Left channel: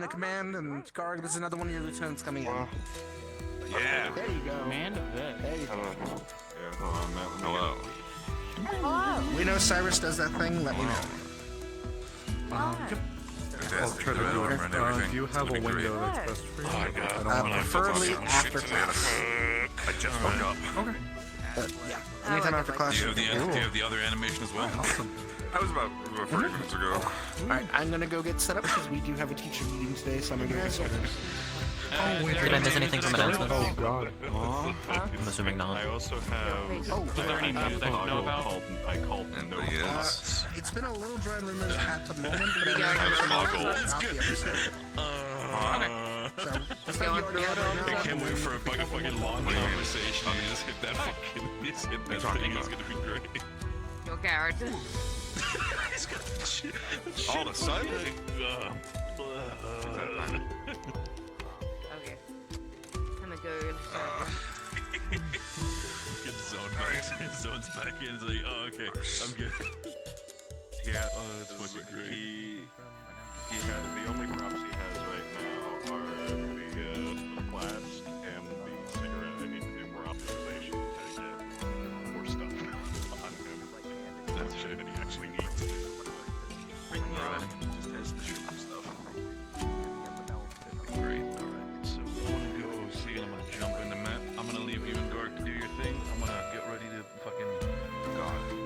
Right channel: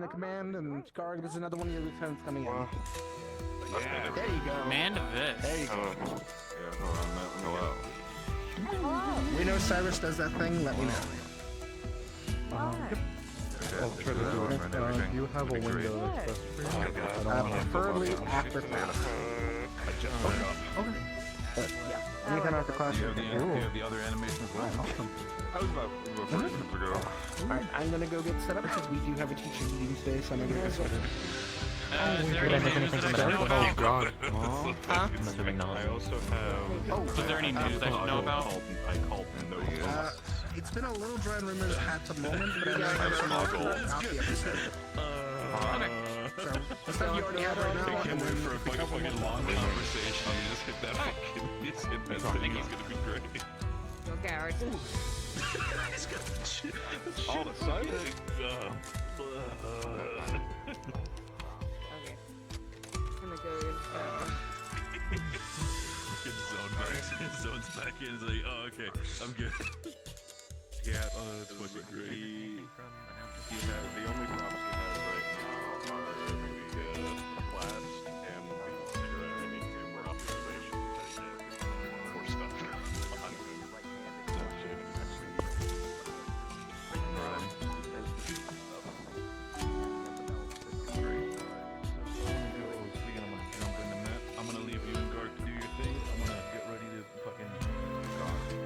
join a command and guard. This is another one of your lieutenants coming in. Yeah. There you go. Command of this. There you go. Yeah, hold on, You know Cyrus does that thing? Let me know. I'll try to do it. Do you have a window that's best for you? Preferably after class. I just woke up. Yeah. Anytime after class. Do you have the other animation as well? That was about 30 minutes ago. Alright, I'm gonna go get set up because we do have a teaching meeting today, so I'm gonna go get started. Is there anything that I know about? Oh god. I'm assuming not. I also have. Is there any news I should know about? I called Yes. It's been a little dry and rumors at the moment, but I may have some more cool about the episode. So, the stuff you already have right now, and then for a pick up one more long long conversation. You just get that fucking. You just hit that thing. It's gonna be great. Go, Garrett. All the silent. Okay. I'm gonna go. Zone's back in. It's like, oh, okay, I'm good. Yeah, that's fucking great. The only props he has right now are the class and the more optimization for stuff on the shit that he actually needs. Great. So I'm gonna go see him and jump in the mat. I'm gonna leave you and Gark to do your thing. I'm gonna get ready to fucking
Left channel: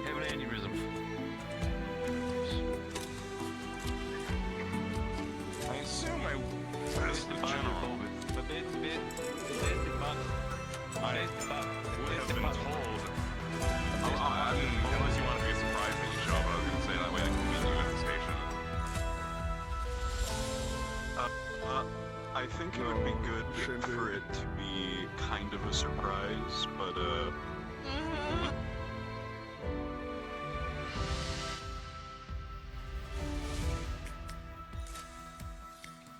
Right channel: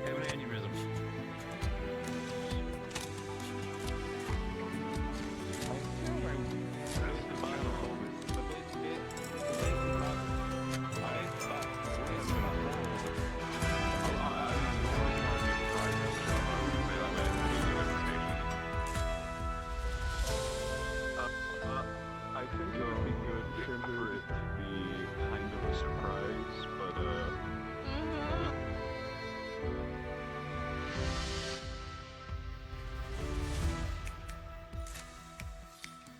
have an aneurysm. I assume I passed the final focus. The bit, I thought it's been told. I mean, it was not be a surprise when you show up. I wouldn't say that, but I mean, you at the station. I think it would be good for it to be kind of a surprise, but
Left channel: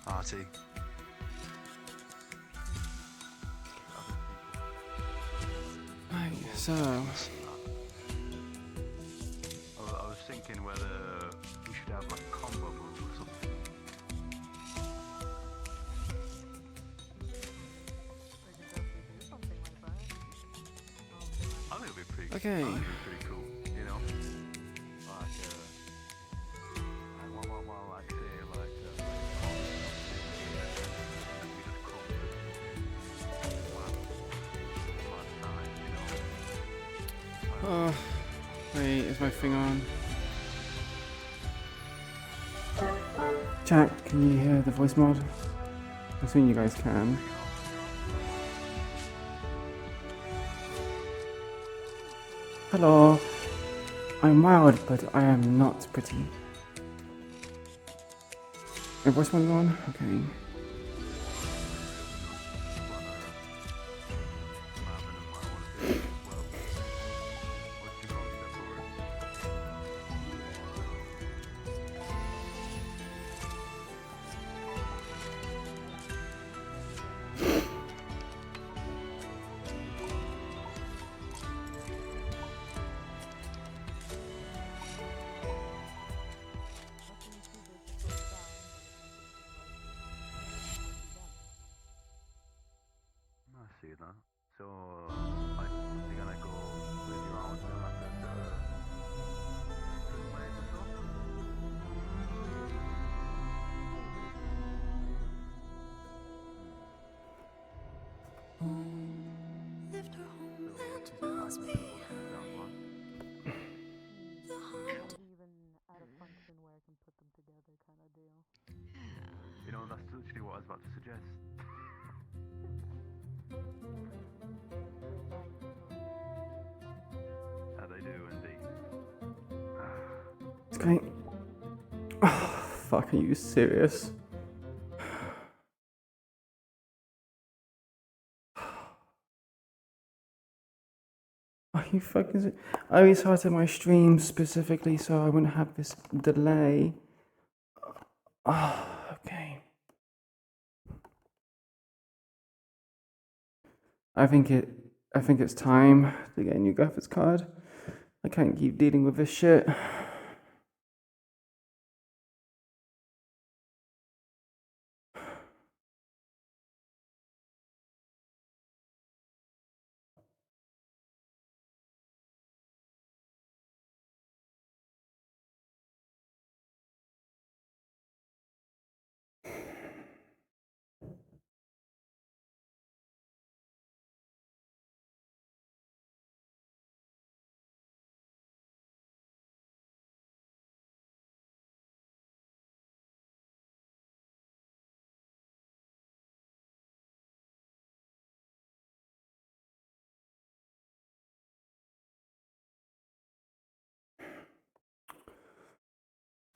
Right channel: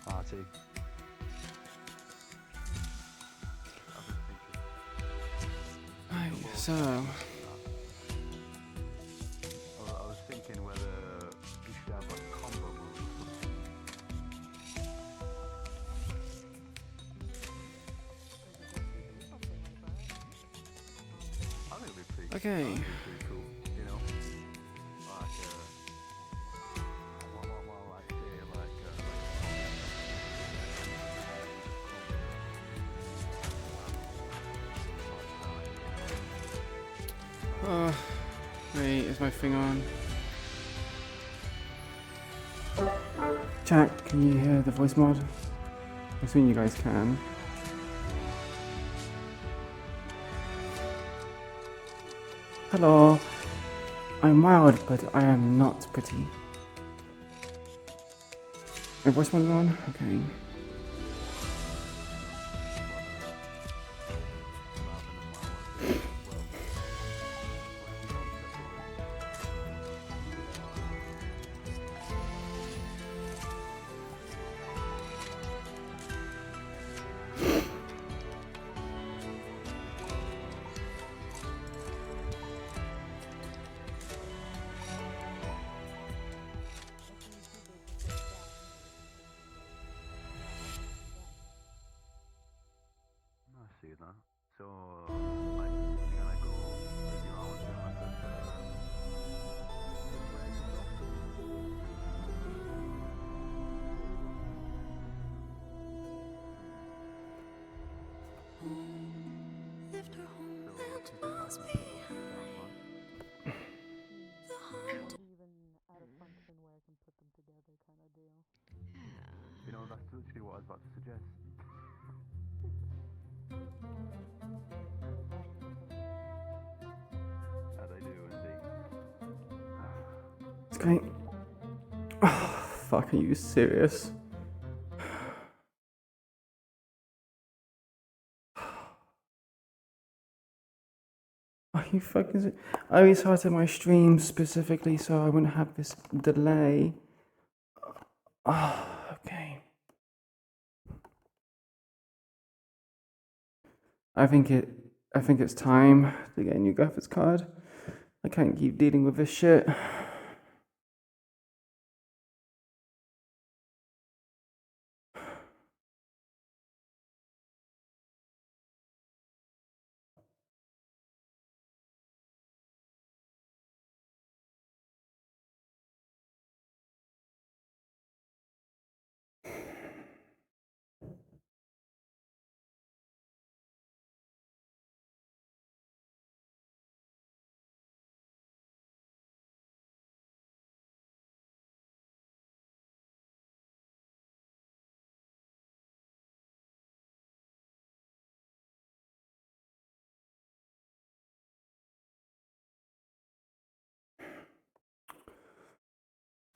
Party. Right, so I was thinking whether we should have like a combo move or something. I think it'd be pretty okay. pretty cool, you know? Wait, is my thing on? Chat, can you hear the voice mod? I'm assuming you guys can. Hello. I'm wild, but I am not pretty. My voice mod on? Okay. I see that. So, like, we're gonna go radio out and Left her homeland falls behind. The heart. you know, that's literally what I was about to suggest. They do indeed. It's going. Oh, fuck, are you serious? Are you fucking. I restarted my stream specifically so I wouldn't have this delay. Oh, okay. I think it's time to get a new graphics card. I can't keep dealing with this shit.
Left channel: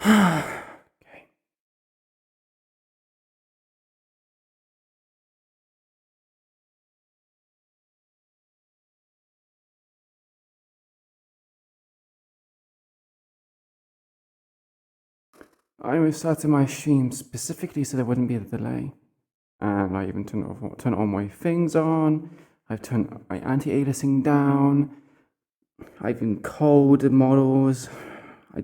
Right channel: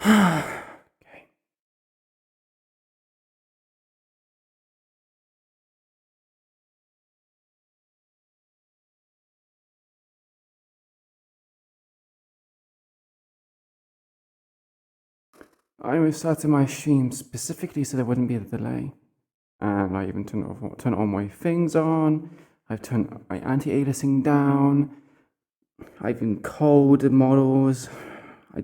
Okay. I restarted my stream specifically so there wouldn't be a delay. And I even turn all my things on. I've turned my anti-aliasing down. I've encoded models. I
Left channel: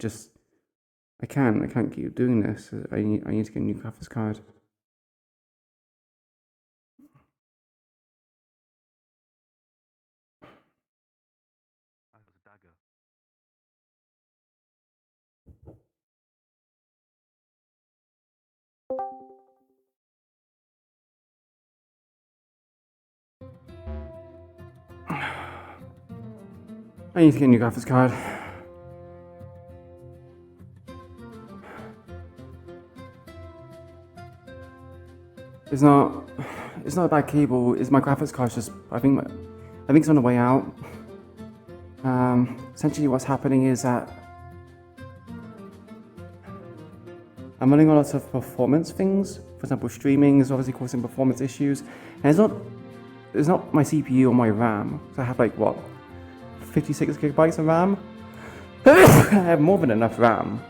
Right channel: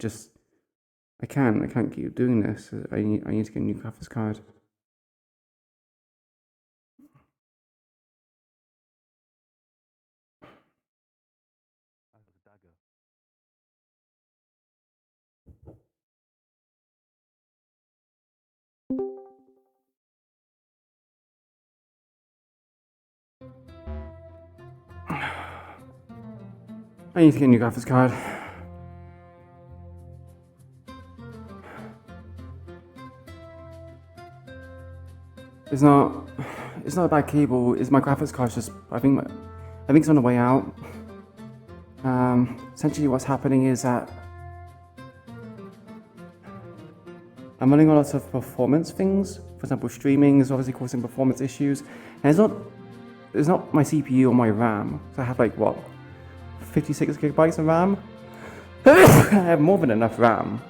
can't keep doing this. I need to get a new graphics card. I need to get a new graphics card. It's not a bad cable. It's my graphics card's just. I think it's on the way out. Essentially, what's happening is that I'm running on lots of performance things. For example, streaming is obviously causing performance issues, and it's not my CPU or my RAM. So I have like what, 56 gigabytes of RAM. I have more than enough RAM.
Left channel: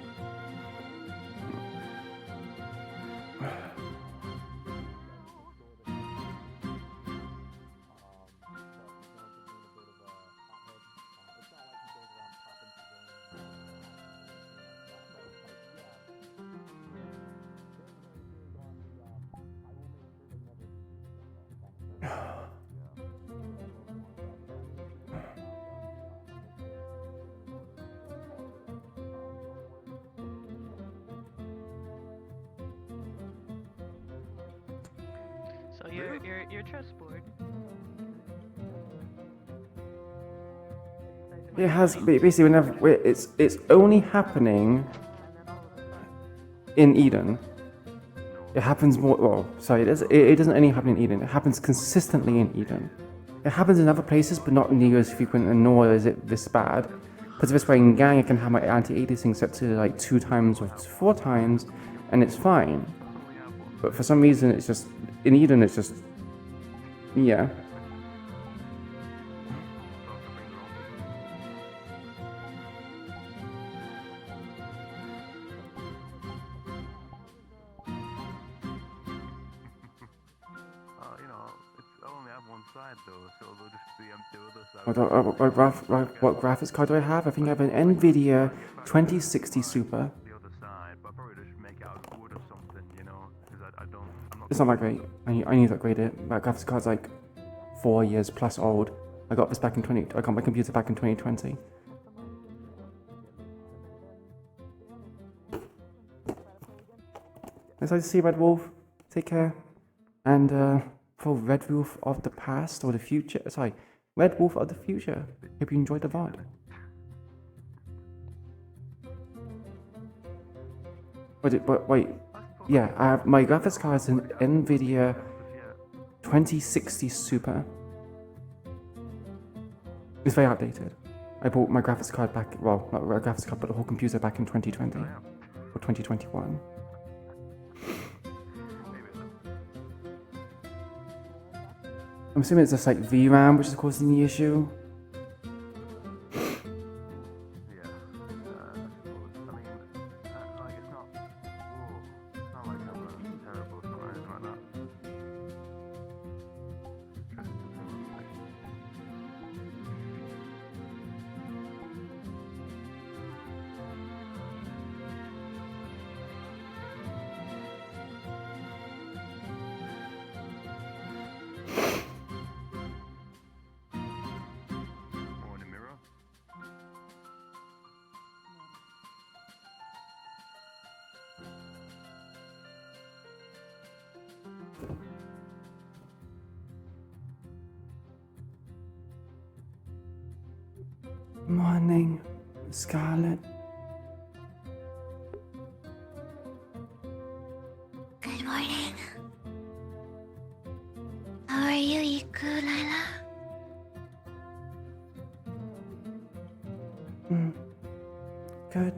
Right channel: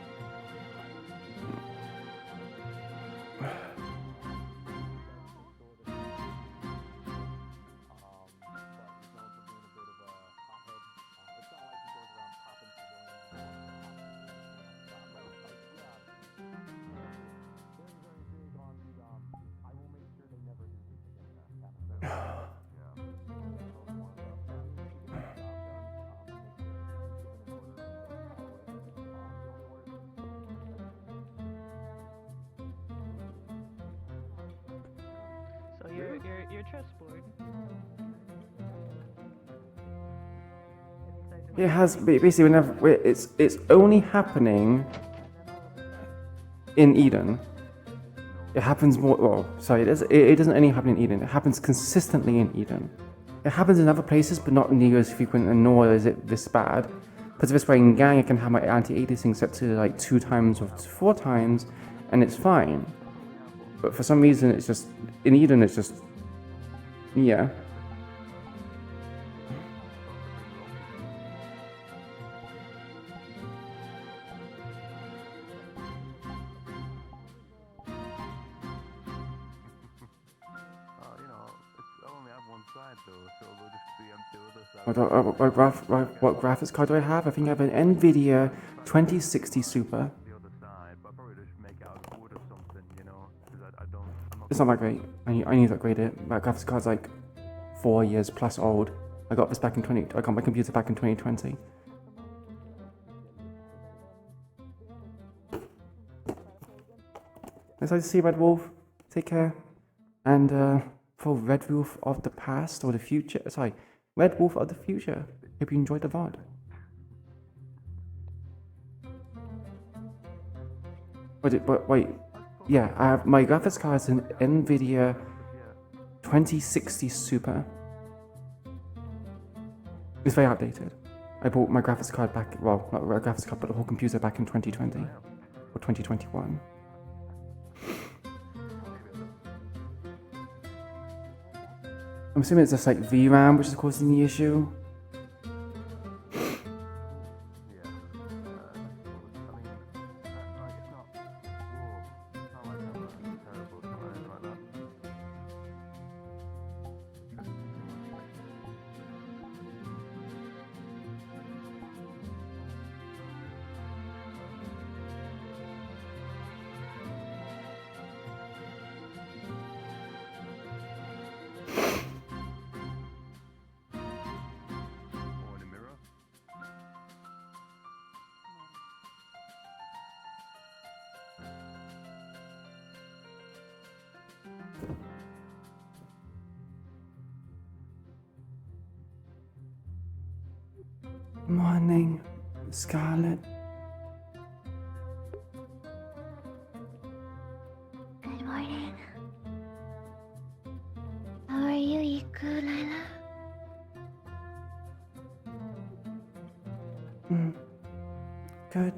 So your chessboard. It has basically whenever it's only happening in Eden. It happens more. Well, sorry, it doesn't only happen in Eden. It happens consistently in Eden. It happens in other places, but not near as frequent, and nor is it this bad. Because this way in Gang, I can have my anti-aliasing set to like 2 times or 4 times, and it's fine. But for some reason, it's just in Eden. It's just yeah. What graphics card do I have? I think I have an NVIDIA 2060 Super. It's not that great. I need to upgrade it. That graphics card's like 4 years plus old. I got my computer back in 2020. Nice to see you, Red Wolf. Take care. And for Red Wolf of the past or the future, sorry, Red Wolf of the future. Hope you enjoyed the VOD. Wait. Yeah, I have my graphics card is an NVIDIA 2060 Super. It's very outdated. I bought my graphics card back, well, not a graphics card, but the whole computer back in 2020 or 2021. I'm assuming it's just like VRAM which is causing the issue. Morning, Scarlet. Good morning. How are you, Iku'lylah? Good.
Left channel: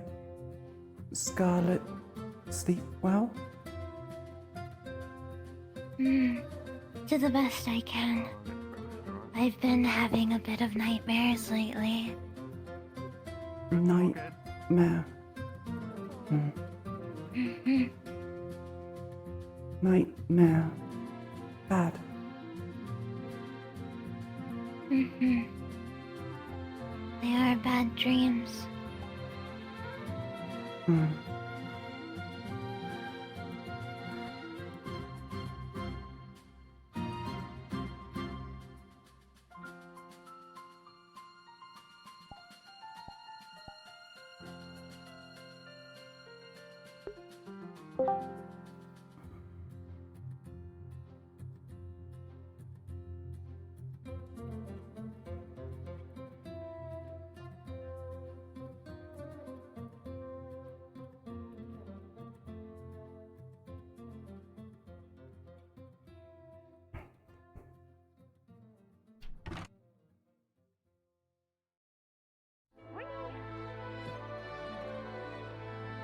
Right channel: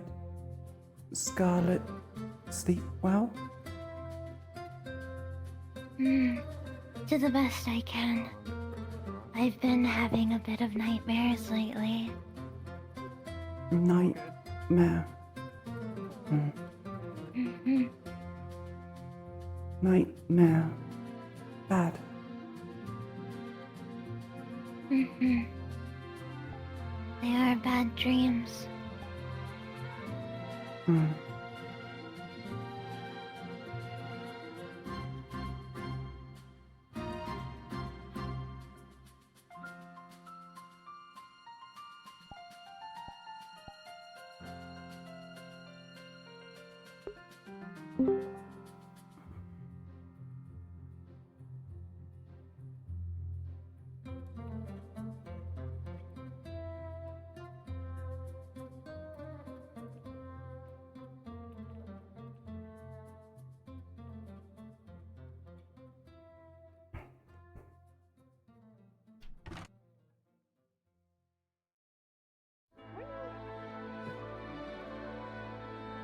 Scarlet, sleep well? To the best I can. I've been having a bit of nightmares lately. Nightmare. Nightmare. Bad. They are bad dreams. I'll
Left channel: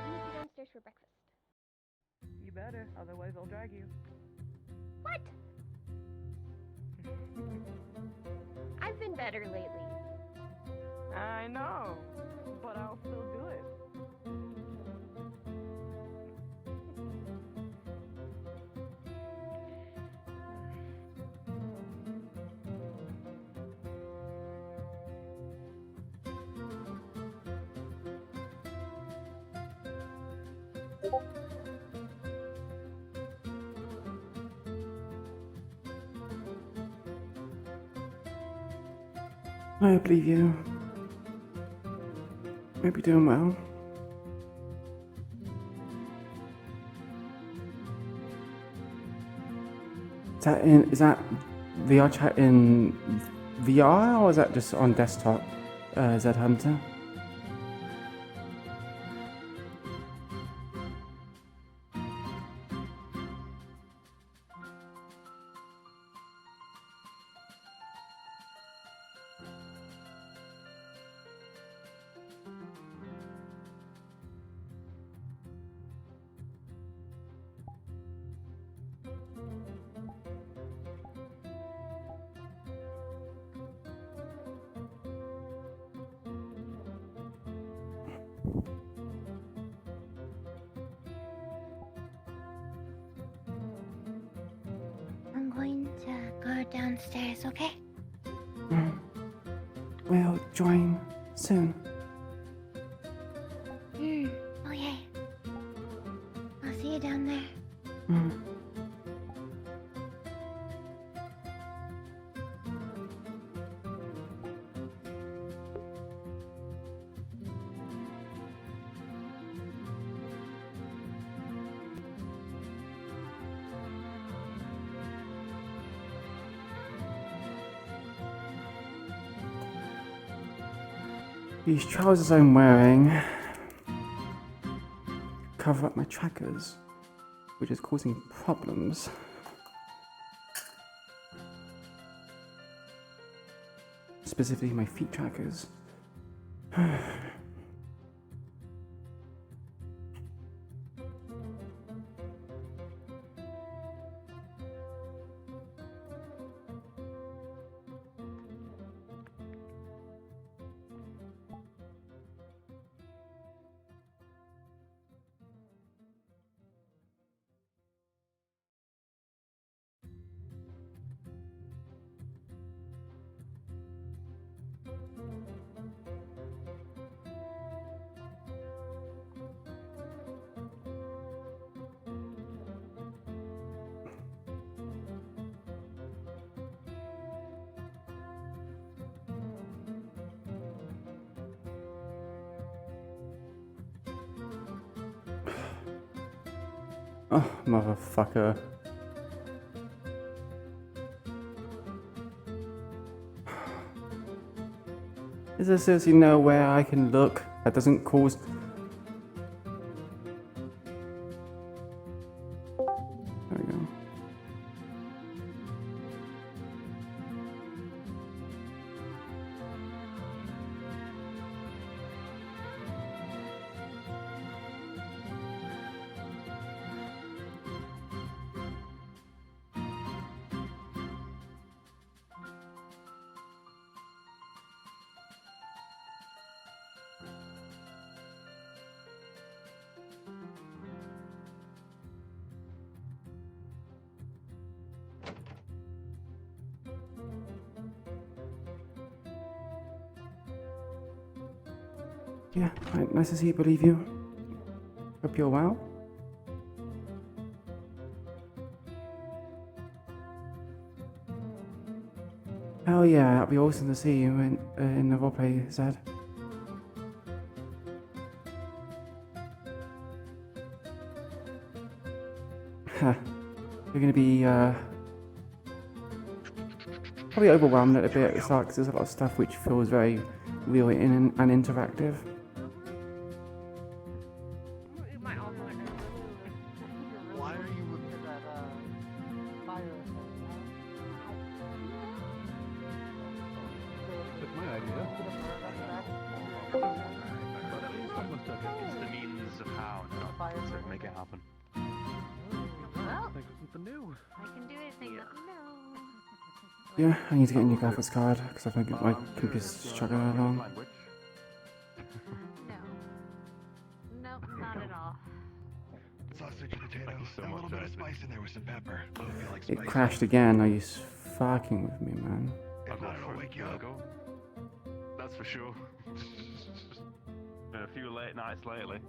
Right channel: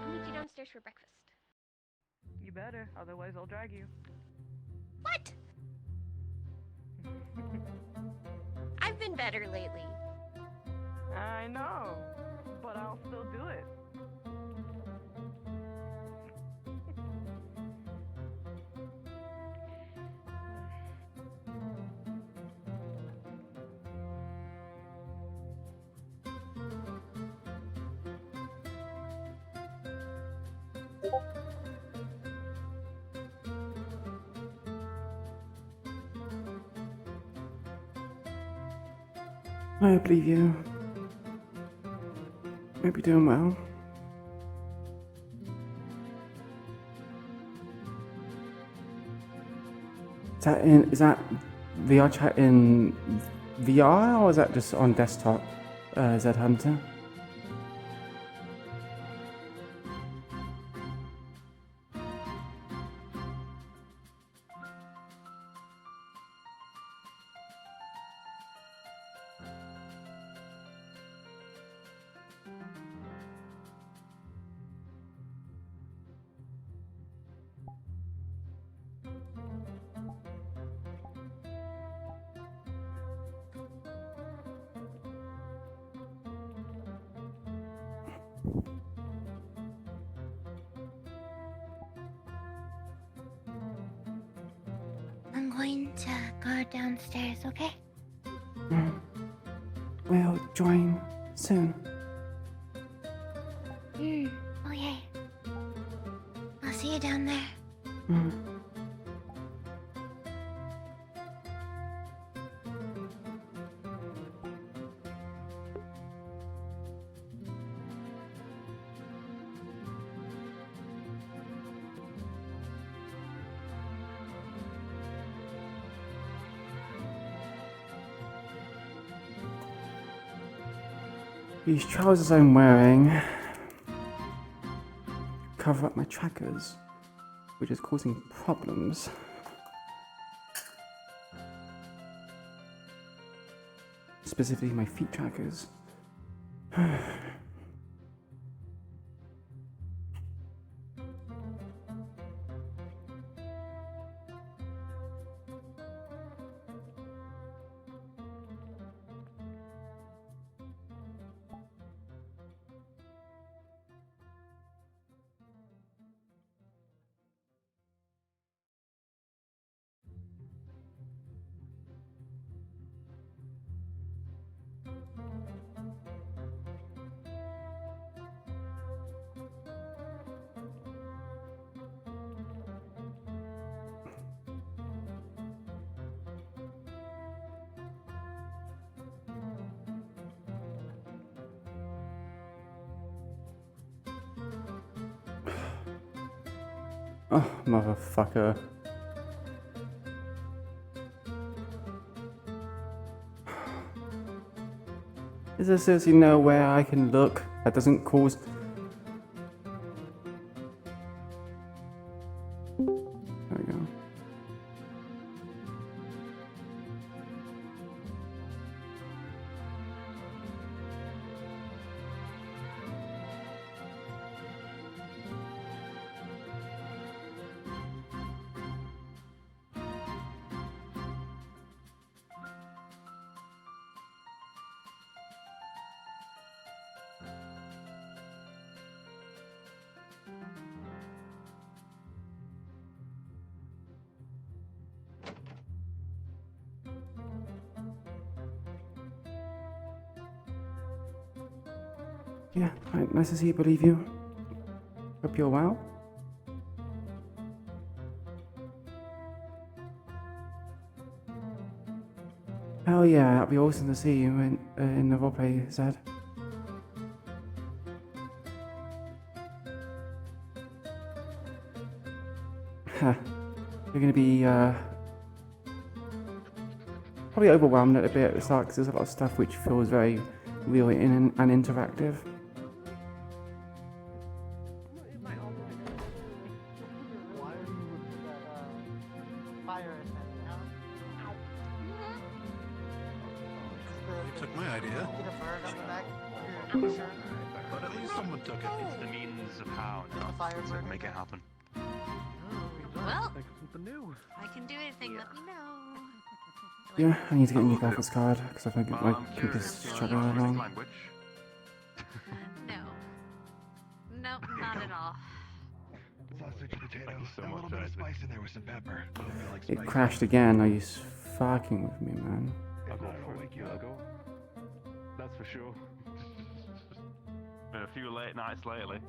meet you downstairs for breakfast. You better, otherwise I'll drag you. What? I've been better lately. I know, but I'll still do it. I believe you. Hope you're doing well. Is that VR chat in VR or is that just on desktop, Zed Hunter? I'm going to go downstairs, okay? We'll join soon. Oh yay. I'll see you down there. These trousers I'm wearing cover up my trackers, which is causing problems. Specifically my feet trackers. Oh, motherfucker. Is there seriously nowhere I can look that doesn't cause... There we go. Yeah, right, nice to see you, believe you. Hope you're well. Hell yeah, that'd be awesome to see you in the roleplay, Zed. You're gonna be probably overwhelmed at a bit at the start because there's a lot of stuff which feels very real and interactive. Took my idea. But at least someone took it. It's the means of how, not to make it happen. Well, Think of something new. I can do anything. Let me know. Yeah, I need to get a new graphics card because I think my computer's struggling along. Language. No. Nope, not at all. Sausage potato. Thank you so a much, little bit of Isaac. spice in there with some pepper. It crashed again. Are you fucking with me, man? I'll go for it. I'll go. That's for sure. Been a few late nights lately.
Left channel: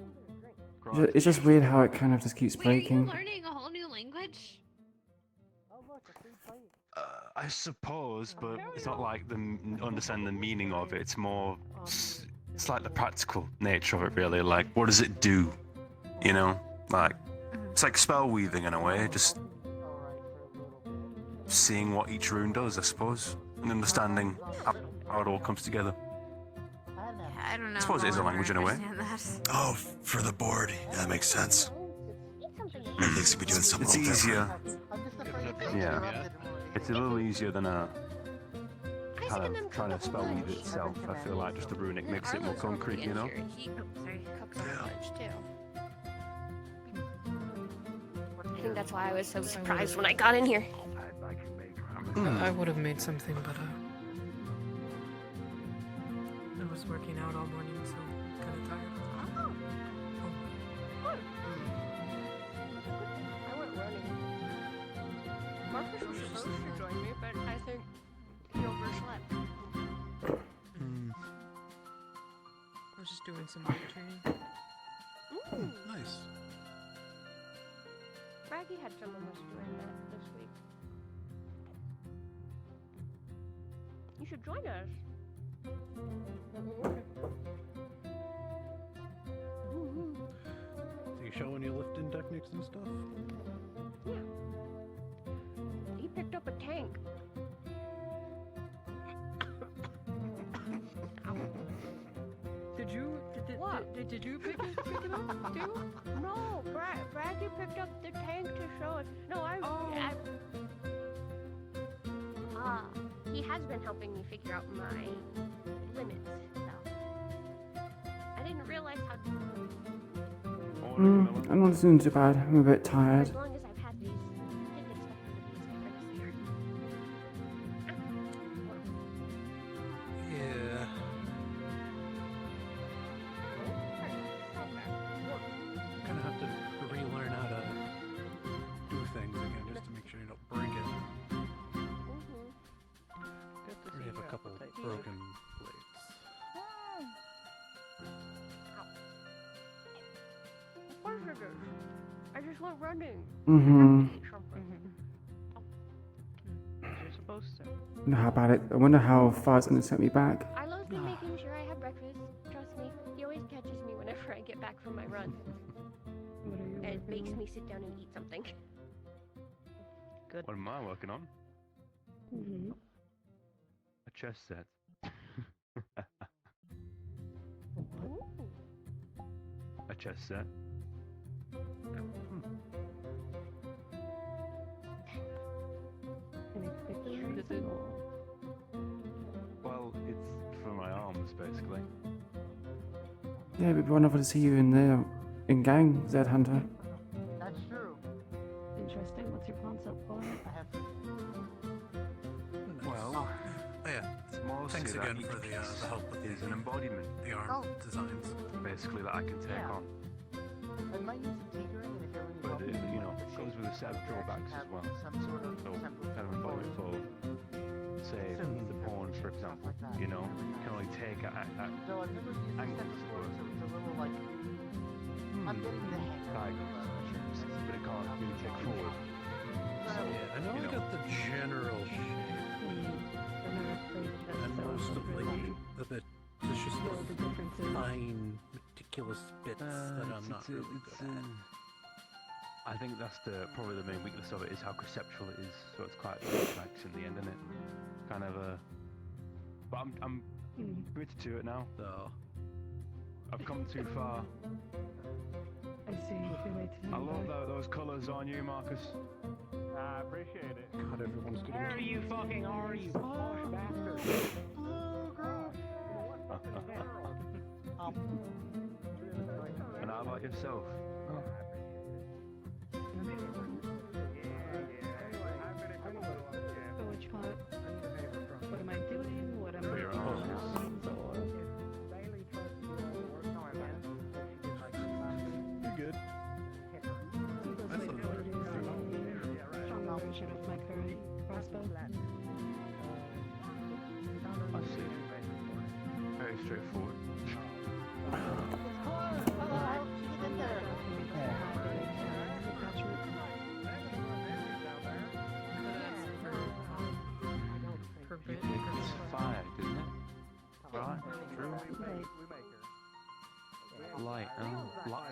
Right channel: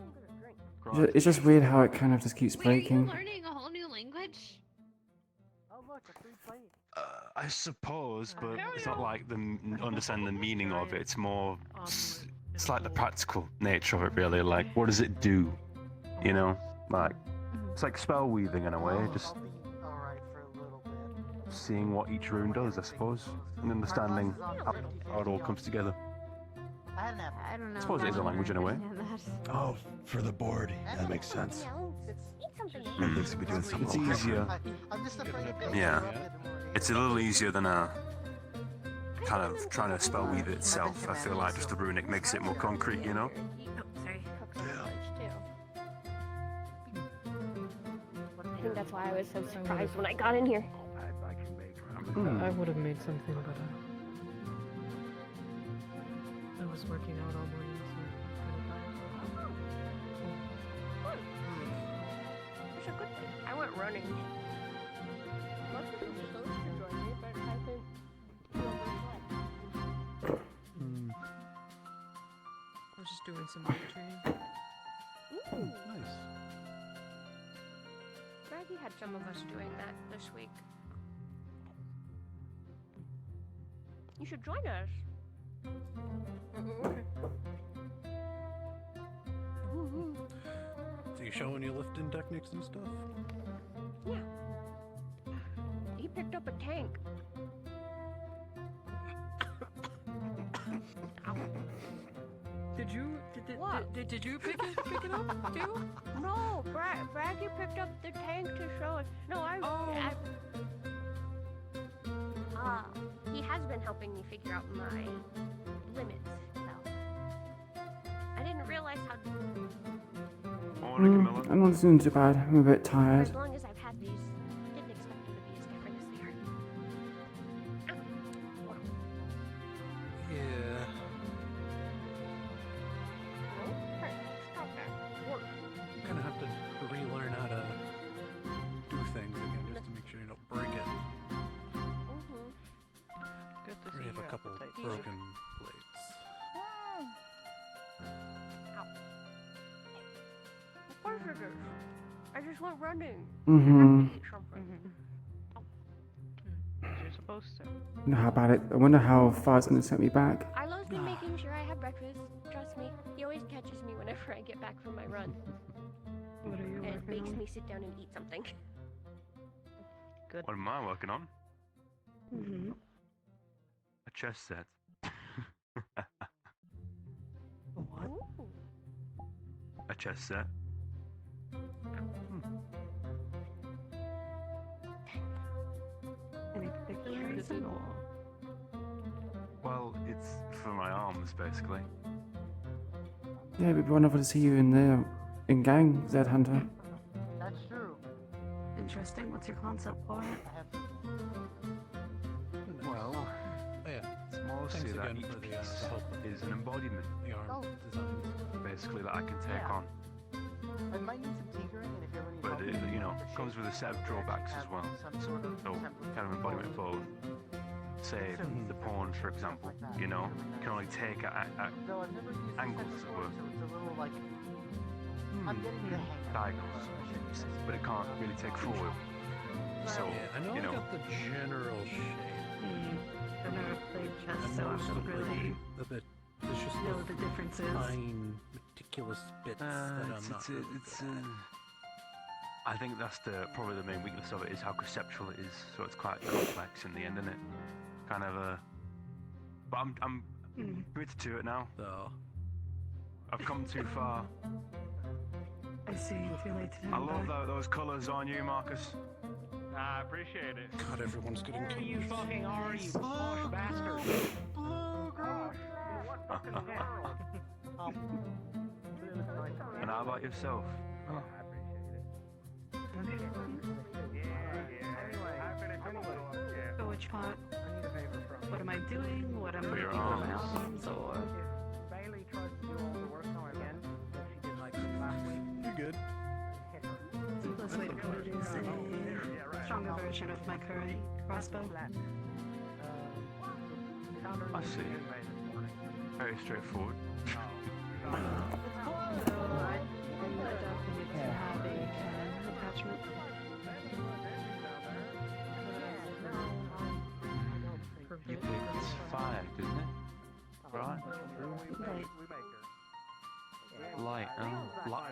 It's just weird how it kind of just keeps breaking. Learning a whole new language? I suppose, but it's not like understand the meaning of it. It's more, it's like the practical nature of it, really. Like, what does it do? You know, like it's like spell weaving in a way. Just seeing what each rune does, I suppose, and understanding how it all comes together. I don't know. I suppose it is a language in a way. Oh, for the board. Yeah, that makes sense. Maybe they should be doing something. It's easier. Yeah, it's a little easier than a kind of trying to spell weave it itself. I feel like just the runic makes it more concrete, you know. I think that's why I was so surprised when I got in here. I would have made something, but I was working out all morning, so I'm kind of tired. I went running. Most people should join me, but I think you'll overslept. I was just doing some weight training. Nice. Maggie had some of us doing that this week. You should join us. So you showing your lifting techniques and stuff? Yeah. He picked up a tank. Did you pick it up too? No, Braggy picked up the tank to show us. No, he has been helping me figure out my limits, though. I didn't realize how. I'm not doing too bad. I'm a bit tired. As long as I've had these, I didn't expect them to be as different as they are. Yeah. Gonna have to relearn how to do things again just to make sure you don't break it. I already have a couple broken plates. Of course it is. I just went running. You're supposed to. How about it? I wonder how far it's going to set me back. Arlo's been making sure I have breakfast. Trust me, he always catches me whenever I get back from my run. And it makes me sit down and eat something. Good. What am I working on? A chess set. A chess set. Well, it's for my arms, basically. Yeah, it'd be wonderful to see you in gang, Zed Hunter. That's true. Interesting. What's your concept for it? Well, Yeah. mostly Thanks that again for the help with is an embodiment, the arm designs. basically, that I can take on. I might need some tinkering, and if you ever need But help, it, with you know, the comes shape, with a set of I drawbacks as have well. Some sort of So, template kind of for embodiment it. both. say the pawns, for example, you know, can only take No, I've never used angles it before, that so it's a little like I'm getting the hang of it. diagonals, but it can't really take forward. So, Yeah, I know I got the general shape. I've never played chess, And so most I of don't really there's just know the differences. fine, meticulous bits that I'm not really good at. I think that's probably the main weakness of it is how conceptual it is. So it's quite complex in the end, isn't it? Kind of a. But I'm committed to it now. So I've come too far. I see. Too late to I love those colours on you, Marcus. I appreciate it. God, everyone's getting Who you fucking are, you posh bastard? Oh gosh. And how about yourself? So which part? What am I doing? What am I doing? Films or? You're good. Seems like I would use a stronger version of my current crossbow. I see. Very straightforward. You picked fire, didn't it? Right. Light. Oh,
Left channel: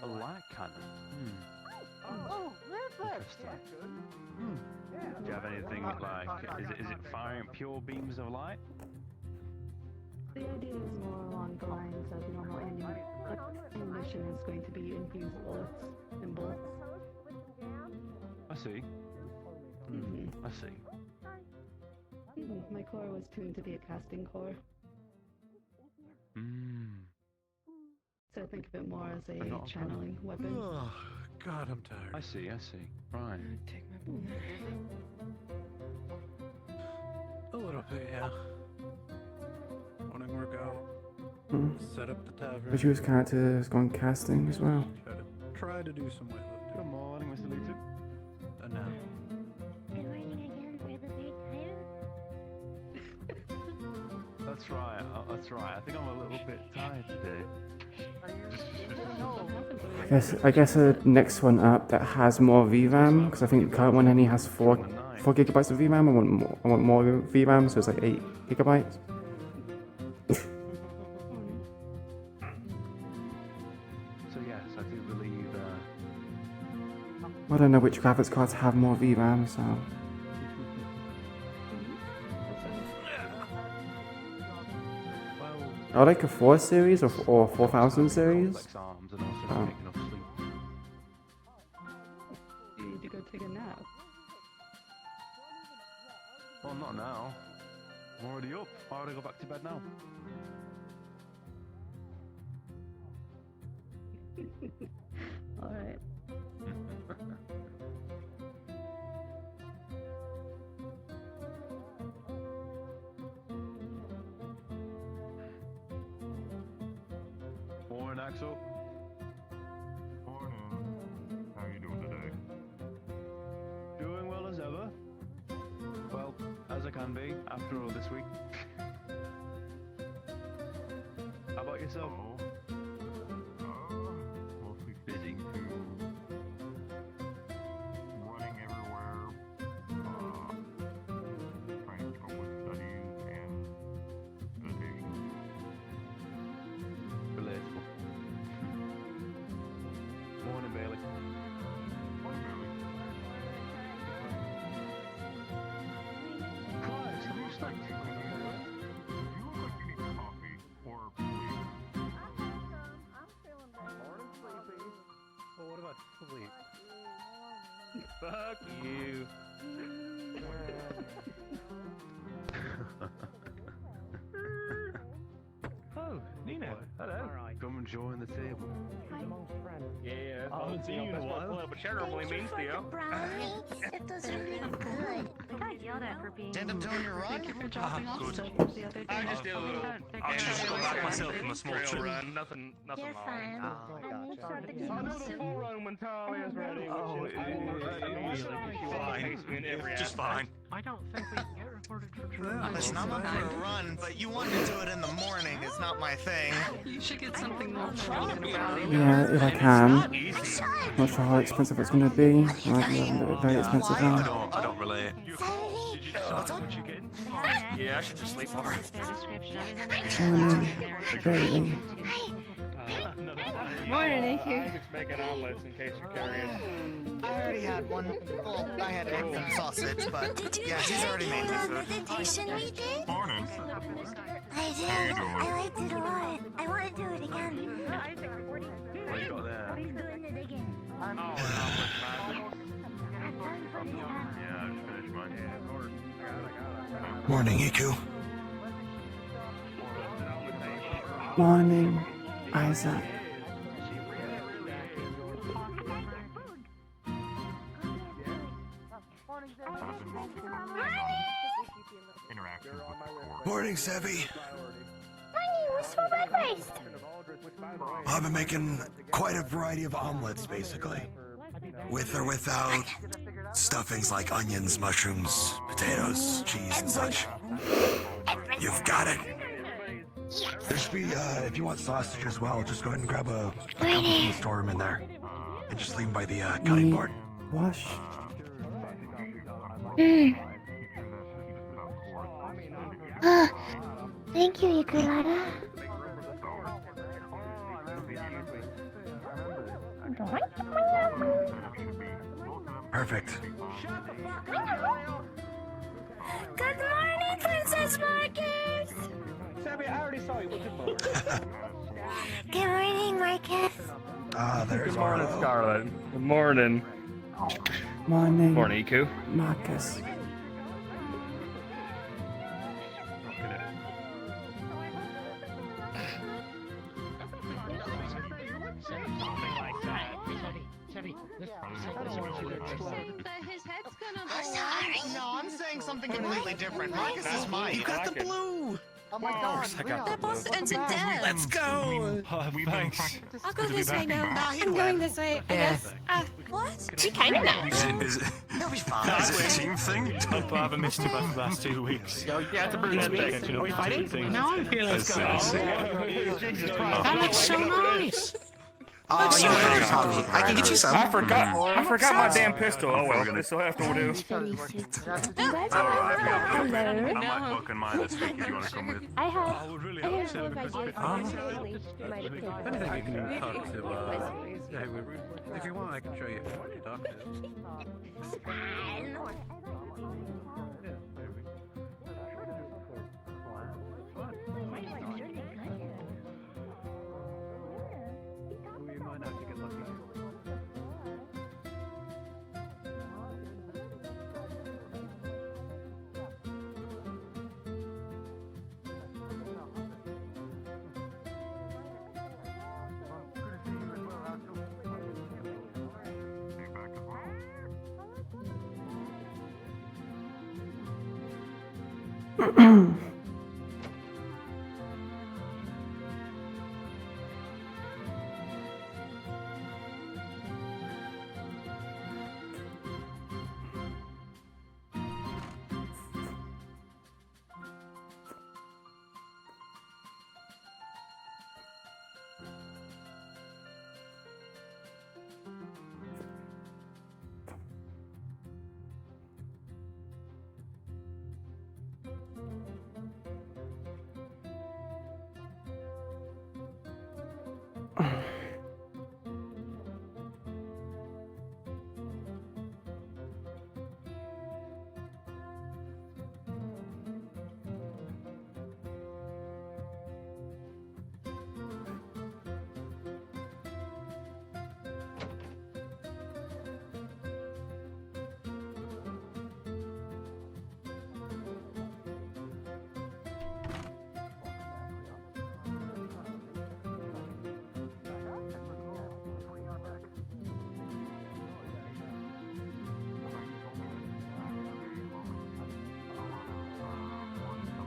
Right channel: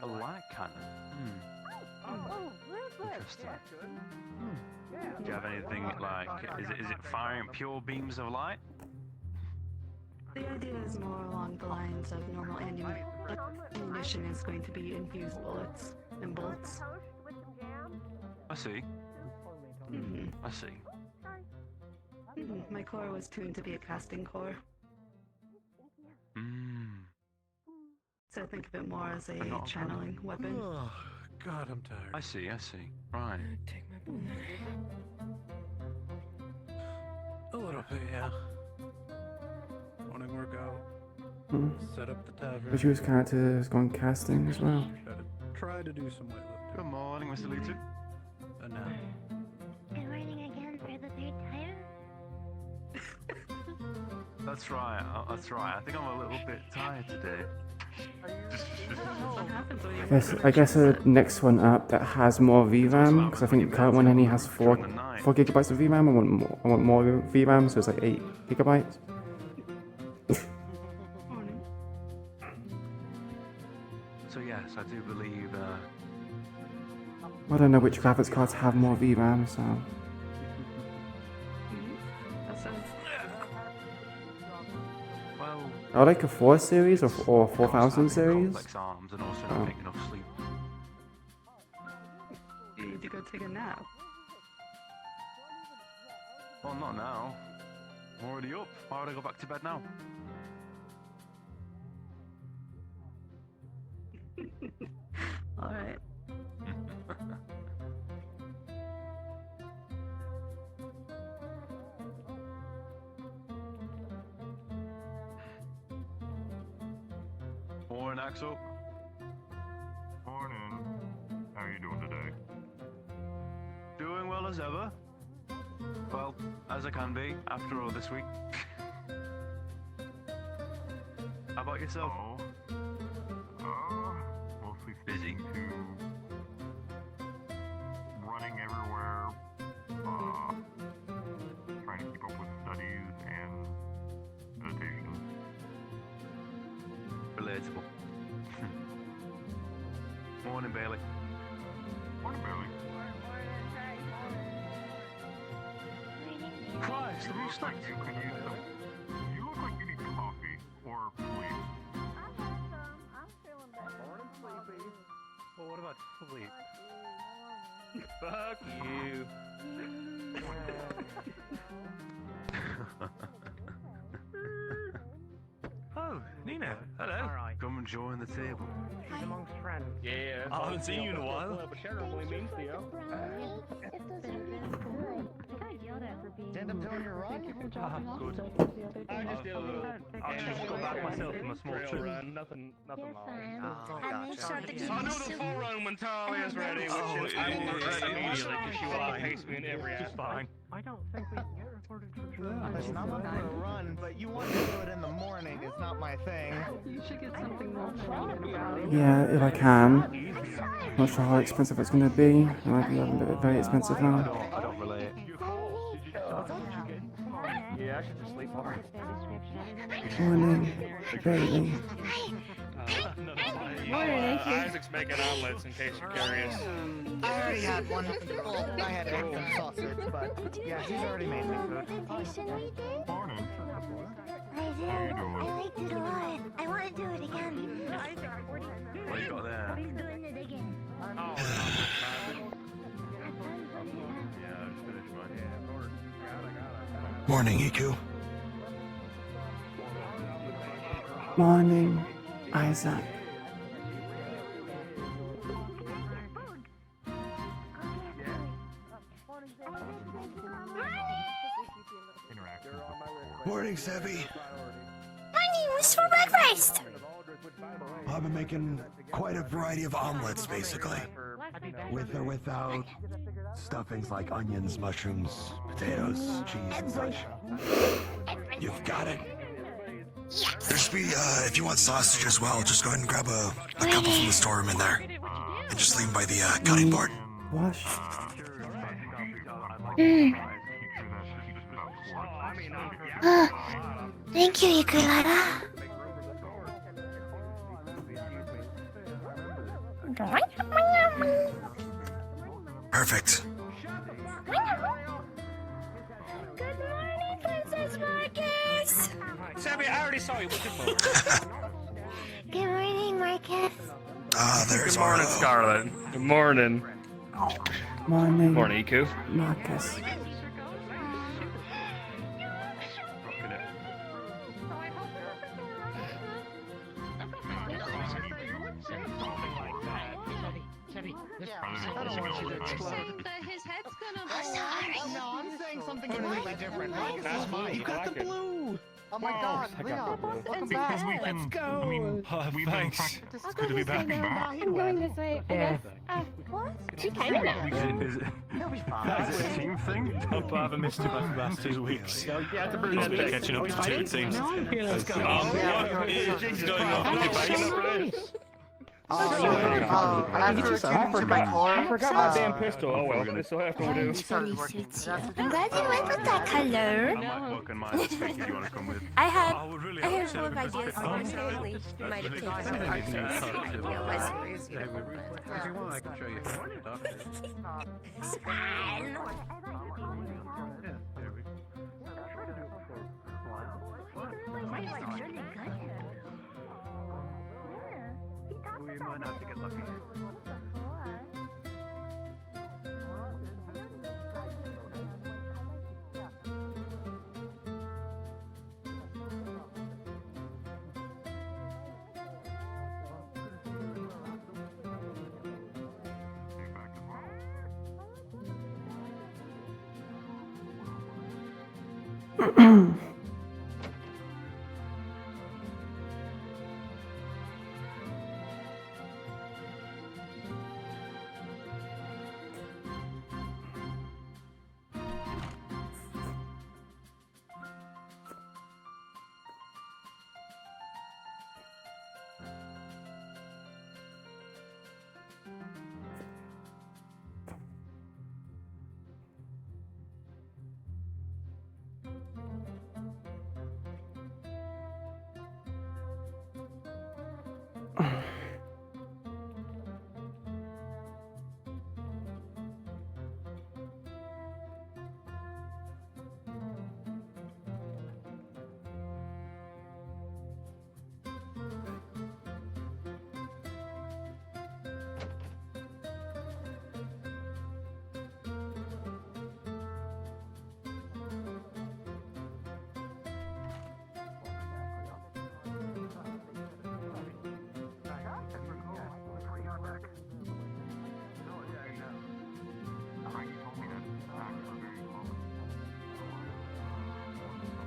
a light cannon. Interesting. Do you have anything like? Is it firing pure beams of light? The idea is more along the lines of normal ammunition is going to be infused bullets and bolts. I see. I see. My core was tuned to be a casting core, so think of it more as a channeling weapon. Oh, God, I'm tired. I see. Right. Take my boner. A little bit, yeah. Morning workout. Set up the tavern. Visual's character has gone casting as well. Try to do some weightlifting. Good morning, Mr. Leeton. And now. Good morning again for the third time. That's right. I think I'm a little bit tired today. I guess a next one up that has more VRAM, because I think the current one only has 4 gigabytes of VRAM. I want more VRAM, so it's like 8 gigabytes. So yes, I do believe. I don't know which graphics cards have more VRAM, so. I like a 4 series or 4000 series. You need to go take a nap. Well, not now. I'm already up. Why would I go back to bed now? Alright. Morning, Axel. Morning. How are you doing today? Doing well as ever. Well, as I can be after all this week. How about yourself? Mostly busy. Running everywhere. Trying to keep up with studies and meditation. Relatable. Morning, Bailey. Morning, Bailey. Christ, have you stopped? You look like you need coffee or sleep. Morning, sleepy. Well, what about sleep? Fuck you. Oh, Nina. Hello. Come and join the table. Yeah, I haven't seen you in a while. Terribly means to you. It does really good. I got yelled at for being. Didn't tell you to run. Thank you for dropping off good. stuff the other day. I just did a little. I'll just go back myself from a small trail trip. run. Nothing You're wrong. fine. And then start the I know the full run when Talia is ready, which is I will regret immediately because she will pace me in every Just aspect. fine. I don't think we can get her Listen, I'm on my run, but you want to do it in the morning is not my thing. You should get something more prominent about it. Yeah, if I can. Not sure how expensive it's going to be. It might be very expensive now. I don't relate. Yeah, I should just sleep more. Morning, Bailey. Morning, thank you. Isaac's making omelets in case you're curious. I already had one. Well, I had egg and sausage, but yeah, she's already made me food. Morning. I did. I liked it a lot. I want to do it again. What you got there? He's doing it again. Yeah, I finished mine. Morning, Iku. Morning, Isaac. Morning, Sebi. Honey, what's for breakfast? I've been making quite a variety of omelets, basically. With or without stuffings like onions, mushrooms, potatoes, cheese, and such. You've got it. There's if you want sausage as well, just go ahead and grab a couple from the storeroom in there. And just leave them by the cutting board. Wash. Thank you, Iku'lylah. Perfect. Good morning, Princess Marcus. Sammy, I already saw you. Good morning, Marcus. Ah, there's Good morning, Arlo. Scarlet. Good morning. Morning, Morning, Iku. Marcus. Look at it. His head's gonna No, I'm saying something completely different. That's mine. You got the blue. Oh my god, Leon, welcome back. Let's go. Thanks. I'll go this way now. I'm going this way, I guess. What? You kind of know. Is it a team thing? I haven't missed you back the last 2 weeks. Yeah, it's a bruise. Catching up to 2 things. No, I'm feeling Jesus Christ. I'm not waking up for this. I can get you some. I forgot my damn pistol. Oh well, this will have to do. I'm glad you went with that color. I might work on mine this week if you want to come with. I have I would really a hope handful of ideas honestly. Might If anything, you can talk to, yeah, if you want, I can show you who to talk to. We might have to get lucky.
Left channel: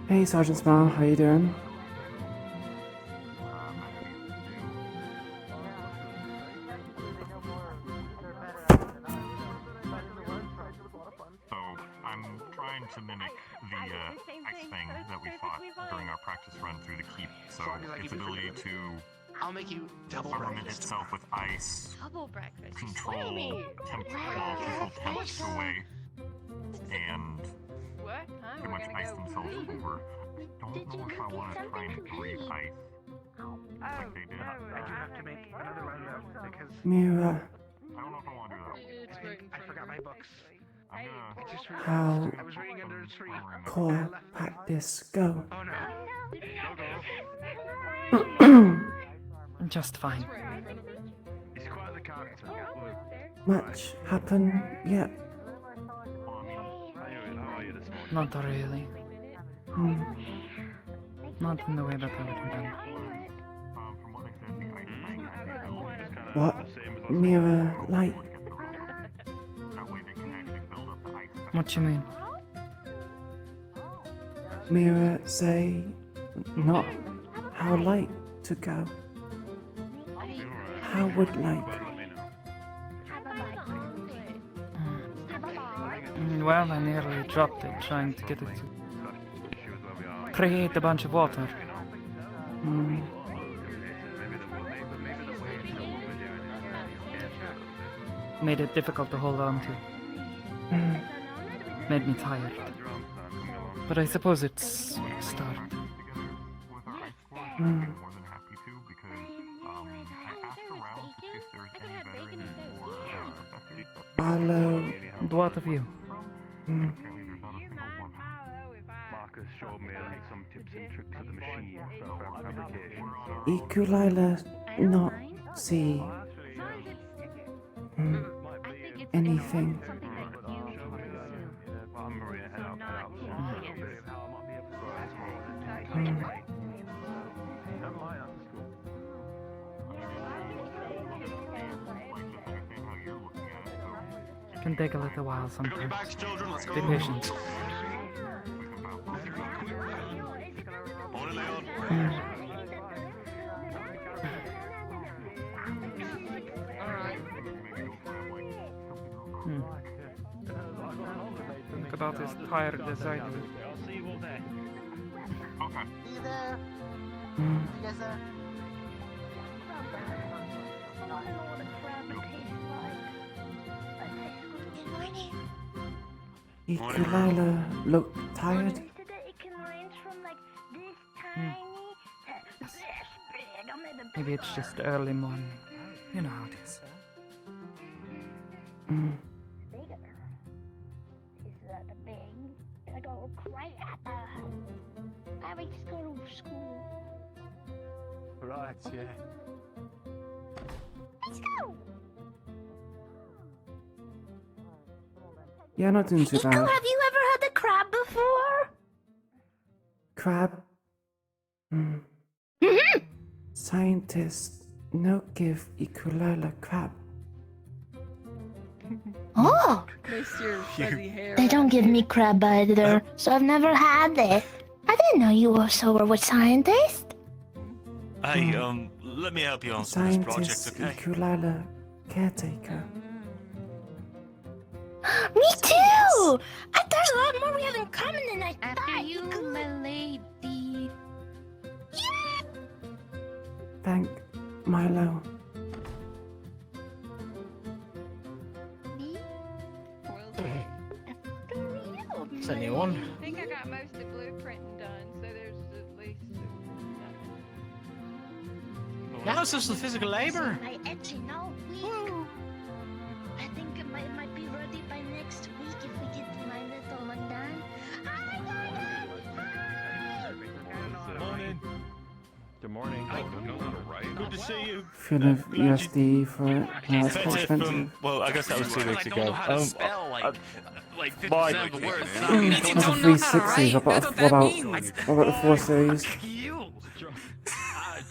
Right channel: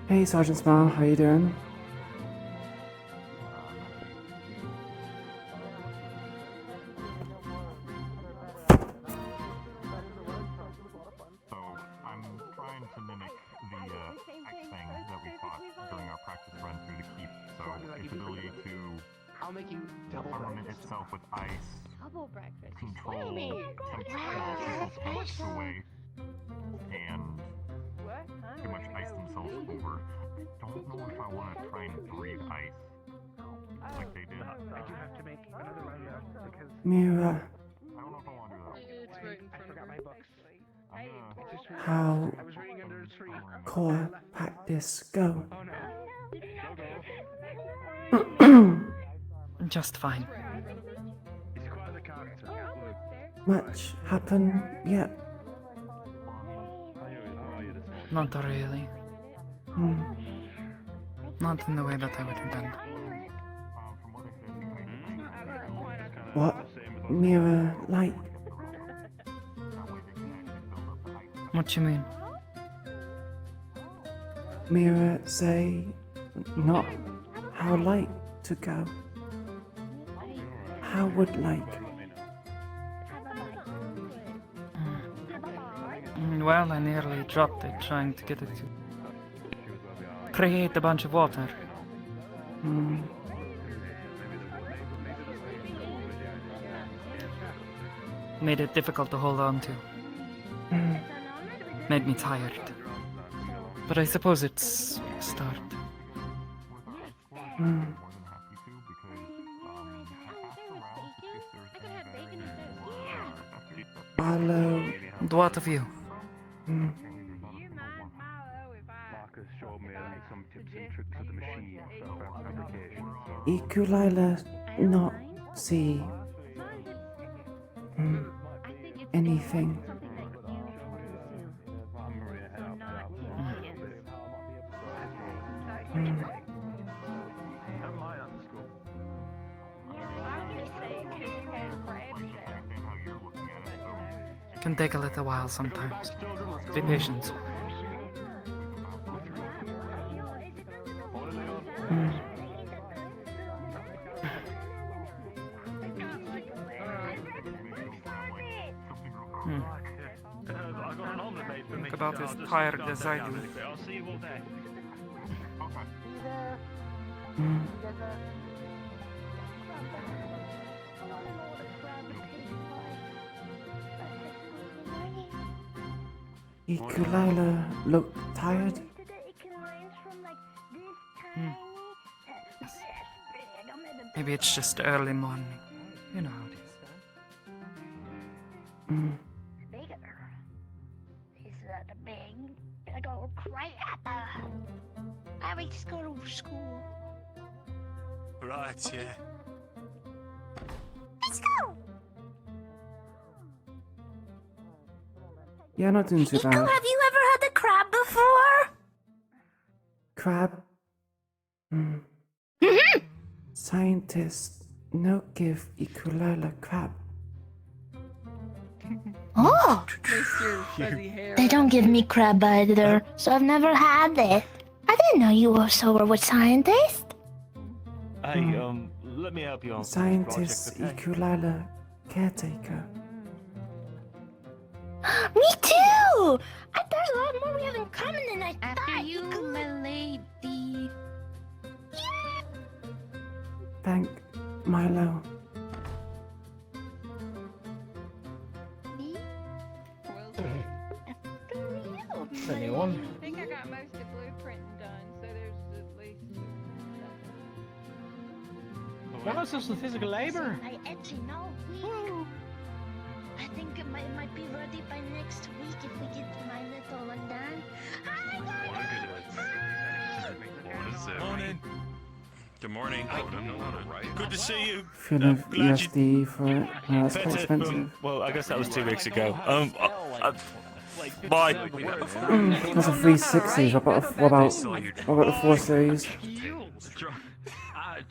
Hey, Sergeant Smile, how you doing? So I'm trying trying to mimic the ice thing that we fought during our practice run through the keep. So its ability to I'll make you double armament breakfast. itself with ice, Double breakfast. control tanks away, and pretty much ice themselves over. I don't know if I want to try and breathe ice like they did. I do have to make another run though, because Mira, I don't know if I want to do that. I forgot my books. I'm gonna... I just how I was reading under a tree. core practice go? Oh no. Just fine. He's quite the character. Much happen yet? Not really. Hmm. Not in the way that I would have done. What Mira like? What you mean? Mira say not how like to go. How would like? Well, I nearly dropped it trying to get it to create a bunch of water. Hmm. Made it difficult to hold on to. Hmm. Made me tired. But I suppose it's a start. Hmm. Hello. What of you? Hmm. Marcus showed me some tips and tricks of the machine for fabrication. Iku'lylah not see anything. Can take a little while sometimes. Be patient. Think about as tired as I do. I'll see you all day. Iku'lylah look tired. Maybe it's just early morning. You know how it is. Just go to school. Right, yeah. Let's go. Yeah, not doing too Nico, bad. have you ever had the crab before? Crab. Scientists no give Iku'lylah crab. Oh! Miss your fuzzy hair. They don't give me crab either, so I've never had this. I didn't know you also were a scientist. Let me help you on some Scientist project, okay? Iku'lylah caretaker. Me too! There's a lot more we have in common than I thought. After you, my lady. Thank Milo. Me? Anyone? I think I got most of blueprinting done, so there's at least. Now it's just the physical labor. I actually know. I think it might be ready by next week if we get my little one done. Morning. Good morning. Good to see you. Few of USD for it. No, that's quite expensive. Well, I guess that was 2 weeks ago. That's a 360. What about the 4 series?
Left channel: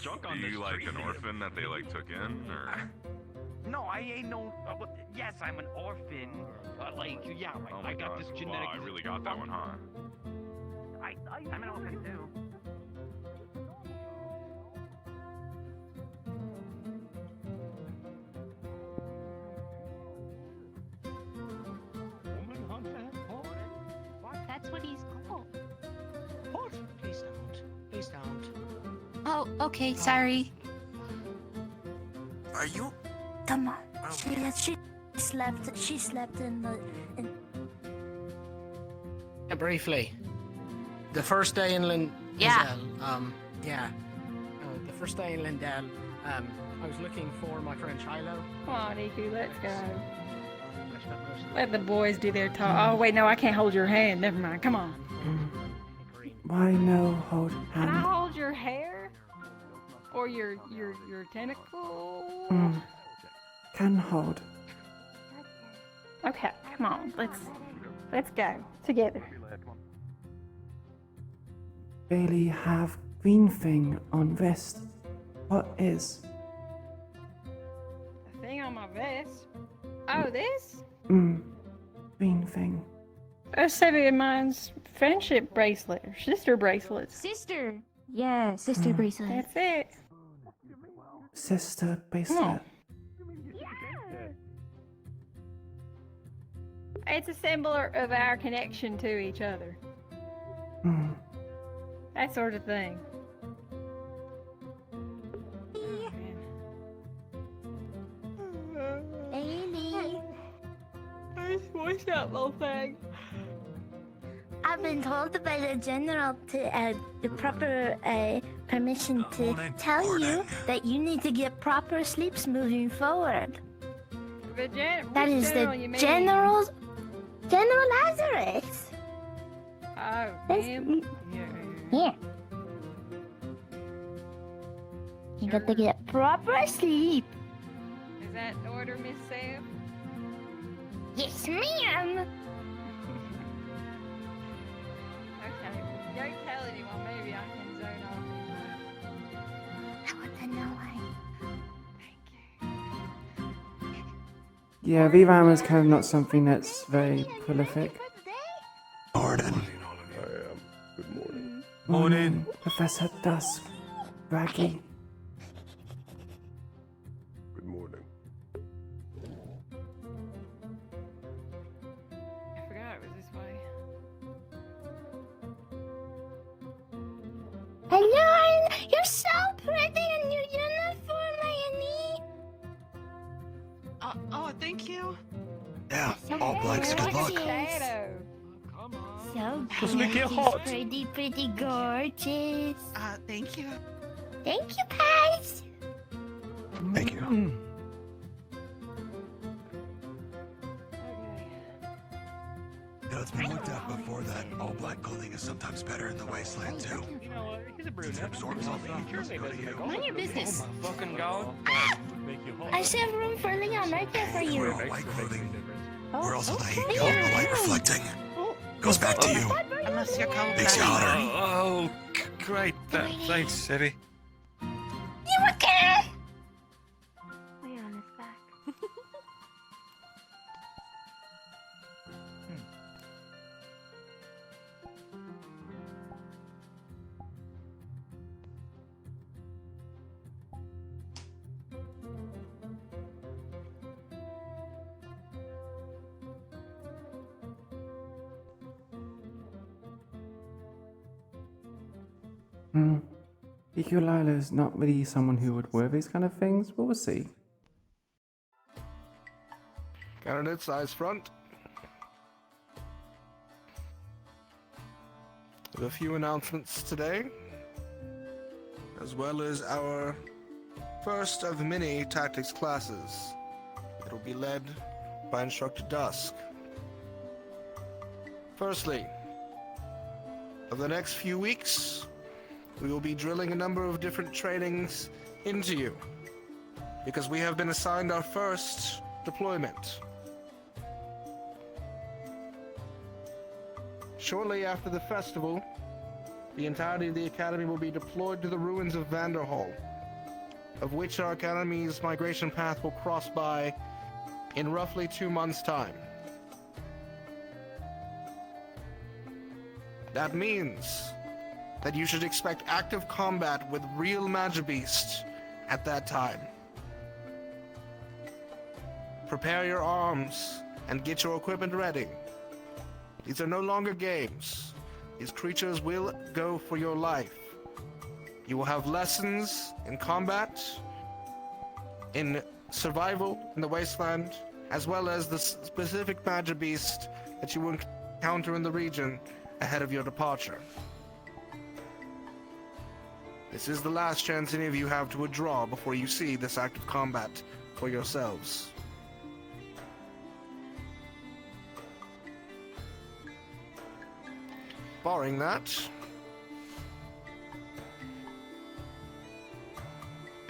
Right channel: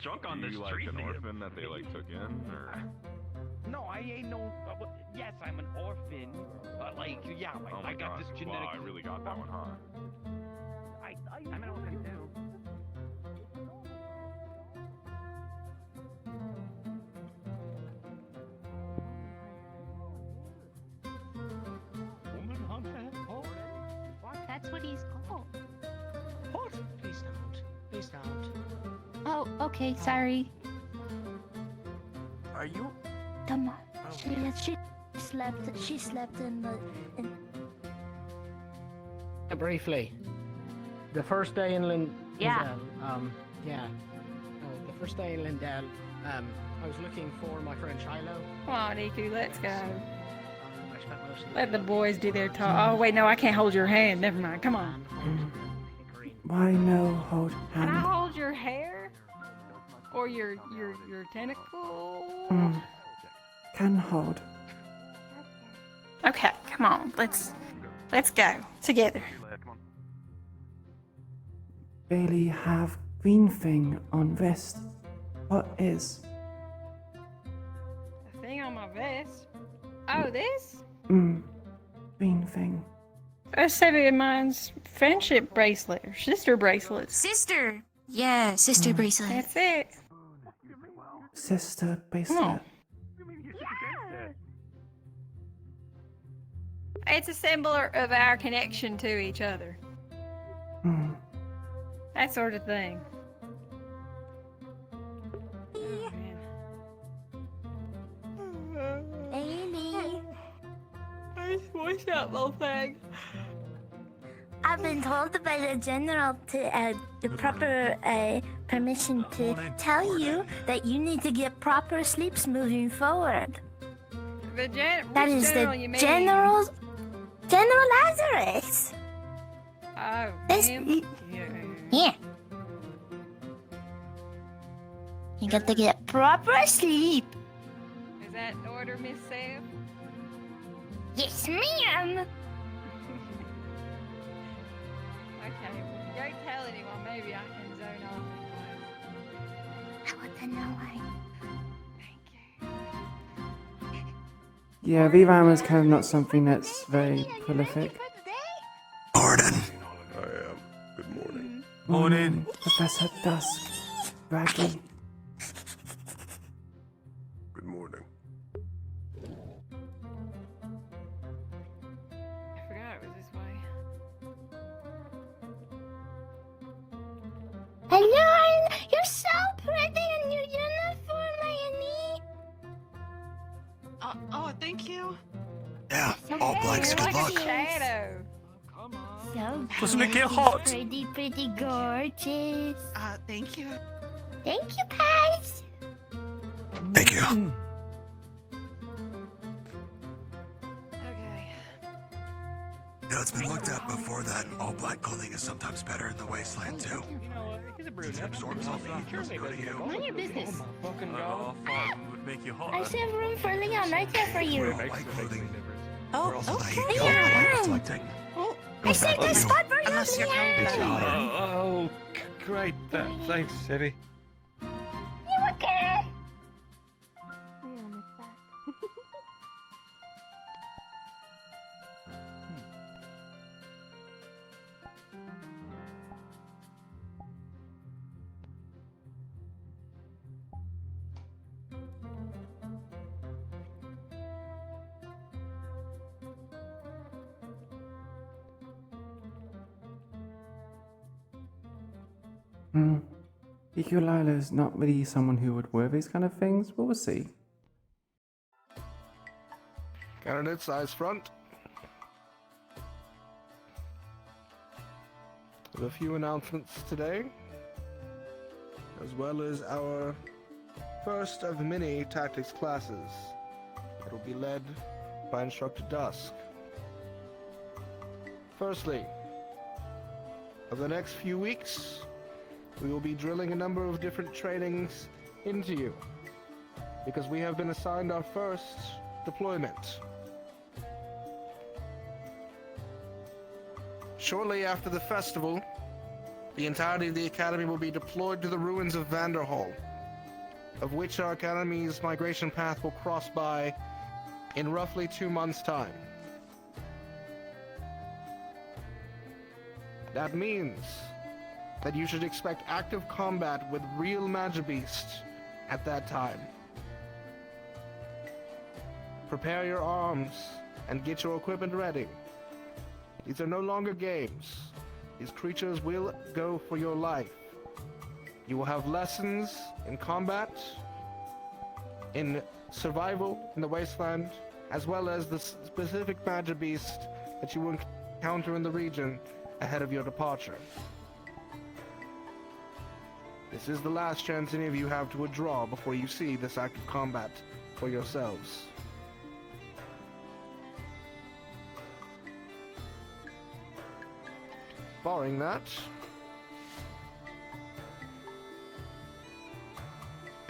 Drunk on this tree, an orphan that they like took in, or? No, I ain't no. Yes, I'm an orphan. Oh my I got God. this genetic. Wow, I really got that one, huh? I'm an orphan too. That's Oh, okay, sorry. Are you? Come on. She slept in the... Briefly. The first day in Lindell, the first day in Lindell, I was looking for my friend Shiloh. Come on, Iku, let's go. Let the boys do their talk. Oh, wait, no, I can't hold your hand. Never mind. Come on. Why no hold Can I hand? hold your hair? Or your tentacle? Can hold. Okay, come on. Let's go. Together. Bailey have green thing on vest. What is? The thing on my vest. Oh, this? Green thing. That's Savvy of mine's friendship bracelet, or sister bracelet. Sister! Yeah, sister bracelet. That's it. Sister Come bracelet. on. It's a symbol of our connection to each other. That sort of thing. What's that little thing? I've been told by the general to the proper permission to tell you that you need to get proper sleeps moving forward. That is the General Lazarus. Oh, This, him? yeah. You got to get proper sleep. Is that the order, Miss Sam? Yes, ma'am. Okay, well, don't tell anyone. Maybe I can zone off. I want to know why. Yeah, VRAM is kind of not something that's very prolific. Gordon. I am. Good morning. Morning, Professor Dusk. Raggy. Good morning. I forgot it was this way. Hello, you're so pretty in your uniform, Annie. Oh, thank you. Yeah, all blanks, good luck. So Doesn't it get hot? pretty gorgeous. Thank you. Thank you, Pat. Thank you. You know, it's been looked at before that all black clothing is sometimes better in the wasteland too. It absorbs all the heat. Mind your business. Fucking I still have room for a little nightcap for you. White clothing. Where else will the heat go? The light reflecting. Goes back to you. Unless you're cold. Makes you hotter. Oh, great. Thanks, Savvy. You okay? Lay on his back. Iku'lylah is not really someone who would wear these kind of things, but we'll see. Candidates, eyes front. With a few announcements today, as well as our first of many tactics classes. It will be led by Instructor Dusk. Firstly, over the next few weeks, we will be drilling a number of different trainings into you, because we have been assigned our first deployment. Shortly after the festival, the entirety of the Academy will be deployed to the ruins of Vanderhall, of which our Academy's migration path will cross by in roughly 2 months' time. That means that you should expect active combat with real Magibeasts at that time. Prepare your arms and get your equipment ready. These are no longer games. These creatures will go for your life. You will have lessons in combat, in survival in the wasteland, as well as the specific badger beast that you will encounter in the region ahead of your departure. This is the last chance any of you have to withdraw before you see this active combat for yourselves. Barring that,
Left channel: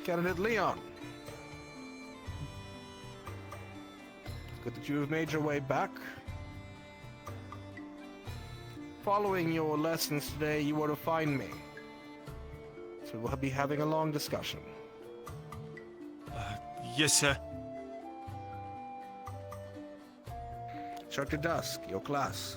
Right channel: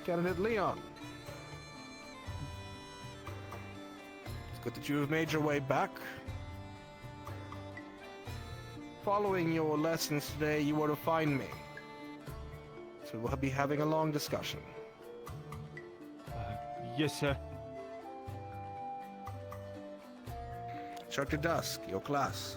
candidate Leon. It's good that you have made your way back. Following your lessons today, you are to find me. So we'll be having a long discussion. Yes, sir. Instructor Dusk, your class.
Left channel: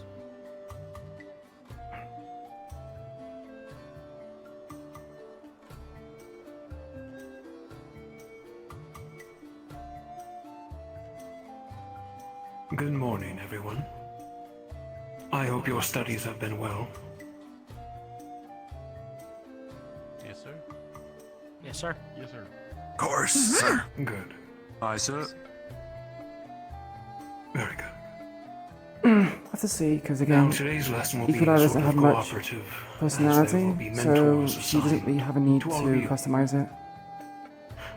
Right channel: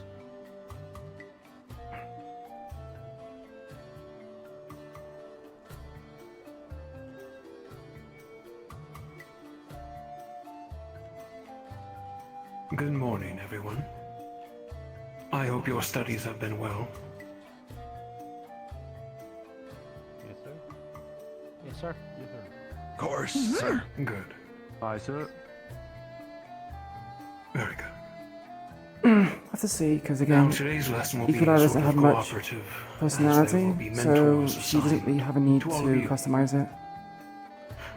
Good morning, everyone. I hope your studies have been well. Yes, sir. Yes, sir. Yes, sir. Of course, sir. Good. Aye, sir. Very good. I have to see, because again, Now, today's lesson will be Iku'lylah doesn't sort of have much cooperative, personality, as there will be so mentors she doesn't assigned really have a need to all to of you. customize it.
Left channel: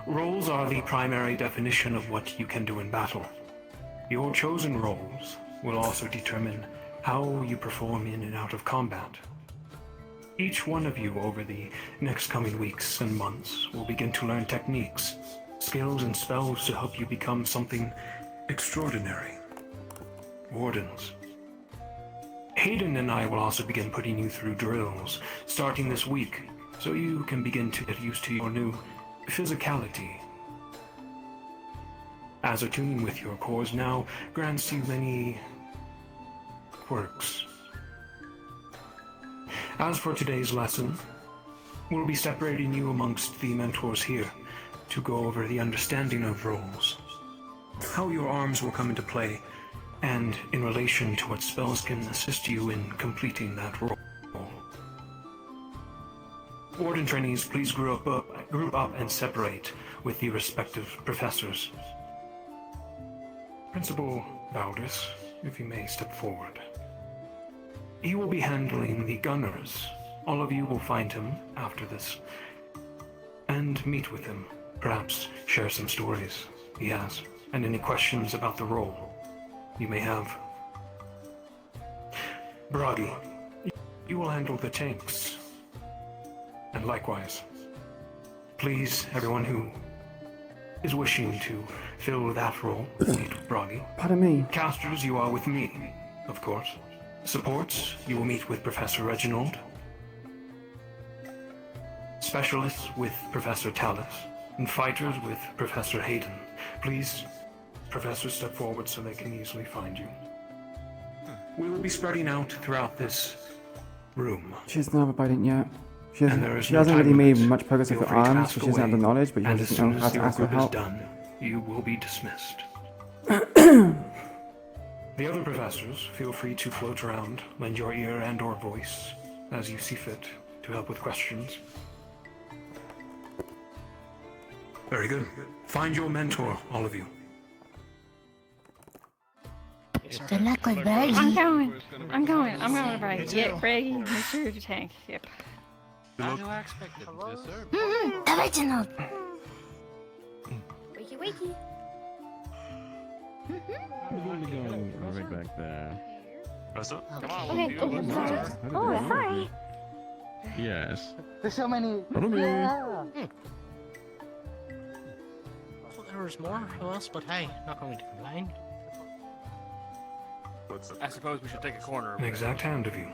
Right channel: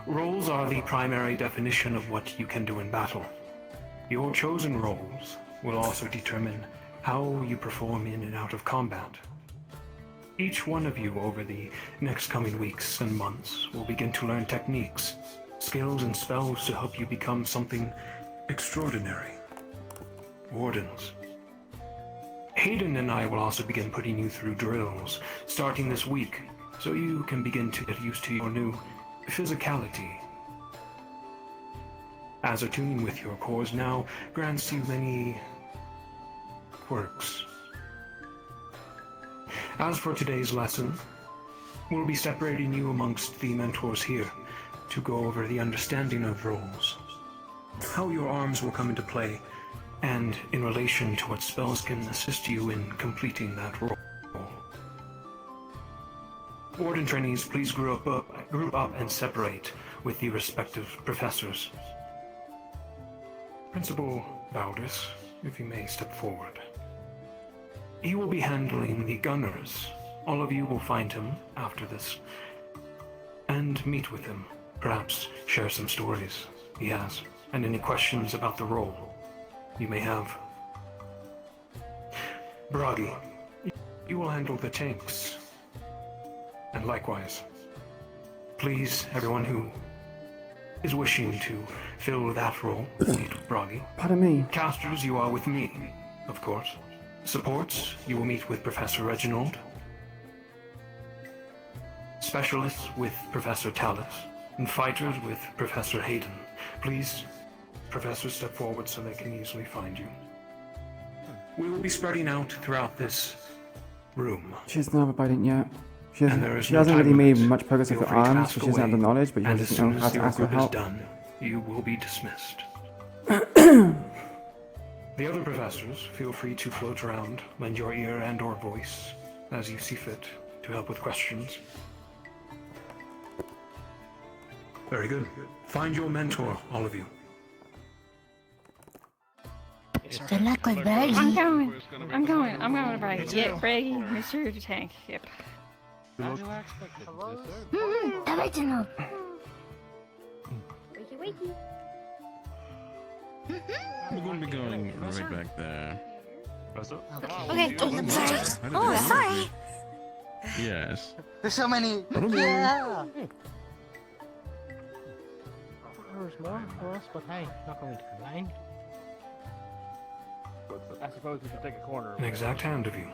Roles are the primary definition of what you can do in battle. Your chosen roles will also determine how you perform in and out of combat. Each one of you over the next coming weeks and months will begin to learn techniques, skills, and spells to help you become something extraordinary. Wardens. Hayden and I will also begin putting you through drills, starting this week, so you can begin to get used to your new physicality. As attuning with your cores now grants you many quirks. As for today's lesson, we'll be separating you amongst the mentors here to go over the understanding of roles, how your arms will come into play, and in relation to what spells can assist you in completing that role. Warden trainees, please group up and separate with the respective professors. Principal Baldus, if you may step forward. He will be handling the gunners. All of you will find him after this and meet with him. Perhaps share some stories he has and any questions about the role you may have. Bragi, you will handle the tanks. And likewise, please, everyone who is wishing to fill that role, meet with Bragi. Pardon me. Casters, you are with me, of course. Supports, you will meet with Professor Reginald. Specialists with Professor Tallis. And fighters with Professor Hayden. Please, professors, step forward so they can easily find you. We will be spreading out throughout this room. She doesn't have a bite yet. She And there is she no hasn't time really made limit. much progress with Feel her free to arms, ask so she doesn't have the away. knowledge, but she And doesn't as soon know how as to your ask for group is help. done, you will be dismissed. The other professors, feel free to float around, lend your ear and or voice, as you see fit, to help with questions. Very good. Find your mentor, all of you. Good luck with Bragi. I'm going to Bragi. Yeah, Bragi, Mr. Tank. Yep. The Reginald. Wakey, wakey. We're going to be going right back there. Okay. Oh, sorry. Yes. There's so many. I don't know. Yeah. Hey. There's more to us, but hey, not going to complain. I suppose we should take a corner. An exact hand of you.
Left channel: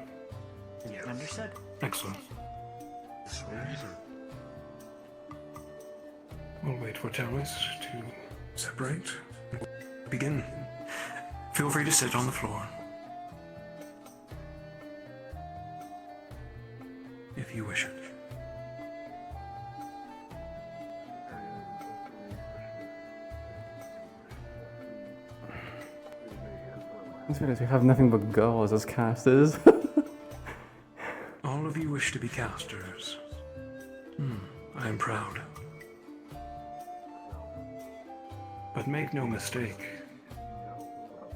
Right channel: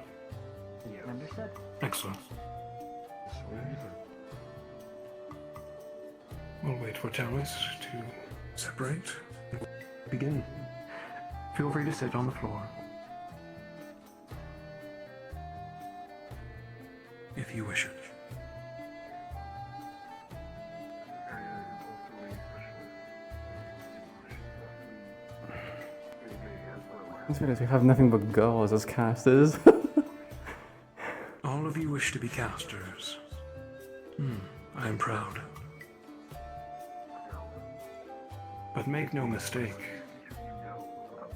Understood. Excellent. We'll wait for Tallis to separate. Begin. Feel free to sit on the floor. If you wish it. That's weird, we have nothing but girls as casters. All of you wish to be casters. I am proud. But make no mistake,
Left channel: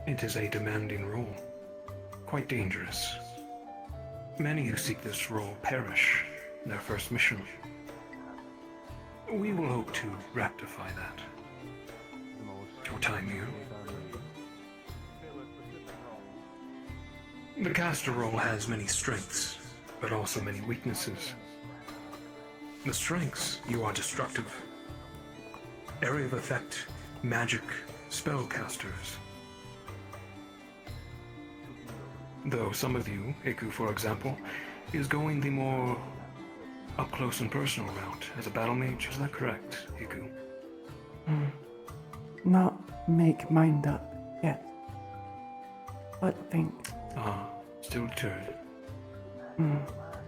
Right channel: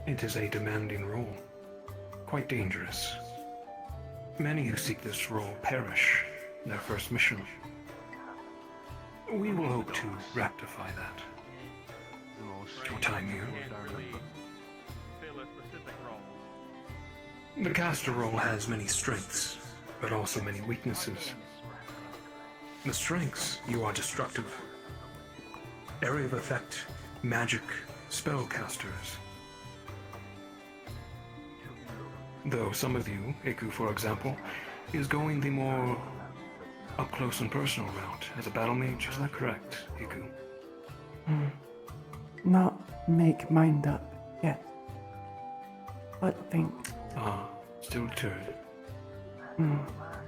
it is a demanding role, quite dangerous. Many who seek this role perish in their first mission. We will hope to rectify that. Your time here. The caster role has many strengths, but also many weaknesses. The strengths, you are destructive. Area of effect, magic, spellcasters. Though some of you, Iku for example, is going the more up-close and personal route as a battle mage, is that correct, Iku? Not make mind up yet. But think. Ah, still deterred.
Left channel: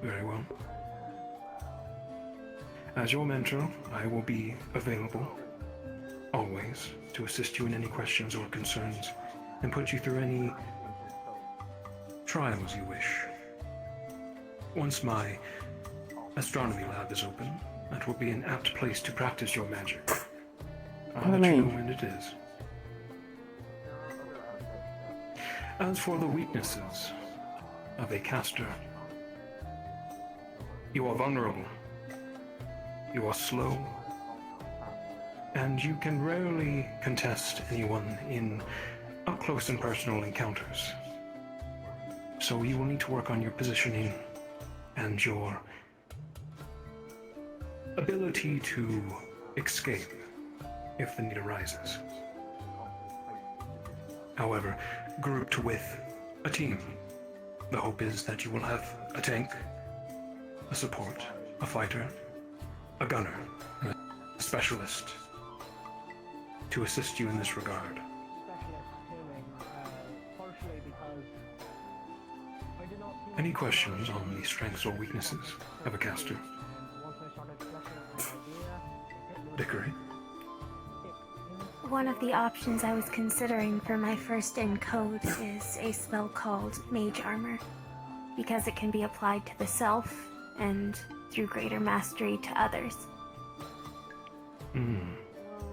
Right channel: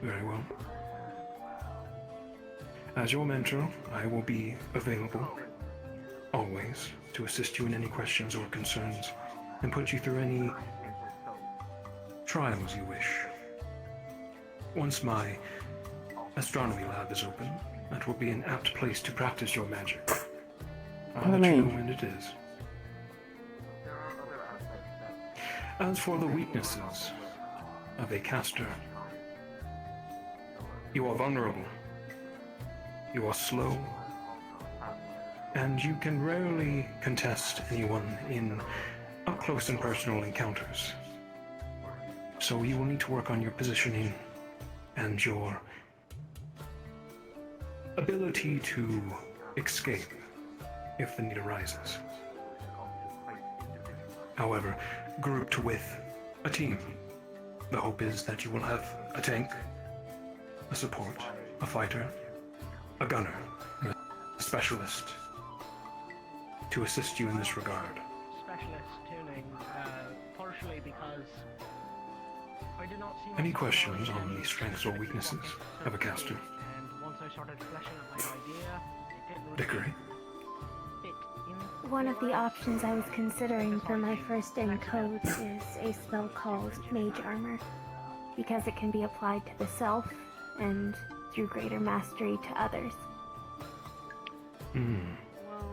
Very well. As your mentor, I will be available, always, to assist you in any questions or concerns, and put you through any trials you wish. Once my astronomy lab is open, that will be an apt place to practice your magic. I'll let you know when it is. As for the weaknesses of a caster, you are vulnerable, you are slow, and you can rarely contest anyone in up-close and personal encounters. So you will need to work on your positioning and your ability to escape if the need arises. However, grouped with a team, the hope is that you will have a tank, a support, a fighter, a gunner, and a specialist to assist you in this regard. Any questions on the strengths or weaknesses of a caster? Vickery? One of the options I was considering for my first in code is a spell called Mage Armor, because it can be applied to the self and through greater mastery to others,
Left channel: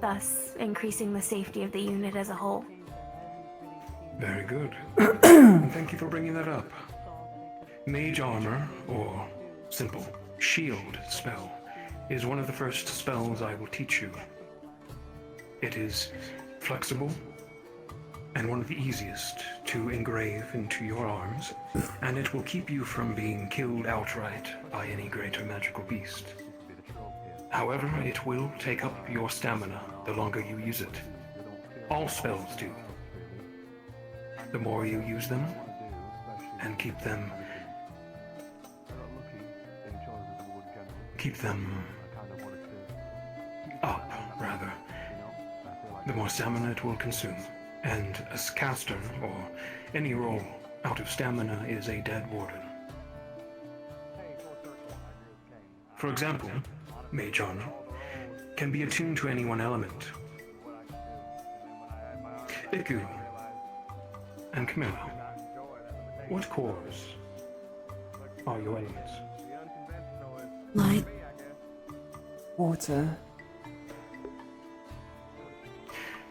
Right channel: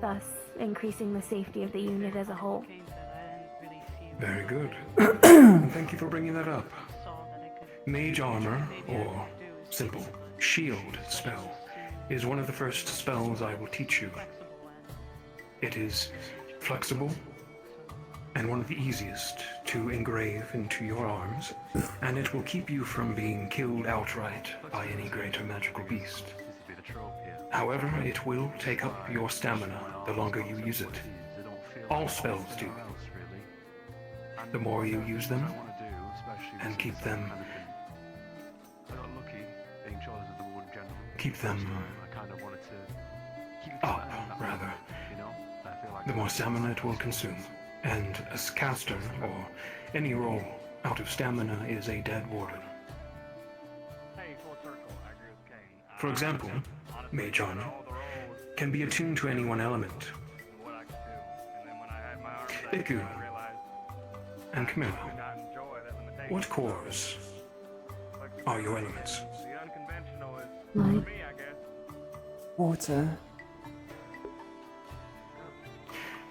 thus increasing the safety of the unit as a whole. Very good. Thank you for bringing that up. Mage Armor, or simple Shield spell, is one of the first spells I will teach you. It is flexible and one of the easiest to engrave into your arms, and it will keep you from being killed outright by any greater magical beast. However, it will take up your stamina the longer you use it. All spells do. The more you use them, and keep them up, rather, the more stamina it will consume. And a caster, or any role out of stamina, is a dead warden. For example, Mage Armor can be attuned to any one element. Iku and Camilla, what cores are your elements? Light. Water.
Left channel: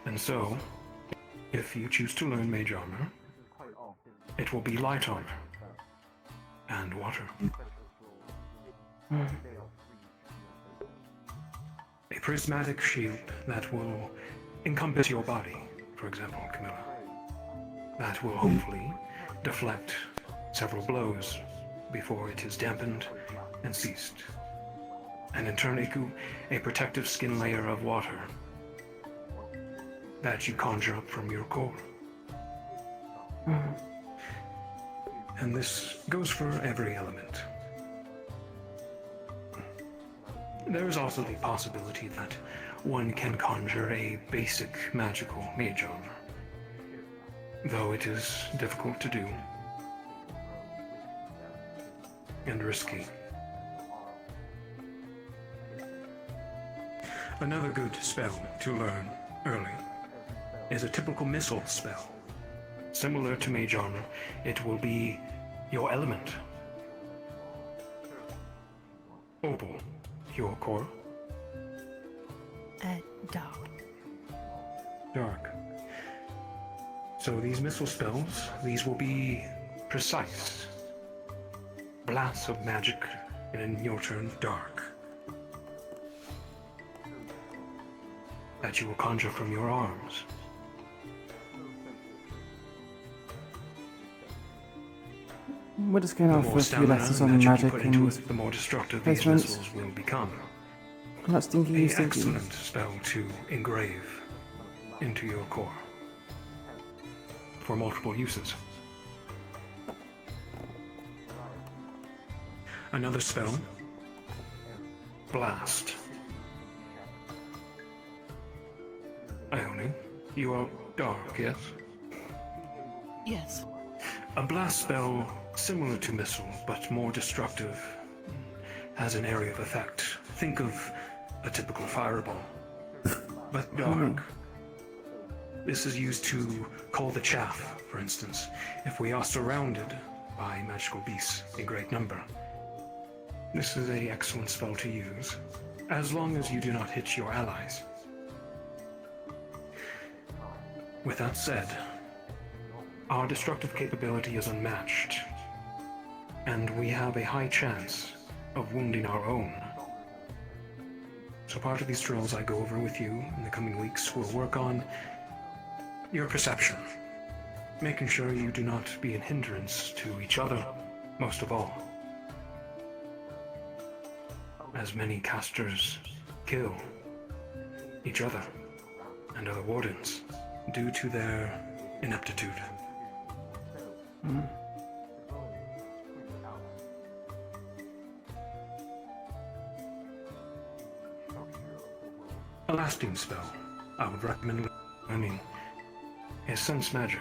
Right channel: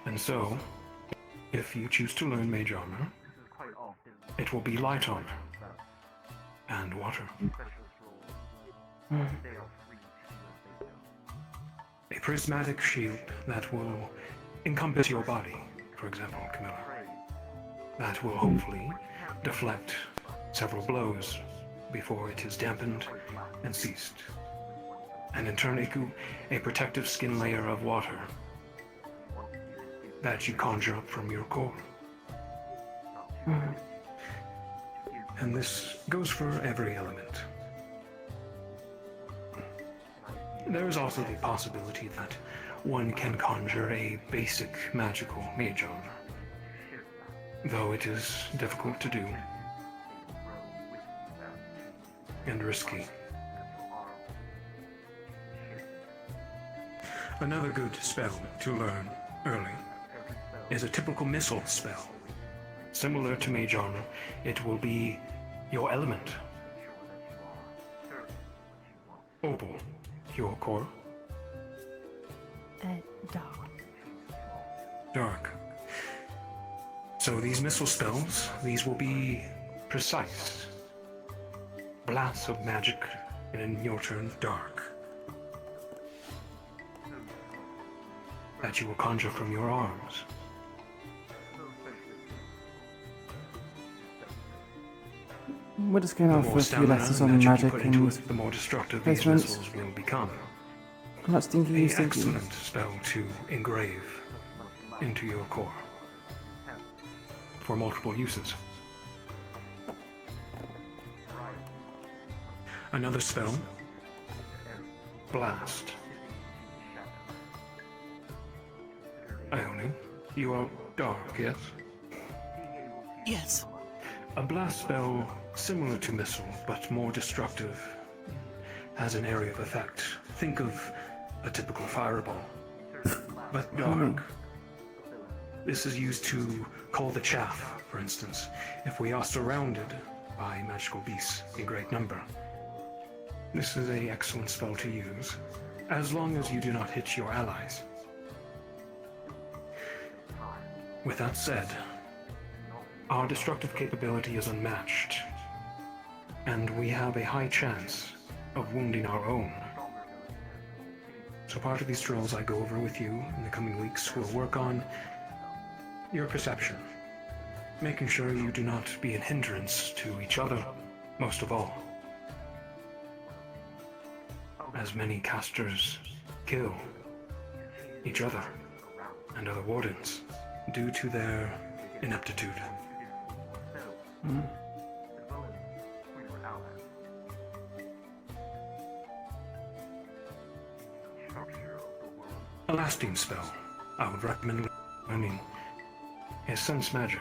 And so, if you choose to learn Mage Armor, it will be Light Armor and Water. A prismatic shield that will encompass your body, for example, Camilla. That will hopefully deflect several blows before it is dampened and ceased. And in turn, Iku, a protective skin layer of water that you conjure up from your core. And this goes for every element. There is also the possibility that one can conjure a basic magical Mage Armor, though it is difficult to do and risky. Another good spell to learn early is a typical missile spell. Similar to Mage Armor, it will be your element. Opal, your core? Dark. Dark. So these missile spells, these will be precise. Blasts of magic, and in your turn, dark. That you will conjure from your arms. We're just going The off more for a few stamina lessons and on magic you magic put into and it, the more destructive these placements. missiles will become. I'm not stinky, you An stinky. excellent spell to engrave into your core for multiple uses. Another spell, Blast. Ione, you are dark, yes? Yes. A blast spell similar to missile, but more destructive, has an area of effect. Think of a typical fireball, but dark. This is used to call the chaff, for instance, if we are surrounded by magical beasts in great number. This is an excellent spell to use, as long as you do not hit your allies. With that said, our destructive capability is unmatched, and we have a high chance of wounding our own. So part of these drills I go over with you in the coming weeks will work on your perception, making sure you do not be a hindrance to each other, most of all. As many casters kill each other and other wardens due to their ineptitude. A lasting spell I would recommend learning is Sense Magic.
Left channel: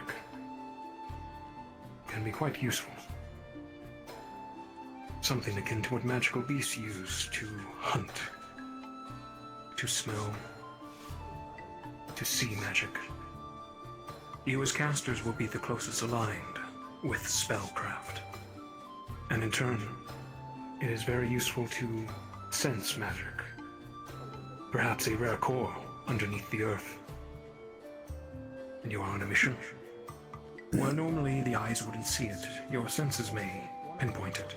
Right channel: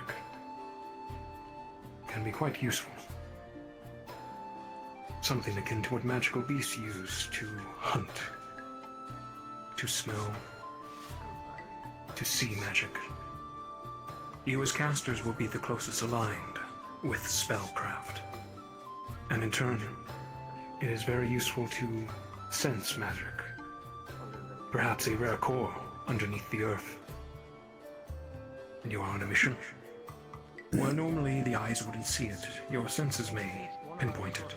Can be quite useful. Something akin to what magical beasts use to hunt, to smell, to see magic. You as casters will be the closest aligned with spellcraft. And in turn, it is very useful to sense magic. Perhaps a rare core underneath the earth. And you are on a mission. Where normally the eyes wouldn't see it, your senses may pinpoint it.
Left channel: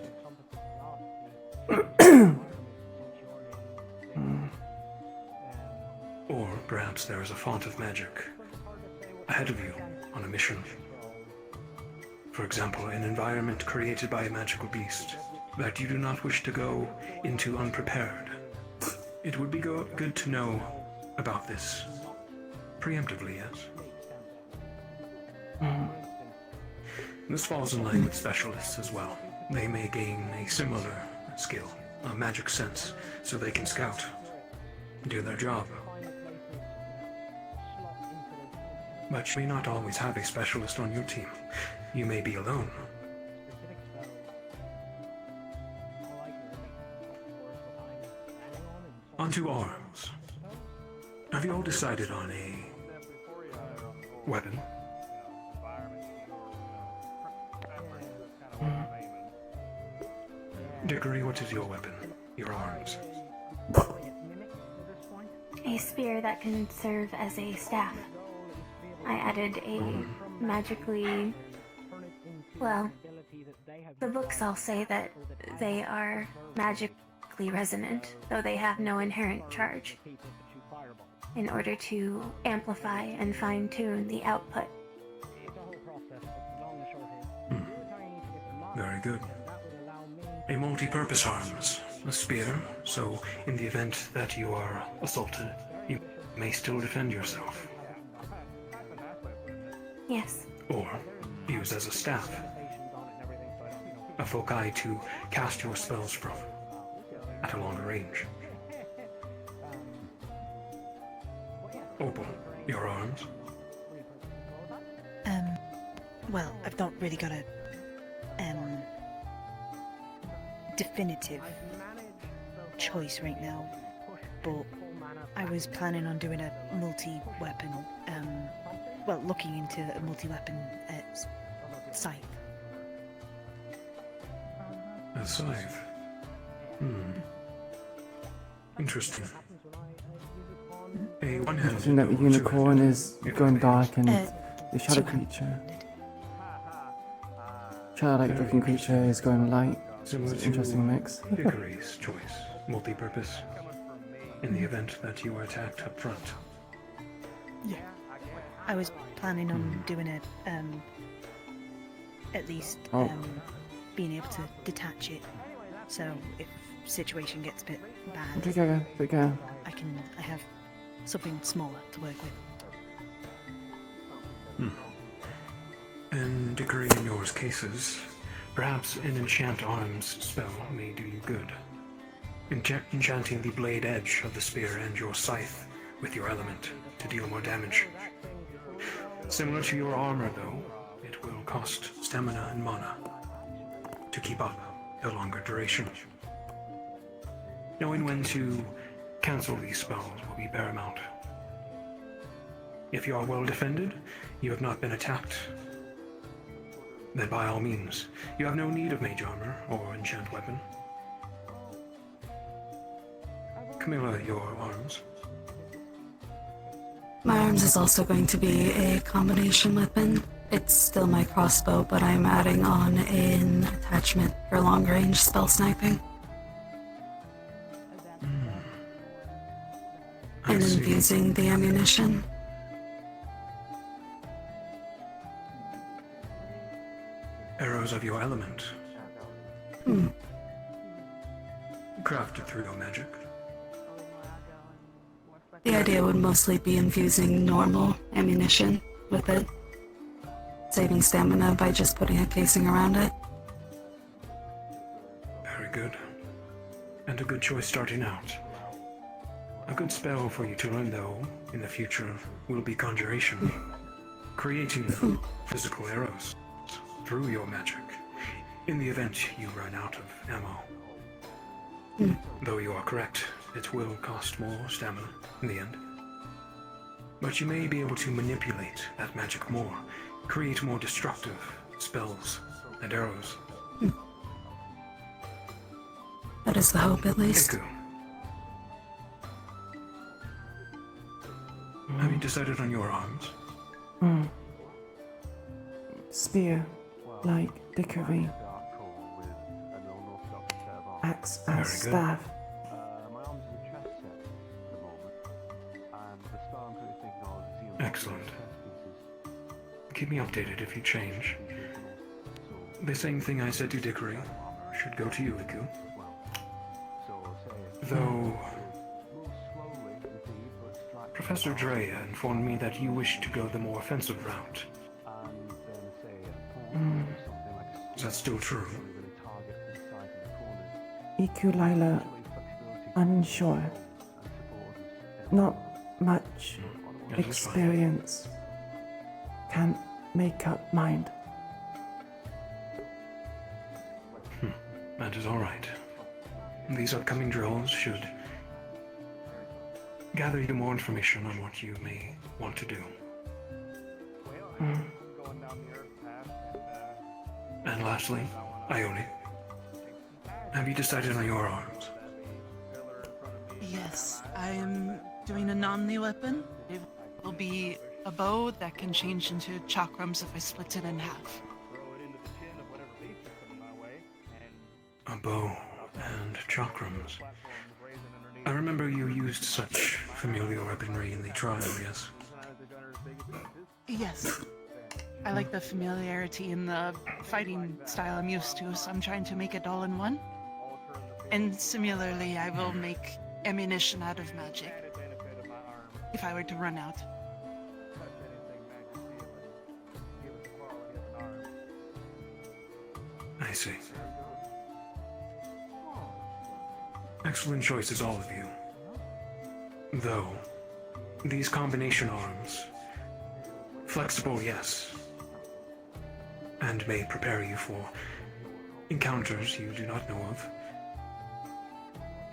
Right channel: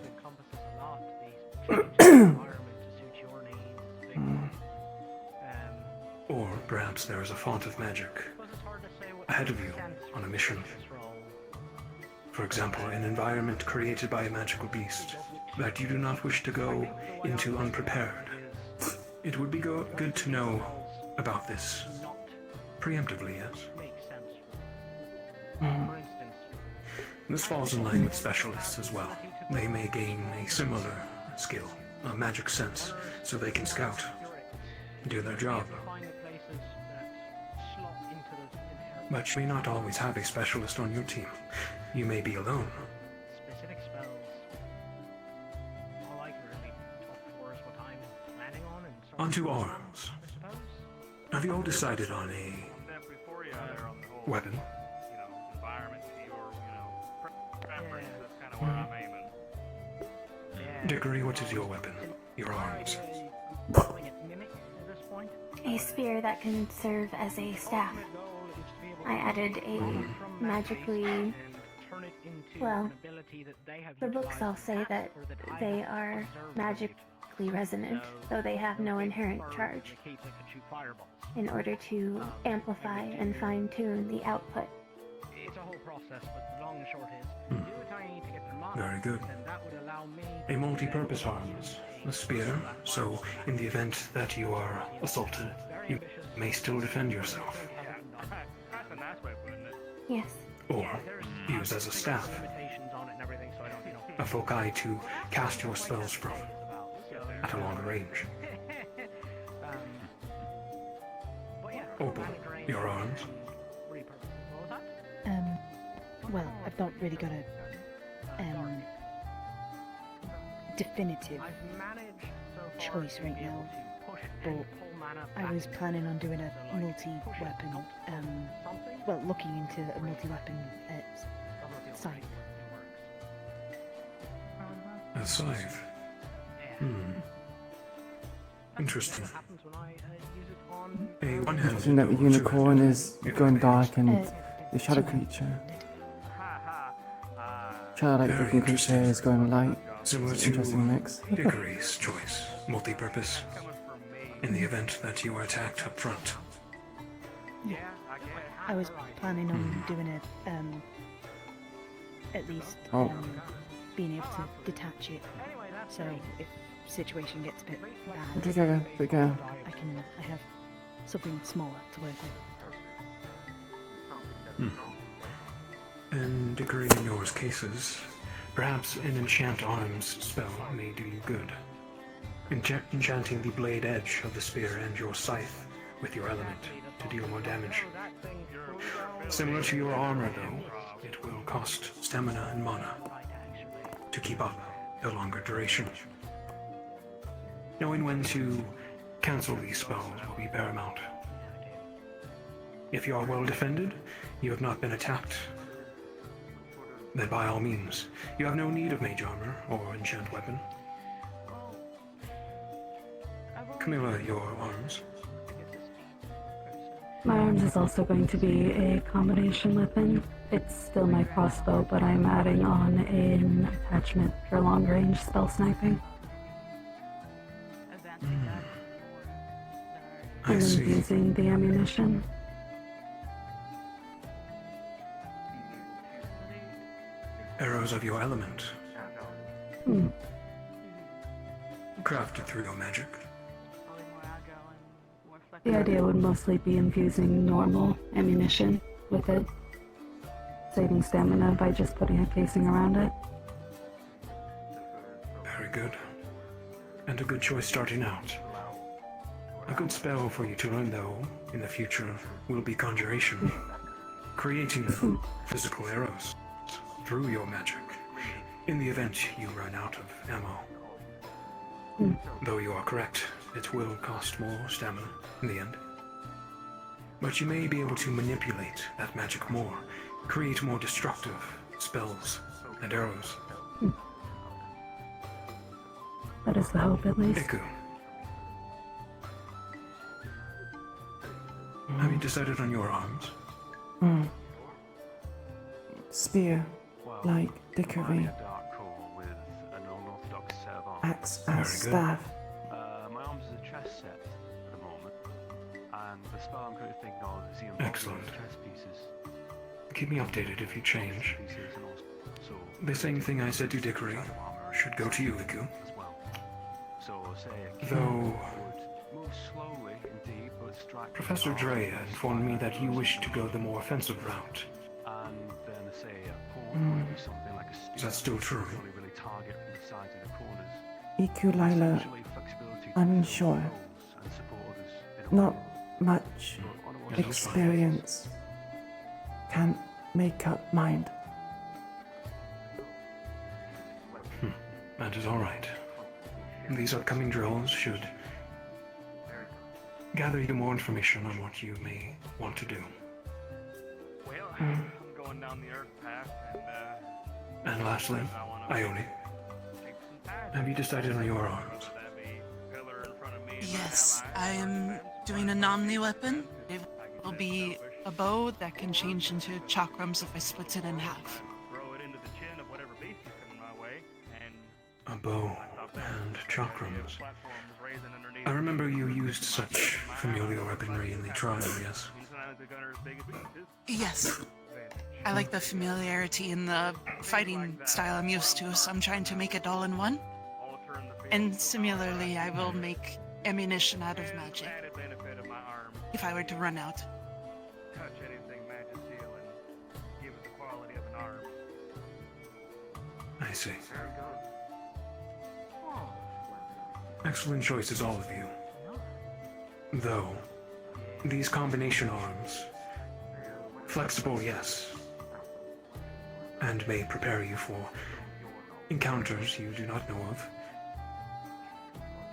Or perhaps there is a font of magic ahead of you on a mission. For example, an environment created by a magical beast that you do not wish to go into unprepared. It would be good to know about this preemptively, yes? This falls in line with specialists as well. They may gain a similar skill, a magic sense, so they can scout and do their job. But you may not always have a specialist on your team. You may be alone. Onto arms. Have you all decided on a weapon? Dickory, what is your weapon? Your arms? A spear that can serve as a staff. I added a magically... Well, the books all say that they are magically resonant, though they have no inherent charge, in order to amplify and fine-tune the output. Very good. A multi-purpose arms. A spear, so in the event that you are assaulted, you may still defend yourself. Yes. Or use as a staff. A foci to cast your spells from at a longer range. Opal, your arms. Well, I've not really got a definitive choice right now, but I was planning on doing a multi-weapon, well, looking into a multi-weapon scythe. A scythe? Interesting. A Interesting one-handed that the bow to unicorn it, is if going I may. dark and the shadow creature. Childlike looking creature is going light. It's Similar an to interesting mix. Hickory's choice, multi-purpose, in the event that you are attacked up front. Yeah. I was planning on doing it, at least being able to detach it. So if situation gets a bit bad, Good girl, good girl. I have something smaller to work with. And Hickory, in your cases, perhaps an enchant arms spell may do you good. Enchanting the blade edge of the spear and your scythe with your element to deal more damage. Similar to your armor, though, it will cost stamina and mana to keep up a longer duration. Knowing when to cancel these spells will be paramount. If you are well defended, you have not been attacked, then by all means, you have no need of mage armor or enchant weapon. Camilla, your arms. My arms is also going to be a combination weapon. It's still my crossbow, but I'm adding on an attachment for long range spell sniping. I And see. using the ammunition. Arrows of your element. Crafted through your magic. The idea would mostly be infusing normal ammunition with it, saving stamina by just putting a casing around it. Very good. And a good choice starting out. A good spell for you to learn, though, in the future will be Conjuration. Creating physical arrows through your magic in the event you run out of ammo. Though you are correct, it will cost more stamina in the end. But you may be able to manipulate that magic more, create more destructive spells and arrows. That is the hope, at least. Iku. Have you decided on your arms? Spear, like Dickory. Axe as Very good. staff. Excellent. Keep me updated if you change. The same thing I said to Dickory should go to you, Iku. Though Professor Drea informed me that you wish to go the more offensive route. Is that still true? Iku'lylah, unsure. Not much That is fine. experience. Can't make up mind. That is all right. These upcoming drills should gather you more information on what you may want to do. And lastly, Ione. Have you decided on your arms? Yes, I am doing an omni weapon. It will be a bow that can change into chakrams if I split it in half. A bow and chakrams. I remember you used such familiar weaponry in the trial, yes? Yes. I like the familiarity and the fighting style I'm used to, so I'm trying to make it all in one. And similarly, I will make ammunition out of magic. If I were to run out. I see. Excellent choices, all of you. Though, these combination arms, flexible, yes, and may prepare you for encounters you do not know of.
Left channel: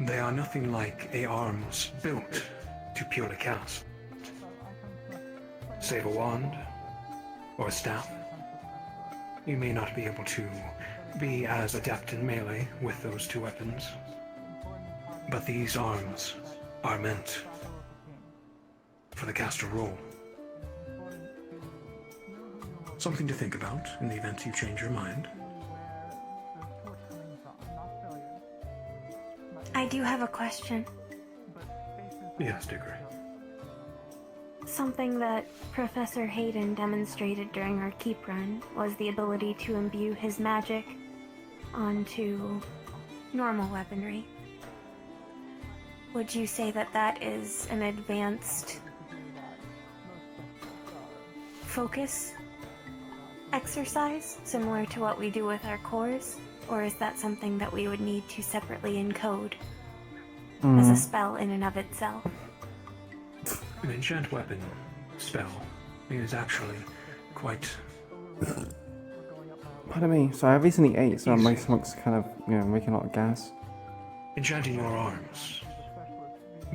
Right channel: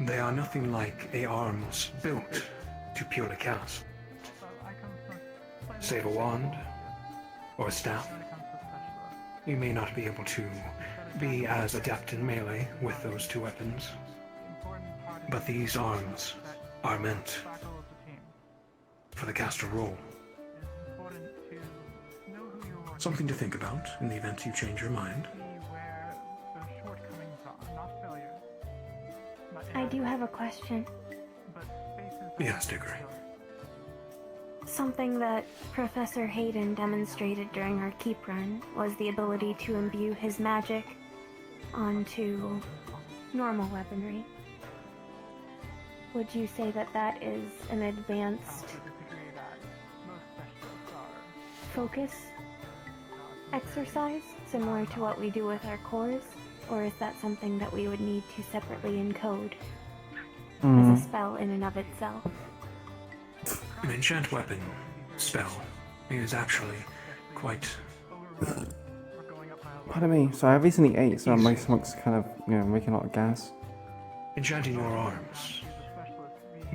They are nothing like arms built to purely cast. Save a wand or a staff. You may not be able to be as adept in melee with those two weapons. But these arms are meant for the caster role. Something to think about in the event you change your mind. I do have a question. Yes, Diggory. Something that Professor Hayden demonstrated during our keep run was the ability to imbue his magic onto normal weaponry. Would you say that that is an advanced focus exercise, similar to what we do with our cores? Or is that something that we would need to separately encode as a spell in and of itself? An enchant weapon spell is actually quite... Pardon me, so I recently ate, so my stomach's kind of, making a lot of gas. Enchanting your arms,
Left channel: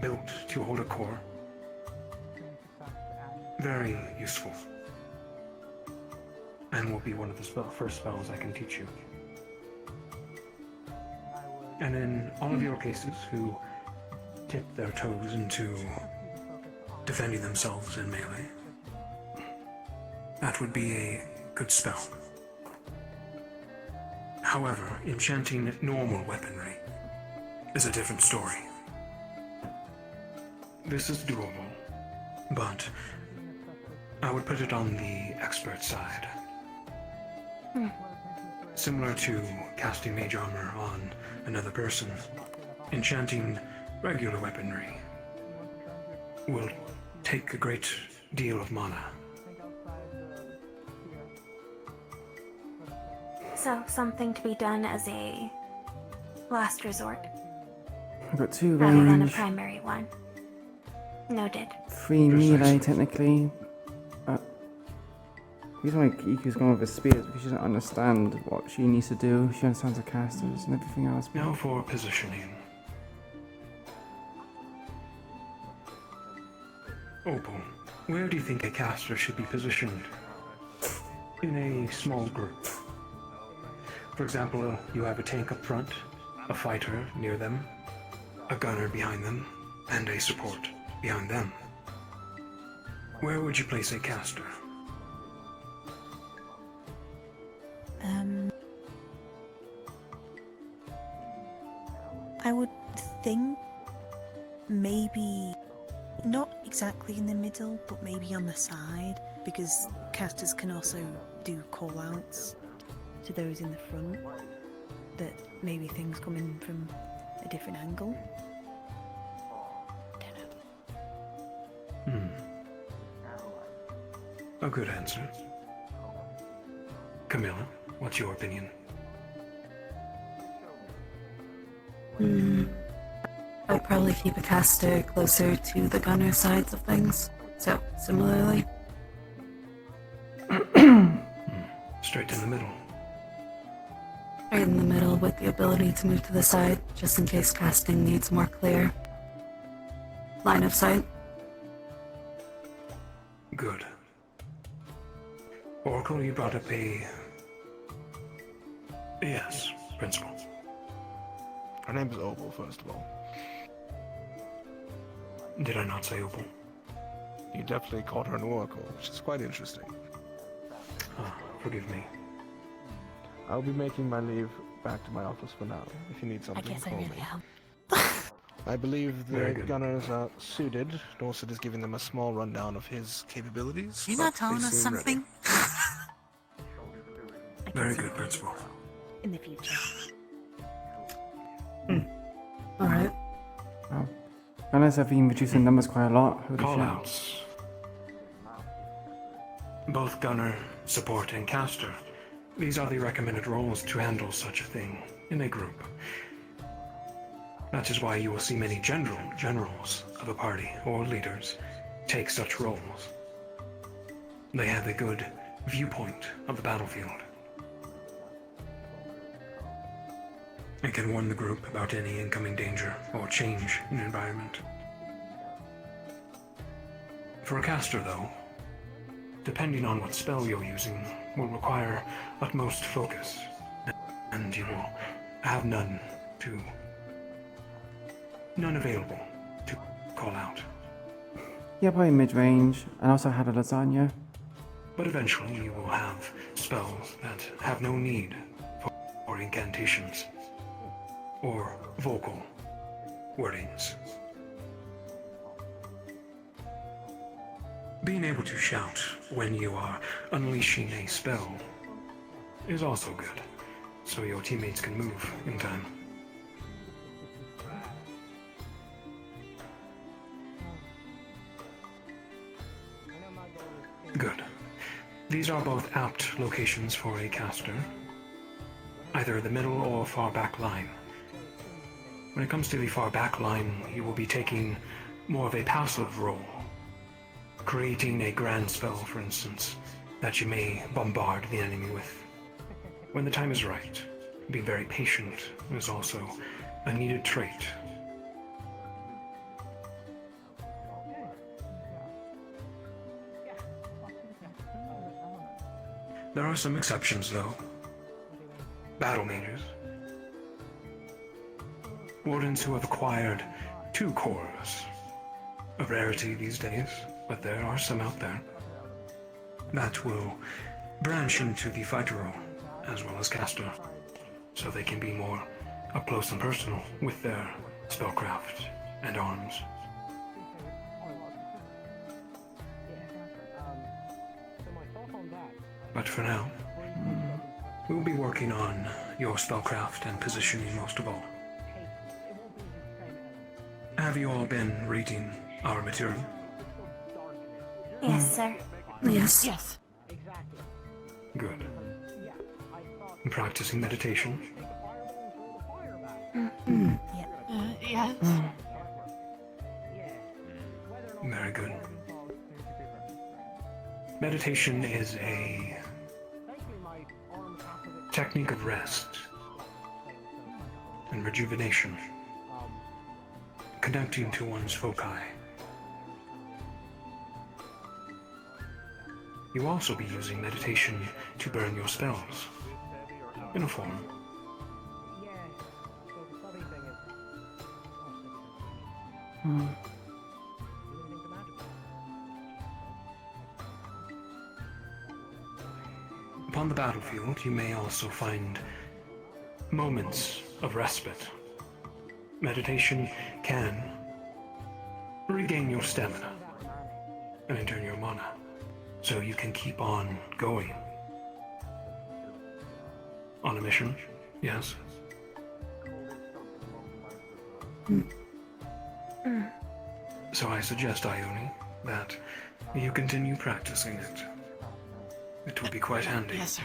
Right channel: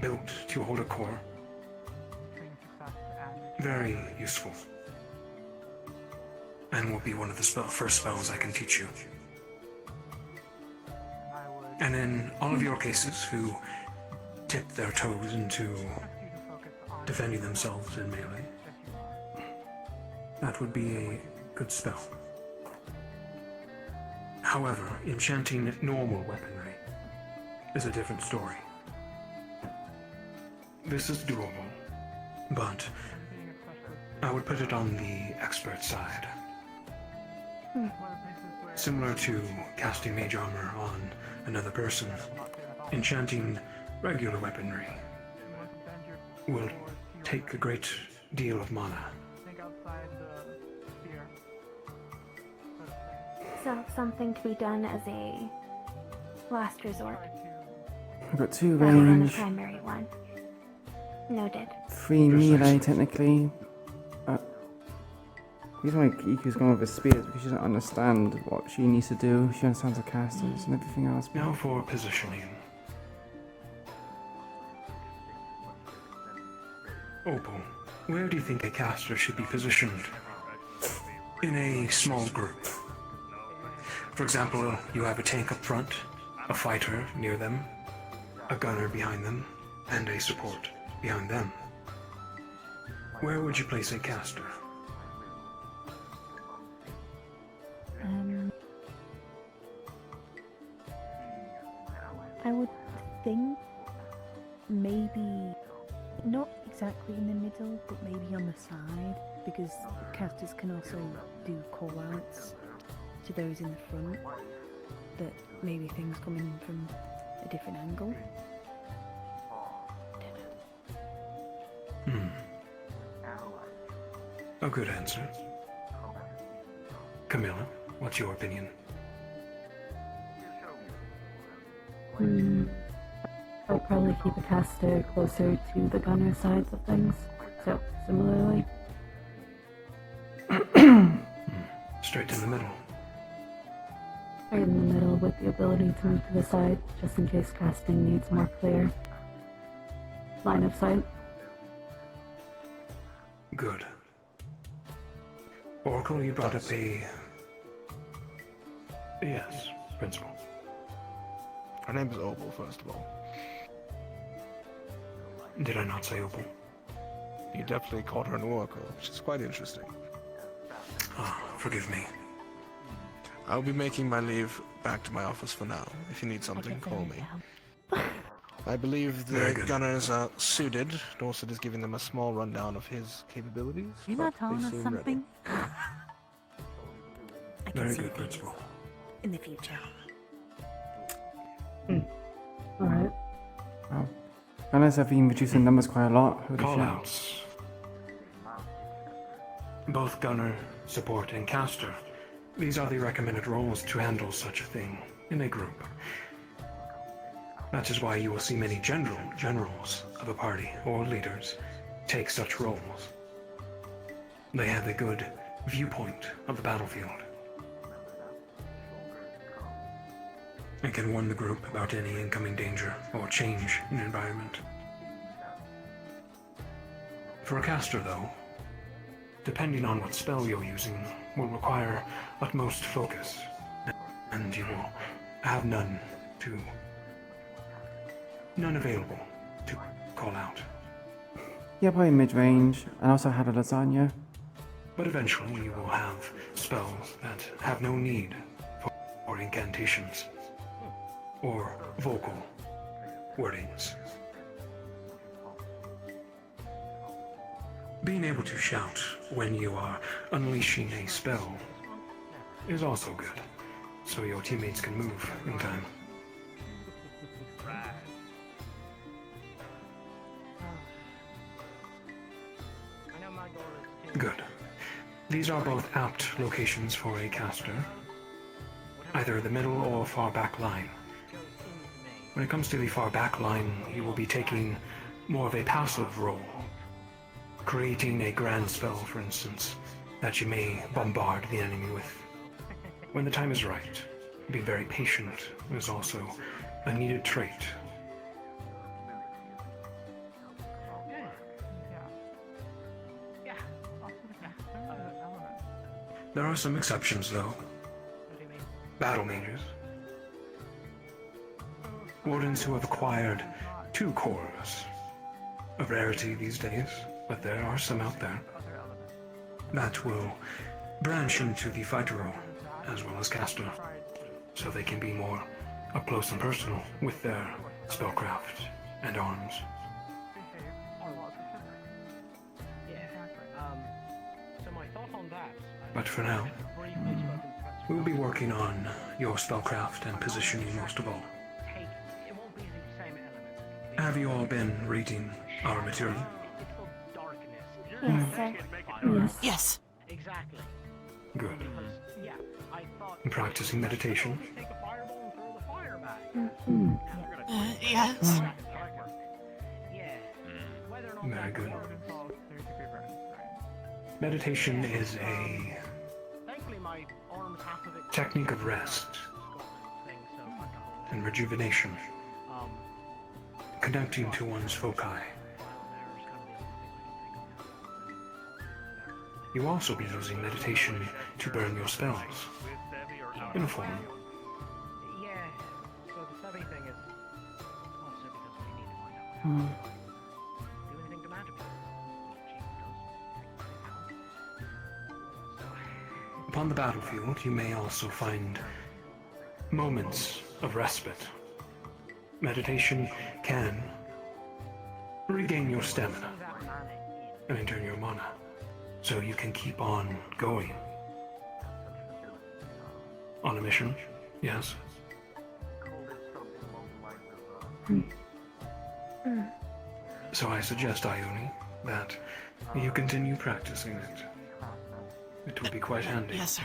built to hold a core. Very useful. And will be one of the first spells I can teach you. And in all of your cases who tip their toes into defending themselves in melee, that would be a good spell. However, enchanting normal weaponry is a different story. This is doable, but I would put it on the expert side. Similar to casting mage armor on another person, enchanting regular weaponry will take a great deal of mana. So, something to be done as a last resort. I've got 2 Rather than a range, primary one. Noted. 3 melee technically. The reason why Iku's going with a spear is because she doesn't understand what she needs to do. She understands the casters and everything else. Now for positioning. Opal, where do you think a caster should be positioned? In a small group. For example, you have a tank up front, a fighter near them, a gunner behind them, and a support behind them. Where would you place a caster? I would think maybe not exactly in the middle, but maybe on the side, because casters can also do call-outs to those in the front, that maybe things come in from a different angle. A good answer. Camilla, what's your opinion? I'd probably keep a caster closer to the gunner sides of things. So, similarly. Straight in the middle. Right in the middle with the ability to move to the side, just in case casting needs more clear line of sight. Good. Oracle, you brought up a... Yes, Principal. Her name is Opal, first of all. Did I not say Opal? You definitely called her an oracle, which is quite interesting. Oh, forgive me. I'll be making my leave back to my office for now. If you need something, call me. I believe the gunners are suited. Dorset is giving them a small rundown of his capabilities. You're not but telling they us seem something? Very good, Principal. In the future. Alright. Wow. Gunners have been reducing numbers quite a lot. Holy shit. Callouts. Both gunner, support, and caster. These are the recommended roles to handle such a thing in a group. That is why you will see many generals of a party or leaders take such roles. They have a good viewpoint of the battlefield and can warn the group about any incoming danger or change in environment. For a caster, though, depending on what spell you're using, will require utmost focus, and you will have none to none available to call out. Yeah, probably mid-range. And also had a lasagna. But eventually you will have spells that have no need for incantations or vocal wordings. Being able to shout when you are unleashing a spell is also good, so your teammates can move in time. Good. These are both apt locations for a caster, either the middle or far back line. When it comes to the far back line, you will be taking more of a passive role, creating a grand spell, for instance, that you may bombard the enemy with. When the time is right, being very patient is also a needed trait. There are some exceptions, though. Battle mages. Wardens who have acquired 2 cores. A rarity these days, but there are some out there. That will branch into the fighter role, as well as caster, so they can be more up close and personal with their spellcraft and arms. But for now, we'll be working on your spellcraft and positioning most of all. Have you all been reading our material? Yes, sir. Yes. Yes. Good. And practicing meditation? Yes. Very good. Meditation is a technique of rest and rejuvenation, connecting to one's foci. You'll also be using meditation to burn your spells, in a form. Upon the battlefield, you may also find moments of respite. Meditation can regain your stamina and in turn your mana, so you can keep on going. On a mission, yes. So I suggest, Ione, that you continue practicing it. It will be quite handy. Yes, sir.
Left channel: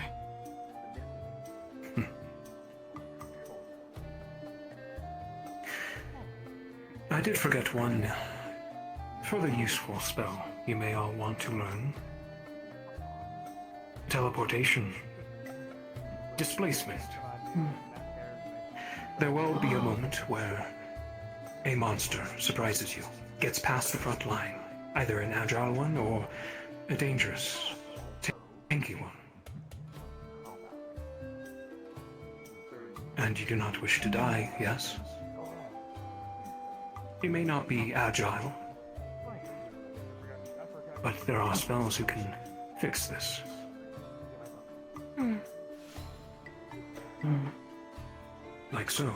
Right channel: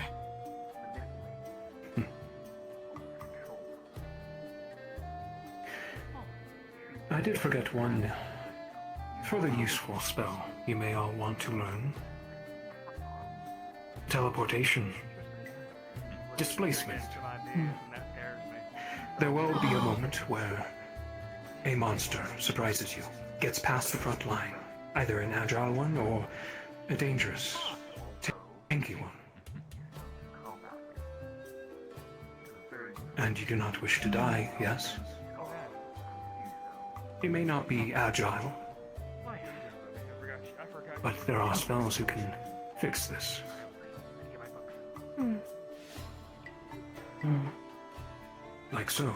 I did forget one further useful spell you may all want to learn. Teleportation. Displacement. There will be a moment where a monster surprises you, gets past the front line, either an agile one or a dangerous, tanky one. And you do not wish to die, yes? You may not be agile, but there are spells who can fix this. Like so.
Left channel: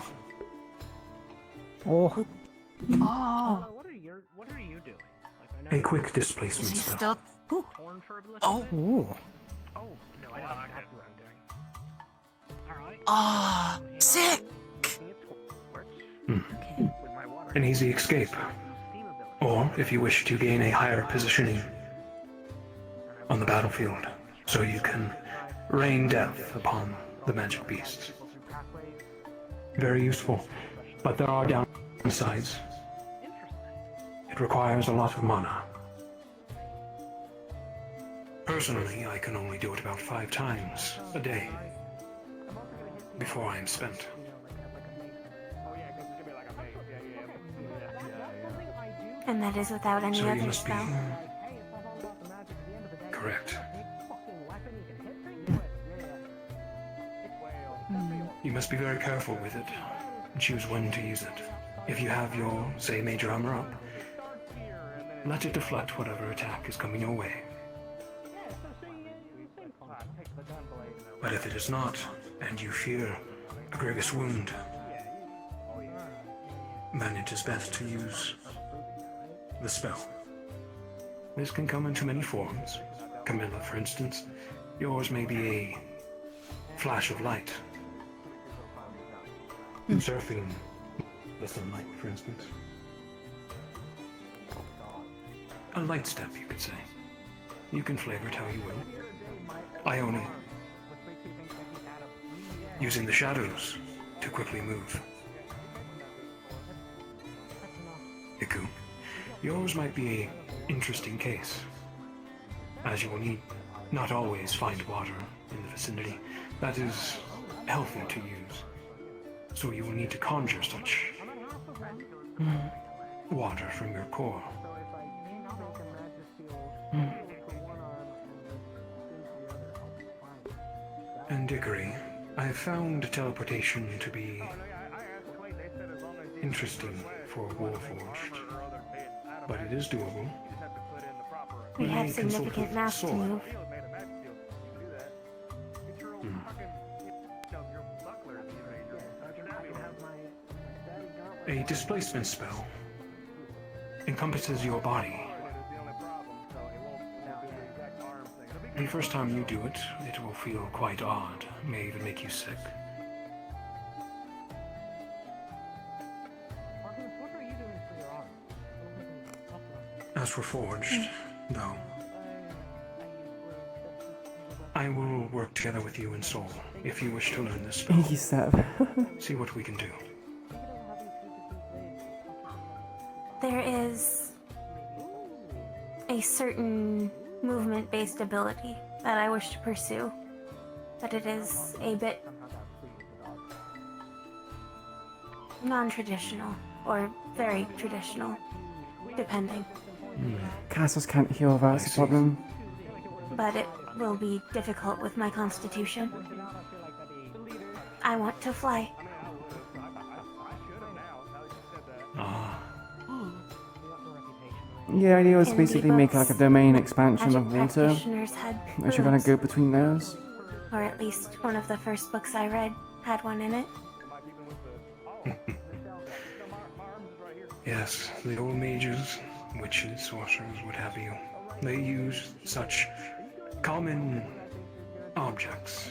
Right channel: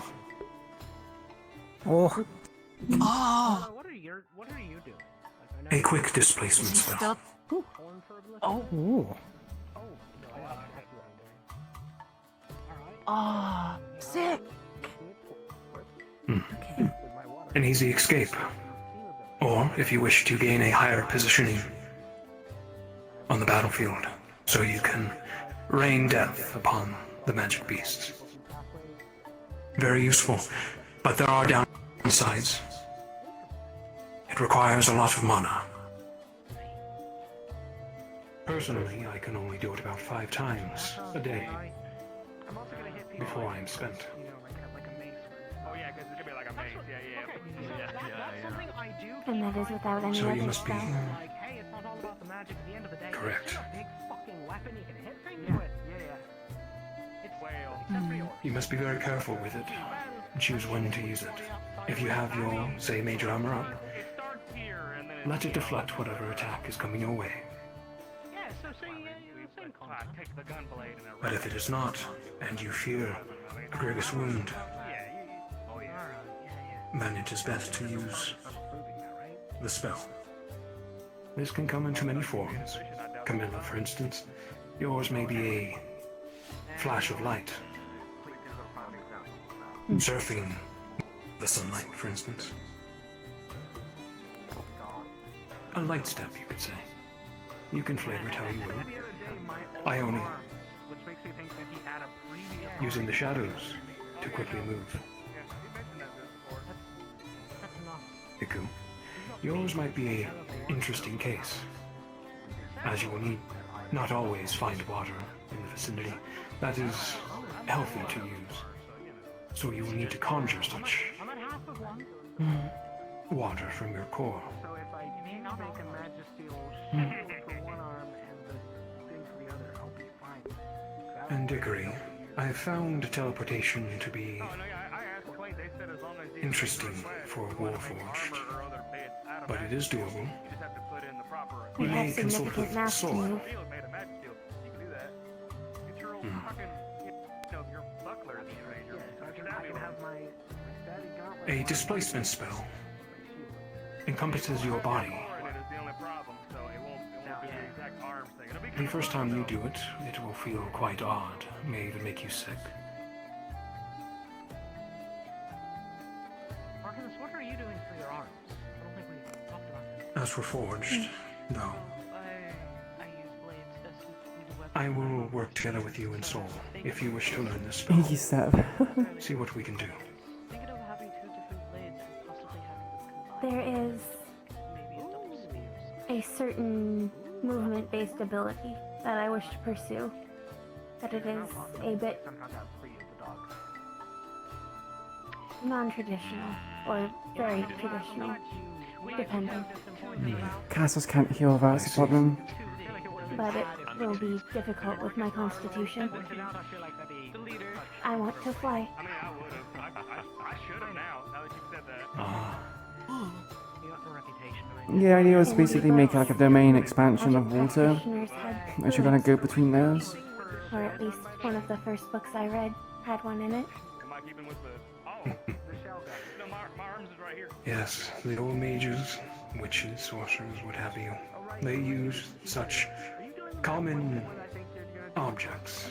Oh. What are you doing? A quick displacement spell. Oh. Ah, sick. An easy escape. Or, if you wish to gain a higher positioning on the battlefield, so you can rain death upon the magic beasts. Very useful, but there are downsides. It requires a lot of mana. Personally, I can only do it about 5 times a day before I am spent. And that is without any So other you must be spell. correct. You must be very careful with it and choose when to use it. If you have your, say, major armor up, let it deflect whatever attack is coming your way. But if it is not, and you fear a grievous wound, then it is best to use the spell. This can come into many forms. Camilla, for instance, yours may be a flash of light. Surfing the sunlight, for instance. A light step, you could say. You can flavor it how you will. Ione, using the shadows to quickly move. Iku, yours might be an interesting case, as you will need not always find water in the vicinity that is healthy to use. So you will need to conjure such water from your core. And Dickory, I have found teleportation to be interesting for Warforged, but it is doable. We have significant mass to move. A displacement spell encompasses your body. The first time you do it, it will feel quite odd, may even make you sick. As for Forged, no. I will work together with you in Soul, if you wish to learn this spell. Thank you, Seb. See what we can do. There is a certain movement-based ability that I wish to pursue, but it is a bit non-traditional, or very traditional, depending. Castles can't heal, that's the problem. But it will be difficult with my constitution. I want to fly. Yeah, the idea was basically make like a domain expansion of water, Practitioners had and you're gonna go between those. or at least one of the first books I read had one in it. Yes, the old mages, witches, sorcerers, what have you, they use such common objects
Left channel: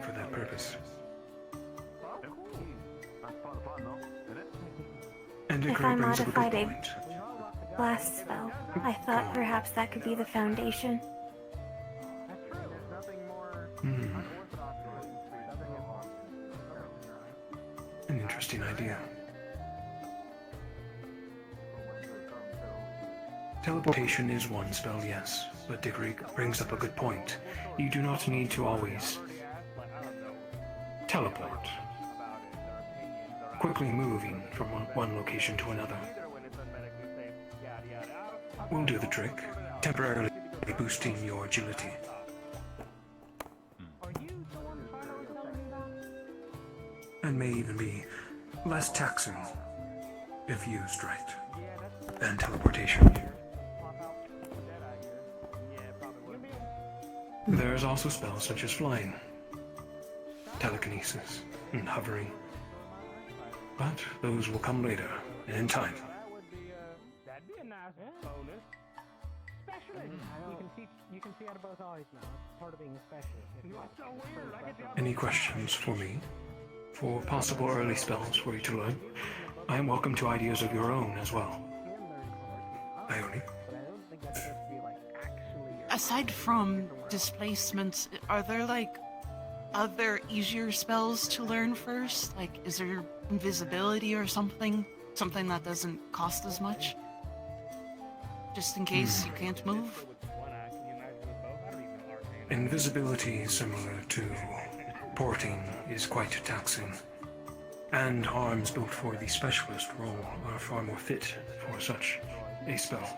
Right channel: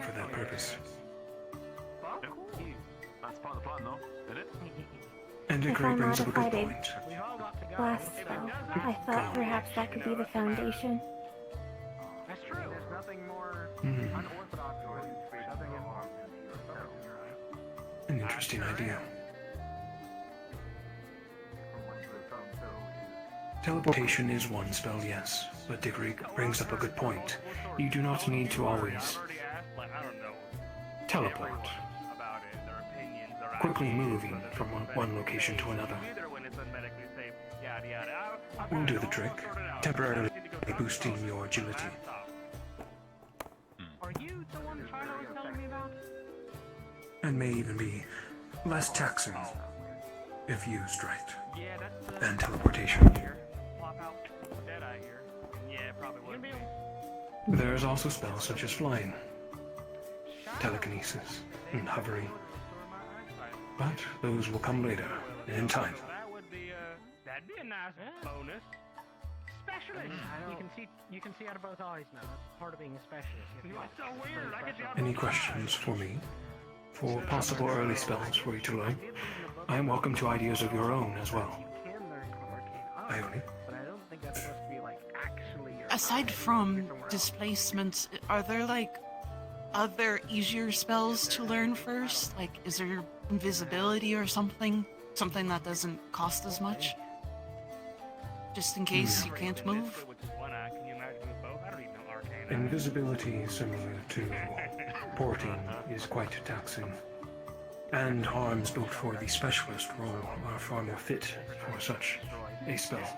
for that purpose. And it If I brings up a good modified point. a blast spell, I thought perhaps that could be the foundation. An interesting idea. Teleportation is one spell, yes, but Dickory brings up a good point. You do not need to always teleport, quickly moving from one location to another. Will do the trick, temporarily boosting your agility. And may even be less taxing if used right than teleportation. There's also spells such as flying, telekinesis, and hovering. But those will come later, and in time. You can see out of both eyes now. That's part of being a specialist. Any questions for me? For possible early spells for you to learn? I am welcome to ideas of your own as well. Ione? Aside from displacements, are there like other easier spells to learn first? Like, is there invisibility or something? Something that doesn't cost as much? Just in case you can't move? Invisibility, similar to porting, is quite taxing. And arms built for the specialist role are far more fit for such a spell.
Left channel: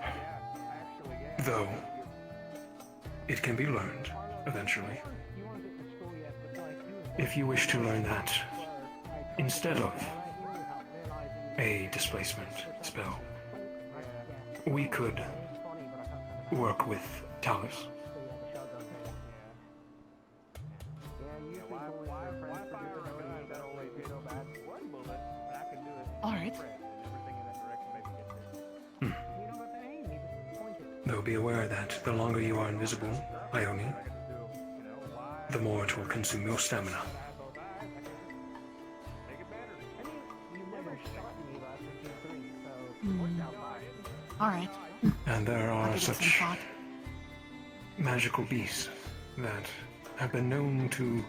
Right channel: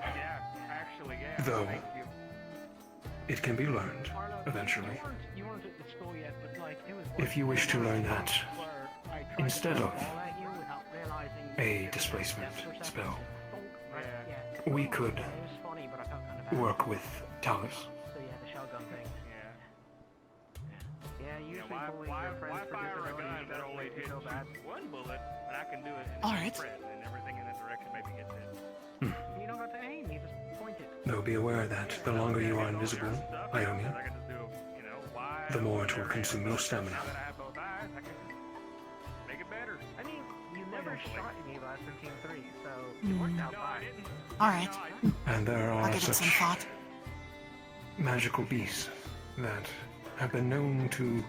Though, it can be learned, eventually. If you wish to learn that, instead of a displacement spell. We could work with Talus. All right. Though be aware that the longer you are invisible, Ione, the more it will consume your stamina. All right. And there I'll are give it some such thought. magical beasts that have been known to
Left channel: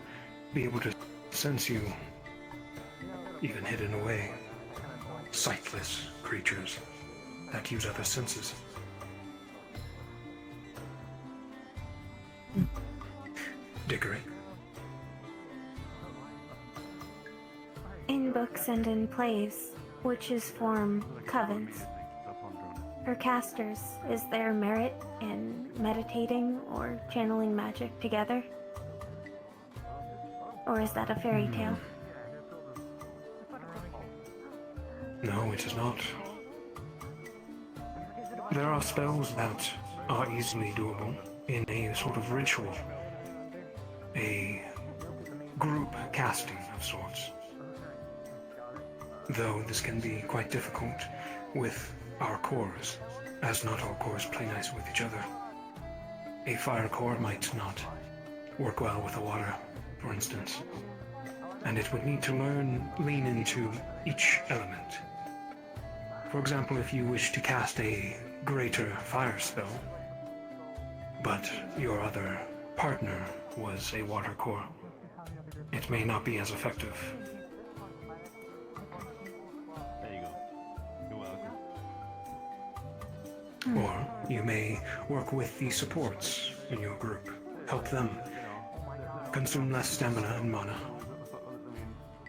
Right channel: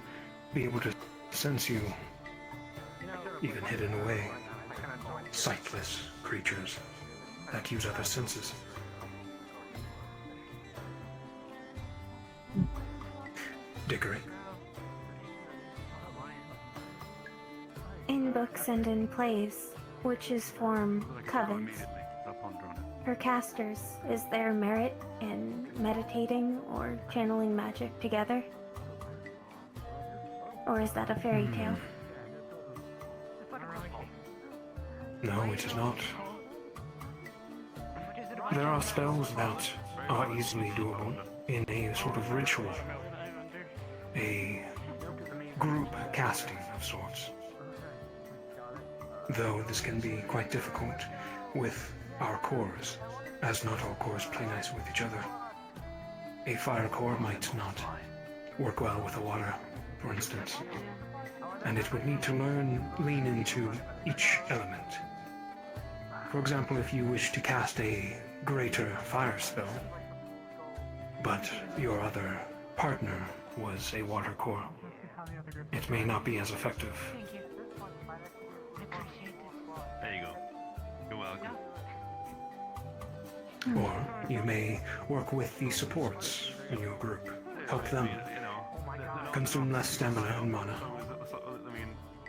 be able to sense you, even hidden away. Sightless creatures that use other senses. Dickory. In books and in plays, witches form covens. For casters, is there merit in meditating or channeling magic together? Or is that a fairy tale? No, it is not. There are spells that are easily doable in a sort of ritual. A group casting of sorts. Though this can be quite difficult with our cores, as not all cores play nice with each other. A fire core might not work well with a water, for instance, and it would need to lean into each element. For example, if you wish to cast a greater fire spell, but your other partner was a water core, it may not be as effective. There you go. You're welcome. Or you may work with the supports in your group, help them consume less stamina and mana,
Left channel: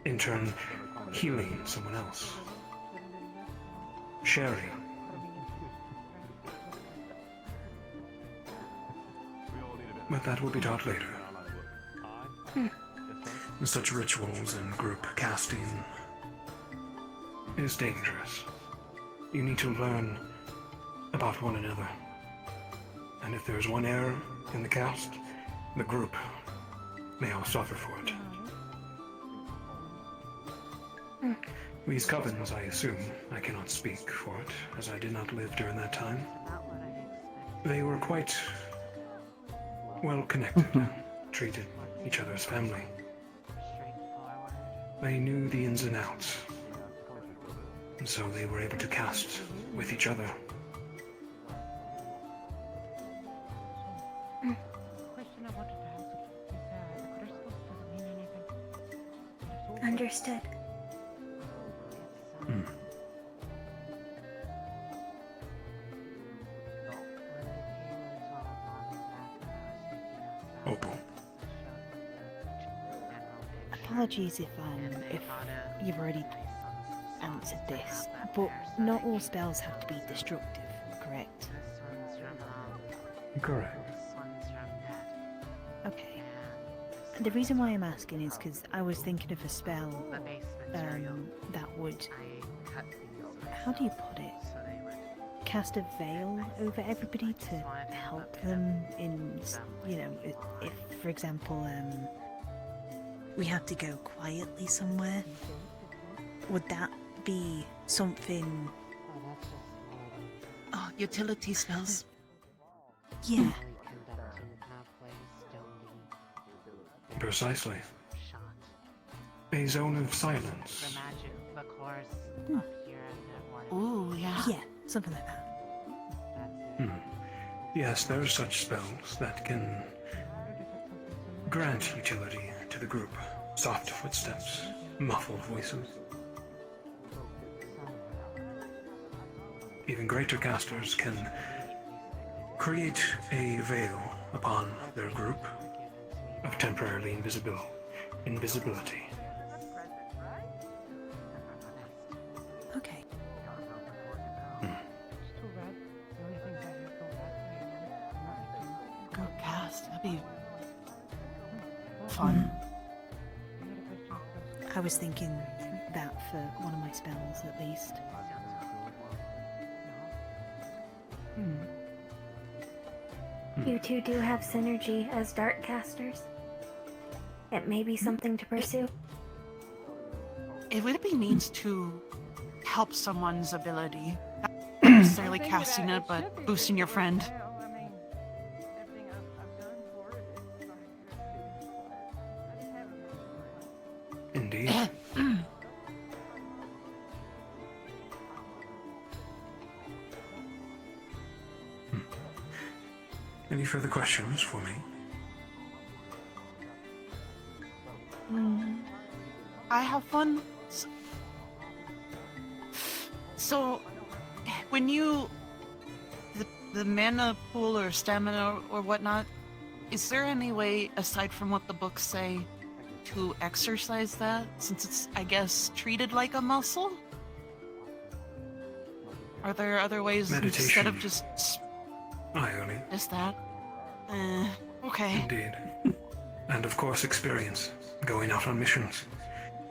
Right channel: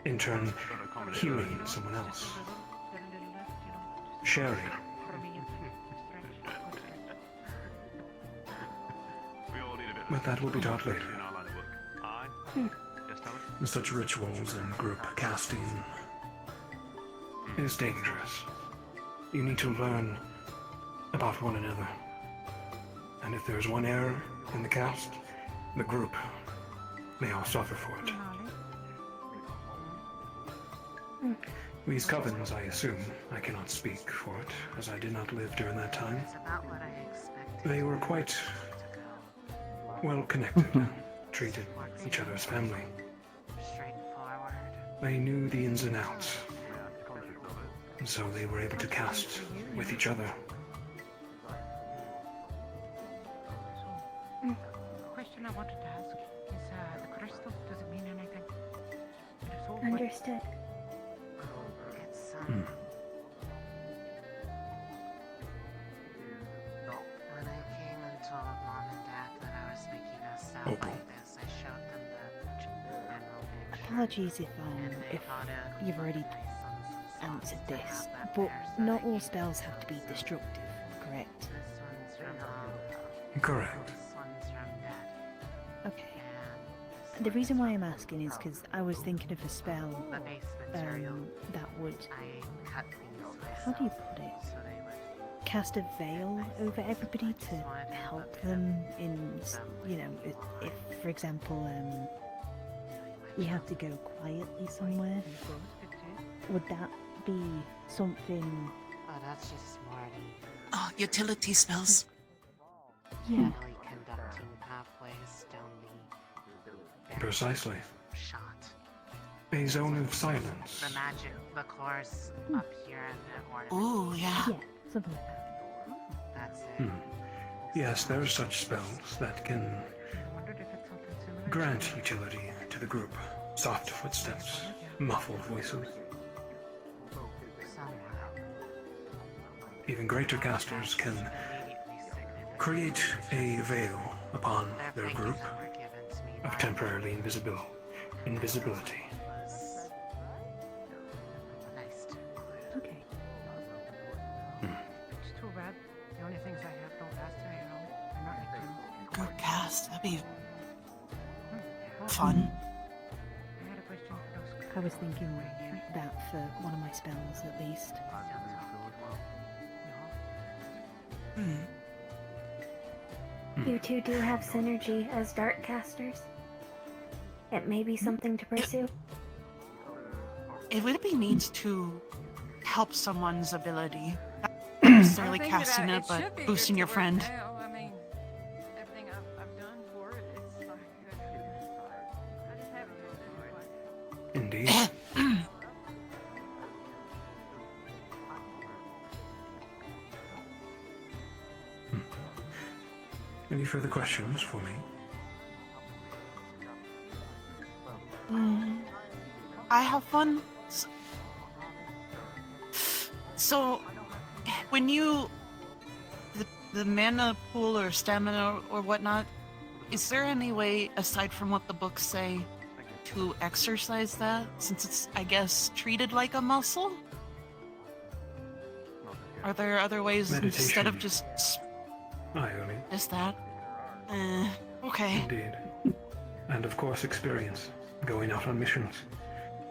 in turn healing someone else. Sharing. But that will be taught later. Such rituals and group casting is dangerous. You need to learn about one another. And if there's one error in the cast, the group may all suffer for it. These covens, I assume, I cannot speak for it, as I did not live during that time. They were quite well connected, treated each other as family. They knew the ins and outs, and so they were able to cast with each other. Understood. Opal. Apologies if you've already answered this, but not all spells have to be destructive, correct? Correct. Okay. The reason why I'm asking is because I was thinking of a spell that would, how do you put it? Cast a veil over everybody to help them in, if for example, we have to go quietly somewhere. Would that be something? Oh, utility spells. Yeah. Precisely. A zone of silence. Ooh, yeah. Yeah, something like that. Yes, there are such spells that can grant utility to the group. Soft footsteps, muffled voices. Even greater casters can create a veil upon their group of temporarily invisibility. Okay. Good cast. That'd be fun. I was thinking that for one of my spells at least. You two do have synergy as dart casters. It may be something to pursue. It would be neat to help someone's ability. Not necessarily casting it, but boosting your friend. Indeed. Any further questions for me? I have one. So, when you the mana pool or stamina or whatnot, is there any way aside from what the books say to exercise that? Since it's, I guess, treated like a muscle. Are there other ways instead of just just that? Okay. Indeed. And of course experience. Going out on missions.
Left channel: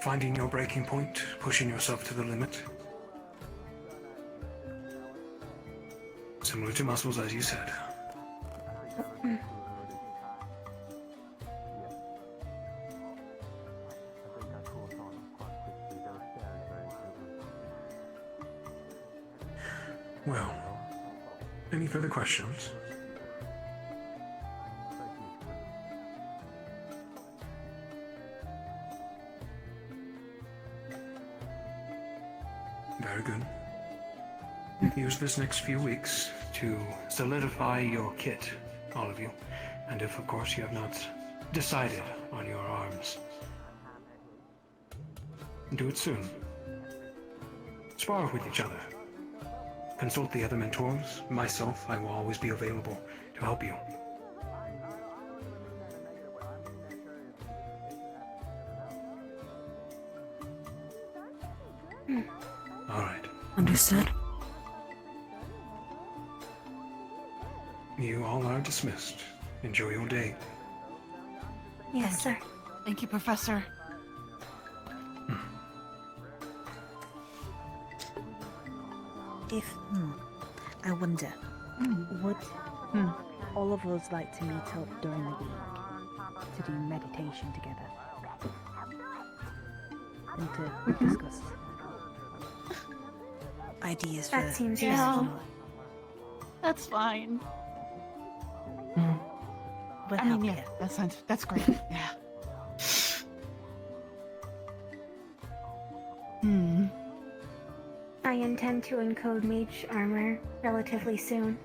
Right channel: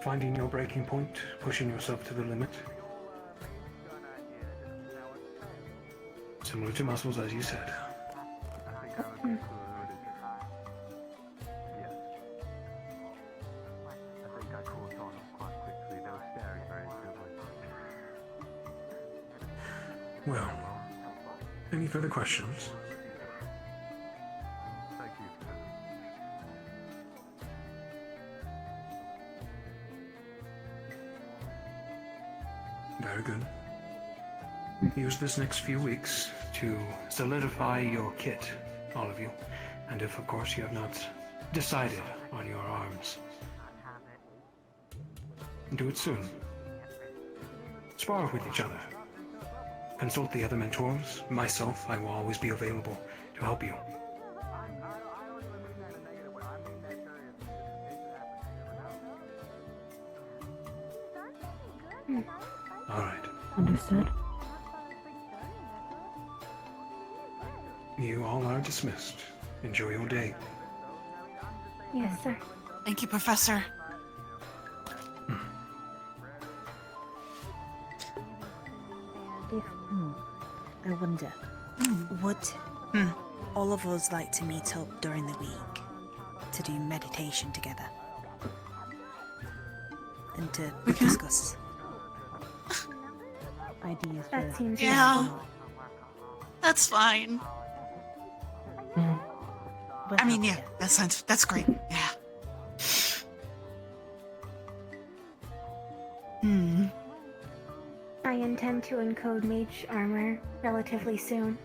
Finding your breaking point, pushing yourself to the limit. Similar to muscles, as you said. Well, any further questions? Very good. Use this next few weeks to solidify your kit, all of you. And if, of course, you have not decided on your arms, do it soon. Spar with each other. Consult the other mentors. Myself, I will always be available to help you. All right. Understood. You all are dismissed. Enjoy your day. Yes, sir. Thank you, Professor. If, I wonder, would all of us like to meet up during the week to do meditation together? And to discuss ideas That for... seems Yeah. useful. That's fine. We'll I mean, help yeah, you. that's great. Yeah. I intend to encode mage armor relatively soon.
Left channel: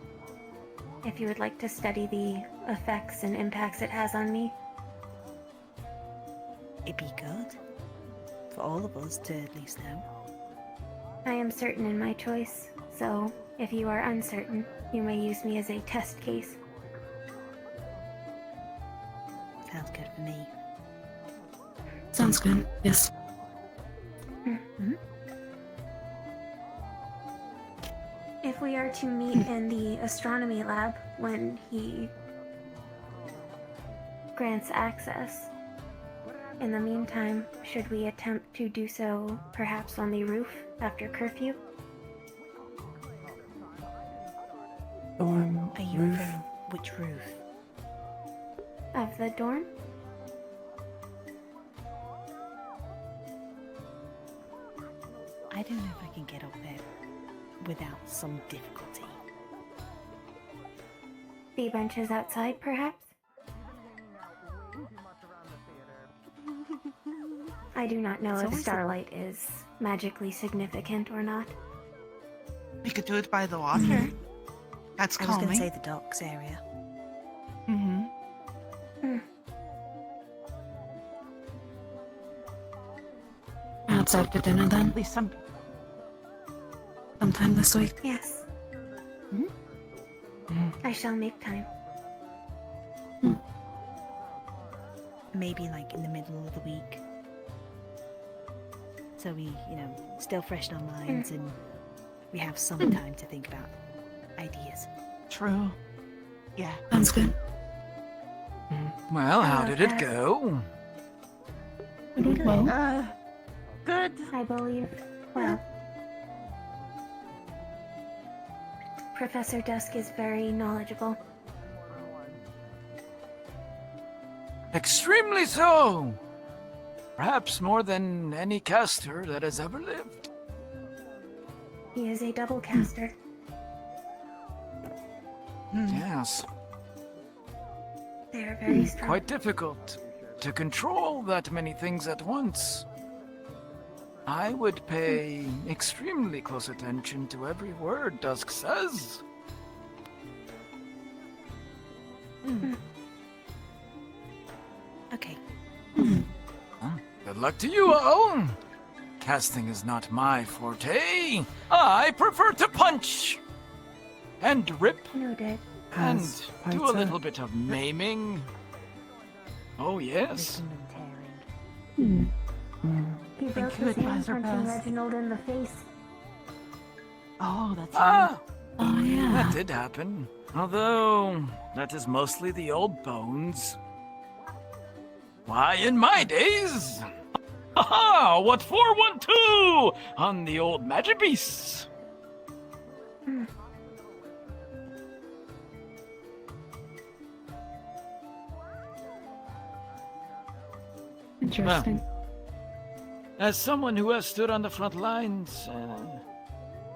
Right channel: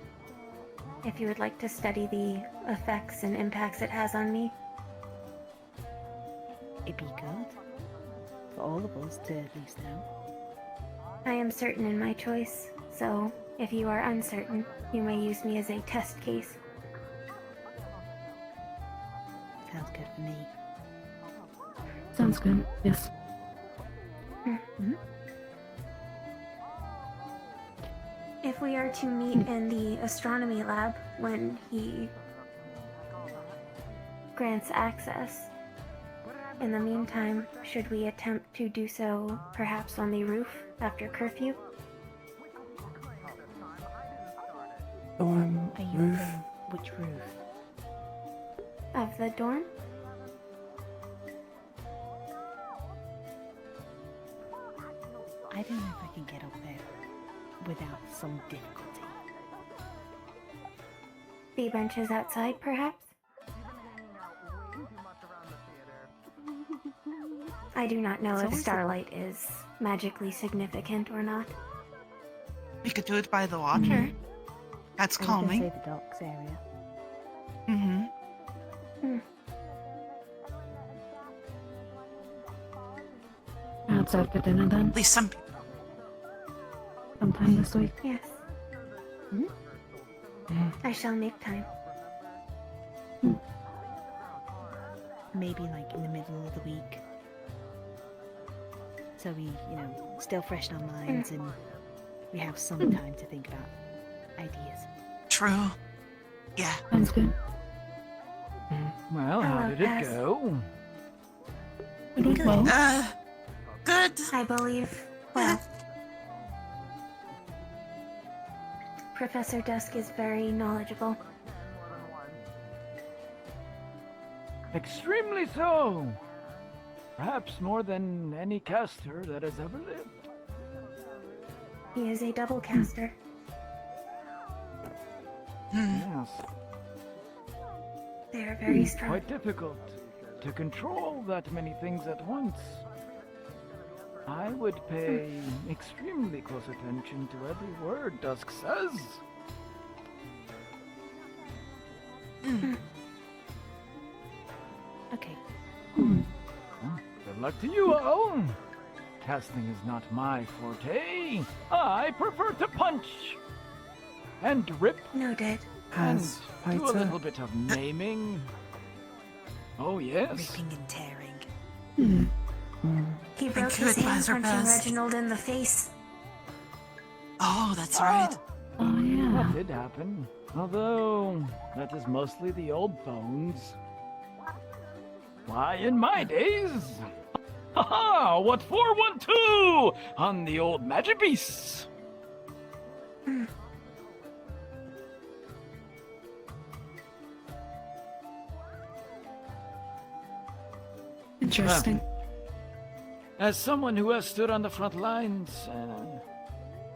If you would like to study the effects and impacts it has on me. It'd be good for all of us to at least know. I am certain in my choice, so if you are uncertain, you may use me as a test case. Sounds good for me. Sounds good. Yes. If we are to meet in the astronomy lab when he grants access, in the meantime, should we attempt to do so perhaps on the roof after curfew? Are you Roof. which roof? Of the dorm? I don't know if I can get up there without some difficulty. The benches outside, perhaps? I do not know if starlight is magically significant or not. We could do it by the water. That's I was going to calming. say the docks area. Outside for dinner then? At least some. Sometime this week. Yes. I shall make time. Maybe like in the middle of the week. So we, still fresh in our minds and we have some time to think about ideas. True. Yeah. Sounds good. Well, how did it go? Good. Good. I I believe, well, Professor Dusk is very knowledgeable. Extremely so. Perhaps more than any caster that has ever lived. He is a double caster. Yes. They are very strong. Quite difficult to control that many things at once. I would pay extremely close attention to every word Dusk says. Okay. Good luck to you all. Casting is not my forte. I prefer to punch and rip Noted. and Has do a fighter. little bit of naming. Oh yes. Ripping and tearing. He broke Thank you, his hand Advisor punching Best. Reginald in the face. Oh, that's right. Oh yeah. That did happen. Although that is mostly the old bones. Why, in my days. Ha! What 412 on the old magic beasts? Interesting. As someone who has stood on the front lines,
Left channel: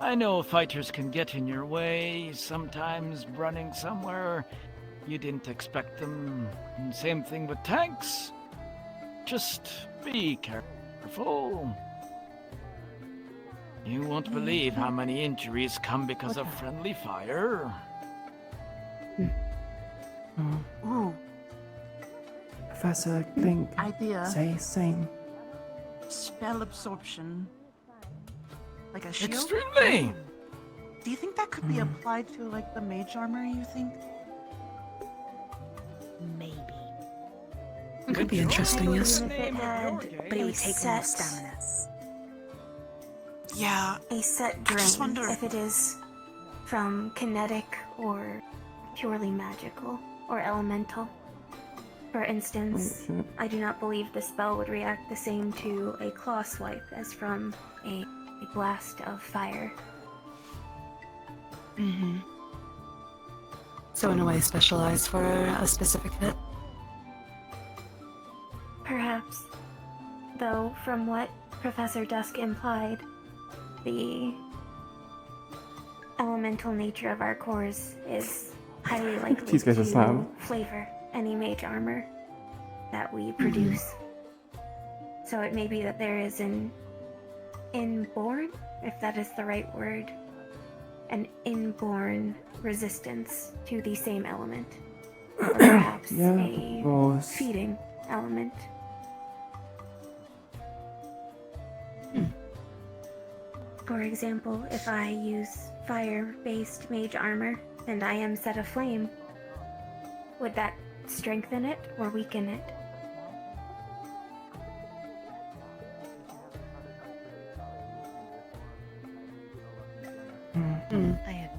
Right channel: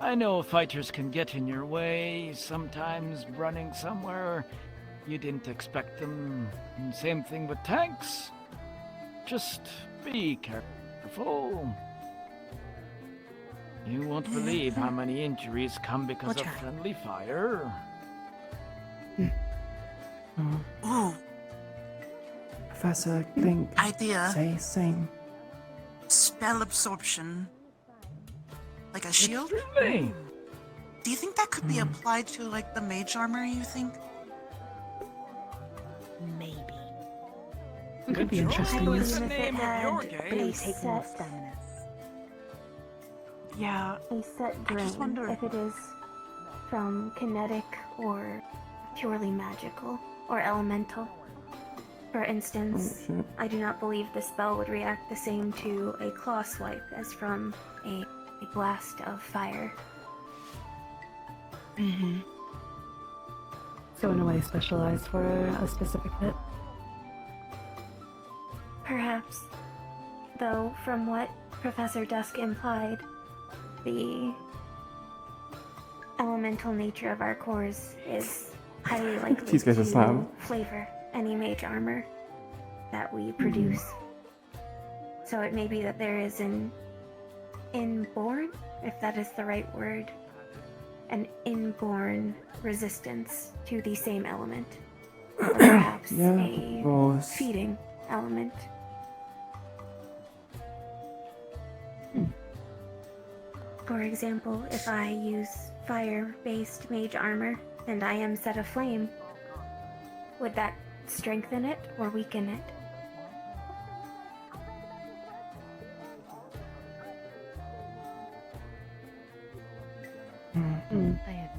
I know fighters can get in your way, sometimes running somewhere you didn't expect them. And same thing with tanks. Just be careful. You won't believe how many injuries come because of friendly fire. Ooh, Professor, think. idea. Say same. Spell absorption. Like a shield? Extremely. Do you think that could be applied to, like, the mage armor, you think? Maybe. It could be interesting, yes. If it had But a you take more set, staminas. Yeah. a set I drain, just wonder. if it is from kinetic or purely magical or elemental. For instance, I do not believe the spell would react the same to a claw swipe as from a blast of fire. Mm-hmm. So in a way specialized for a specific hit. Perhaps. Though, from what Professor Dusk implied, the elemental nature of our cores is highly likely These guys are to slam. flavor any mage armor that we produce. So it may be that there is an inborn, if that is the right word, an inborn resistance to the same element. Or perhaps Yeah, a or feeding element. For example, if I use fire-based mage armor and I am set aflame, would that strengthen it or weaken it?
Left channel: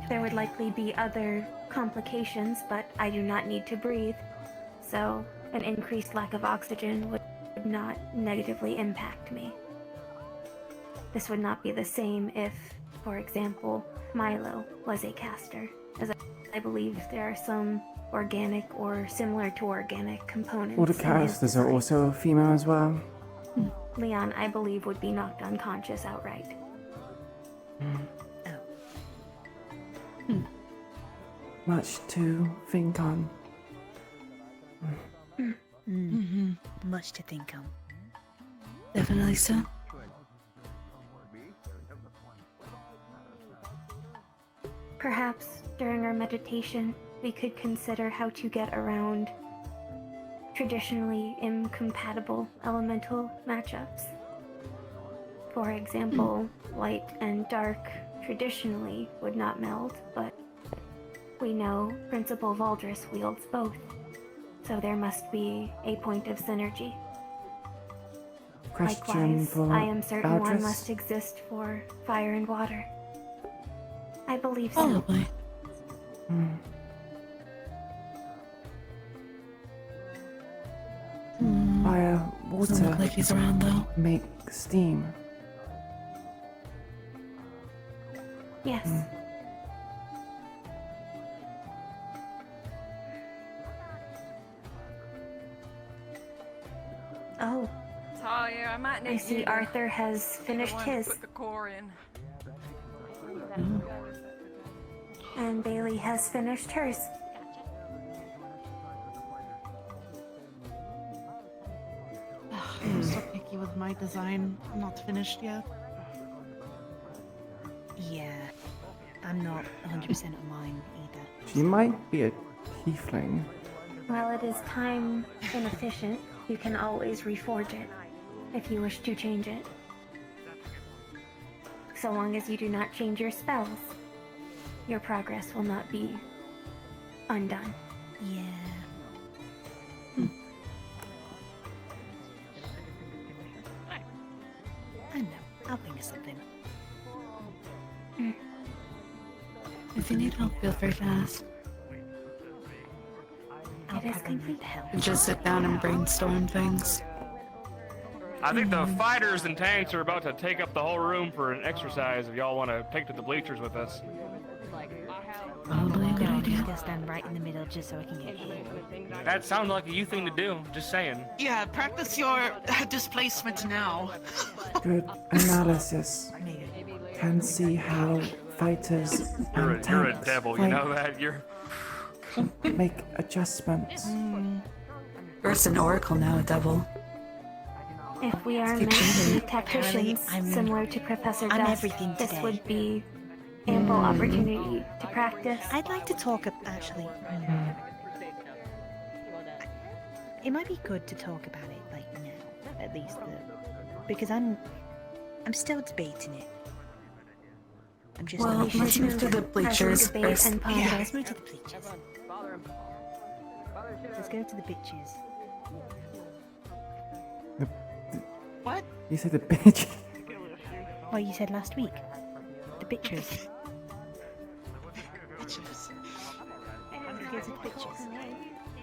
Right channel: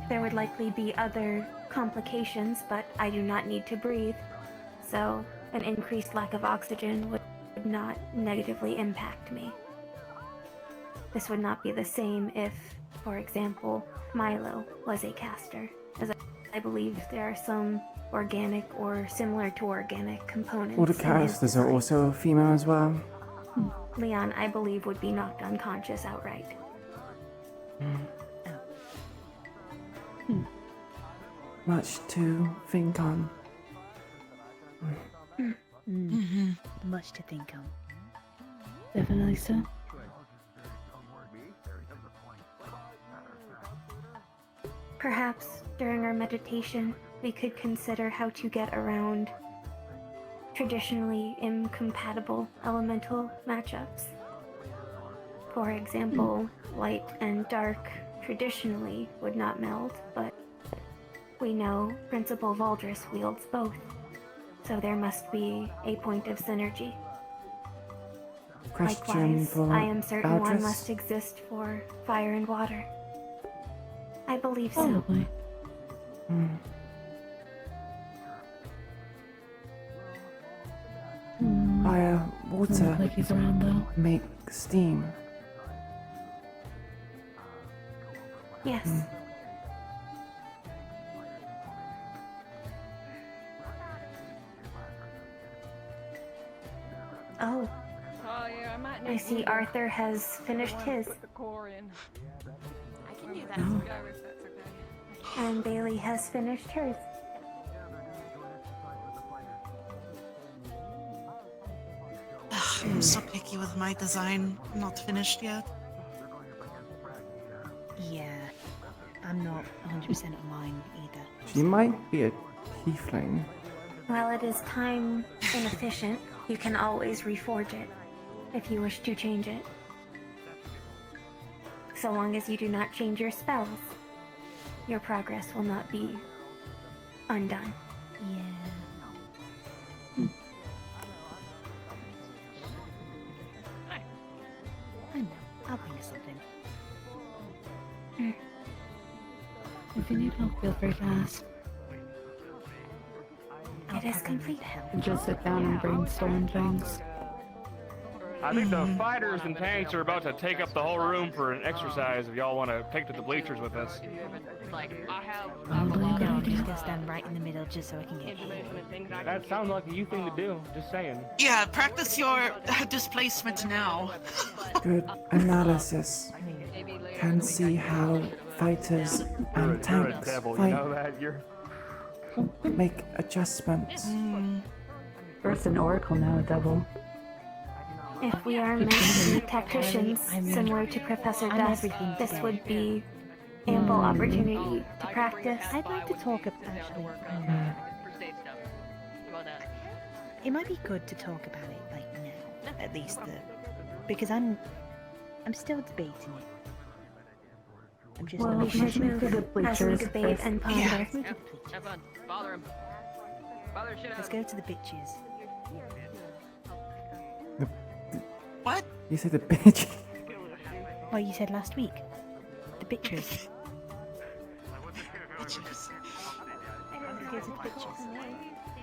There would likely be other complications, but I do not need to breathe, so an increased lack of oxygen would not negatively impact me. This would not be the same if, for example, Milo was a caster, as I believe there are some organic or similar to organic components. All the in his casters are design. also female as well. Leon, I believe, would be knocked unconscious outright. Much to think on. Much to think on. Definitely so. Perhaps during our meditation, we could consider how to get around traditionally incompatible elemental matchups. For example, light and dark traditionally would not meld, but we know Principal Valdris wields both, so there must be a point of synergy. Question Likewise, for I am certain one Valdris? must exist for fire and water. I believe so. Probably. Fire, water, Like he's around though. make steam. Yes. Oh, Talia, I might I need see you. Arthur has finished his, Put the core in. and Bailey has finished hers. I'm so picky with my design. Not finished yet. Yeah, I'm not 100% on mine either. She might be a tiefling. While it is time inefficient, you can always reforge it if you wish to change it. So long as you do not change your spells, your progress will not be undone. Yeah. I know. I'll bring you something. If you need help, feel free to ask. It is complete help. Just sit down and brainstorm things. I think the fighters and tanks are about to take up the whole room for an exercise if y'all want to take to the bleachers with us. No, I'm just gonna stand right in the middle just so I can get hit. That sounds like a you thing to do, just saying. Yeah, practice your displacement now. Good analysis. Can see how fighters and You're a tanks devil, you fight. know that? You're... Make adjustments. First an oracle, now a devil. If we are meant to be tacticians, similar to Professor I'm Dust, everything this today. would be ample opportunity to practice. I'd like to talk actually. It might be good to talk about it like now, at least because I'm still debating it. I'm just. Well, We should let's move to move the as we bleachers debate first. and ponder. Yeah, let's move to the bleachers. Let's go to the bitches. What? You said the bitch. Well, you said last week. The bitches.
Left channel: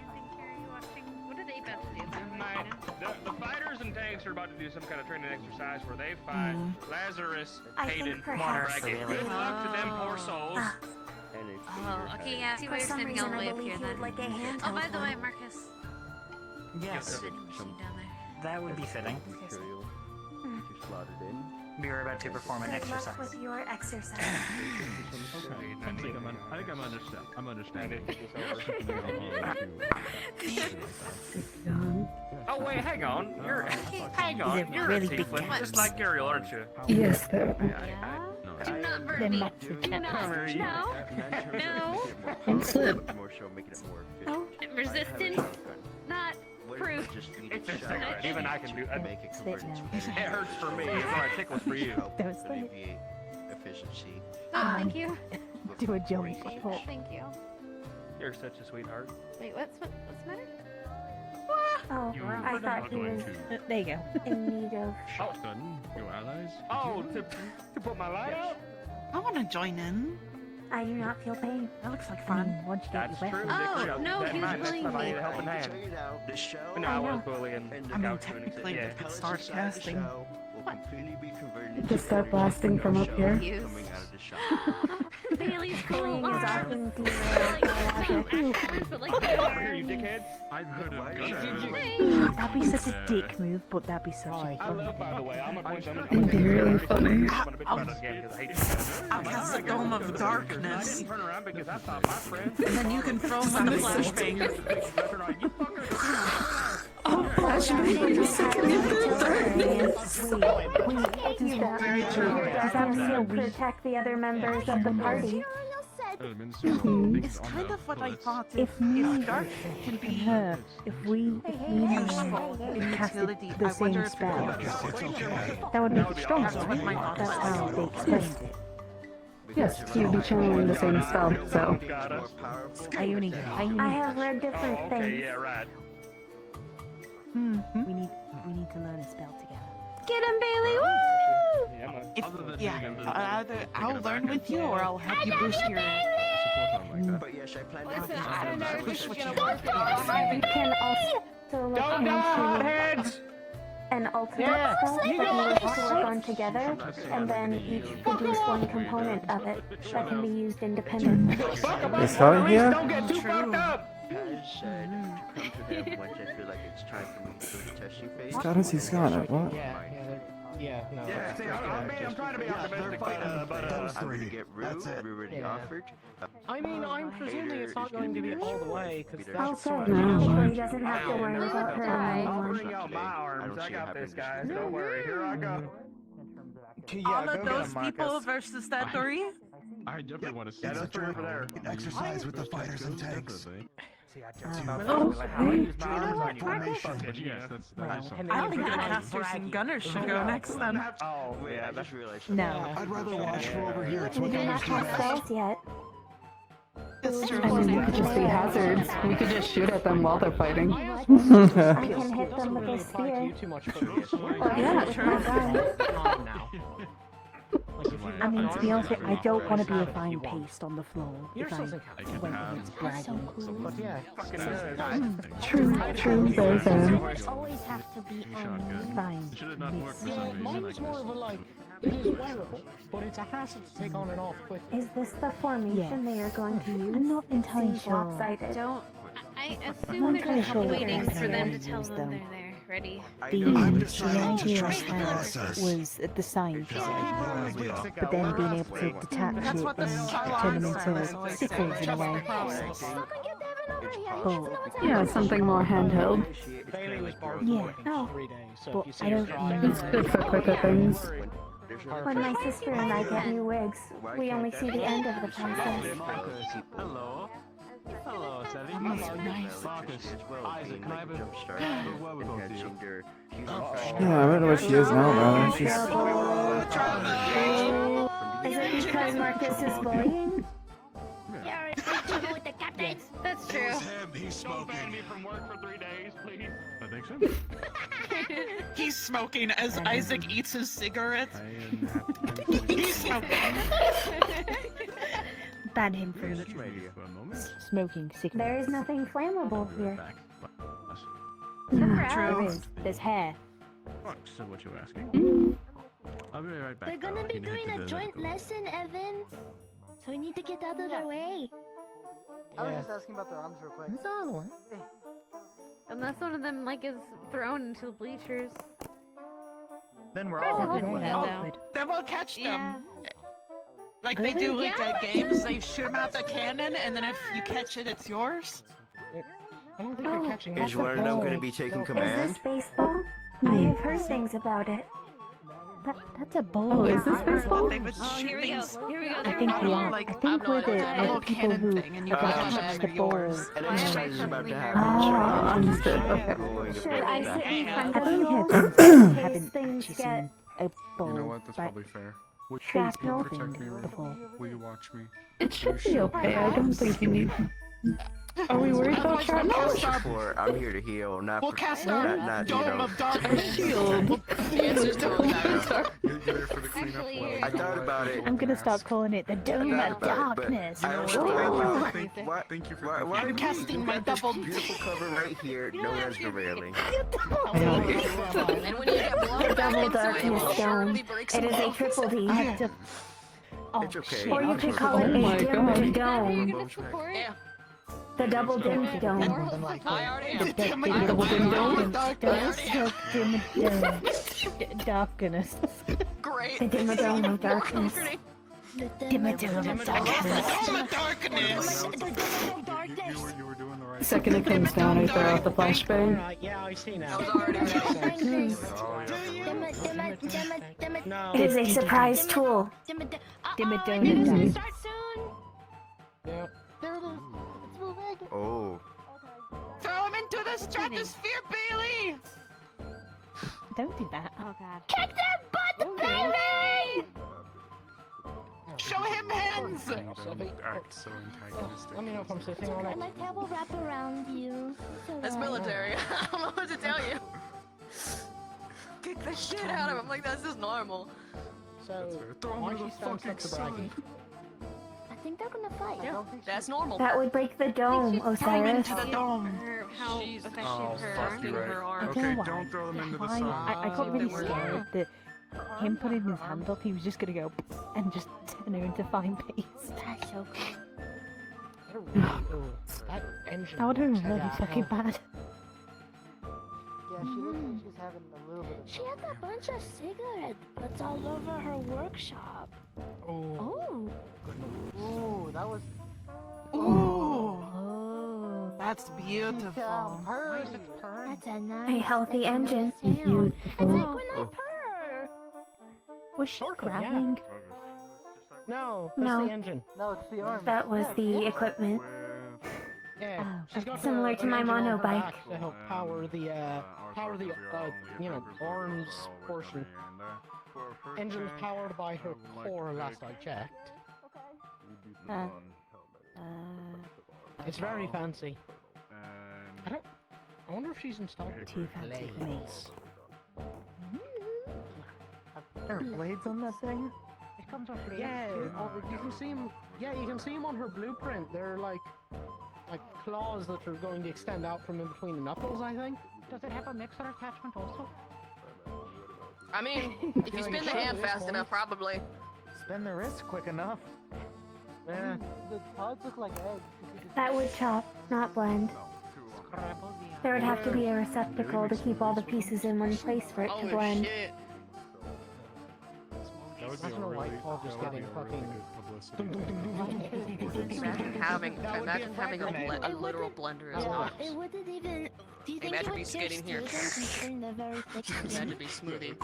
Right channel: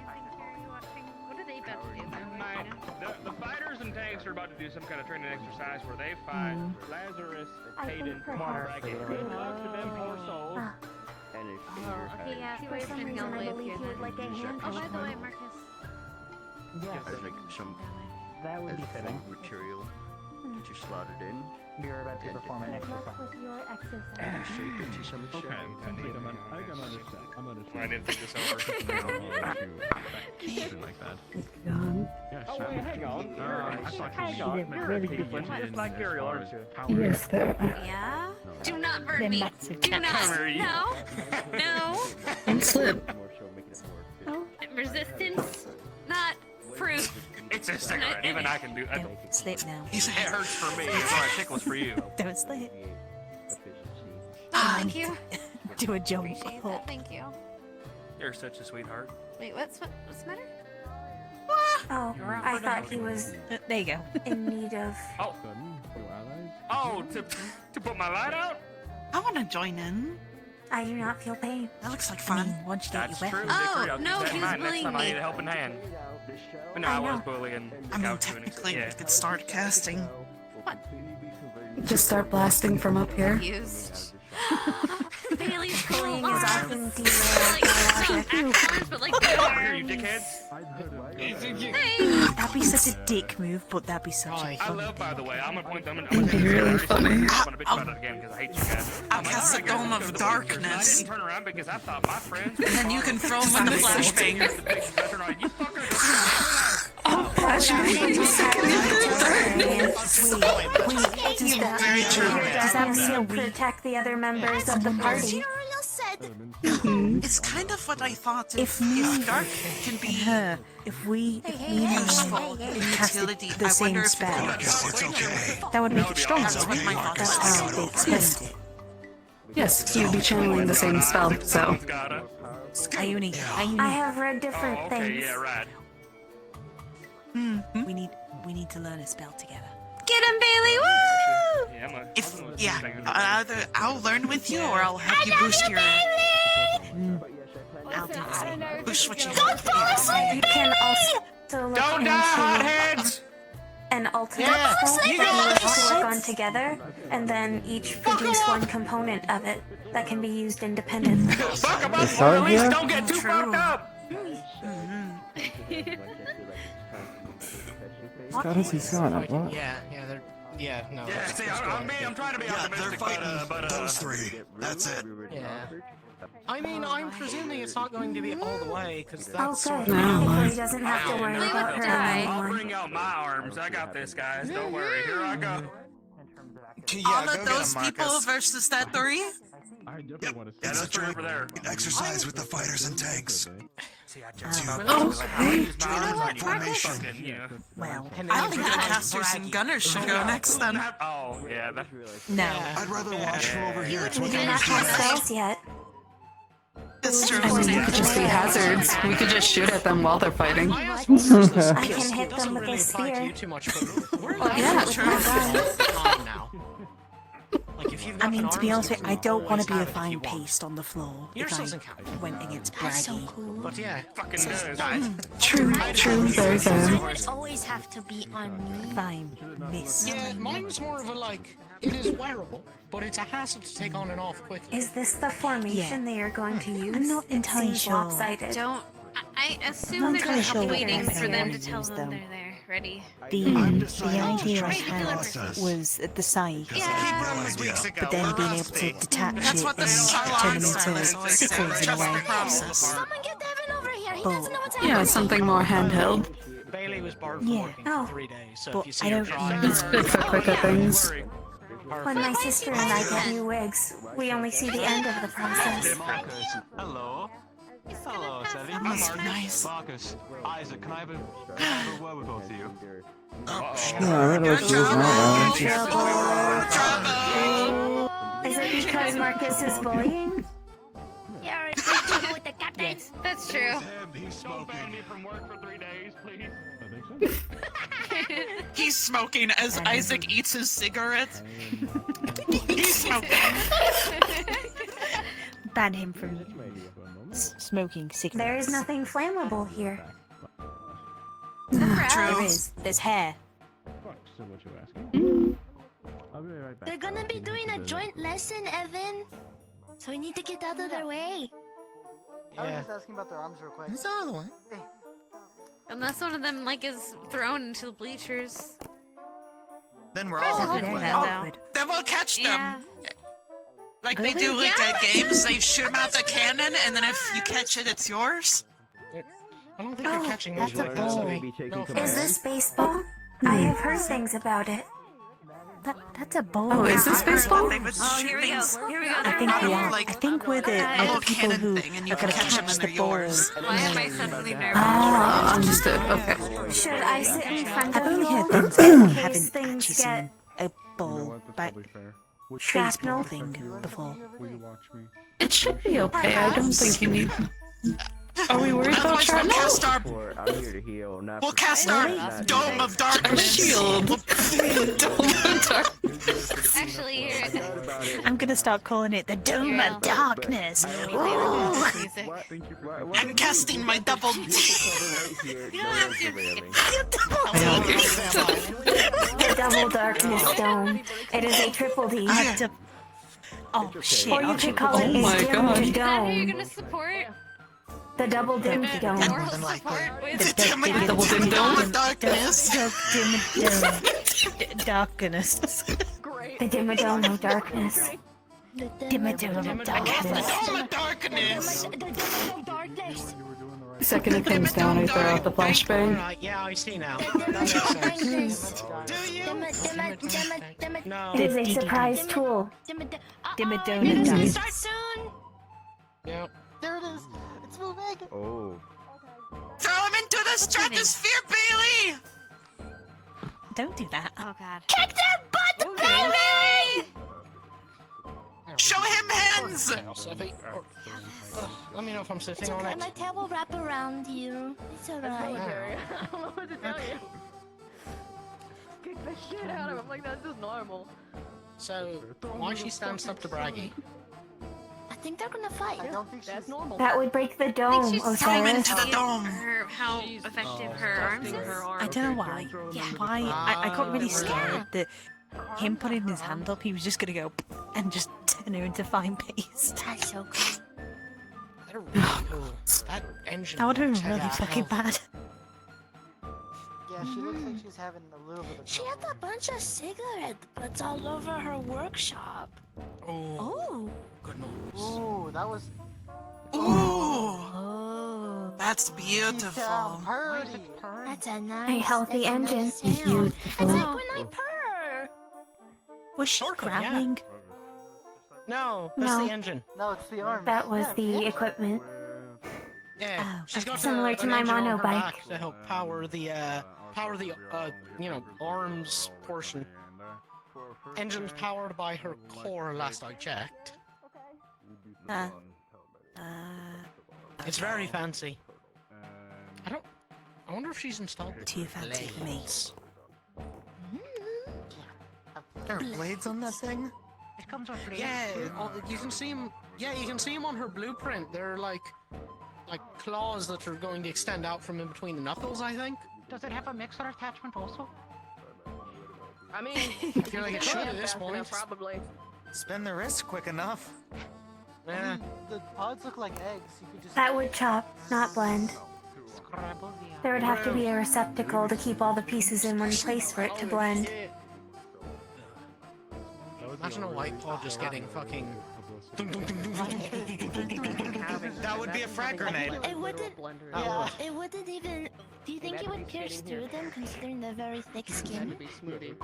What are they about to do? The fighters and tanks are about to do some kind of training exercise where they fight Lazarus, Hayden, Dragon. Good luck to them poor souls. Okay, yeah, see where it's gonna go way up here then. Oh, by the way, Marcus. Yes. That would be fitting. Material. Get you slotted in. We are about to perform an exercise. With your exercise. I think I'm understand. I didn't think this would work. Oh wait, hang on. You're really a tiefling, just like Ariel, aren't you? Yes, Yeah? Do not burn me. Do not. No. No. And slip. Oh. Resistance, not proof. It's a cigarette. Even I can do. Slip now. It hurts for me. It's what tickles for you. Don't slip. Thank you. Do a joint. Thank you. You're such a sweetheart. Wait, what's the matter? Oh, I thought he was There you go. in need of. Oh, to put my light out? I want to join in. I do not feel pain. That looks like fun. Once you get That's your true. weapon. Oh, no, he was bullying Next time I me. need a helping hand. But no, I was bullying. I mean, technically, we could start casting. Just start blasting from up here. Bailey's Bullying is often But like, Here, you dickheads. That'd be such a dick move, but that'd be such a I fun love, by the way, I'm gonna It'd be really funny. I'll cast a dome of darkness. Turn around because I thought my friend. And then you can throw him in the flashbang. Does that mean protect the other members of the party? It's kind of what I thought. If Dark can be if me and her cast the same spell, that would make it stronger, right? That's how they expressed it. Yes, you'd be channeling the same spell, so. Ione. I have read different things. We need to learn a spell together. get him, Bailey! Woo! I'll learn with you, or I'll help you boost your. Listen, I don't know if this is Boost what gonna you work at all. You can also look Don't die, into hotheads! an an alternate spell that you have to work on together, and then each produce one component of it that can be used independently. Is Scarlet here? Don't get too fucked up! Scarlet, see Scarlet, what? Yeah, no. I'm trying to be optimistic, Those three. That's it. I mean, I'm presuming it's not going to be all the way, because that's Oh, sort of... good. He doesn't have to worry They about would her die. anymore. I'll bring out my arms. I got this, guys. Don't worry. Here I go. All of those people versus that three? I definitely want to see It's a Three over there. exercise with the fighters and tanks. Well, I think the casters and gunners should go next then. Oh, yeah. That's No. I'd rather watch from over here. It's We what do not fighters do have best. spells yet. It's true. I mean, they could just be hazards. We could just shoot at them while they're fighting. I can hit them with a spear. too much Yeah, I mean, to be honest with you, I don't want to be a fine paste on the floor if I went against Braggy. But yeah, True, very fair. Always have to be on Fine, miss. yeah, mine's more of a like, it is wearable, but it's a hassle to take on and off quickly. Is this the formation they are going to use? I'm not entirely Seems sure. lopsided. Don't. I assume they're just waiting for them to tell them they're there. Ready. The idea I had was at the side, but then being able to detach That's it what the and turn them Starline into says. sickles in a way. Process. But Yeah, something more handheld. Bailey was borrowed Yeah. Oh. 3 days, so But if you see I her don't driving... need It's good for quicker things. When my sister and I get new wigs, we only see the end of the process. Hello. Hello, Sally. That must be nice. Marcus, Isaac, can I have a word with both of you? Yeah, I don't know where she is now, though. She's... Is it because Marcus is bullying? That's true. Don't ban me from work for 3 days, please. He's smoking as Isaac eats his cigarettes. He's smoking. Ban him from smoking cigarettes. There is nothing flammable here. There is. There's hair. So what you asking? I'll be right back. They're gonna be doing a joint lesson, Evan. So we need to get out of their way. I was just asking about their arms real quick. Who's the other one? Unless one of them like is thrown into the bleachers. Then we're all Awkward. Then we'll catch them. Yeah. Like they do like at games, they shoot them out the cannon, and then if you catch it, it's yours. I don't think you're catching That's it. a ball. be taking Is this baseball? I have heard things about it. That's a ball. Oh, is this baseball? Oh, here we go. Here we go. I think we are. I think we're the people who and you are going to can catch them catch and the they're ball. yours. Why am I suddenly very Ah, understood. Okay. Should I sit in front I've of only you? heard things I In case haven't things actually get seen a ball back shrapnel. baseball thing before. Will you watch me? It should be okay. I don't think you need. Are we worried about Otherwise, we'll shrapnel? cast our, I'm here to heal, not we'll cast our dome of A darkness. shield. Dome of darkness. Actually, here. I'm going to start calling it the Dome of Darkness. Ooh. I'm casting my double D. The double darkness dome. It is a triple D. Oh, shit. Or you could call it Oh a my dimmed God. You're dome. gonna support? The double dimmed dome. The Double dim dome dome. of darkness. Darkness. The dimmed dome of darkness. The Dimmed dome of darkness. Dome of darkness. The dome of darkness. Second it comes down, I throw out the flashbang. Right, yeah, I see now. No. It is a surprise tool. Dimmadome. Start soon. Yeah. There it is. It's moving. Oh. Throw him into the stratosphere, Bailey. Don't do that. Oh god. Kick their butt, Bailey! Show him hands. Let me know if I'm sitting on it. My tail will wrap around you. It's alright. That's military. I don't know what to tell you. Kick the shit out of him like that's just normal. So, why she stands up to Braggy? I think think they're gonna fight. That's normal. That would break the dome, Osiris. How effective her arms. I don't know why. I got really scared that him putting his hand up, he was just gonna go and just turn her into fine paste. That's so That would have been really fucking bad. Yeah, she looks like she's having a little bit of. She had a bunch of cigarette butts all over her workshop. Oh. Ooh, that was. Ooh. That's beautiful. That's a A nice. healthy engine. It's like when I purr. Was she growling? No, that's No. the engine. No, it's the arm. That was the equipment. Yeah, she's got Similar to an my engine on her monobike. back to help power the arms portion. Engine's powered by her core, last I checked. It's very fancy. I wonder if she's installed too fancy blades. There are blades on that thing? It comes with blades. Yeah, you can see them. Yeah, you can see them on her blueprint. They're like claws that are going to extend out from in between the knuckles, I think. Does it have a mixer attachment also? I mean, if Yeah, you like, spin sure, the hand at this fast point. enough, probably. Spin the wrist quick enough. Yeah. The pods look like eggs. You could just That would chop, not blend. scrabble the There would have to be a receptacle to keep all the pieces in one place for it to blend. Imagine a white paw just getting fucking. That would be a frag grenade. It wouldn't. Yeah. It wouldn't even. Do you think it would pierce through them, considering they're very thick skin? To be smoothie.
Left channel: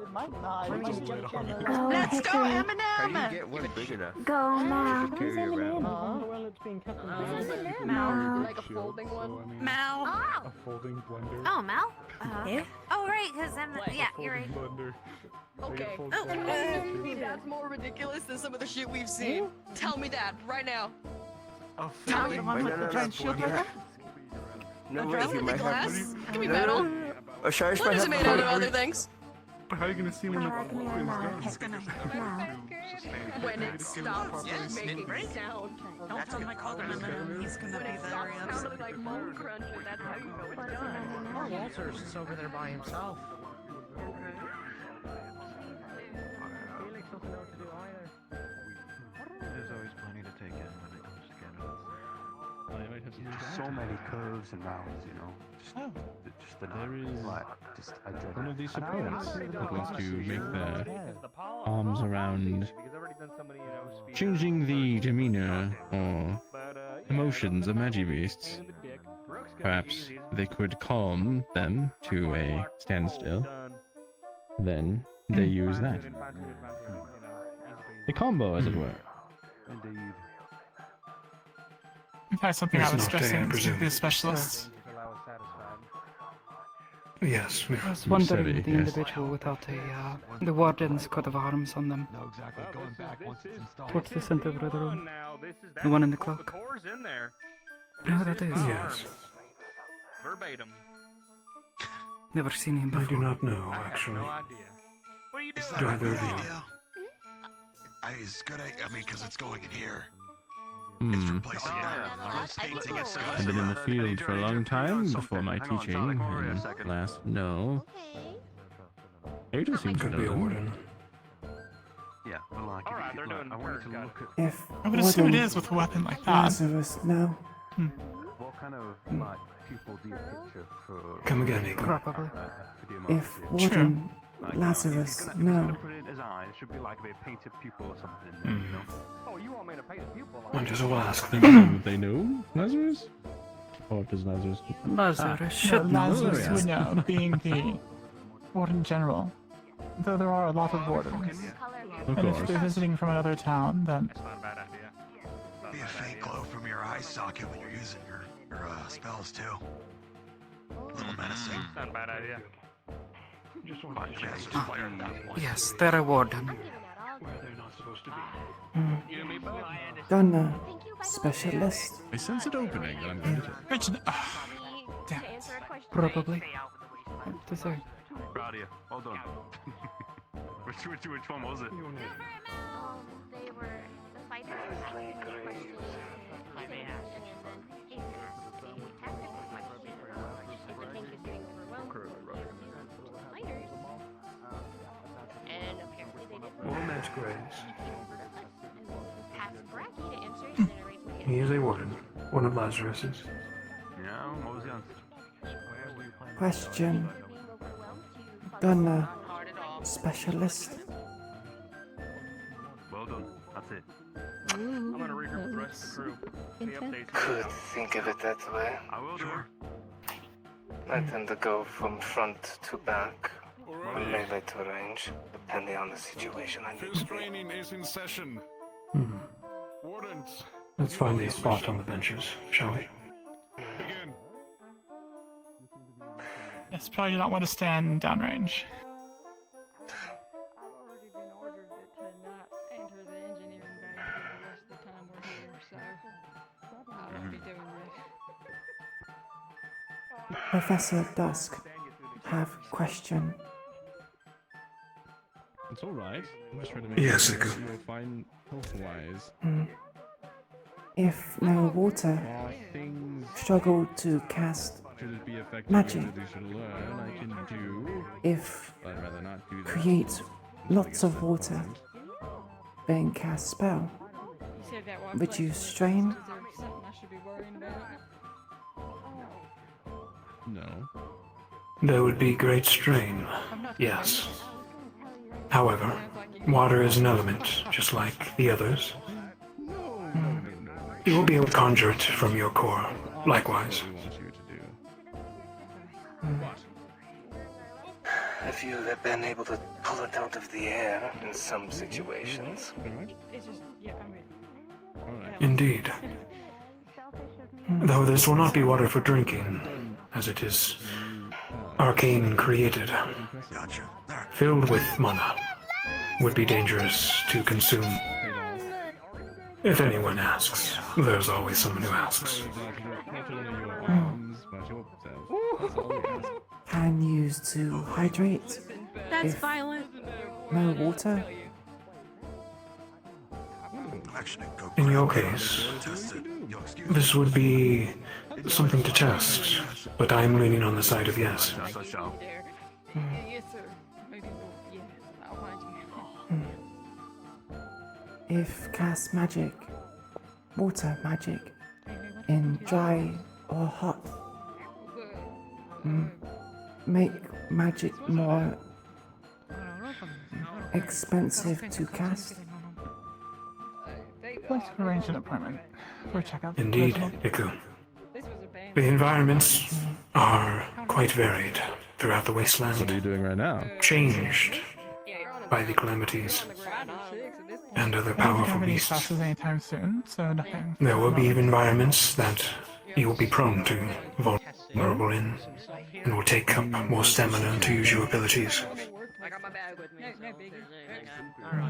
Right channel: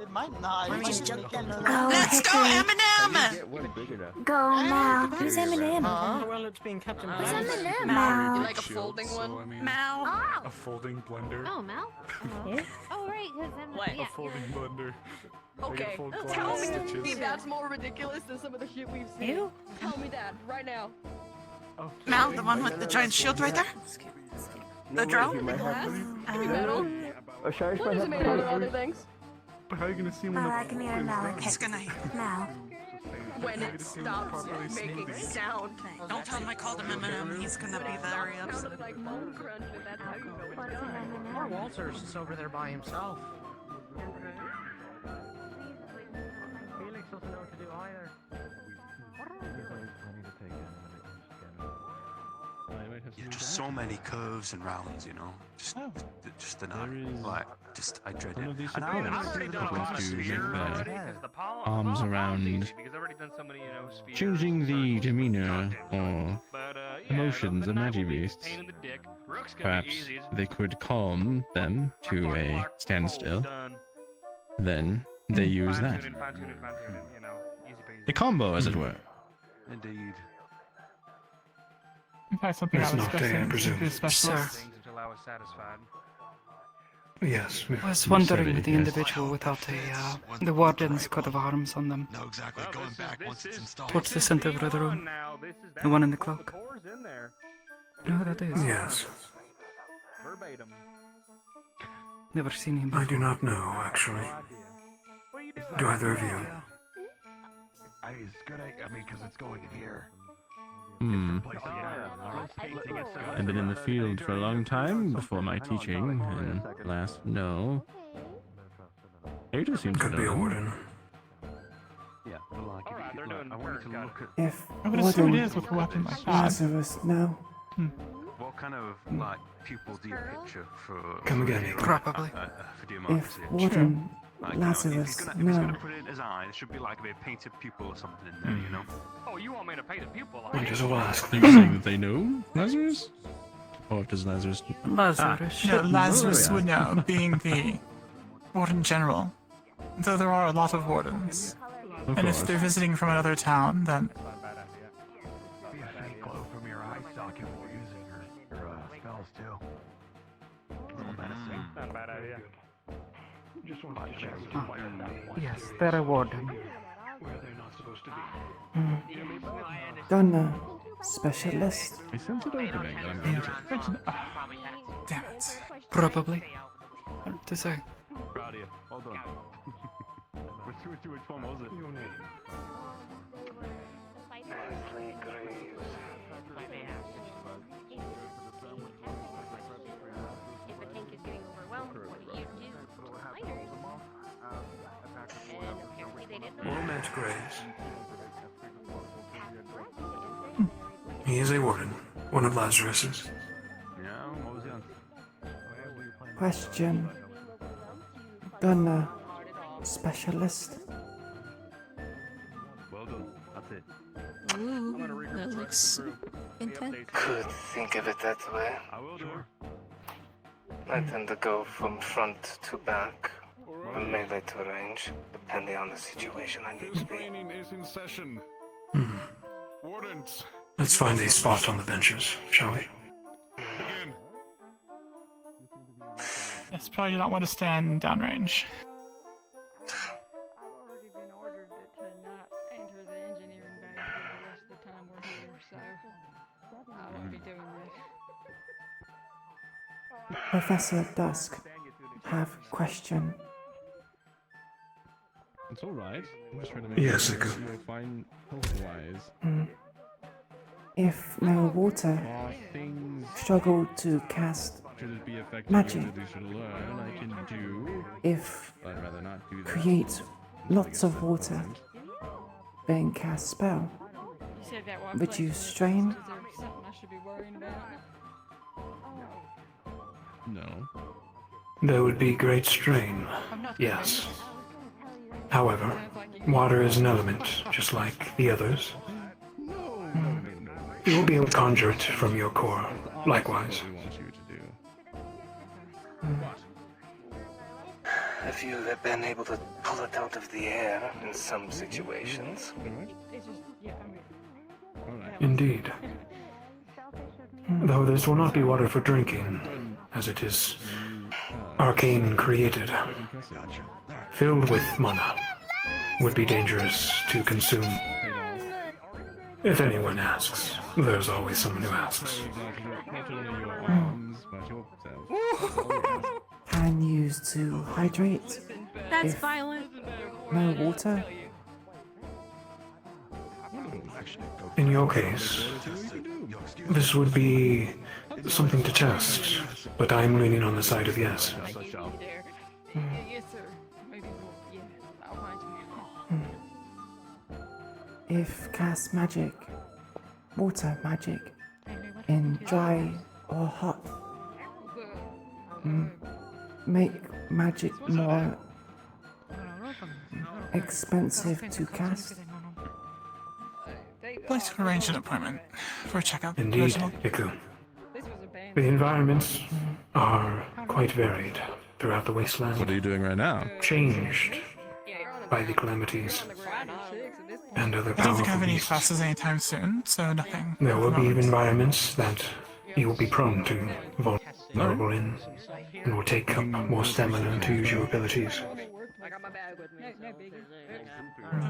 It might not. Let me just jump them a Go, Let's go, Hickory. Eminem! Go now. Who's Eminem? Well, it's being kept in Who's balance. Eminem? Mal. Like a folding one? Mal. Oh. A folding blender. Oh, Mal. Oh, right, because I'm. Yeah, you're right. Blender. Okay. Oh, Tell me that's more ridiculous than some of the shit we've seen. Tell me that right now. Now the one with the giant shield right there? The drone? The glass? Give me metal. What is it made out of other things? But how are you gonna see when the Give me a flame's Mal. gone? He's gonna... Now. When it stops making sound. Don't tell him I called him Eminem. He's gonna When be it very stops upset. sounding like bone crunch, and that's how you know it's done. Poor Walter's just over there by himself. Felix doesn't know what to do either. There's always plenty to take in when it comes to cannons. I might have to Just so many curves and rounds, you know. Just enough. There is I dread one it. of these And I supports honestly that don't want to see make it. their arms around Because I've already done somebody, speed. changing the demeanor or emotions of magic beasts. Perhaps they could calm them to a standstill. Then they use that. A combo, as it were. Indeed. You've had something That's else not special. fair, I presume. The specialist. Yes, I was you wondering said it, with the yes. individual without the warden's coat of arms on them. No, exactly. Going back once it's installed. Towards the center of the room. The one in the clock. You know who that is? Yes. Verbatim. Never seen him I before. do not know, actually. Do either of you? It's good. I mean, because it's going in here. Hmm. Placing painting it so I've been in the field for a long time before my teaching, and last no. Ada seems to Could be a know. warden. Yeah, well, I wanted to look at If I would assume it Warden is with a weapon like that. Lazarus, no. what kind of like pupil do you picture for? Come again, Nick. Probably. If Warden Lazarus, no. Put it in his eye. It should be like a painted pupil or something, you know. Oh, you want me to paint a pupil? Might as well ask them. Would they know Lazarus? Or does Lazarus? Lazarus should know. Lazarus Oh, would yeah. know, being the warden general. Though there are a lot of wardens. Of And course. if they're visiting from another town, then Be a faint glow from your eye socket when you're using your spells too. A little menacing. Not a bad idea. Just wanted to check. yes, they're a warden. Where they're not supposed to be. Donna, specialist. I sense it opening that I'm going to. Damn it. Probably. What to say? Proud of you. Hold on. Which one was it? The spiders. deeply grieves. All Matt's graves. He is a warden, one of Lazarus's. Question. Gunner. Specialist. Well done. That's it. Ooh, that looks intense. Could think of it that way. I will do. I tend to go from front to back, from melee to range, depending on the situation I need to be. Training is in session. Wardens. Let's find a spot on the benches, shall we? Begin. Yes, probably don't want to stand downrange. Professor Dusk. Have question. It's alright. I'm just trying to make Yes, sure Iku. that you're fine health-wise. If no water, Are things struggle to cast could be effective magic. that you should learn, I can do. If But I'd rather not do that. create lots of water, then cast spell. Reduce strain. No. There would be great strain, yes. However, water is an element, just like the others. You will be able to conjure it from your core, likewise. If you have been able to pull it out of the air in some situations. Indeed. Though this will not be water for drinking, as it is arcane created, filled with mana, would be dangerous to consume. If anyone asks, there's always someone who asks. Can use to hydrate. That's if violent. no water. In your case, this would be something to test, but I'm leaning on the side of yes. Yes, sir. Maybe we'll, I'll find you. If cast magic, water magic, in dry or hot, make magic more expensive to cast. I'd like to arrange an appointment for a checkup. Indeed, Iku. The environments are quite varied throughout the wasteland. What are you doing right now? Changed by the calamities and other I don't think I powerful have any beasts. classes anytime soon, so nothing. There will be environments that you will be prone to, vulnerable in, and will take up more stamina to use your abilities.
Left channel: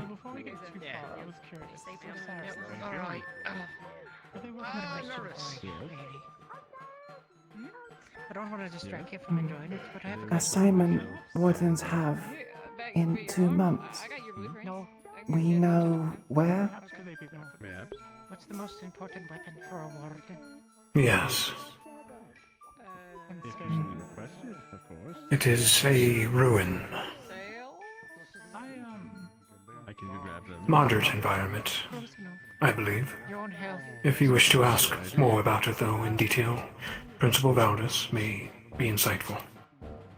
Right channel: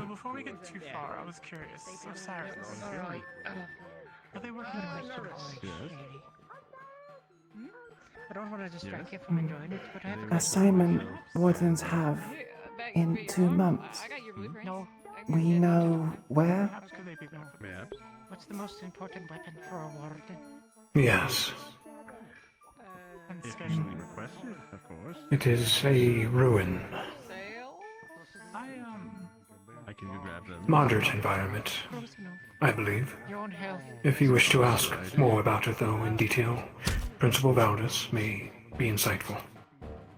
Before we get too far, I was curious. So Cyrus, are they working on I don't want to distract you from enjoying it, but I have a Assignment wardens have in 2 months. No. We know where? What's the most important weapon for a warden? Yes, it is a ruin. I can go grab them. Moderate environment, I believe. Your own health. If you wish to ask more about it, though, in detail, Principal Valdez may be insightful.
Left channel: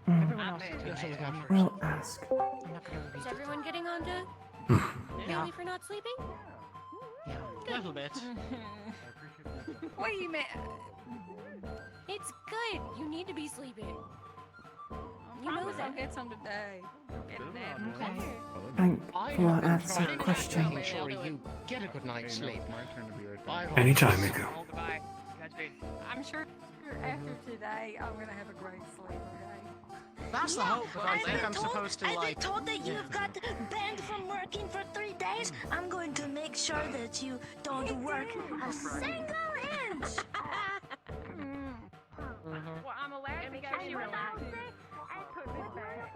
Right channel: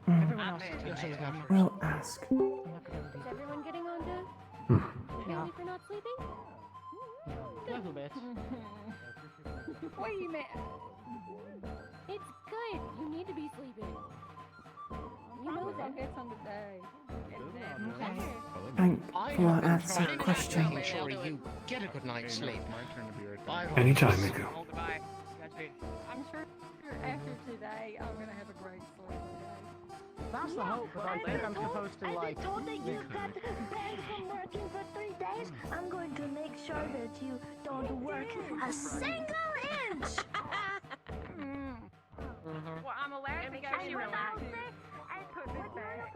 Everyone else feels as well. We'll ask. Is everyone getting on to Billy for not sleeping? A little bit. Wait a minute. It's good. You need to be sleeping. You know that. Get some today. Thank for answer question. Making sure you get a good night's sleep. Anytime, Iku. I'm sure after today, I'm gonna have a great sleep. That's the hope, but I think I'm supposed to I've been like. told that you've got banned from working for 3 days. I'm going to make sure that you don't work a single inch. Well, I'm allowed to go to relax. I put this back.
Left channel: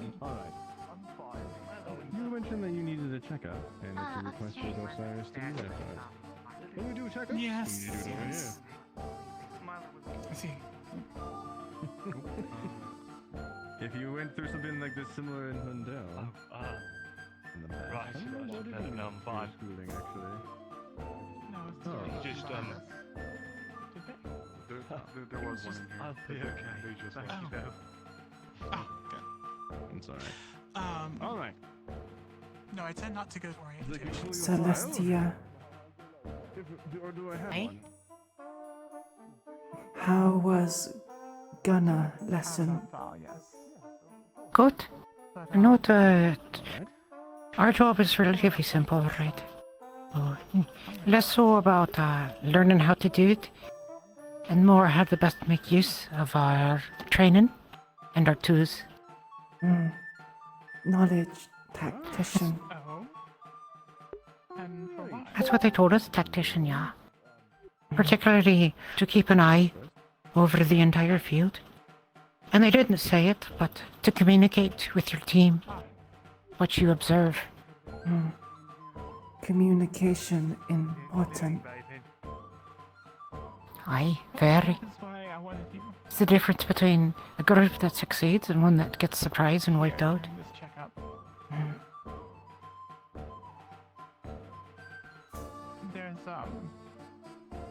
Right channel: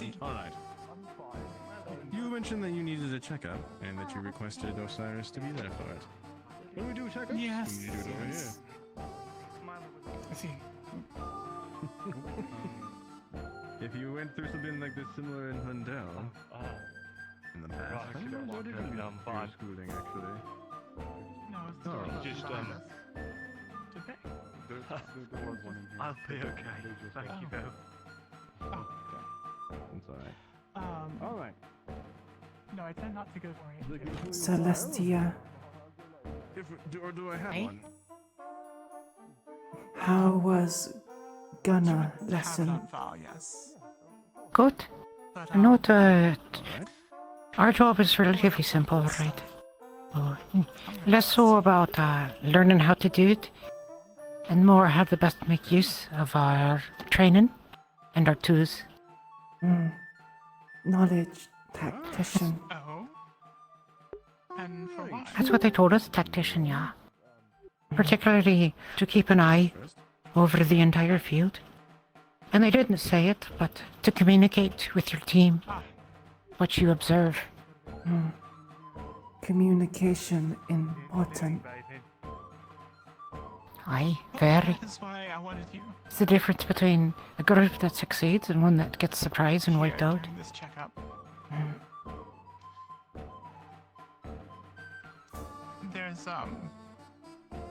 Alright. You mentioned that you needed a checkup and that you requested Osiris to be left out. Let me do a checkup? Yes. You do it over here. I see. If you went through something like this similar in Lindell, in the past, what did you do for schooling actually? No, Just there was I'm sorry. Alright. No, I tend not to go for orientation. Celestia, Do I have Hey? one? how was Gunner lesson? Good. Not, our job is relatively simple, right? Less so about learning how to do it, and more how to best make use of our training and our tools. Knowledge tactician. That's what they told us, tactician, yeah. Particularly to keep an eye over the entire field. And they didn't say it, but to communicate with your team what you observe. Communication important. Aye, very. It's the difference between a group that succeeds and one that gets surprised and wiped out. There's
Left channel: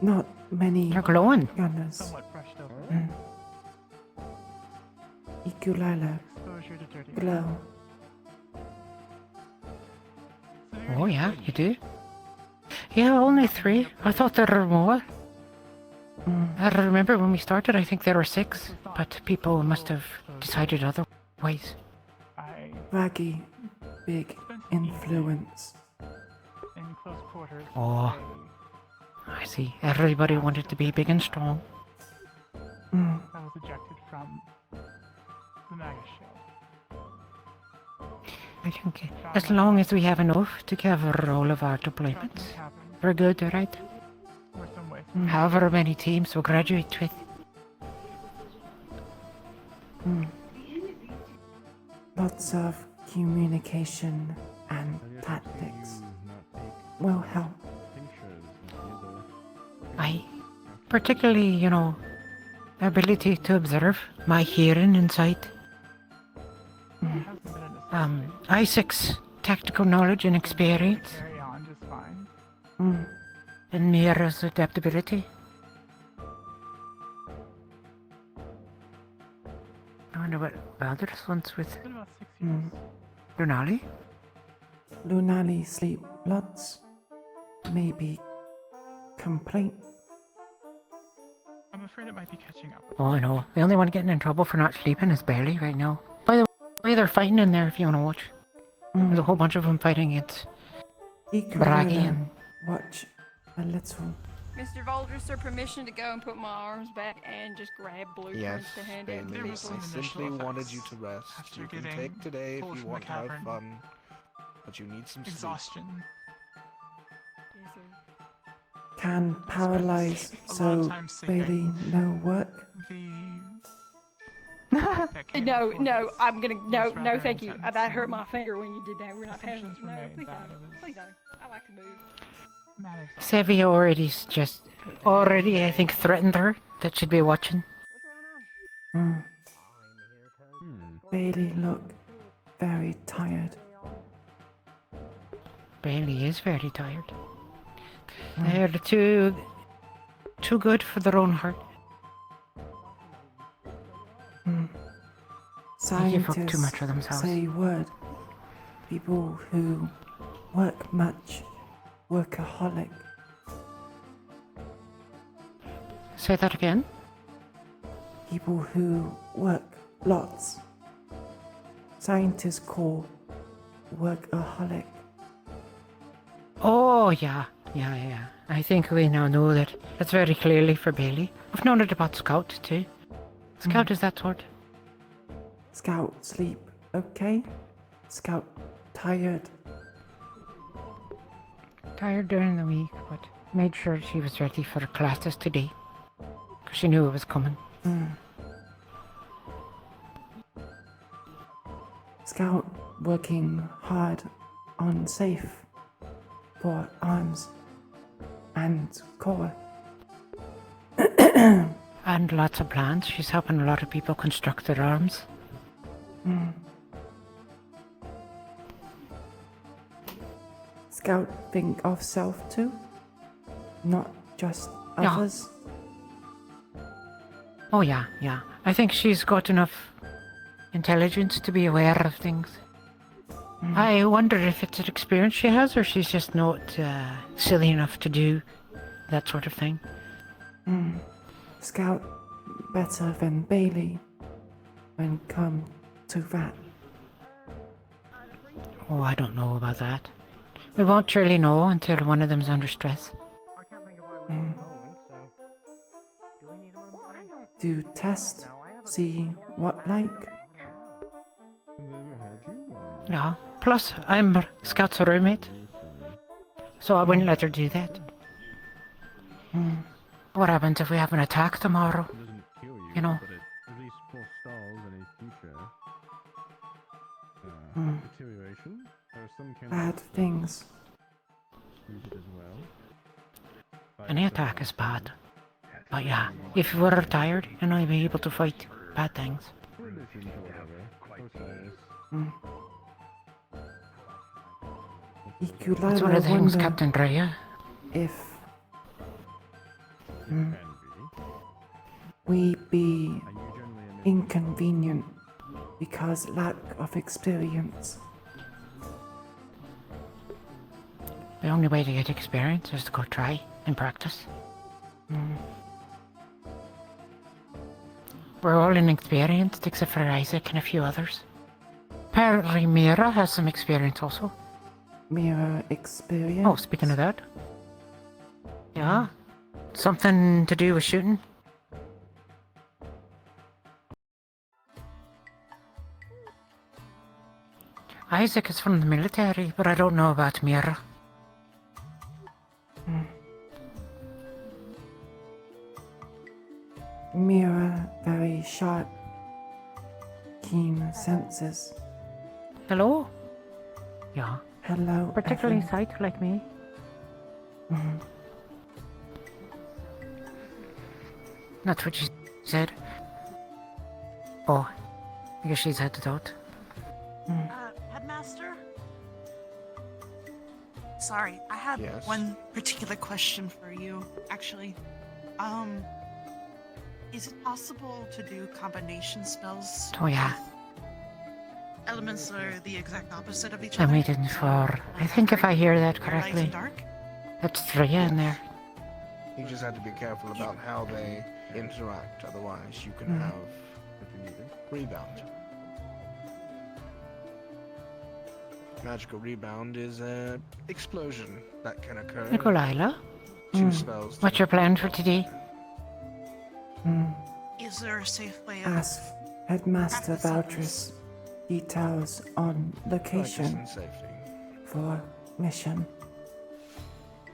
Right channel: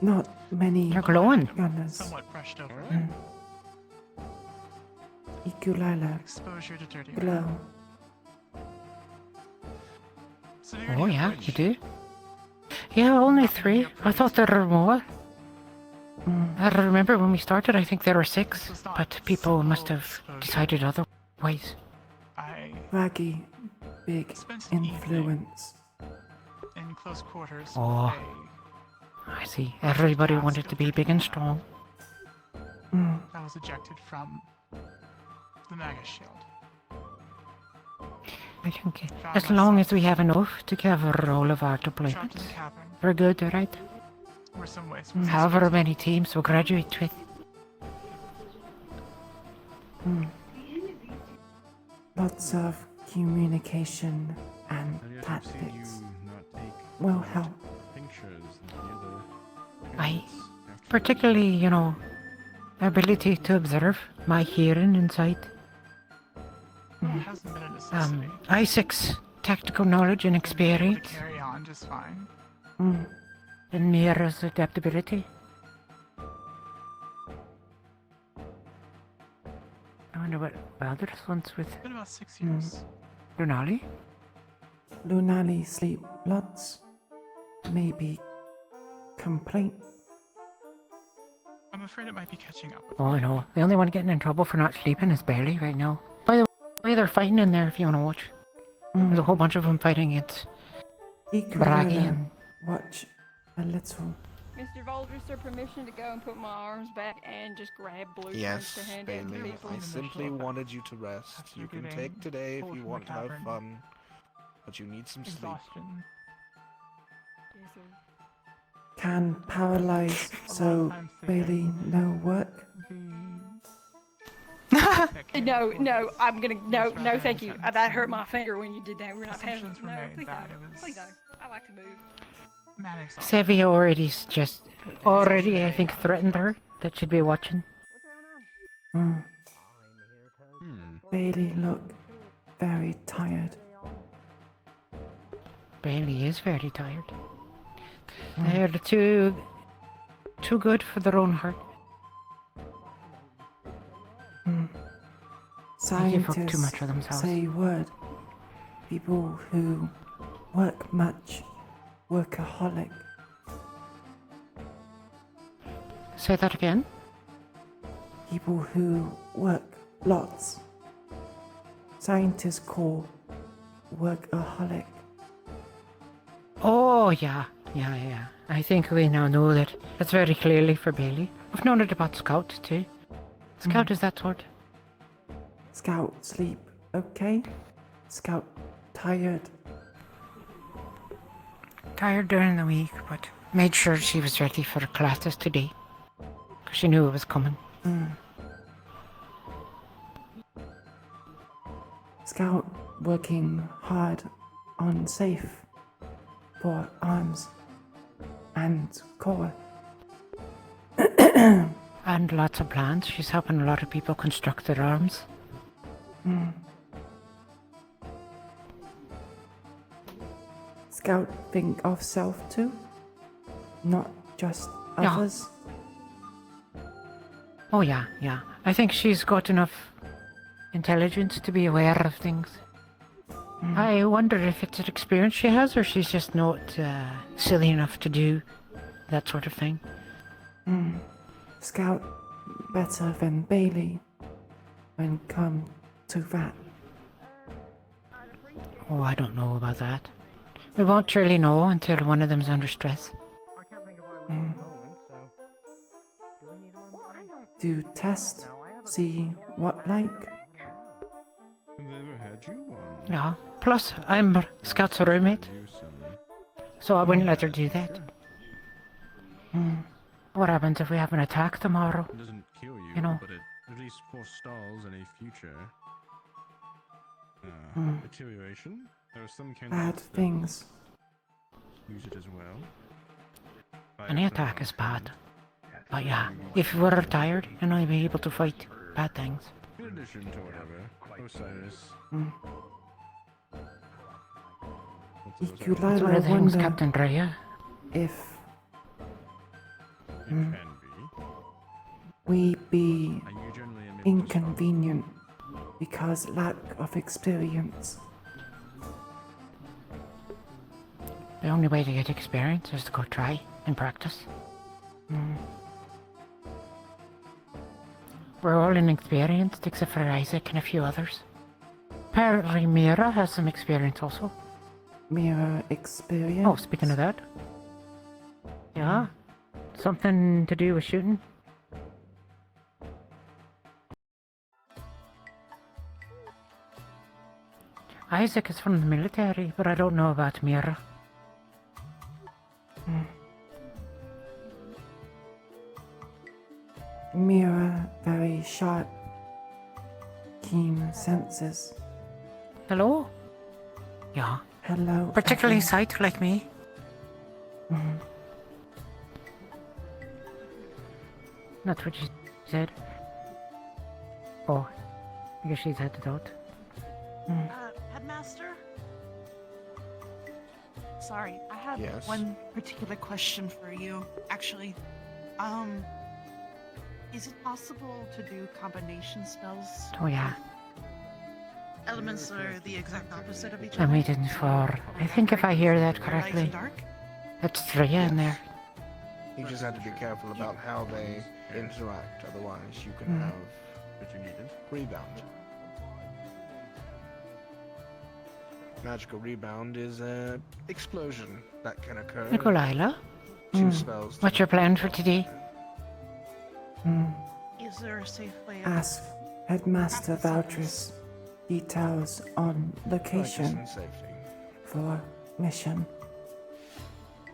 Not many They're glowing. gunners. somewhat brushed over. Iku'lylah Exposure to dirty. glow. Oh yeah, you do? Yeah, only 3. I thought there were more. I remember when we started, I think there were 6, but people must have decided otherwise. Raggy, big influence. In close quarters. Oh, I see. Everybody wanted to be big and strong. I was ejected from the Maga shield. I think as long as we have enough to cover all of our deployments, we're good, right? Or some ways. However many teams we'll graduate with. Lots of communication and tactics will help. Particularly, ability to observe, my hearing and sight. I6 tactical knowledge and experience. Carry on just fine. And Mira's adaptability. I wonder what Baldur's wants with It's been about 6 years. Lunali? Lunali sleep lots. Maybe complaint. I'm afraid it might be catching up. Oh, I know. The only one getting in trouble for not sleeping is Bailey right now. By the way, they're fighting in there if you want to watch. There's a whole bunch of them fighting. It's Braggy and... Watch a little. Mr. Volders, sir, permission to go and put my arms back and just grab blueprints Yes, to hand out to Bailey, people. I simply wanted you to rest. You can take today if you want to have fun, but you need some sleep. Exhaustion. Yes, sir. Can paralyze so Bailey no work. No, I'm gonna, no, thank you. That hurt my finger when you did that. We're not paying. No, please don't. Please don't. I like to move. Sevi already, I think, threatened her that she'd be watching. Bailey look very tired. Bailey is very tired. They're too good for their own heart. They give up Scientists too much of themselves. say word. People who work much, workaholic. Say that again? People who work lots. Scientists call workaholic. Oh, yeah. I think we now know that. That's very clearly for Bailey. We've known it about Scout, too. Scout is that sort. Scout sleep okay? Scout tired. Tired during the week, but made sure she was ready for her classes today. Because she knew it was coming. Scout working hard on safe for arms and core. And lots of plans. She's helping a lot of people construct their arms. Mm. Scout think of self too, not just Yeah. others. Oh yeah, yeah. I think she's got enough intelligence to be aware of things. I wonder if it's an experience she has, or she's just not silly enough to do that sort of thing. Mm. Scout better than Bailey when come to that. Oh, I don't know about that. We won't surely know until one of them's under stress. Mm. Do test, see what like. Yeah. Plus, I'm Scout's roommate, so I wouldn't let her do that. Mm. What happens if we have an attack tomorrow? You know. But it at least forestalls any future Mm. deterioration. There are some Bad things. use it as well. Any attack is bad. But yeah, if we're tired, then I'll be able to fight bad things. In addition to whatever, Osiris. Mm. That's one Iku'lylah of the things wonder Captain Drea. if we be inconvenient because lack of experience. The only way to get experience is to go try and practice. Mm. We're all inexperienced except for Isaac and a few others. Apparently Mira has some experience also. Mirror experience. Oh, speaking of that. Yeah. Something to do with shooting? Isaac is from the military, but I don't know about Mira. Mirror very sharp, keen senses. Hello? Yeah. Hello. Particularly Evan. sight like me. Mhm. That's what she said. Oh, I guess she's headed out. Headmaster? Sorry, I had Yes? one particular question for you, actually. Is it possible to do combination spells? Oh yeah. Elements that are the exact opposite of each I'm other? waiting for... I think if I hear that Light correctly, and dark? that's Drea in there. You just have to be careful about how they interact, otherwise you can Mm. have rebound. Magical rebound is an explosion that can occur. Iku'lylah? Two spells. What's your plan for today? Mm. Is there a safe way of... Ask Headmaster Valtris details on location Practice and safety. for mission.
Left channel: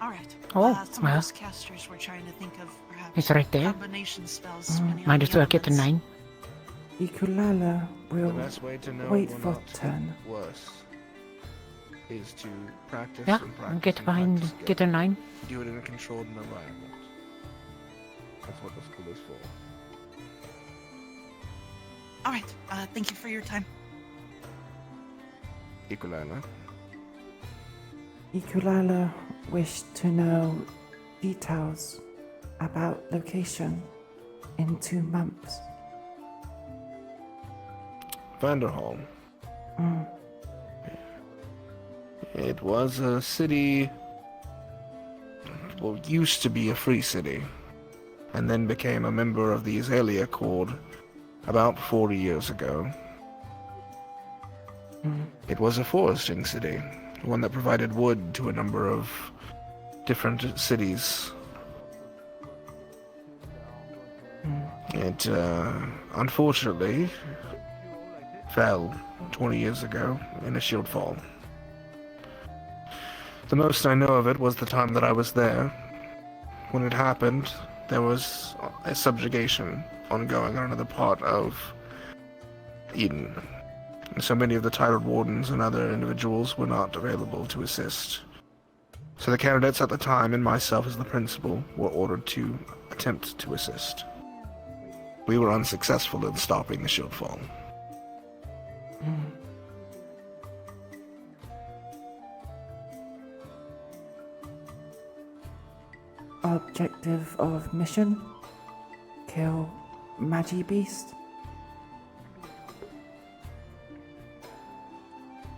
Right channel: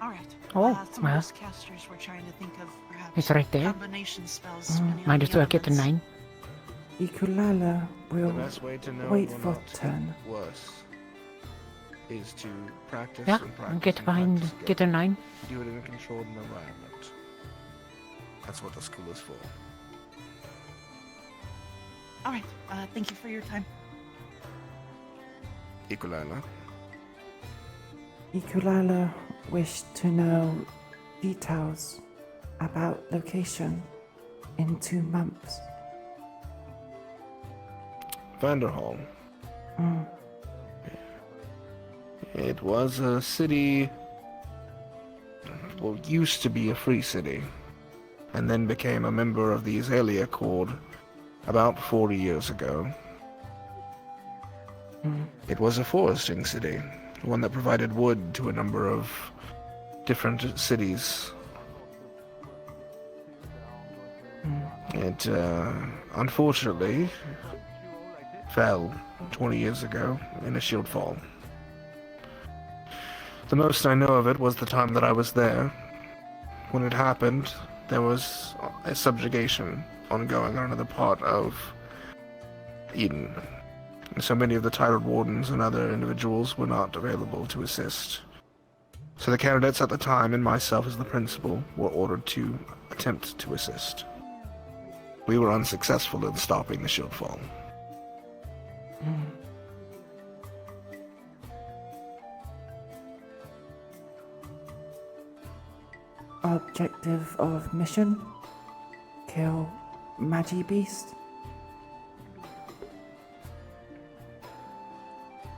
Alright. Oh, some well. of us casters were trying to think of perhaps It's right there. combination spells. Mm. depending on Might the as well get the elements. 9. Iku'lylah The will best way to know wait it will for not turn. get worse is to practice Yeah, and practice and get and behind, practice get a 9. Do it in a controlled environment. That's what the school is for. Alright, thank you for your time. Iku'lylah. Iku'lylah wished to know details about location in 2 months. Vanderhall. Mm. It was a city, well, used to be a free city, and then became a member of the Azalea Accord about 40 years ago. Mm. It was a foresting city, one that provided wood to a number of different cities. It, unfortunately, fell 20 years ago in a shield fall. The most I know of it was the time that I was there. When it happened, there was a subjugation ongoing on another part of Eden. So many of the titled wardens and other individuals were not available to assist. So the candidates at the time, and myself as the principal, were ordered to attempt to assist. We were unsuccessful in stopping the shield fall. Objective of mission? Kill Magi Beast?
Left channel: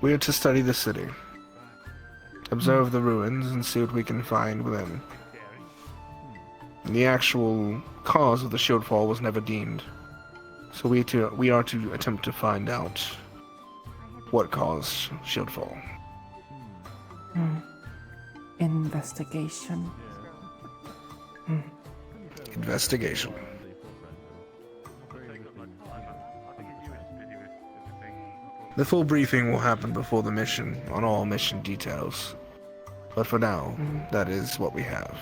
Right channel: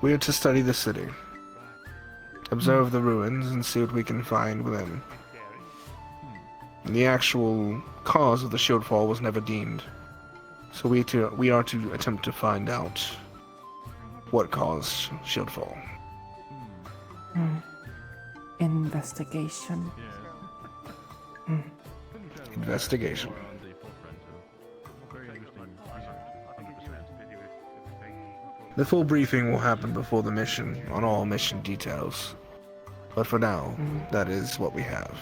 We are to study the city, observe the ruins, and see what we can find within. The actual cause of the shield fall was never deemed, so we are to attempt to find out what caused shield fall. Investigation. Investigation. The full briefing will happen before the mission on all mission details. But for now, that is what we have.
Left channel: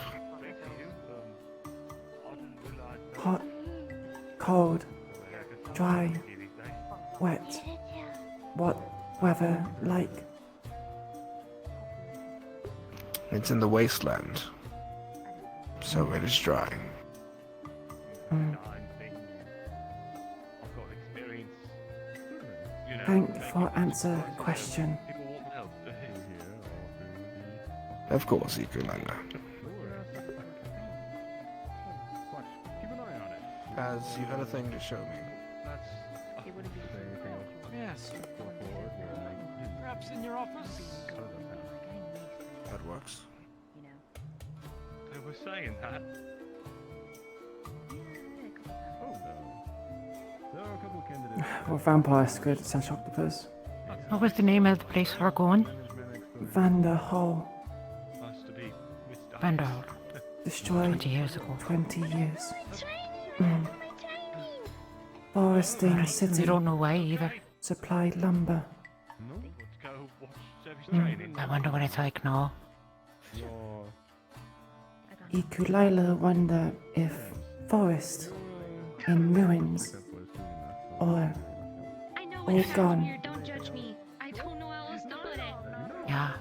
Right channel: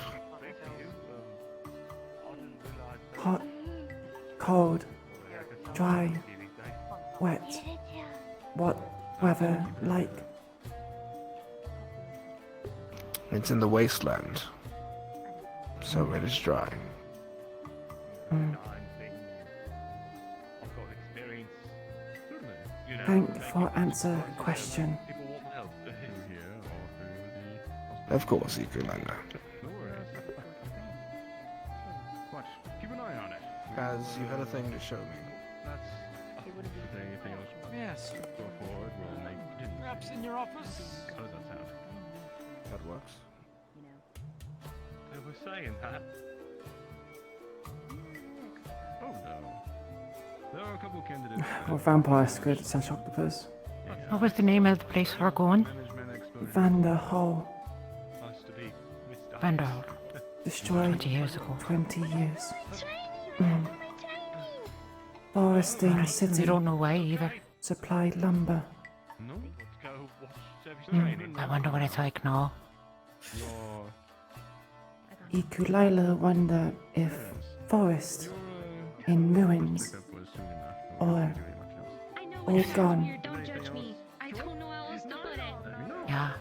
Hot, cold, dry, wet. What weather like? It's in the wasteland, so it is dry. Thank for answer question. Of course, Iku'lylah. As you had a thing to show me. Yes. Perhaps in your office? That works. I was saying that. Well, vampire squid slash octopus. What was the name of the place we're going? Vanderhall. Vanderhall. Destroyed 20 years ago. 20 years. Foresting Right, city. we don't know why either. Supplied lumber. I wonder what it's like now. Iku'lylah wonder if forest in ruins or all gone. Don't judge me. I don't know how else to put it. Yeah.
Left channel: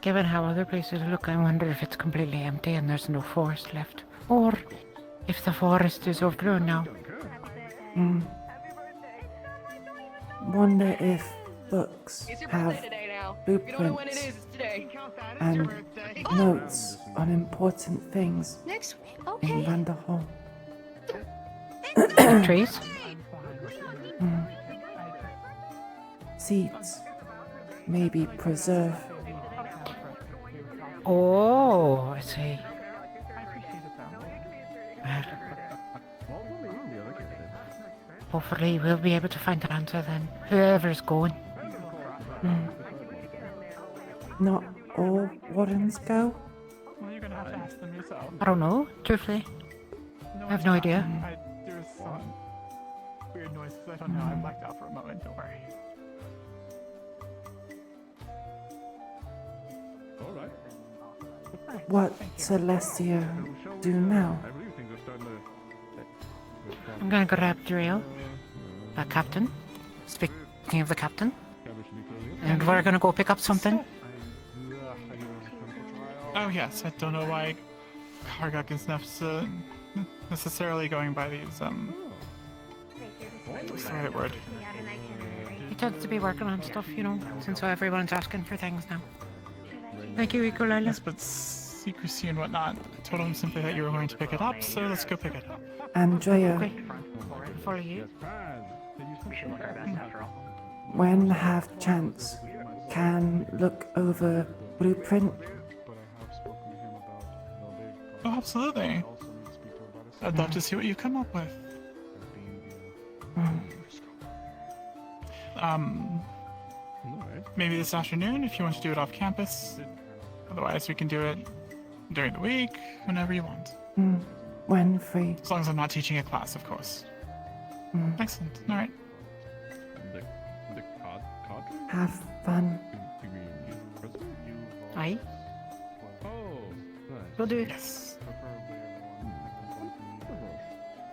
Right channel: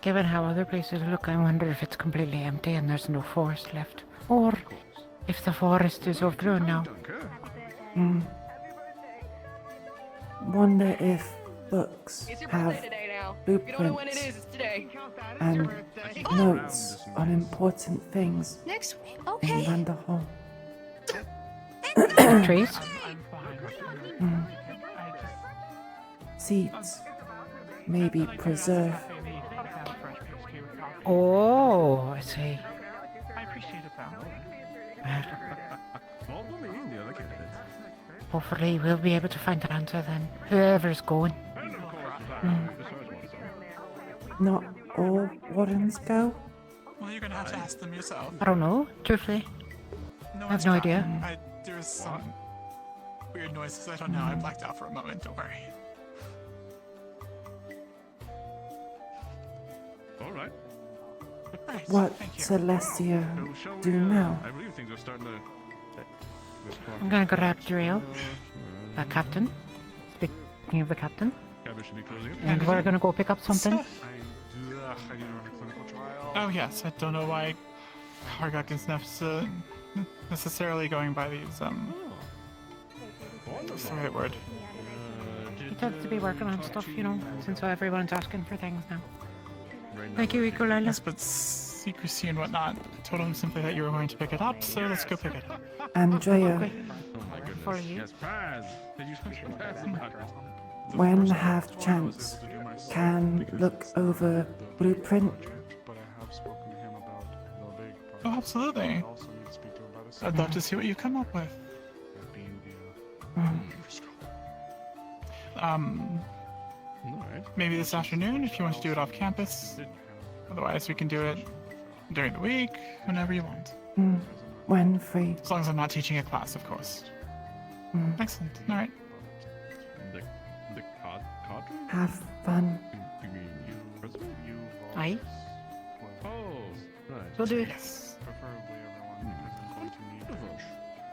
Given how other places look, I wonder if it's completely empty and there's no forest left. Or if the forest is overgrown now. Wonder if books have blueprints and notes on important things in Vanderhall. Trees? Seeds. Maybe preserve. Oh, I see. Well, hopefully we'll be able to find an answer then. Whoever's going. Not all wardens go? Well, you're gonna have to ask them yourself. I don't know, truthfully. I have no idea. There's some weird noises. I don't know. I blacked out for a moment. Don't worry. What Celestia do now? I'm gonna grab Drill, the captain. Speaking of the captain. And we're gonna go pick up something. Oh yes, I don't know why Kargak is necessarily going by these what's the right word? He tends to be working on stuff, you know, since everyone's asking for things now. Thank you, Iku'lylah. Yes, but secrecy and whatnot. I told him simply that you were going to pick it up, so let's go pick it up. Andrea, For you. when have chance, can look over blueprint? Oh, absolutely. I'd love to see what you come up with. Maybe this afternoon if you want to do it off campus. Otherwise, we can do it during the week, whenever you want. When free. As long as I'm not teaching a class, of course. Excellent. All right. Have fun. Aye. We'll do it.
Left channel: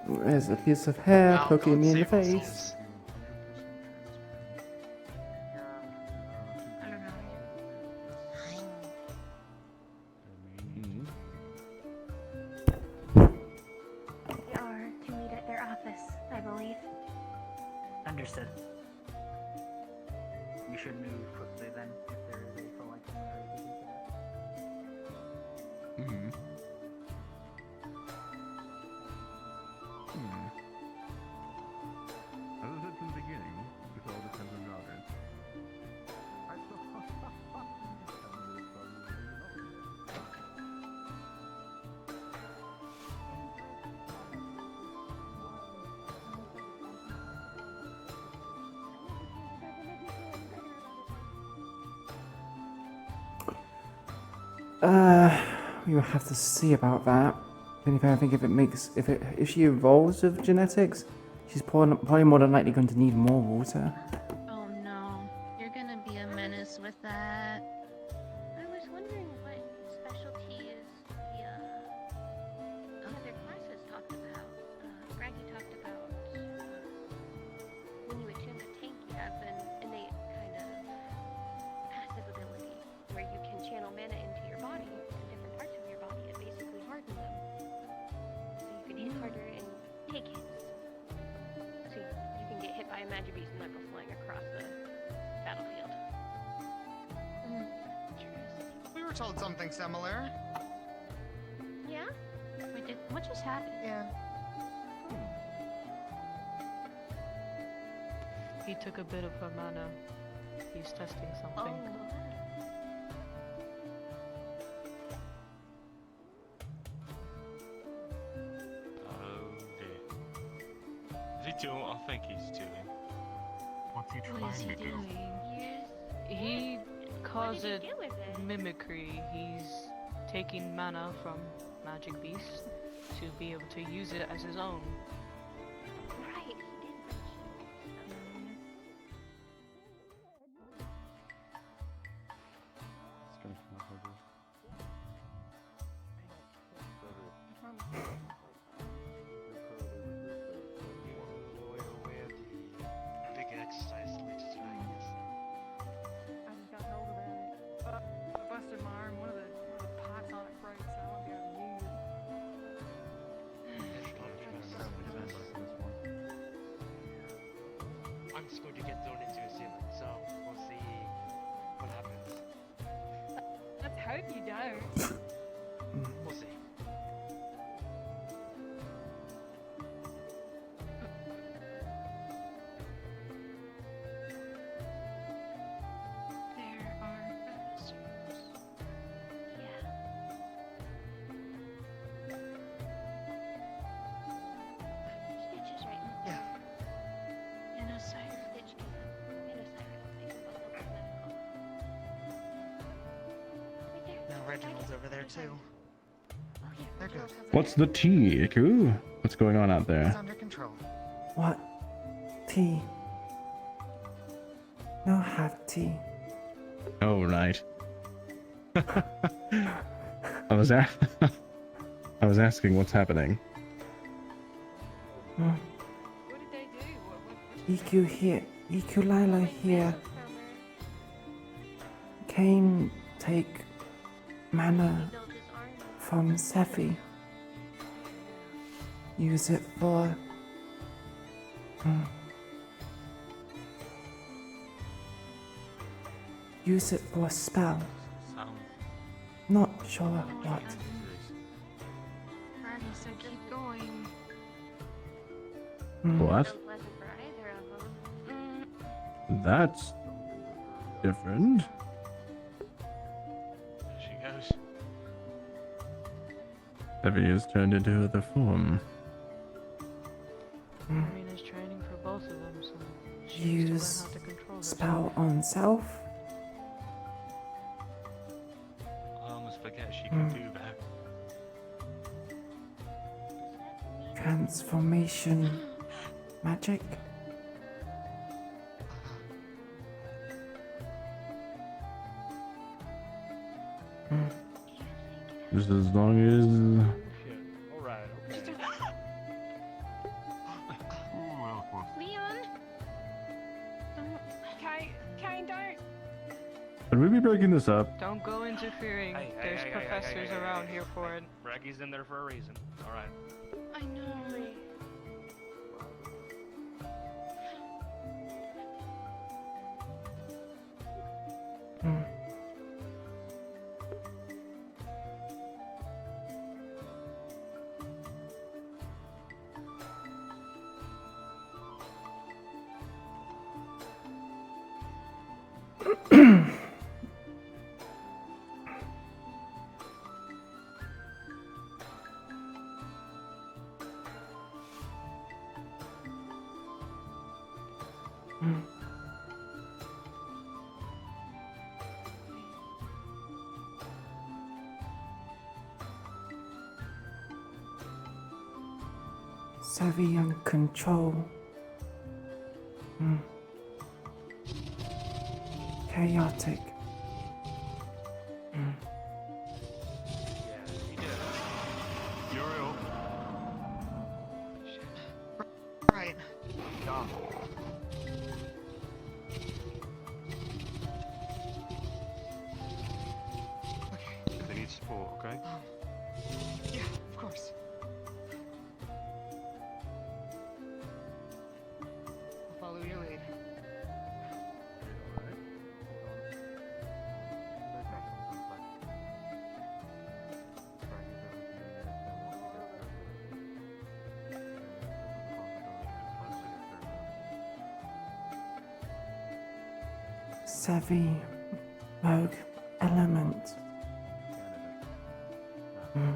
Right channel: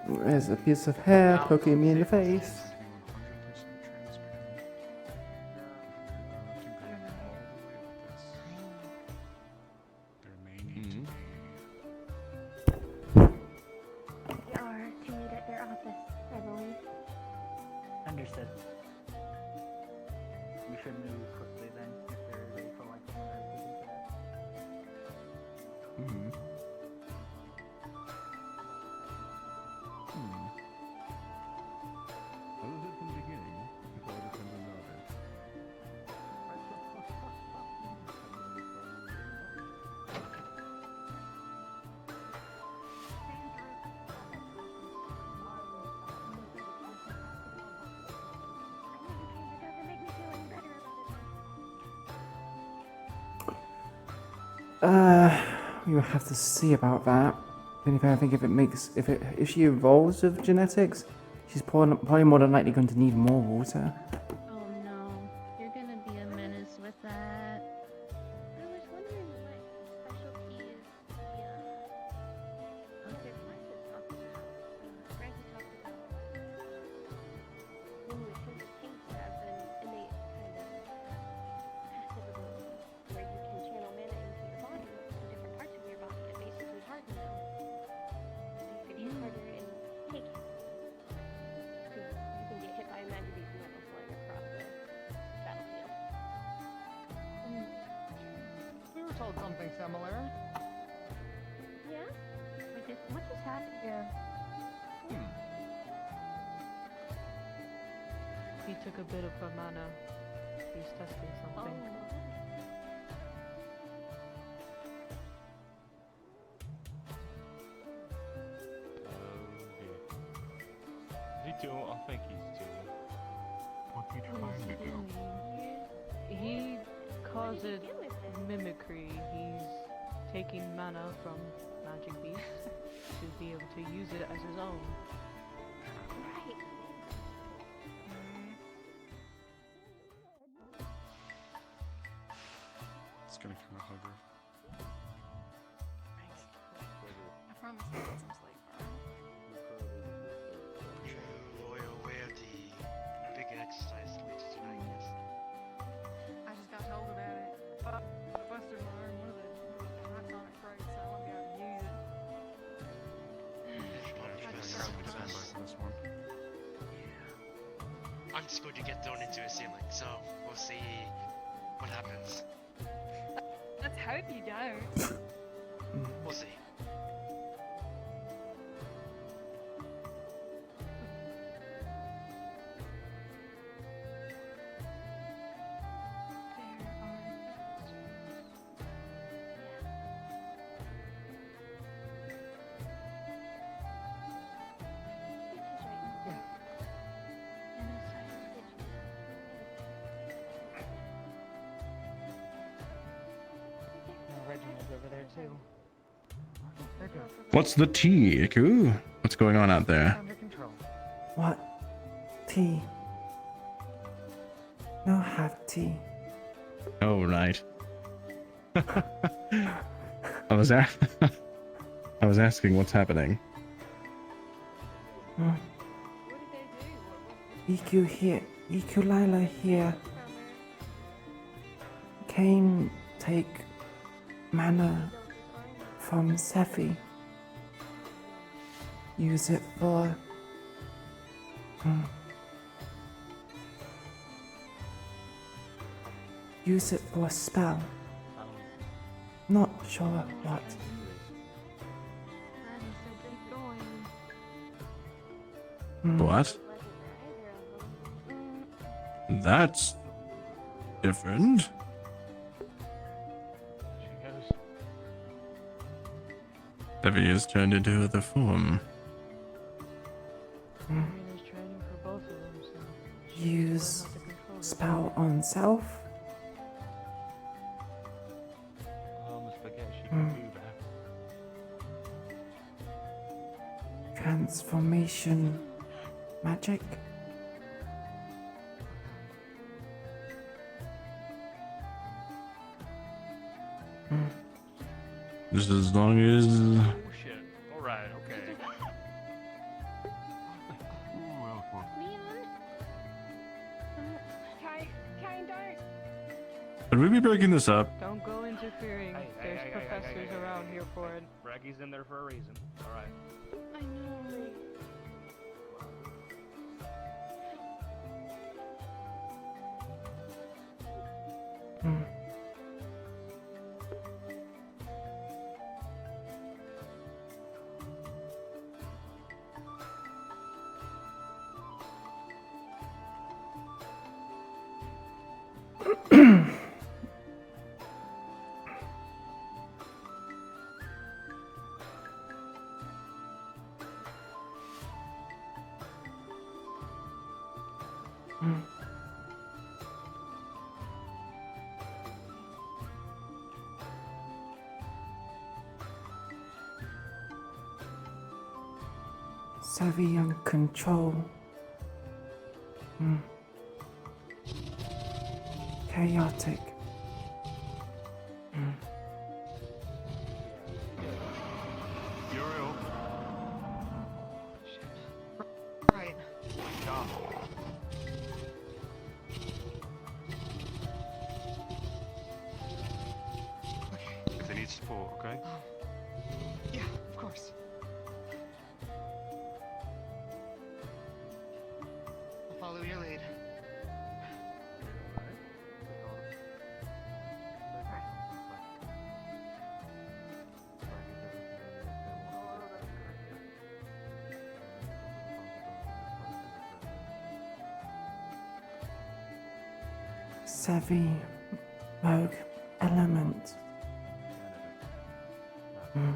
There's a piece of hair poking me in the face. Understood. We should move quickly then, if they're ready for like Hmm. What is it from the beginning? Before all this comes about it. We will have to see about that. If anything, if she evolves with genetics, she's probably more than likely going to need more water. Oh no, you're gonna be a menace with that. I was wondering what specialties the other classes talked about. Frankie talked about when you attune a tank, you have an innate kind of passive ability where you can channel mana into your body, different parts of your body, and basically harden them. You can use hardener in take hits. So you can get hit by a magic beast and let them flying across the battlefield. We were told something similar. Yeah? What just happened? Yeah. He took a bit of her mana. He's testing something. Is he doing what I think he's doing? What's he trying to do? He calls it mimicry. He's taking mana from magic beasts to be able to use it as his own. It's gonna come up over. Where the big exercise leads tonight is. I just got told about it. I busted my arm with a python break, so I won't be able to use I'm just going to get thrown into a ceiling, so we'll see what happens. Let's hope you don't. We'll see. And Reginald's over there too. They're good. What's the tea, Iku? What's going on out there? Under control. What? Tea? No, have tea. Oh, right. I was asking what's happening. Iku'lylah here. Came take mana from Sephi. Use it for use it for a spell. Not sure what. So keep going. What? That's different. She goes. Debbie is turned into other form. Marina's training for both of them, so Use spell on self. I almost forget she can do that. Transformation magic. Just as long as Shit. Alright, okay. Kane, don't. Could we be breaking this up? don't go interfering. There's professors around here for it. Braggy's in there for a reason. Alright. I know. Hmm. Hmm. Savvy and control. Hmm. Chaotic. Hmm. Uriel. Right. Done. Okay. They need support, okay? Yeah, of course. I'll follow your lead. Savvy rogue element. Hmm.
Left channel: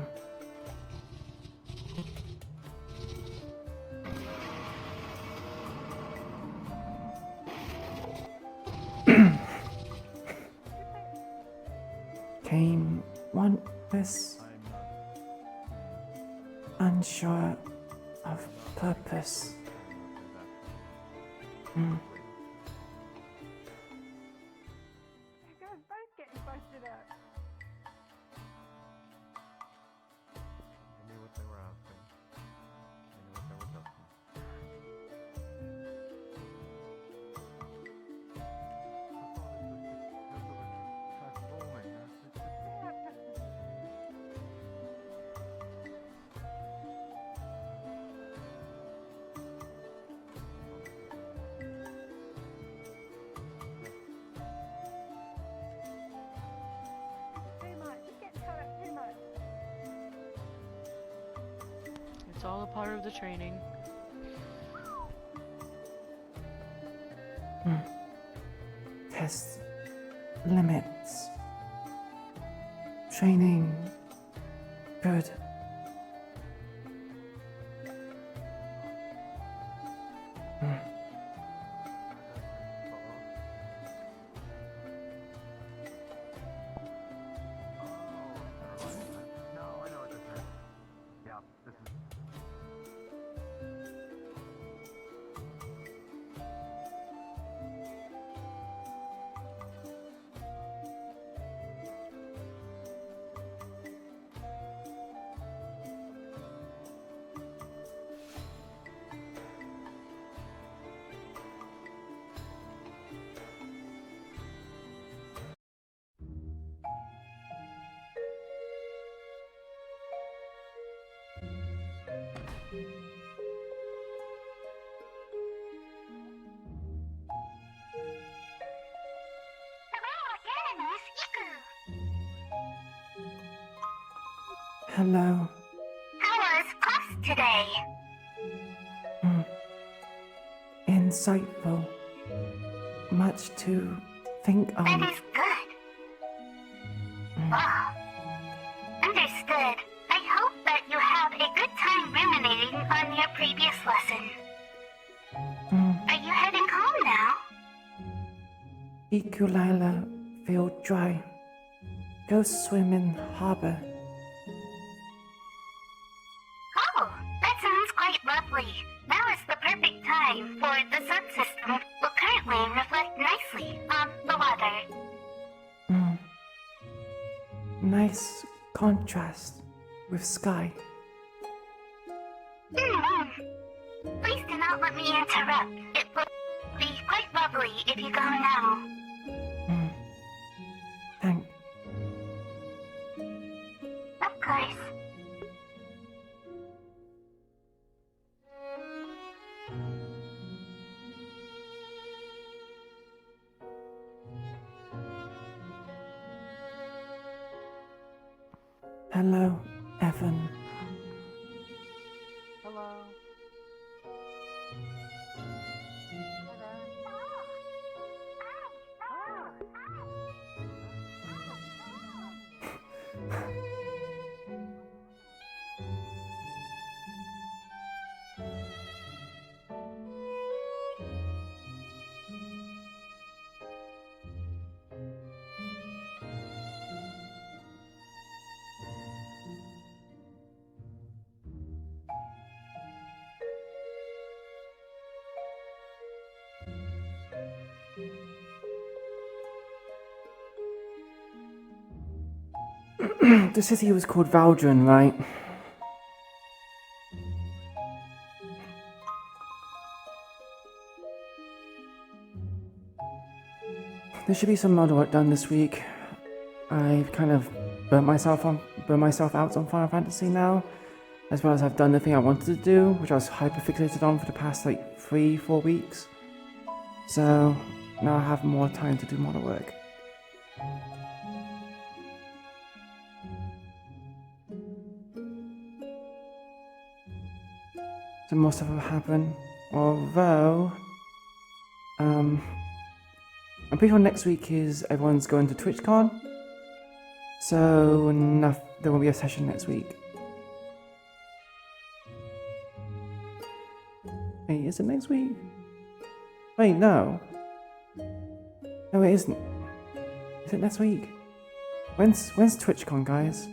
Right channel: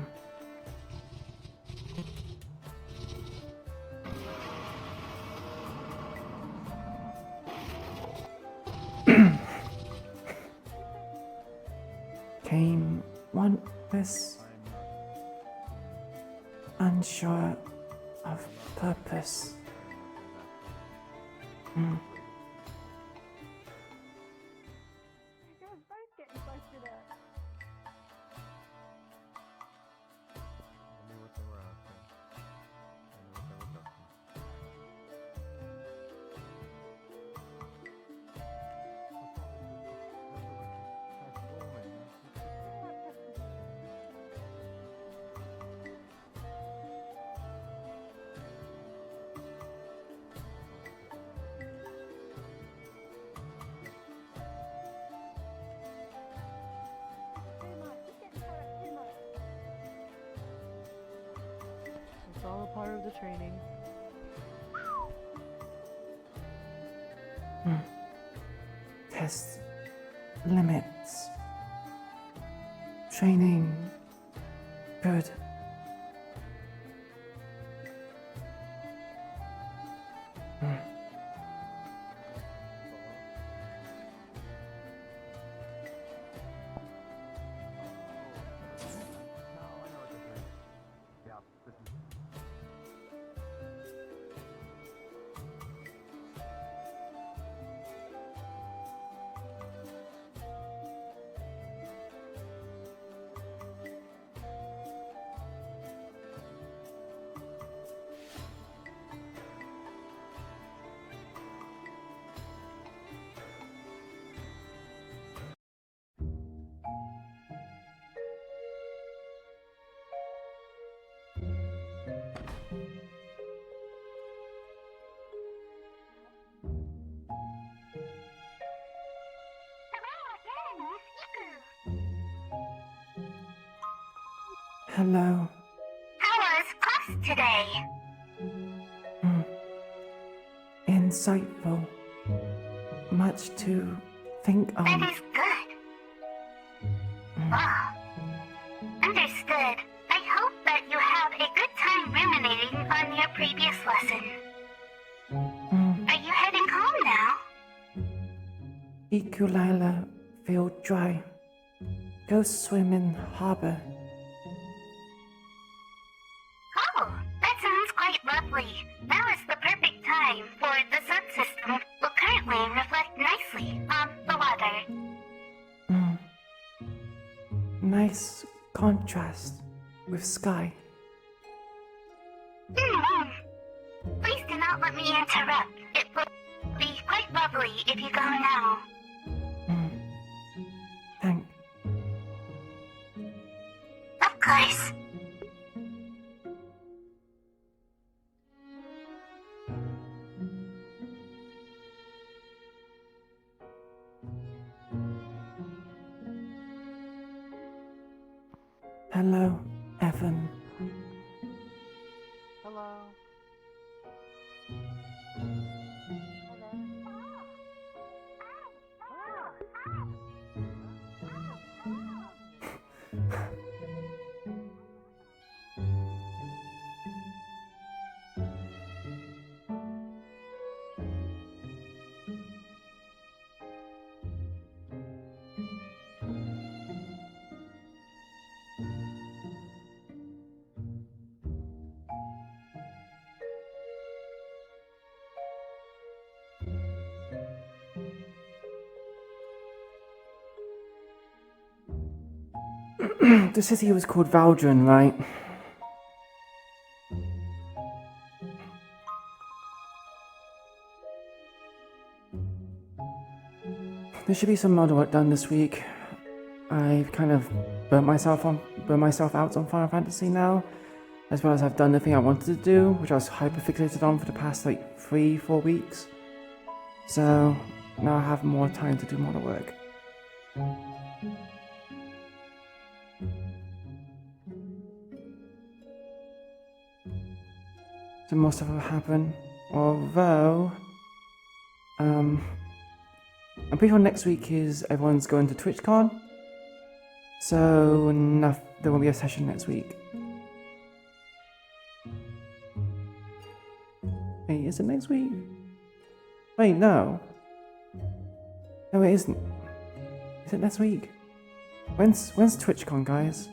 Came wantless, unsure of purpose. Hmm. It's all a part of the training. Hmm. Test limits. Training. Good. Hmm. Hello. How was class today? Hmm. Insightful. Much to think That on. is good. Ah, understood. I hope that you have a good time ruminating on your previous lesson. Hmm. Are you heading home now? Iku'lylah feel dry. Go swim in harbor. Oh, that sounds quite lovely. Now is the perfect time, for the sun system will currently reflect nicely on the water. Hmm. Nice contrast with sky. Please do not let me interrupt. It will be quite lovely if you go now. Hmm. Thank. Of course. Hello, Evan. Hello. The city was called Valdron, right? There should be some model work done this week. I've kind of burnt myself out on Final Fantasy now, as well as I've done the thing I wanted to do, which I was hyper-fixated on for the past like 3-4 weeks. So now I have more time to do model work. So more stuff will happen, although I'm pretty sure next week is everyone's going to TwitchCon, so there won't be a session next week. Wait, is it next week? Wait, no. No, it isn't. Is it next week? When's TwitchCon, guys?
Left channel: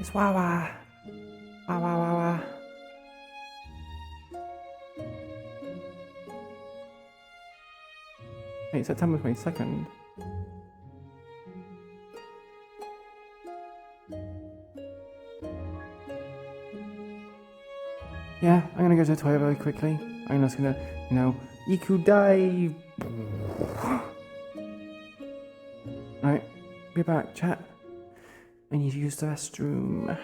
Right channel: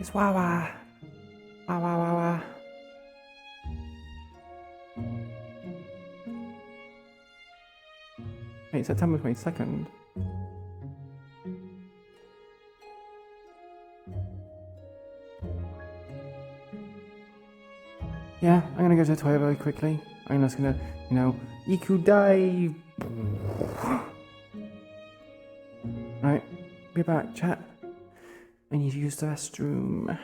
It's Wawa. Wawa Wawa. Wait, September 22nd. Yeah, I'm gonna go to the toilet very quickly. I'm just gonna, Iku'lylah. Right, be back, chat. I need to use the restroom.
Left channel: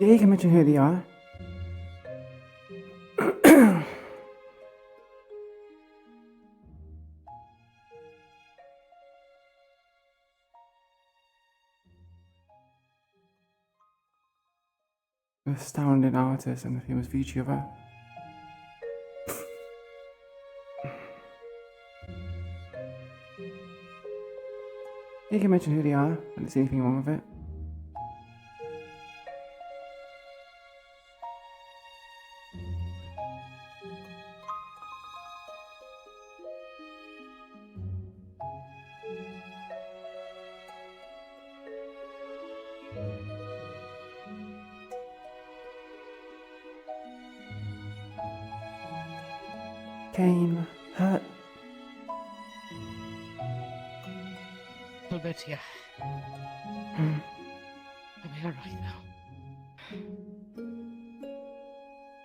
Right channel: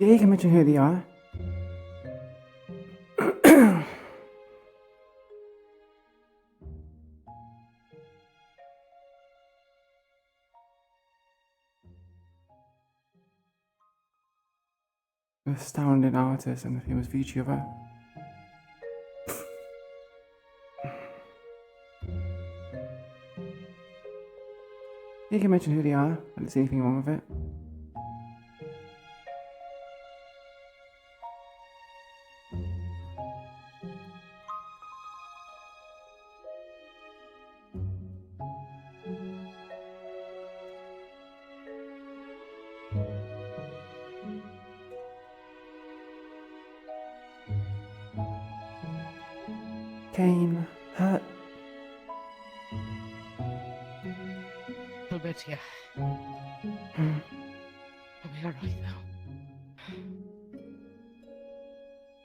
Yeah, you can mention who they are. Astounding artist and a famous VTuber. You can mention who they are. I don't see anything wrong with it. Kane, hurt. A little bit, yeah. Hmm. I'll be alright now.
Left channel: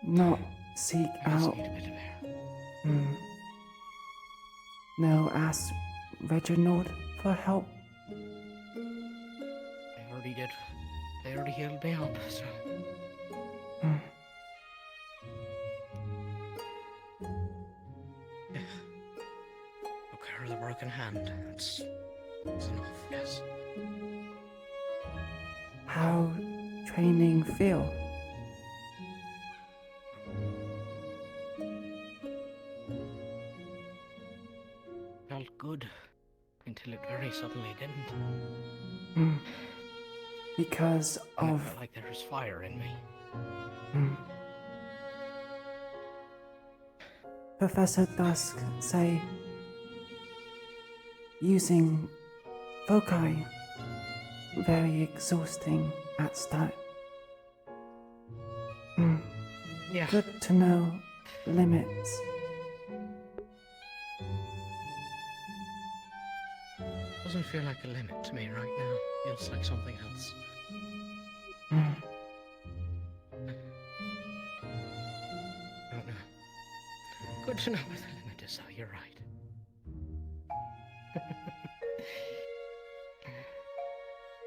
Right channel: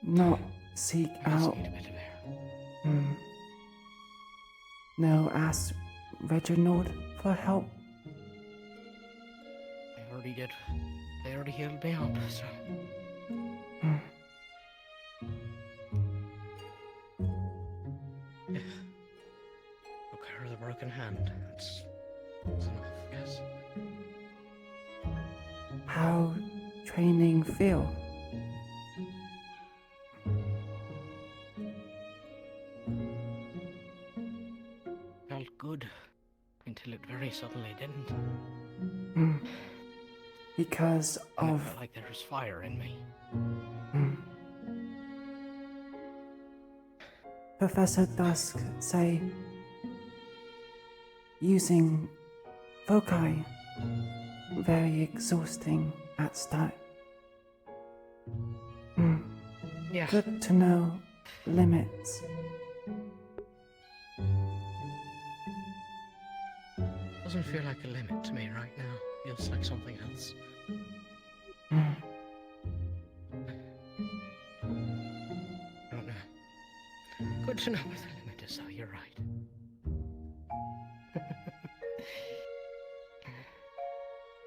Not seek I just out. need a bit of air. No, ask Reginald for help. They already did. They already healed me up, so. Yeah. Took care of the broken hand. That's enough, yes. How training feel? Felt good. Until it very suddenly didn't. Because And of. it felt like there was fire in me. Professor Dusk say using foci very exhausting at start. Yeah. Good to know limits. Doesn't feel like a limit to me right now. Feels like something else. Mm. Don't know. Good to know where the limit is, though. You're right.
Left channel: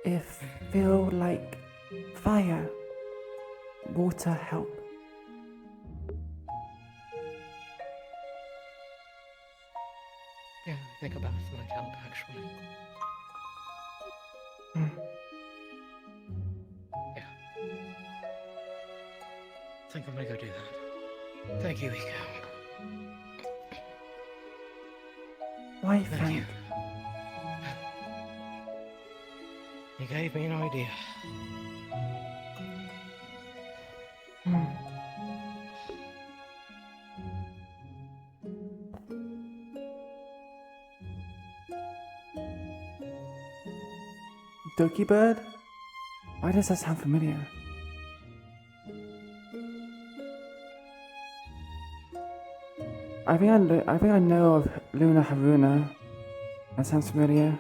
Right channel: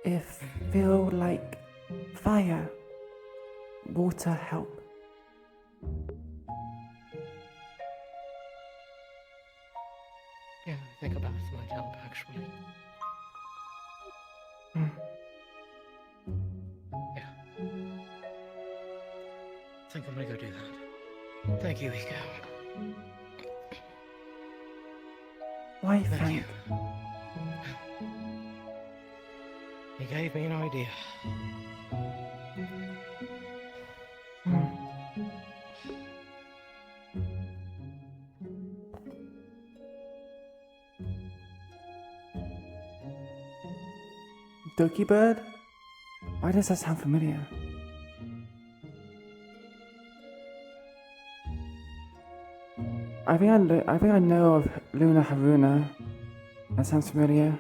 If feel like fire, water help. Yeah, I think a bath might help, actually. Yeah. I think I'm gonna go do that. Thank you, Iko. Why Thank thank? you. You gave me an idea. Dookie Bird? Why does that sound familiar? I think I know of Luna Haruna. That sounds familiar.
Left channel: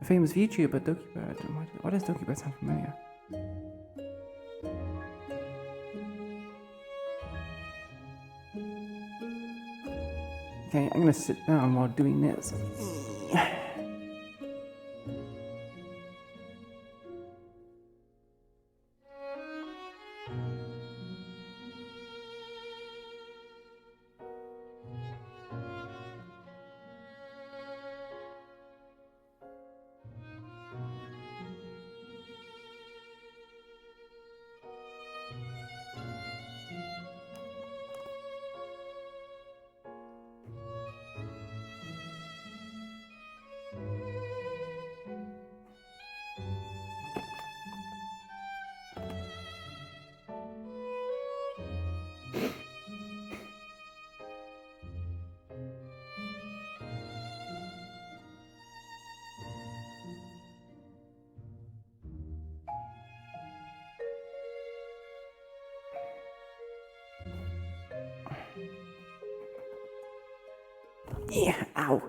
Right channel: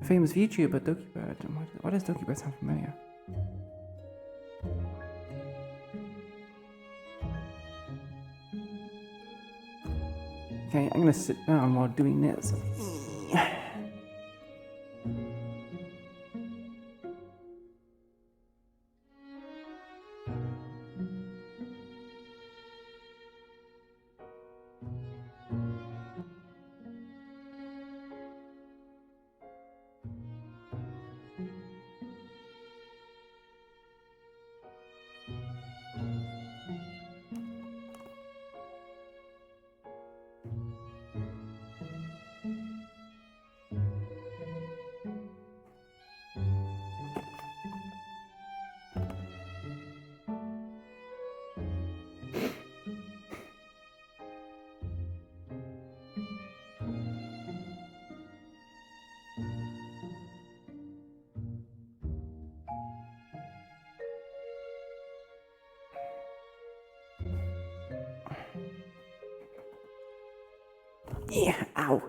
A famous VTuber, Dookie Bird. Why does Dookie Bird sound familiar? Okay, I'm gonna sit down while doing this. Yeah, ow.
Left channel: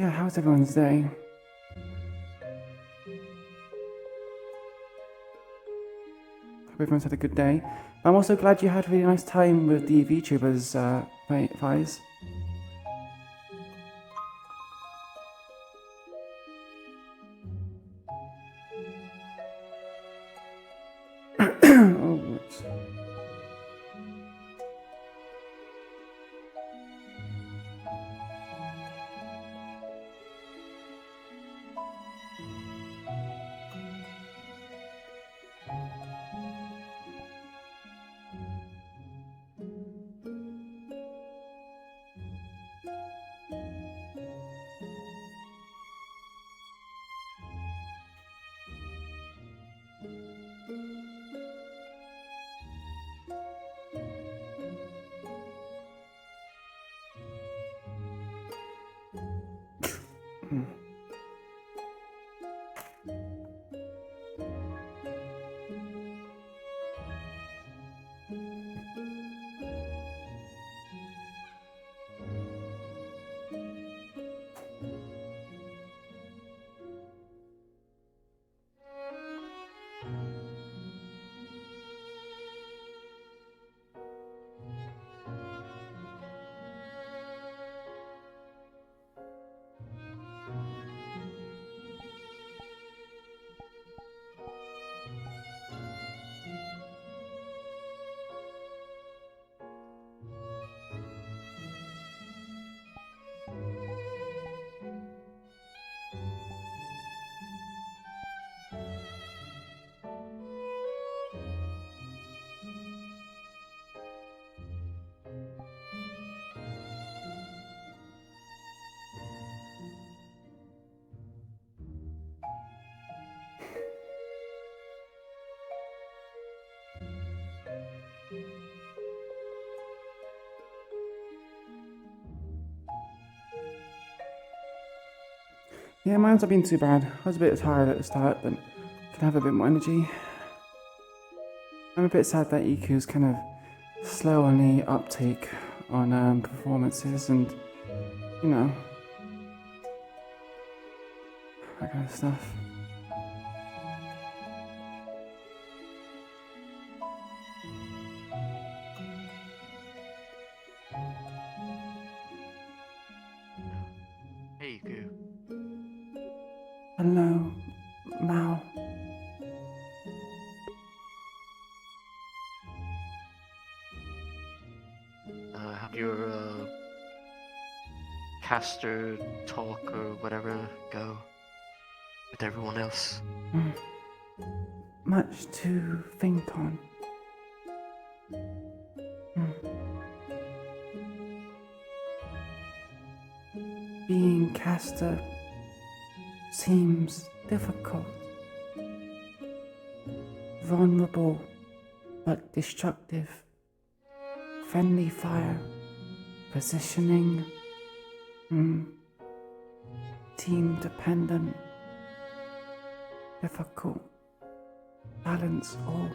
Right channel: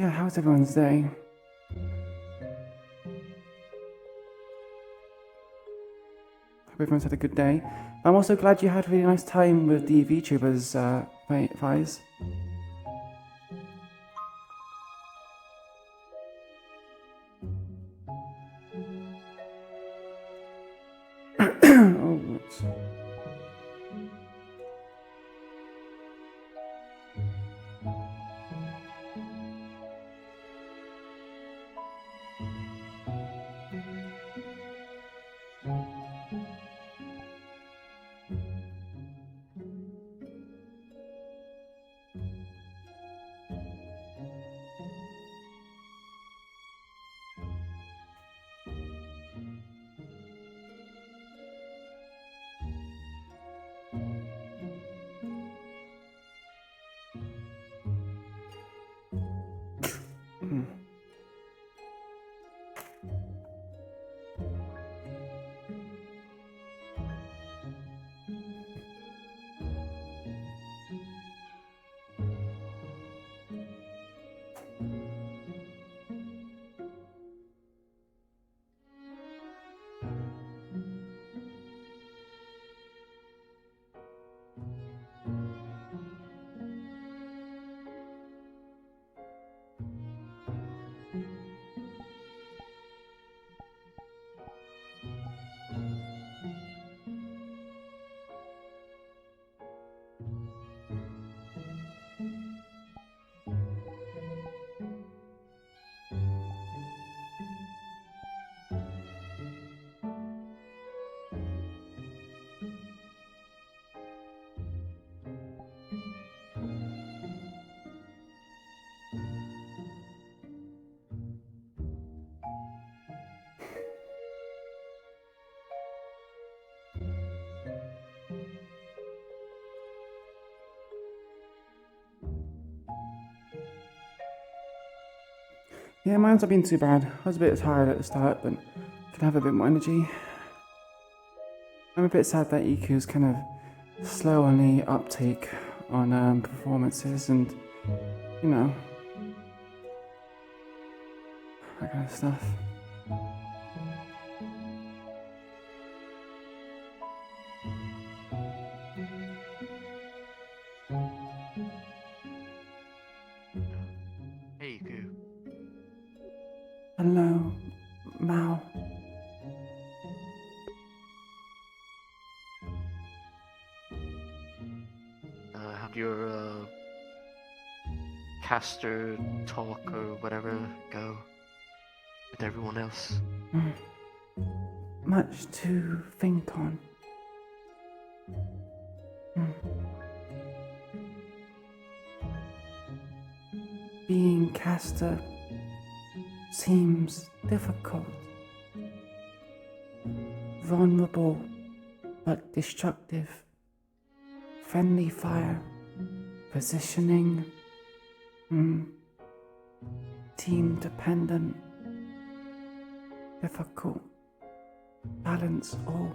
Yeah, how's everyone's day? Hope everyone's had a good day. I'm also glad you had a really nice time with the VTubers, Fies. Oh, whoops. Yeah, mine's not been too bad. I was a bit tired at the start, but can have a bit more energy. I'm a bit sad that EQ's kind of slow on the uptake on performances and, you know, that kind of stuff. Hey, Iku. Hello, Mao. How'd your caster talk or whatever go with everyone else? Much to think on. Being caster seems difficult. Vulnerable but destructive. Friendly fire. Positioning. Team dependent. Difficult. Balance all.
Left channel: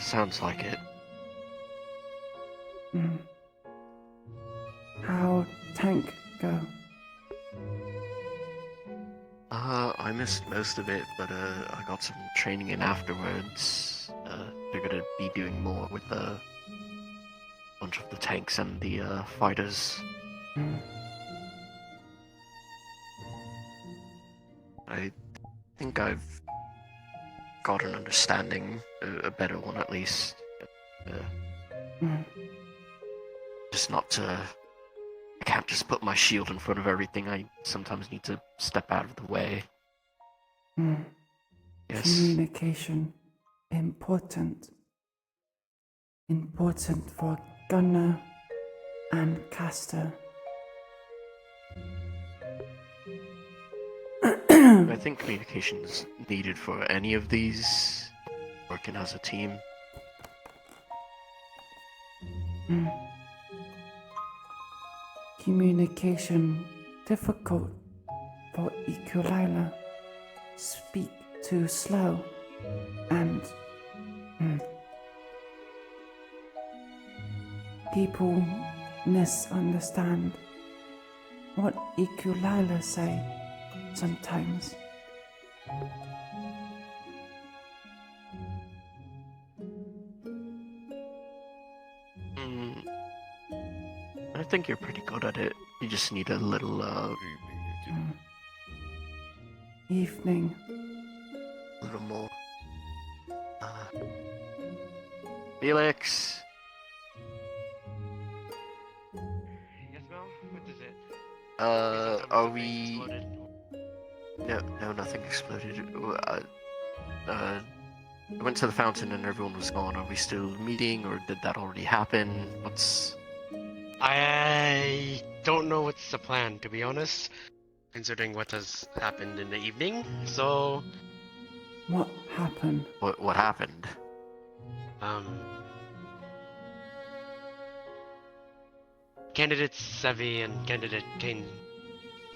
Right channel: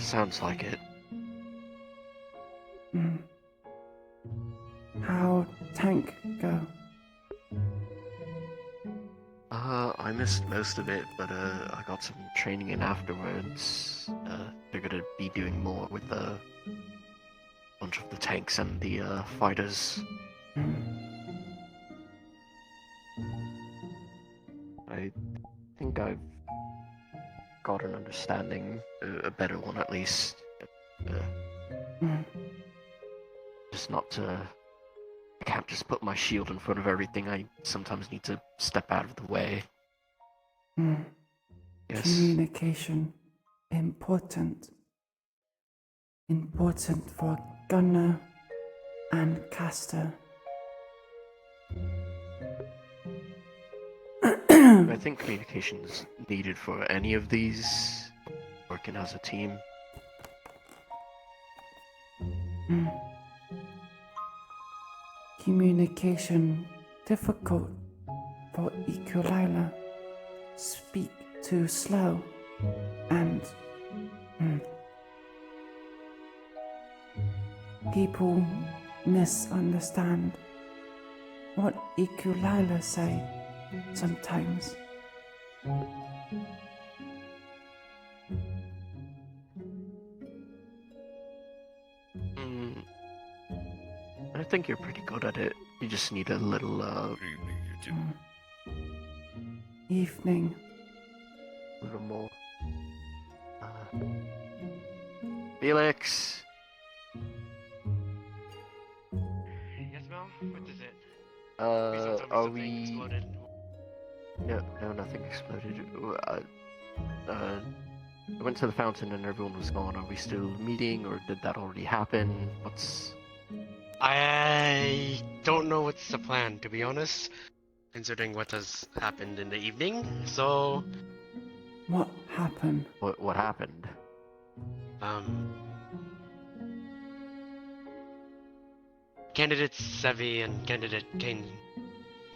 Sounds like it. How'd tank go? I missed most of it, but I got some training in afterwards. They're gonna be doing more with a bunch of the tanks and the fighters. I think I've got an understanding, a better one at least. Just not to... I can't just put my shield in front of everything. I sometimes need to step out of the way. Yes. Communication. Important. Important for gunner and caster. I think communication is needed for any of these, working as a team. Communication difficult for Iku'lylah. Speak too slow and people misunderstand what Iku'lylah say sometimes. I think you're pretty good at it. You just need a little, Evening. a little more. Felix! Yes, Mel? What is it? Are we... No, nothing exploded. I went to the fountain and everyone was gone. Are we still meeting, or did that already happen? What's... I don't know what's the plan, to be honest, considering what has happened in the evening, so... What happened? What happened? Candidate Sevi and Candidate Kane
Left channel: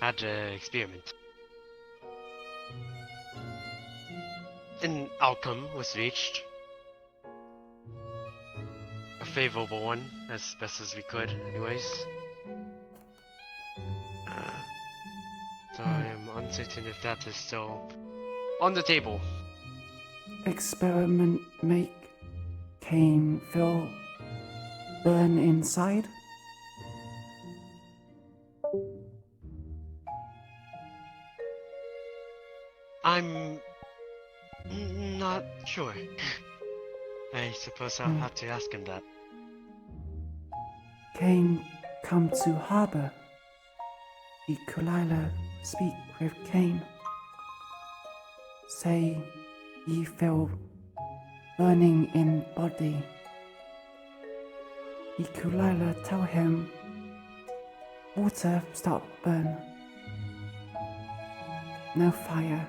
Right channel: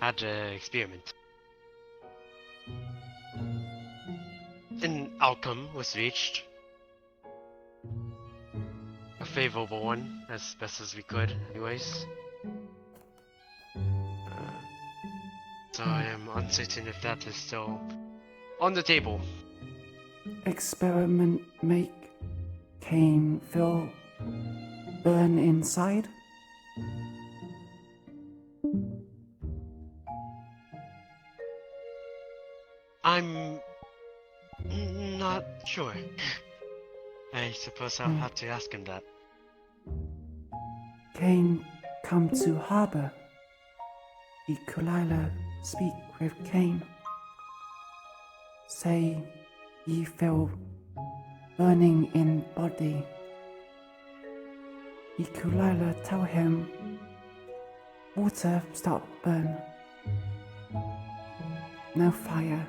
had an experiment. An outcome was reached. A favorable one, as best as we could, anyways. So I am uncertain if that is still on the table. Experiment make Cain feel burn inside? I'm not sure. I suppose I'll have to ask him that. Cain come to harbor. Iku'lylah speak with Cain. Say he feel burning in body. Iku'lylah tell him water stop burn. No fire.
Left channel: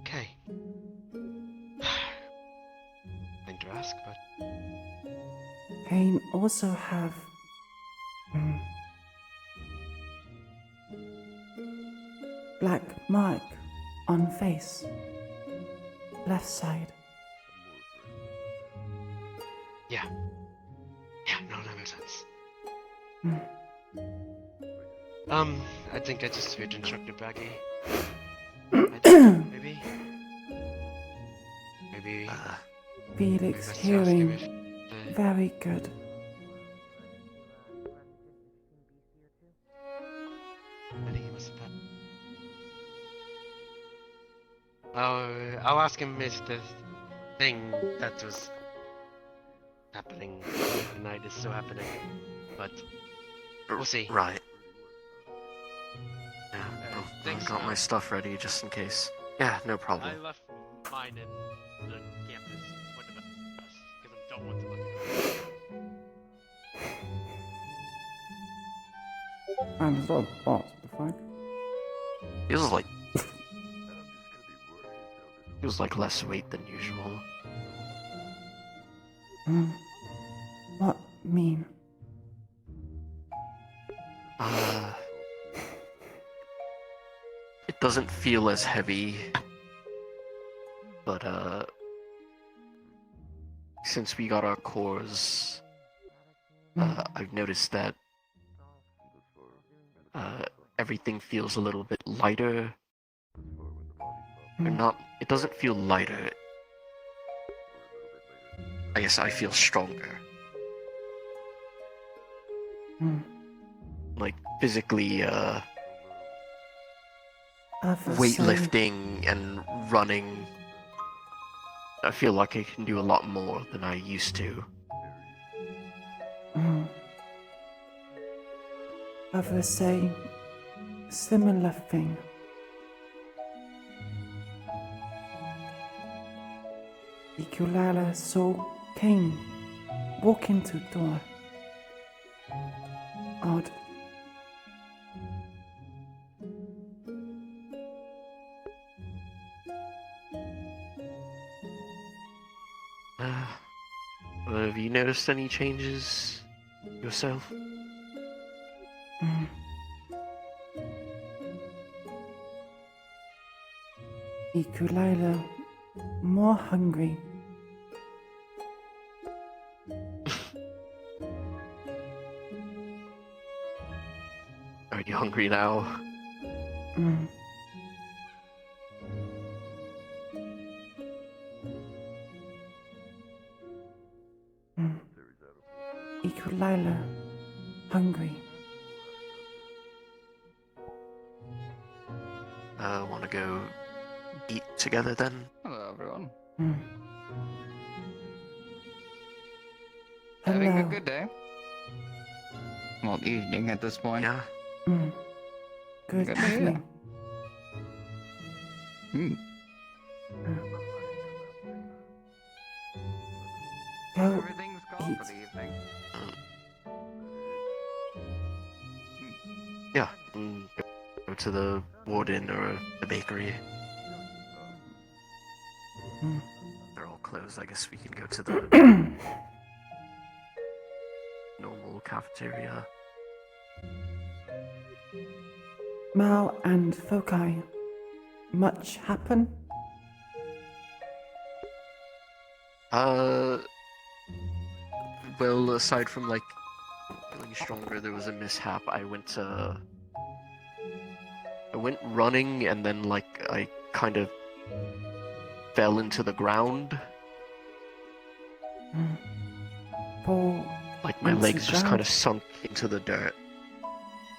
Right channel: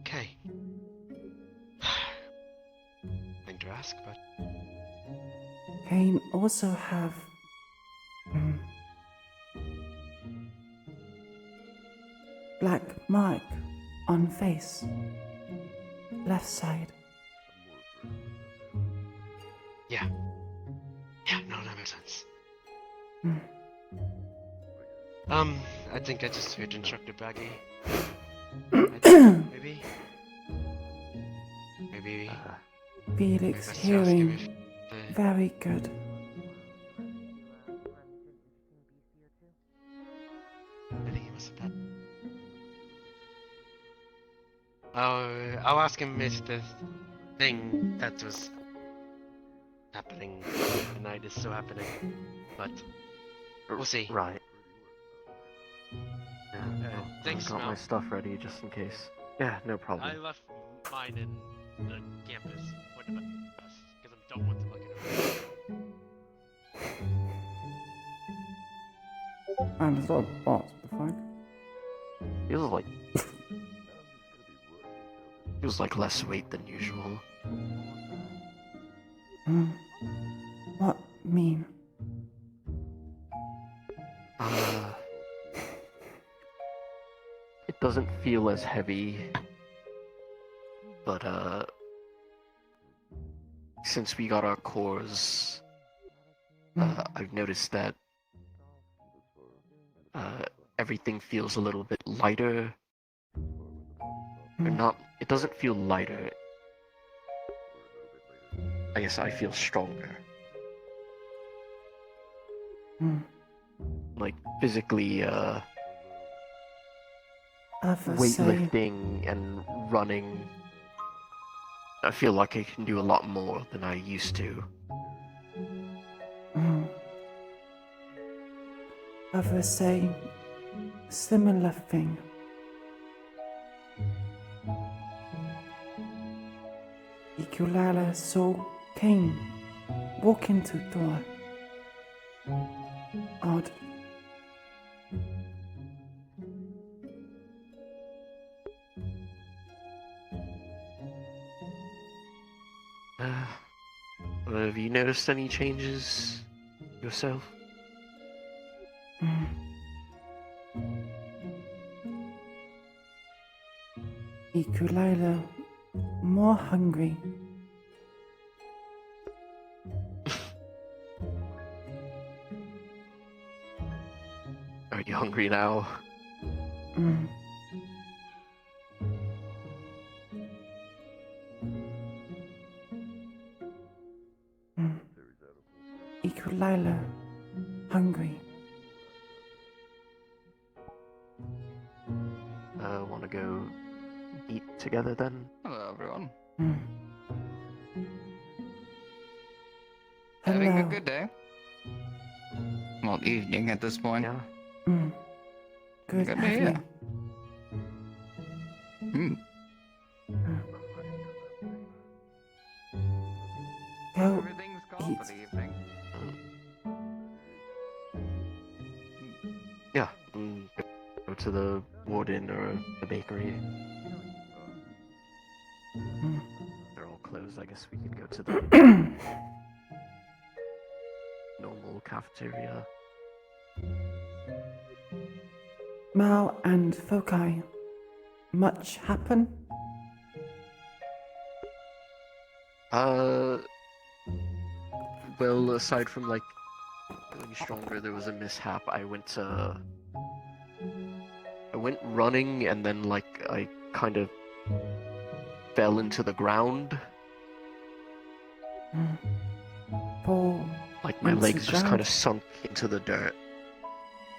Okay. Thing to ask, but Cain also have black mark on face, left side. yeah. Yeah, no, that makes sense. I think I just heard Instructor Baggy. Maybe? Maybe... Felix best to ask him hearing if the- very good. I think he must have had... I'll ask him if the thing that was happening tonight is still happening, but we'll see. Right. Thanks, I've got Mel. my stuff ready just in case. Yeah, no problem. I left mine in the campus for the best, because I don't want to look at it. And there's a lot of bots, the fuck? Feels like... feels like less weight than usual. What mean? It doesn't feel as heavy, but since we got our cores, I've noticed that everything feels a little bit lighter. Or not, it doesn't feel lighter. I guess I feel stronger. Like physically, weightlifting and running. I feel like I can do a lot more than I used to. Others say similar thing. Iku'lylah saw Cain walk into door. Odd. Have you noticed any changes yourself? Iku'lylah, more hungry. Are you hungry now? Mm. Mm. Iku'lylah, hungry. Wanna go eat together then? Hello, everyone. Mm. Having a Hello. good day. Well, evening at this point. Yeah. Mm. Good Good to hear. evening. Hmm. Go Everything's gone eat. for the evening. Yeah. Go to the warden or the bakery. Mm. They're all closed. I guess we can go to the normal cafeteria. Mal and Fokai, much happen? Well, aside from like feeling stronger, there was a mishap. I went running and then like I kind of fell into the ground. Mm. Fall Like my into legs just ground? kind of sunk into the dirt.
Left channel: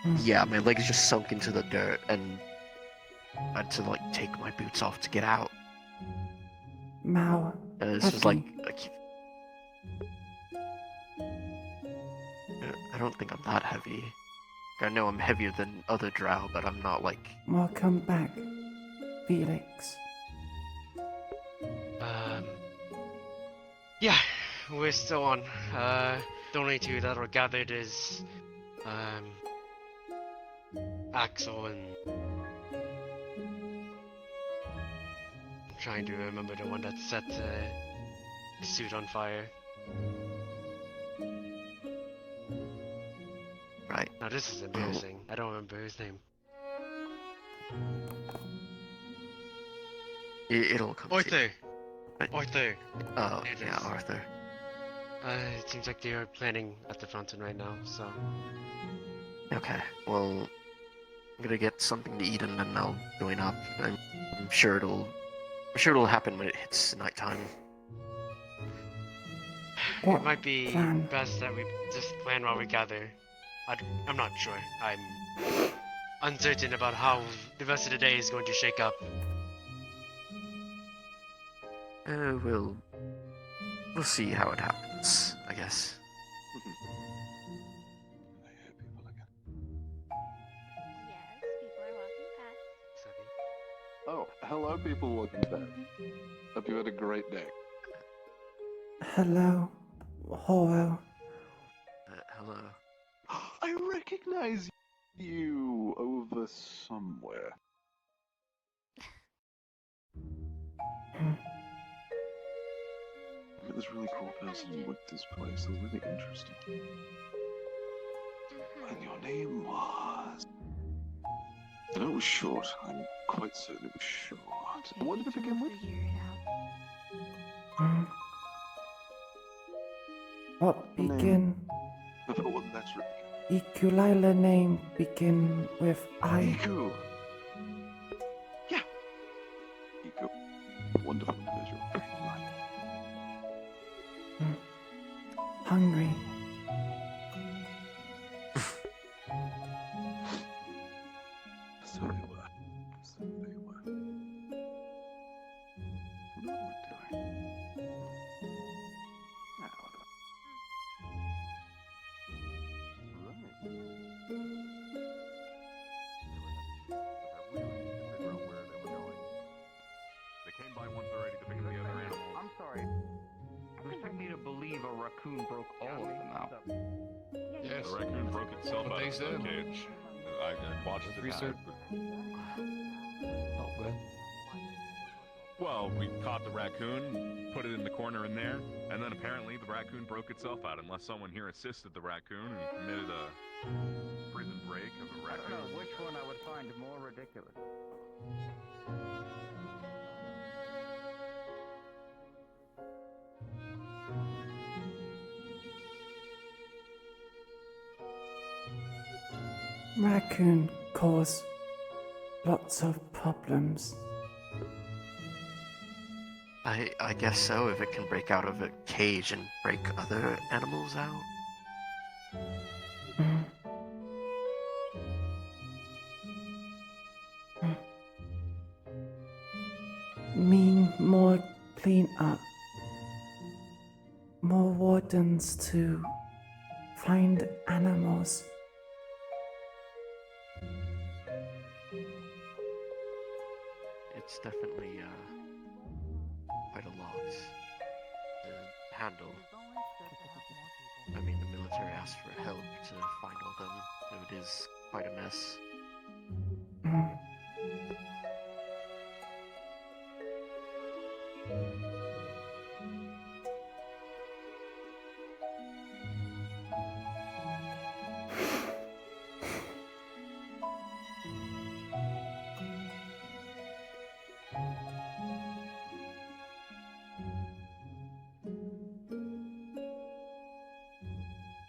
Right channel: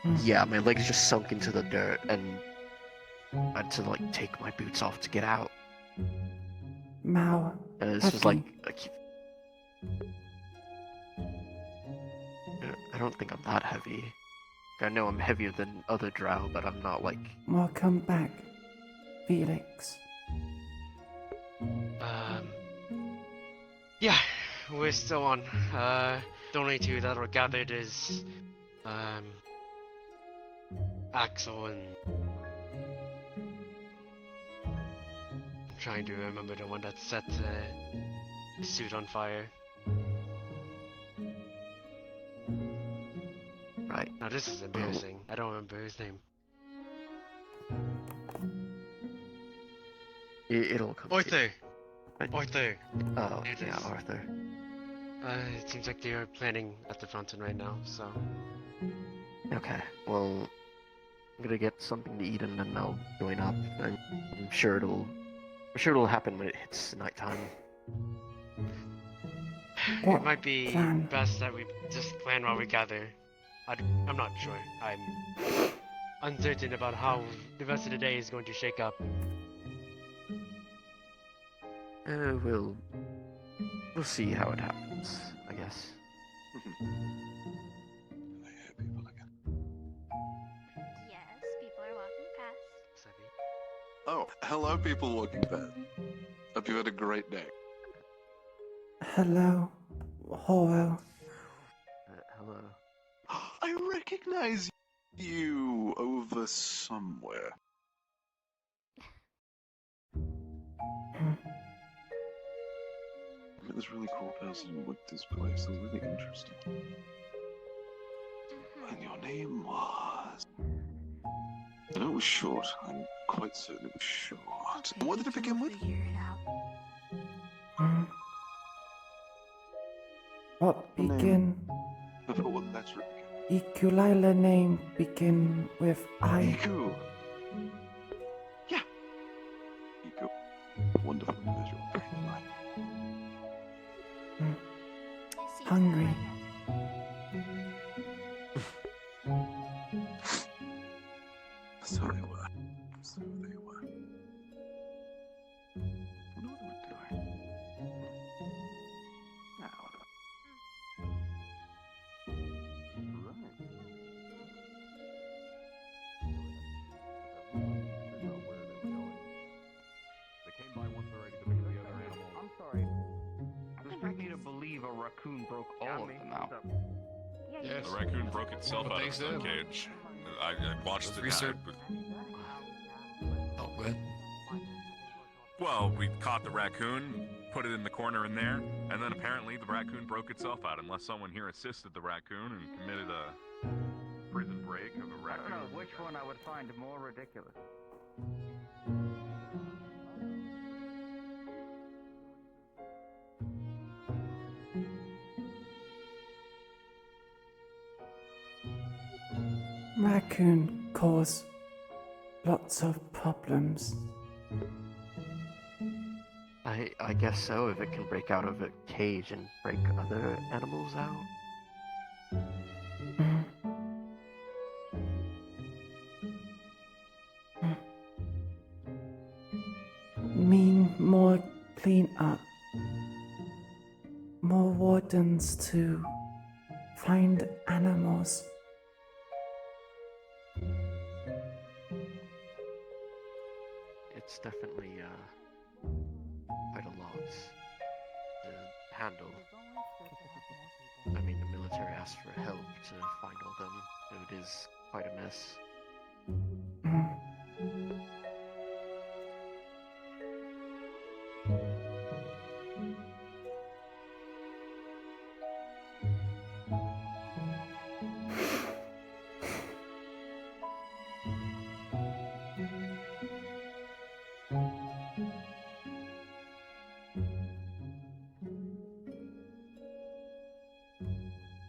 Mm. Yeah, my legs just sunk into the dirt and I had to like take my boots off to get out. Mal, This heavy. was like I don't think I'm that heavy. I know I'm heavier than other drow, but I'm not like. Welcome back, Felix. Yeah, we're still on. The only two that were gathered is, Axel and. I'm trying to remember the one that set his suit on fire. Right. Now this is embarrassing. I don't remember his name. It'll come. Arthur. But- Arthur. Oh, It yeah, is. Arthur. It seems like they are planning at the fountain right now. So. Okay, well, I'm gonna get something to eat and then I'll join up. I'm sure it'll happen when it hits nighttime. It might be plan? best that we just plan while we gather. I'm not sure. I'm uncertain about how the rest of the day is going to shake up. We'll see how it happens, I guess. Oh, hello, people walking past. Hope you had a great day. Hello, Horo. Hello. I recognize you over somewhere. I met this really cool person who worked this place. It was really interesting. And your name was... I know it was short. I'm quite certain it was short. What did it begin with? Mm. What begin? Before what letter it began? Iku'lylah name begin with I. Iku. Yeah. Iku. Wonderful individual. Great life. Mm. Hungry. So they were. So they were. What are we doing? Now, I'm sorry. This took me to believe a raccoon broke all of them out. Yes, the raccoon broke itself out of the cage. I watched the research. Well, we caught the raccoon, put it in the corner in there, and then apparently the raccoon broke itself out unless someone here assisted the raccoon and committed a prison break of a I don't raccoon. know which one I would find more ridiculous. raccoon cause lots of problems. I guess so, if it can break out of a cage and break other animals out. Mean more clean up. More wardens to find animals. It's definitely quite a lot to handle. I mean, the military asked for help to find all them, so it is quite a mess.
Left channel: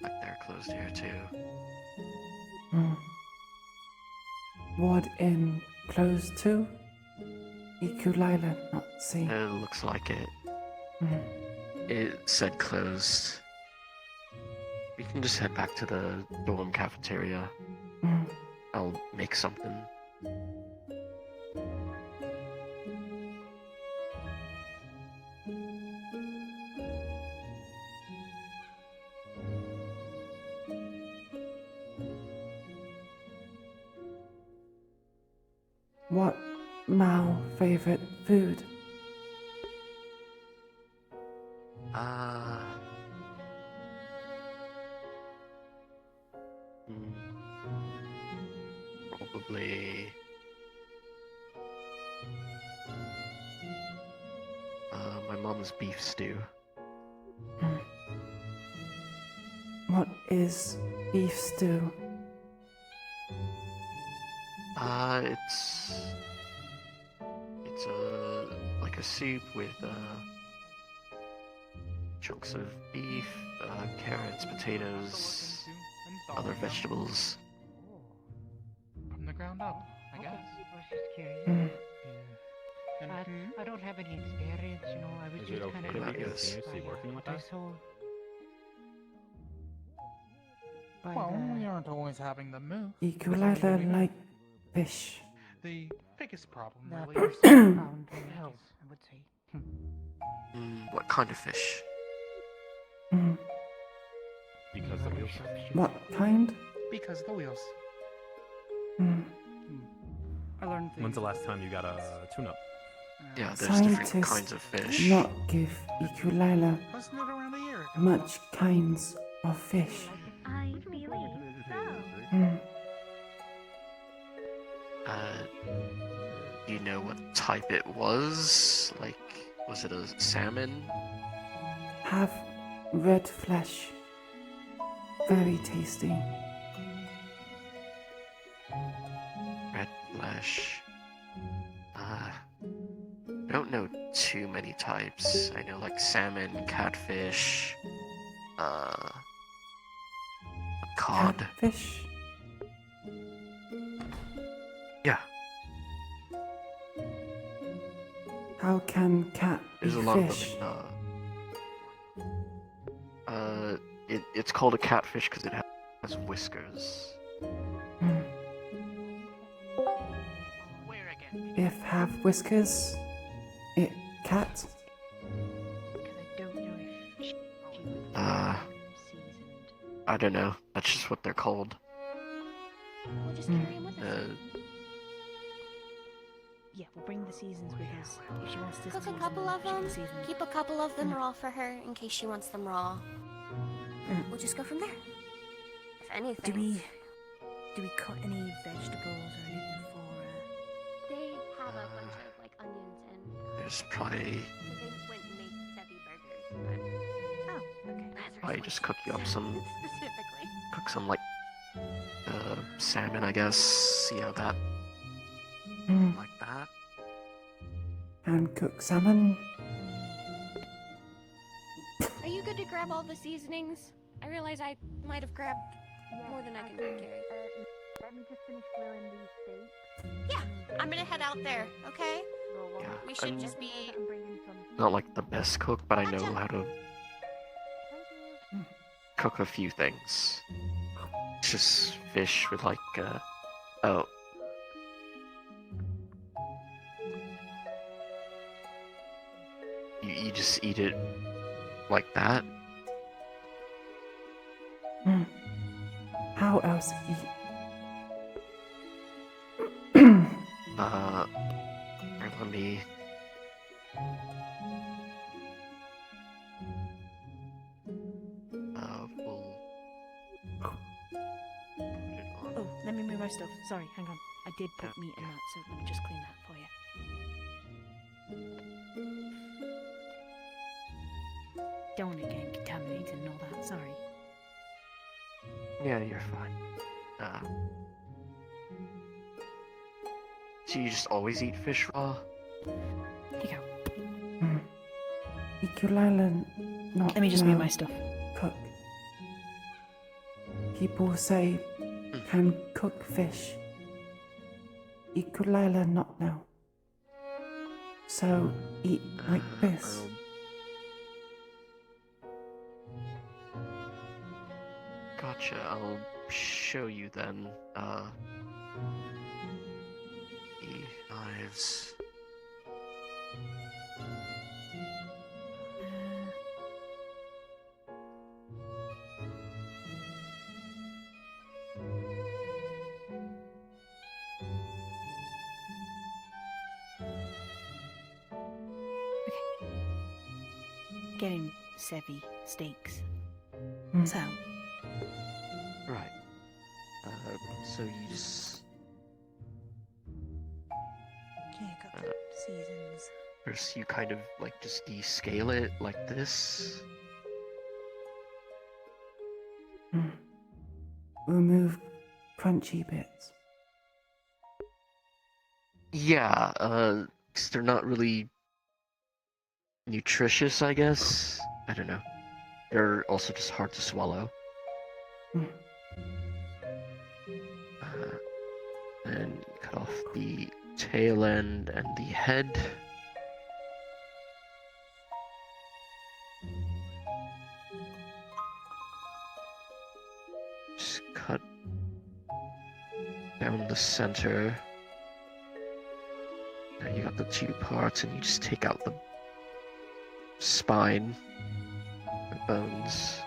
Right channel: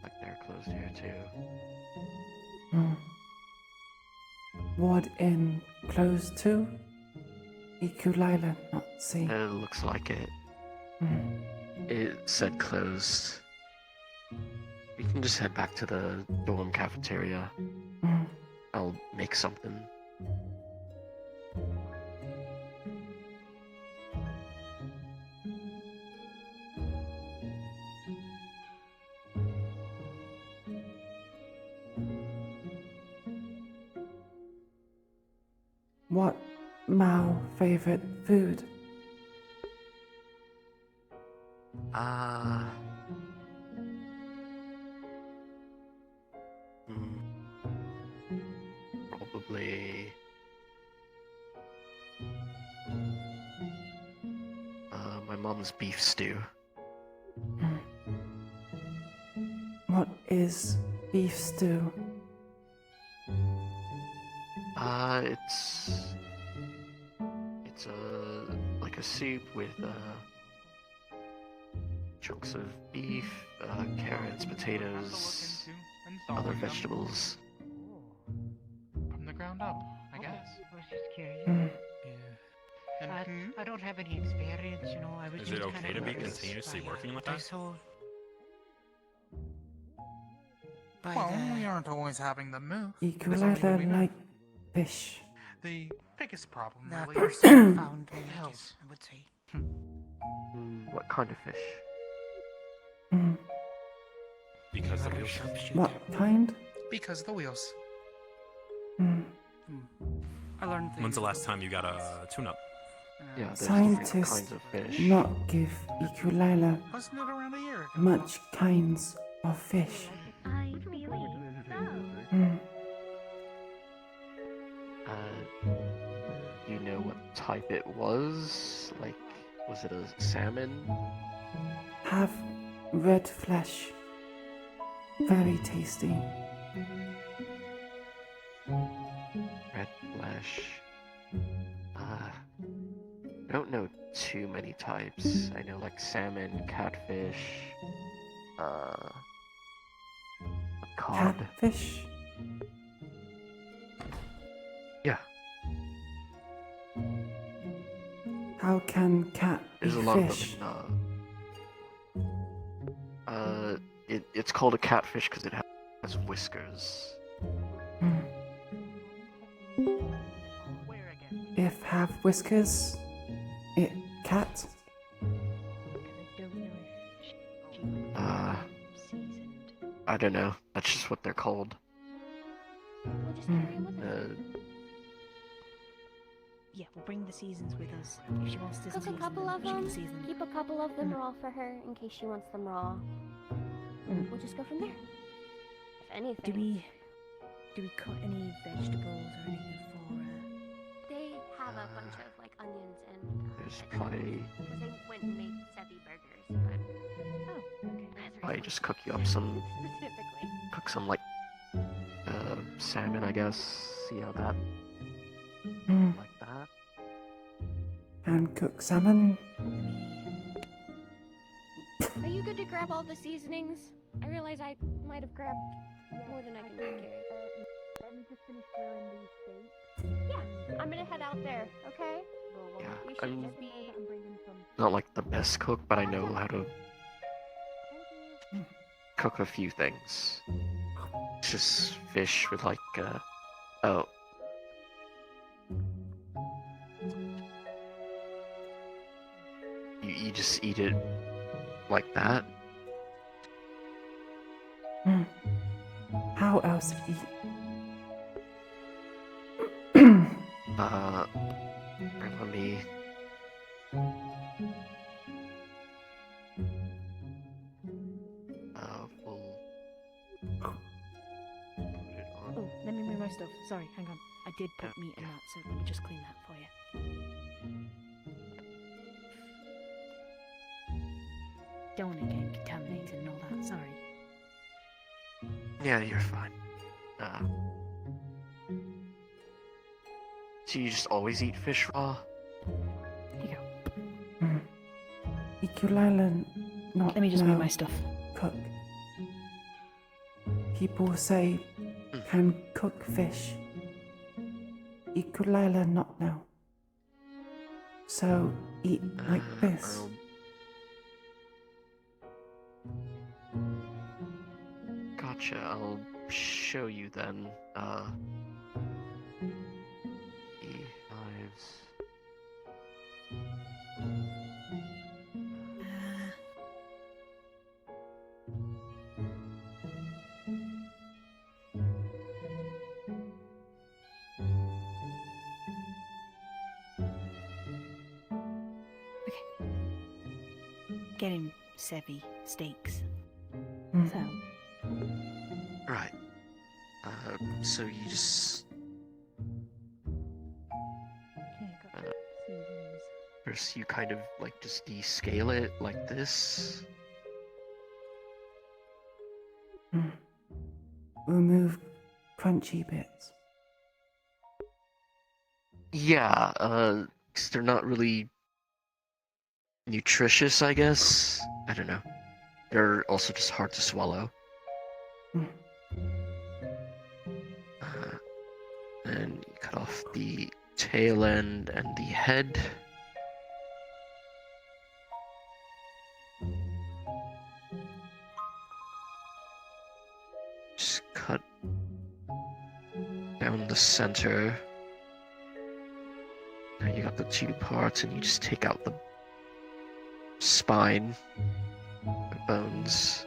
Like they're closed here too. Ward Inn closed too? Iku'lylah not seen. It looks like it. It said closed. We can just head back to the dorm cafeteria. I'll make something. What Mao favorite food? Probably. My mom's beef stew. What is beef stew? It's like a soup with chunks of beef, carrots, potatoes, other vegetables. From the ground up, I guess. I was just curious. I don't have any experience, you know. I was Is just it okay kind to of be curious continuously by, working with this us? whole- Well, we aren't always having them move. Iku'lylah like fish. The biggest problem The really first is found health, I would say. What kind of fish? Because the wheels. What kind? because the wheels. I learned When's the last time you got a tune-up? Yeah, there's different kinds Scientists of fish. not give Iku'lylah Wasn't it around a year ago? much kinds of fish. I believe so. You know what type it was? Like, was it a salmon? Have red flesh. Very tasty. Red flesh. I don't know too many types. I know like salmon, catfish, cod. Catfish? Yeah. How can cat be There's a lot fish? of them in, it's called a catfish because it has whiskers. If have whiskers, it cat. I don't know. That's just what they're called. Yeah, we'll bring the seasons with us. If she wants to Cook a season couple them, of she can them. season them. Keep a couple of them raw for her in case she wants them raw. We'll just go from there. If anything. Do we cut any vegetables or anything for They have a bunch of like onions and. There's probably Because they went and made Sevi burgers, but. Oh, okay. probably just cook you up some, Specifically. cook some like salmon, I guess. See how that like that. And cook salmon. Are you good to grab all the seasonings? I realize I might have grabbed more than I can carry. Yeah, I'm gonna head out there, okay? Yeah, We should I'm just be. not like the best cook, but I know how to cook a few things. Just fish with like, oh. You just eat it like that? How else eat? Let me. We'll put it on. Oh, let me move my stuff. Sorry, hang on. I did put meat in that, so let me just clean that for you. Don't want it getting contaminated and all that, sorry. Yeah, you're fine. So you just always eat fish raw? Here you go. Iku'lylah, not Let me just now. move my stuff. Cook. People say can cook fish. Iku'lylah, not now. So eat like this. Gotcha, I'll show you then. Knives. Getting Sevi steaks. So, Right. So you just. seasons. First, you kind of like just descale it like this. Remove crunchy bits. Yeah, 'cause they're not really nutritious, I guess. I don't know. They're also just hard to swallow. And you cut off the tail end and the head. Just cut down the center. Now you got the two parts, and you just take out the spine, the bones.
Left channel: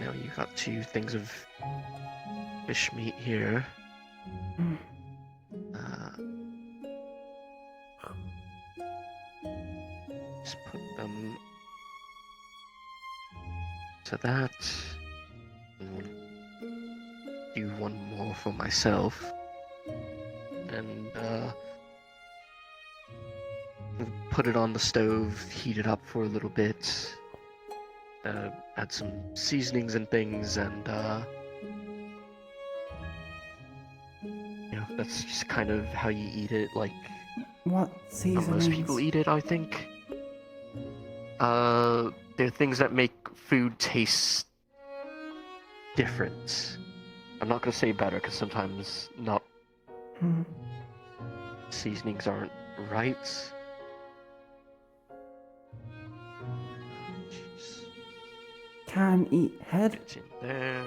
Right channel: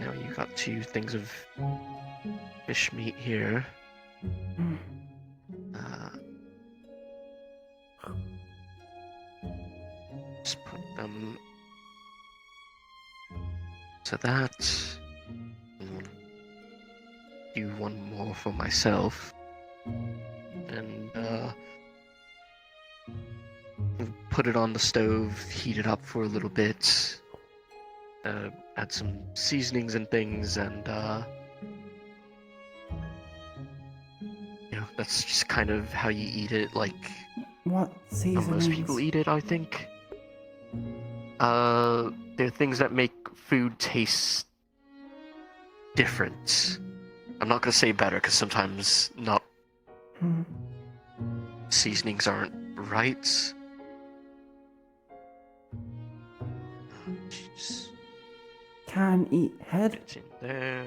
Now you got two things of fish meat here. Just put them to that. Do one more for myself. And put it on the stove, heat it up for a little bit. Add some seasonings and things, and that's just kind of how you eat it, like What how seasonings? most people eat it, I think. They're things that make food taste different. I'm not gonna say better, because sometimes not seasonings aren't right. Can eat head. It's in there.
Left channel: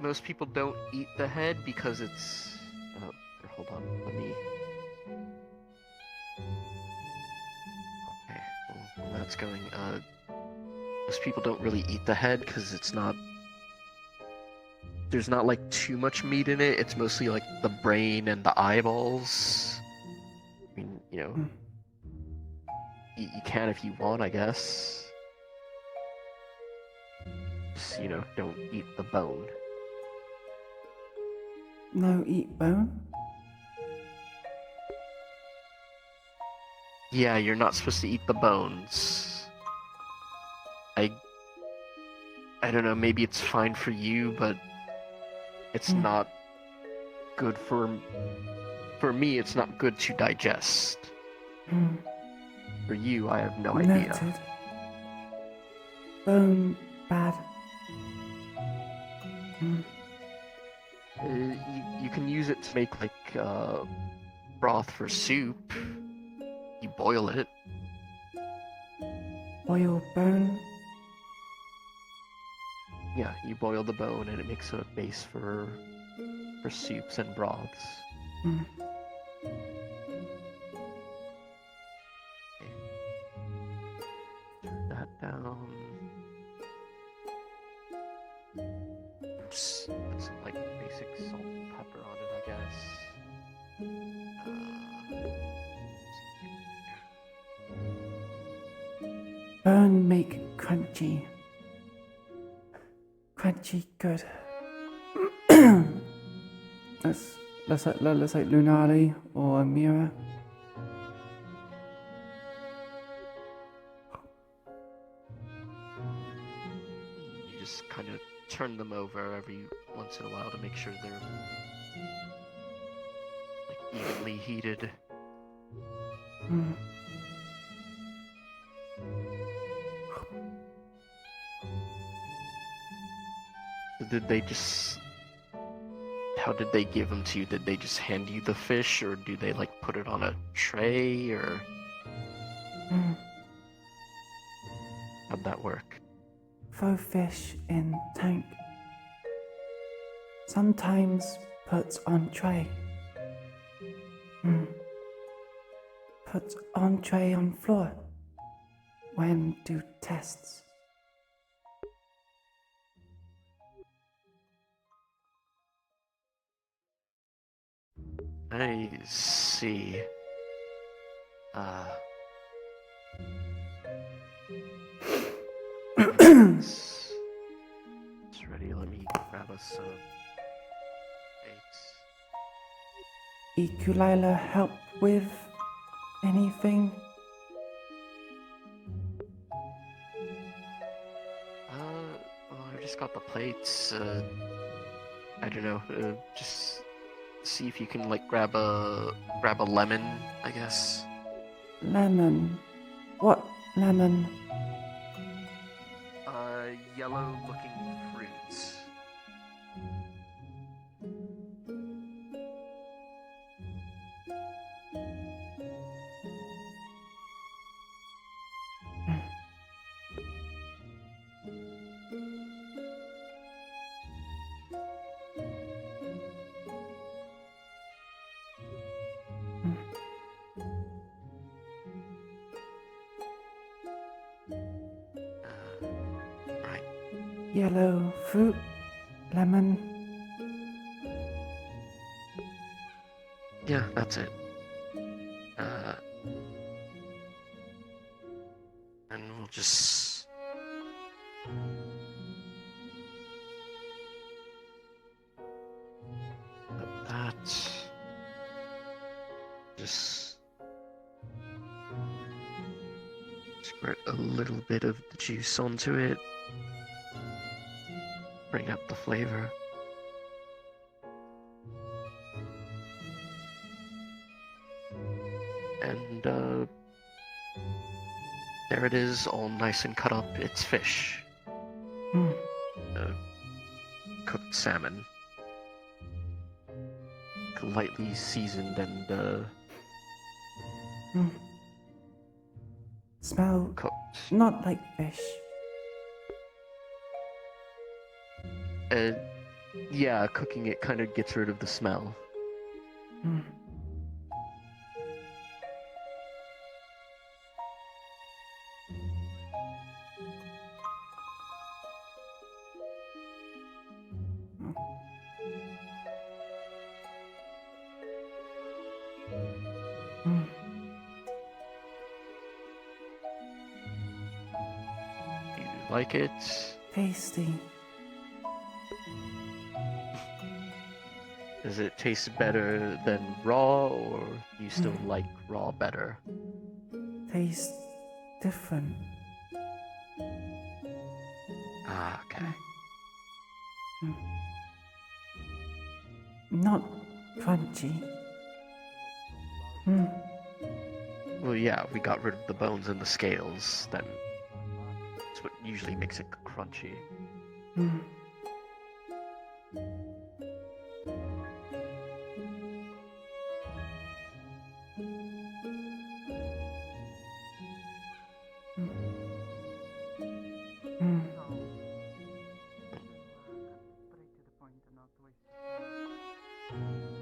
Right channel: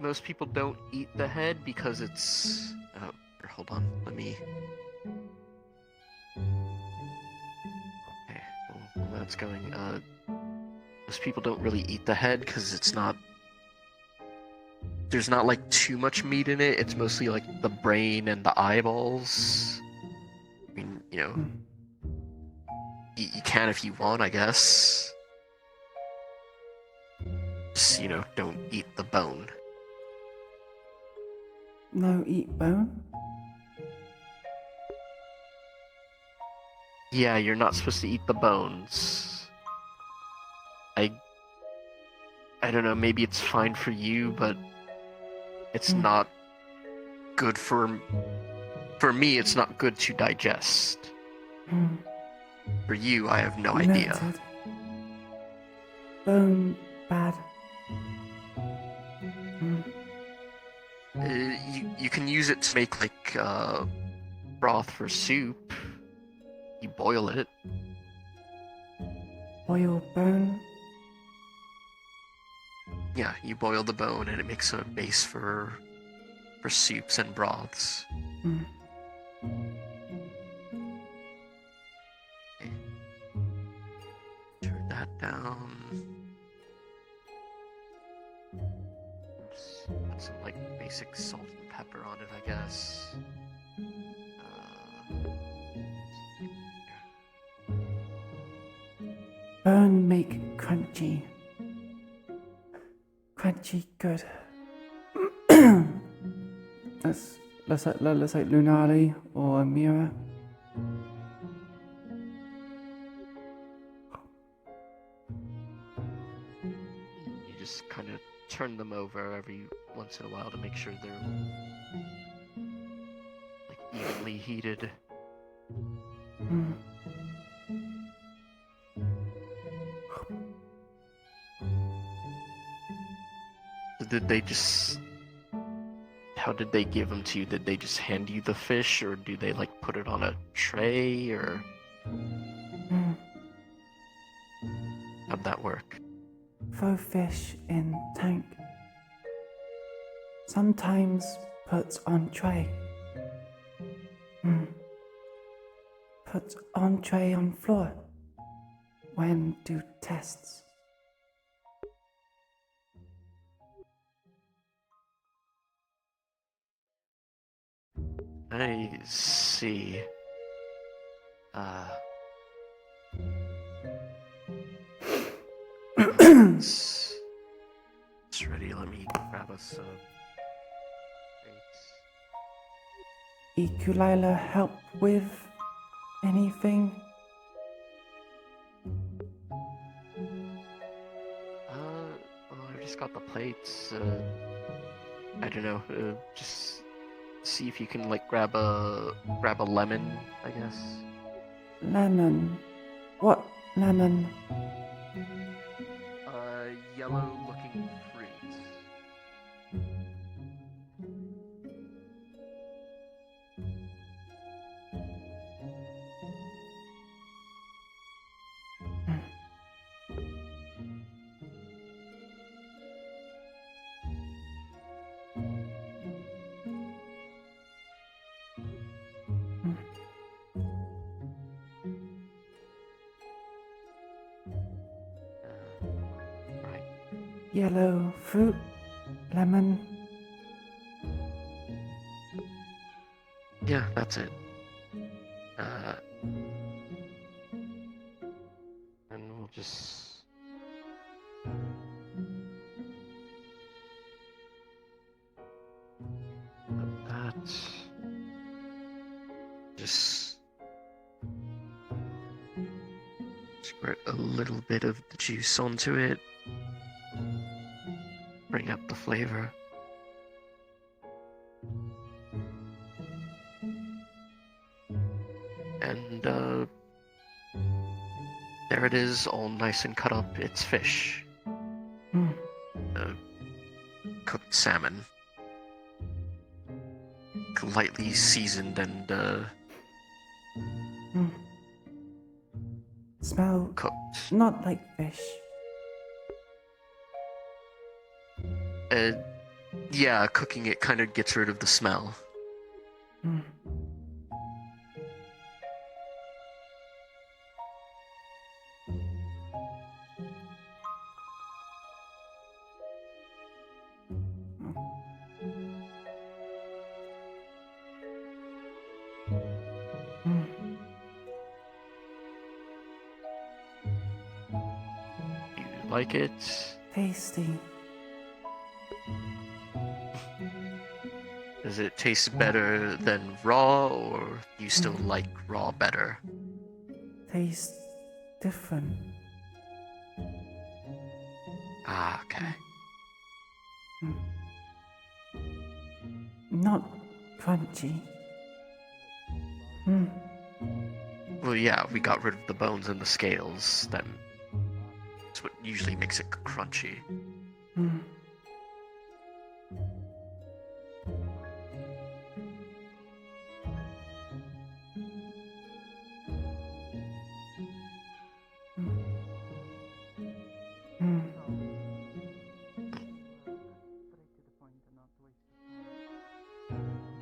Most people don't eat the head because it's. Oh, here, hold on. Let me. Okay, well, while that's going. Most people don't really eat the head because it's not. There's not like too much meat in it. It's mostly like the brain and the eyeballs. I mean, you can if you want, I guess. Just, don't eat the bone. No eat bone. Yeah, you're not supposed to eat the bones. I don't know, maybe it's fine for you, but it's not good for me, it's not good to digest. For you, I have no idea. Melted. Bone bad. You can use it to make like broth for soup. You boil it. Boil bone. Yeah, you boil the bone and it makes a base for soups and broths. Mm. Turn that down. Oops, put some like basic salt and pepper on it, I guess. Bone make crunchy. Crunchy good. let's like Lunali or Amira. You just kind of turn them over every once in a while to make sure they're like evenly heated. Mm. Did they just... How did they give them to you? Did they just hand you the fish, or do they like put it on a tray, or... Mm. How'd that work? Throw fish in tank. Sometimes put on tray. Put on tray on floor. When do tests. I see. It's ready. Let me grab us a plate. Iku'lylah help with anything? Well, I just got the plates. I don't know. Just see if you can like grab a lemon, I guess. Lemon. What lemon? Yellow looking fruits. Yellow fruit. Lemon. Yeah, that's it. And we'll just... put that... Just... squirt a little bit of the juice onto it. Bring up the flavor. And, there it is, all nice and cut up. It's fish. Cooked salmon. Lightly seasoned and, Smell cooked. not like fish. Yeah, cooking it kind of gets rid of the smell. You like it? Tasty. Does it taste better than raw, or you still like raw better? Tastes different. Ah, okay. Not crunchy. Well, yeah, we got rid of the bones and the scales. Then that's what usually makes it crunchy. Mm. Mm.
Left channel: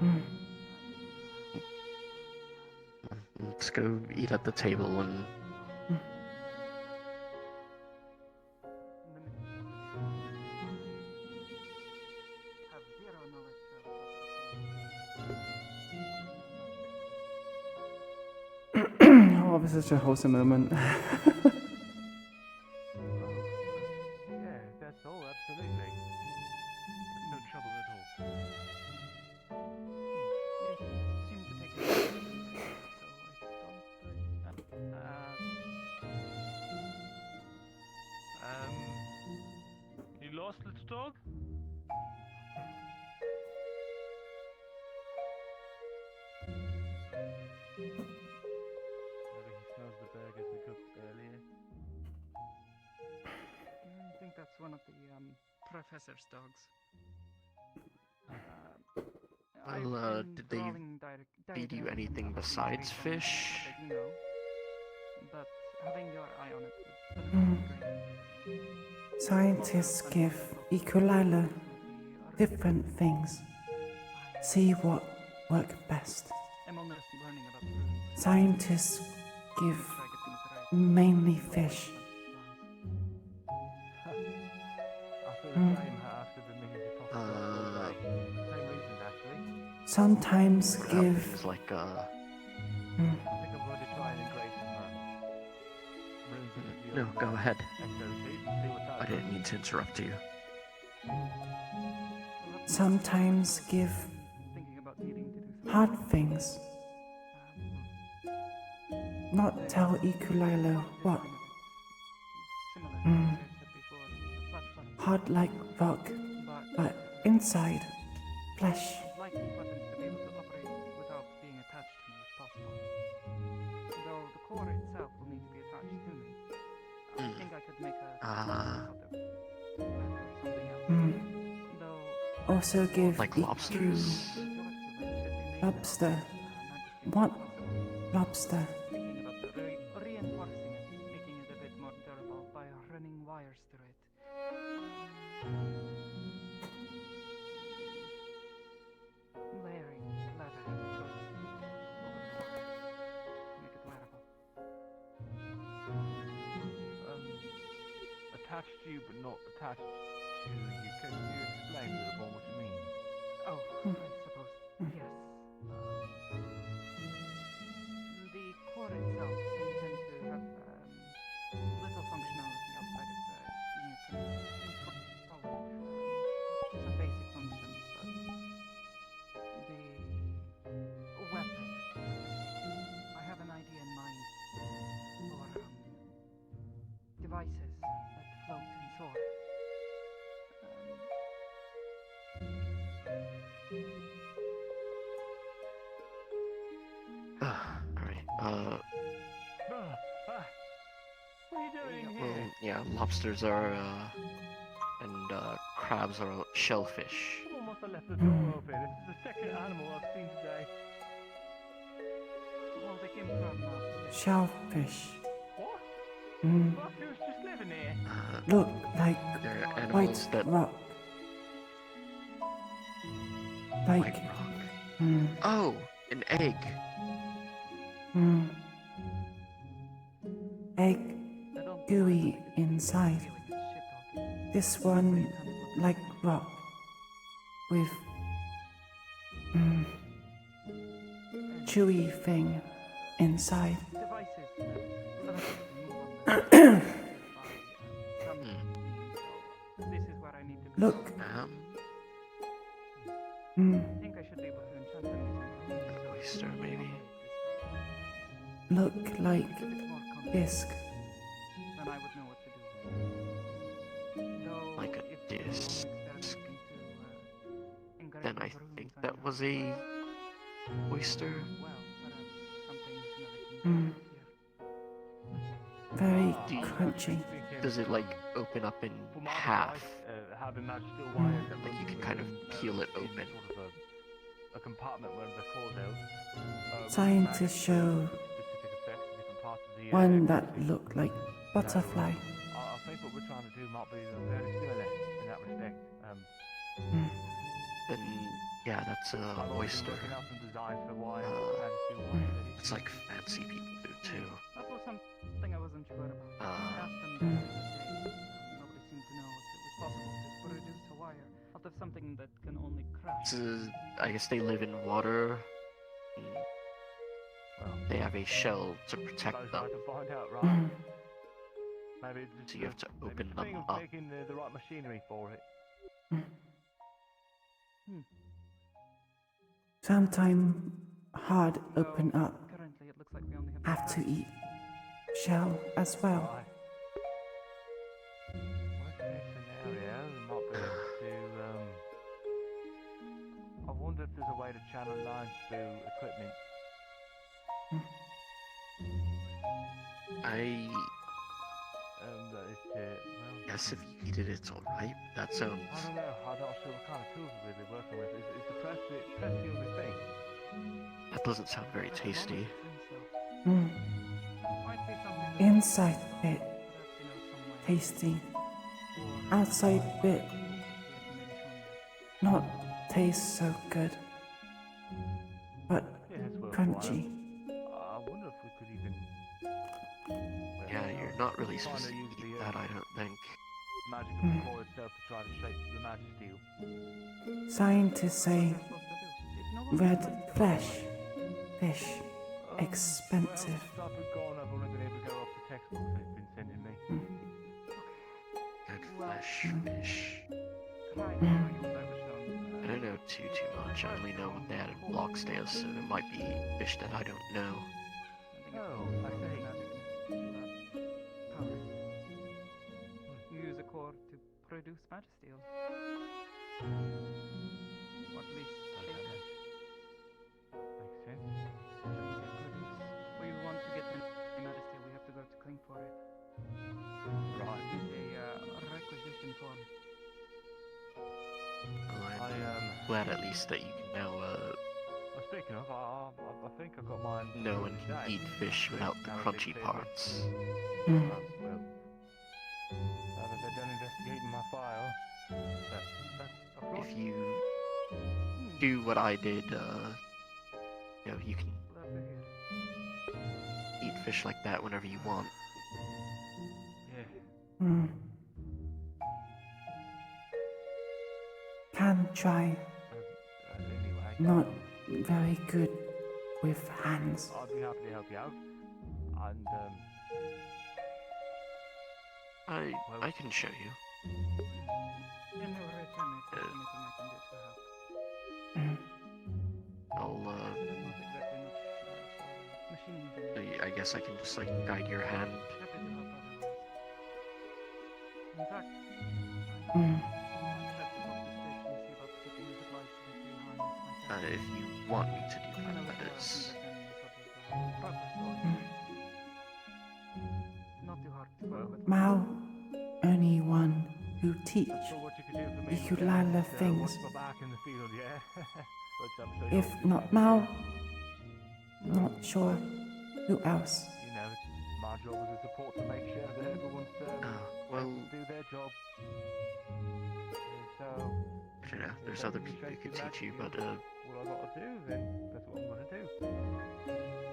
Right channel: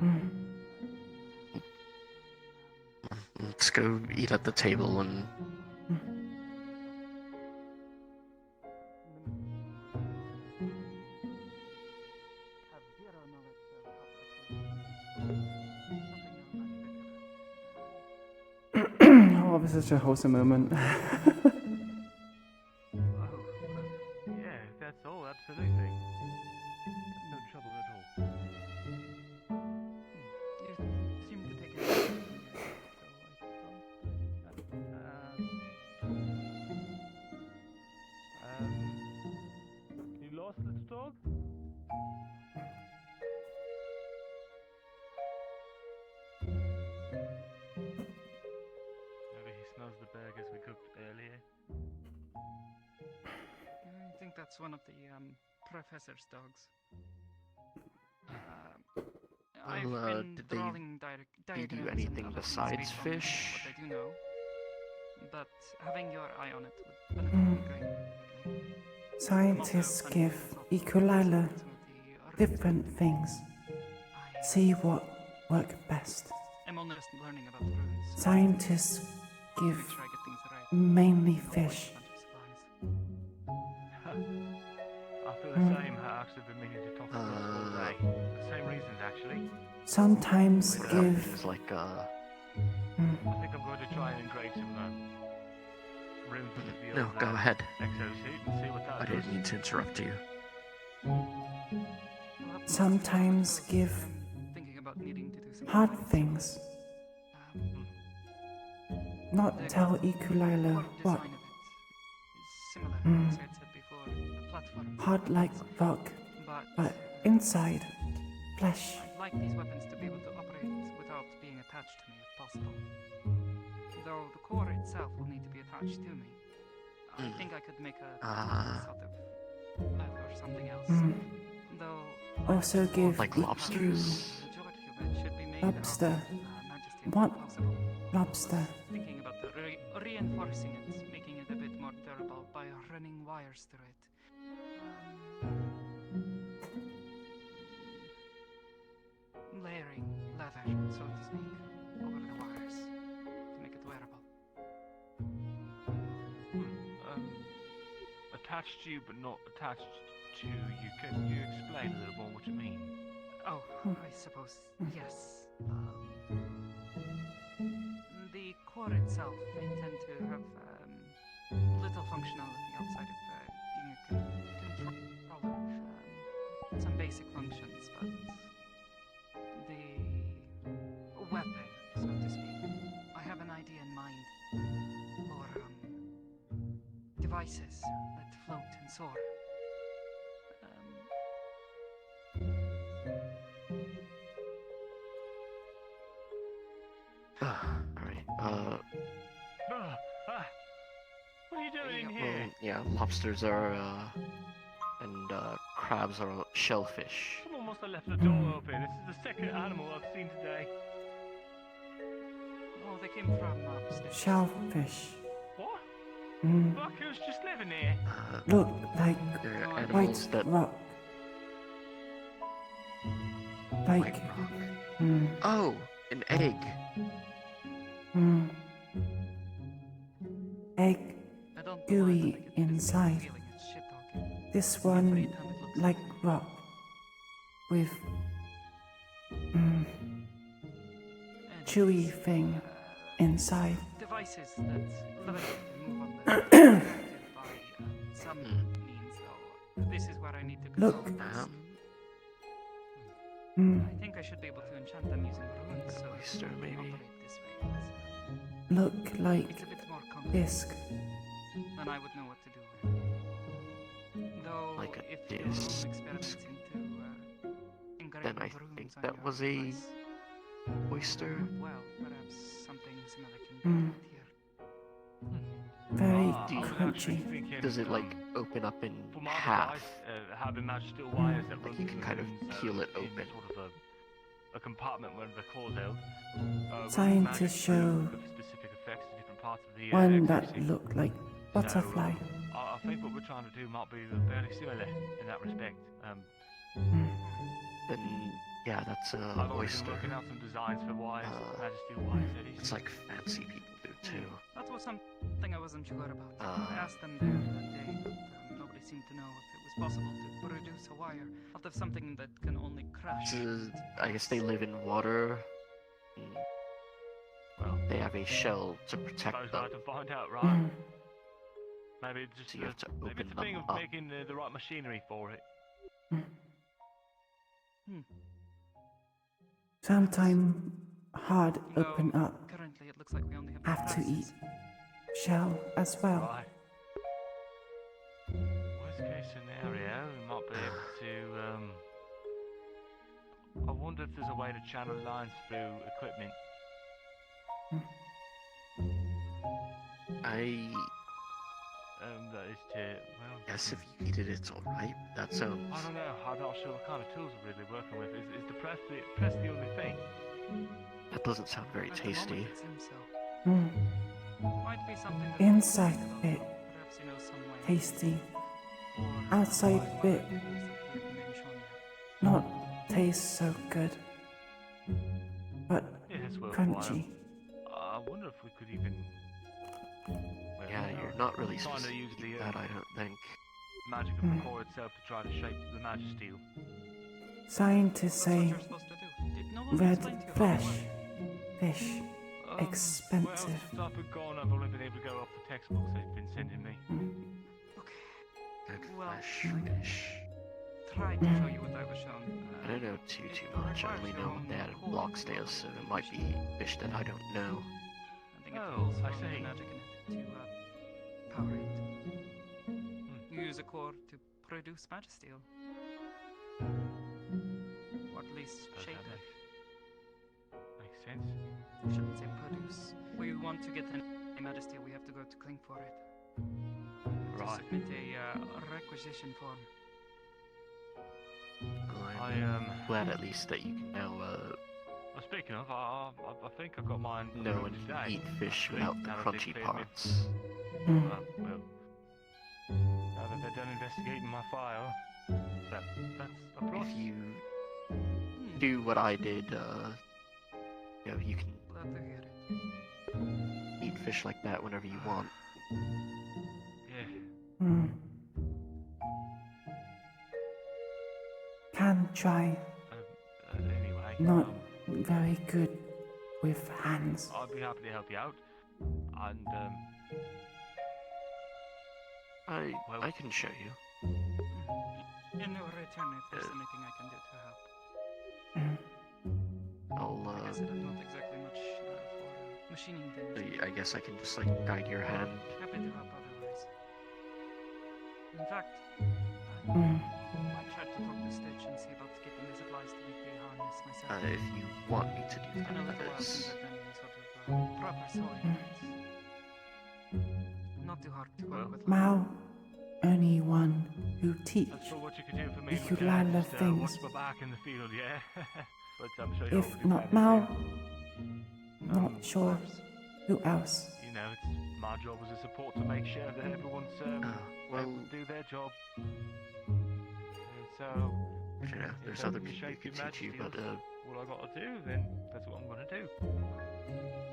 Mm. Let's go eat at the table and. Oh, this is such a wholesome moment. Yeah, that's all, absolutely. No trouble at all. You seem to take it. You lost, little dog? Maybe he smells the burgers we cooked earlier. I think that's one of the professor's dogs. Well, did they feed you anything besides fish? I do know, but having your eye on it would Mm. be great. Scientists give Iku'lylah different things. See what work best. I'm only just learning about the runes. Scientists give mainly fish. I feel the same. I've actually been meaning to talk about the same reasons, actually. Sometimes give. Things like Mm. I think I'm going to try and engrave some runes into the No, old, go ahead. exosuit and see what that I didn't mean to interrupt you. Sometimes give hard things. Not tell Iku'lylah what. Mm. Hard like rock, but inside flesh. I'd like these weapons to be able to operate without being attached to me if possible. Though the core itself will need to be attached to me. I think I could make a out of leather or something else. Mm. Though Also give Like Iku lobsters? lobster. What lobster? thinking about reinforcing it, making it a bit more durable by running wires through it. Layering leather, so to speak, over the wires to make it wearable. Attached to you, but not attached to you. Can you explain a little more what you mean? Oh, I suppose, yes. The core itself, they tend to have little functionality outside of being a controller. Some basic functions, but the weapon, so to speak, I have an idea in mind for devices that float and soar. Alright, What are you doing here? well, yeah, lobsters are, and, crabs are shellfish. Someone must have left the door open. This is the second animal I've seen today. Oh, they came from upstairs. Shellfish. What? Mm. Who's just living here? Look like They're white animals that. rock. Like. Mm. Oh, an egg. Mm. Egg gooey inside. This one like rock with chewy thing inside. Devices that float and move on some means, though. This is where I need to go. Look. I think I should be able to enchant them using runes. So oyster, maybe. Look like disc. Then I would know what to do. Though, Like a if you're disc. experimenting to engrave Then I runes think on that your was a oyster. well, perhaps something similar can Mm. be very crunchy. Does it like open up in half? Like you can kind of peel it open. A compartment where the cores out. Scientists show one that looked like butterfly. I think what we're trying to do might be very similar in that respect. Then yeah, that's a oyster. It's like fancy people do too. That was something I wasn't sure about. I asked them the other day. Nobody seemed to know if it was possible to produce a wire out of something that can only crash. I guess they live in water. They have a shell to protect them. So you have to open them up. Making the right machinery for it. Sometime hard open up. Have to eat shell as well. Worst case scenario, we might be able to. I wonder if there's a way to channel lines through equipment. That is to, well, Yes, if you eat it, it's alright. That sounds. I don't know. I'm not sure what kind of tools we're really working with. Is the press the only thing? That doesn't sound very tasty. Inside bit tasty. Outside bit not taste so good. But crunchy. I wonder if we could even. Yeah, you're not really supposed to eat that, I don't think. Magic of the core itself to try to shape the magic steel. Scientists say red flesh, fish, expensive. I've been gone. I've only been able to go off the textbooks they've been sending me. Red flesh, fish. I don't know too much. I only know what they had in Blocksdale, so it might be fish that I don't know. Oh, I see. Power it. You use a core to produce magisteel. Or at least shape it. Makes sense. I shouldn't say produce. We want to get the magisteel, we have to go to Cling for it. Right. Submit a requisition form. Well, I'm glad at least that you can now, Well, speaking of, I think I've got mine. know and eat fish without the crunchy parts. Well, now that they're done investigating my file, that's a plus. If you do what I did, you know, you can eat fish like that whenever you want. Yeah. Can try. Anyway. Not very good with hands. I'd be happy to help you out. And, I can show you. In return, if there's anything I can do to help. I'll, Not exactly much for machining things. I guess I can just, like, guide your hand. Happy to help otherwise. In fact, I tried to talk to Stitch and see about getting the supplies to make the harness myself. If you want me to do that, that is. Proper soil. Not too hard to work with. Mao, only one who teach Iku'lylah things. If not Mao, not sure who else. you know, it's my job as a support to make sure that everyone's well, able to do their job. So, I don't know, there's other people who could teach you, but, what I got to do, then that's what I'm going to do.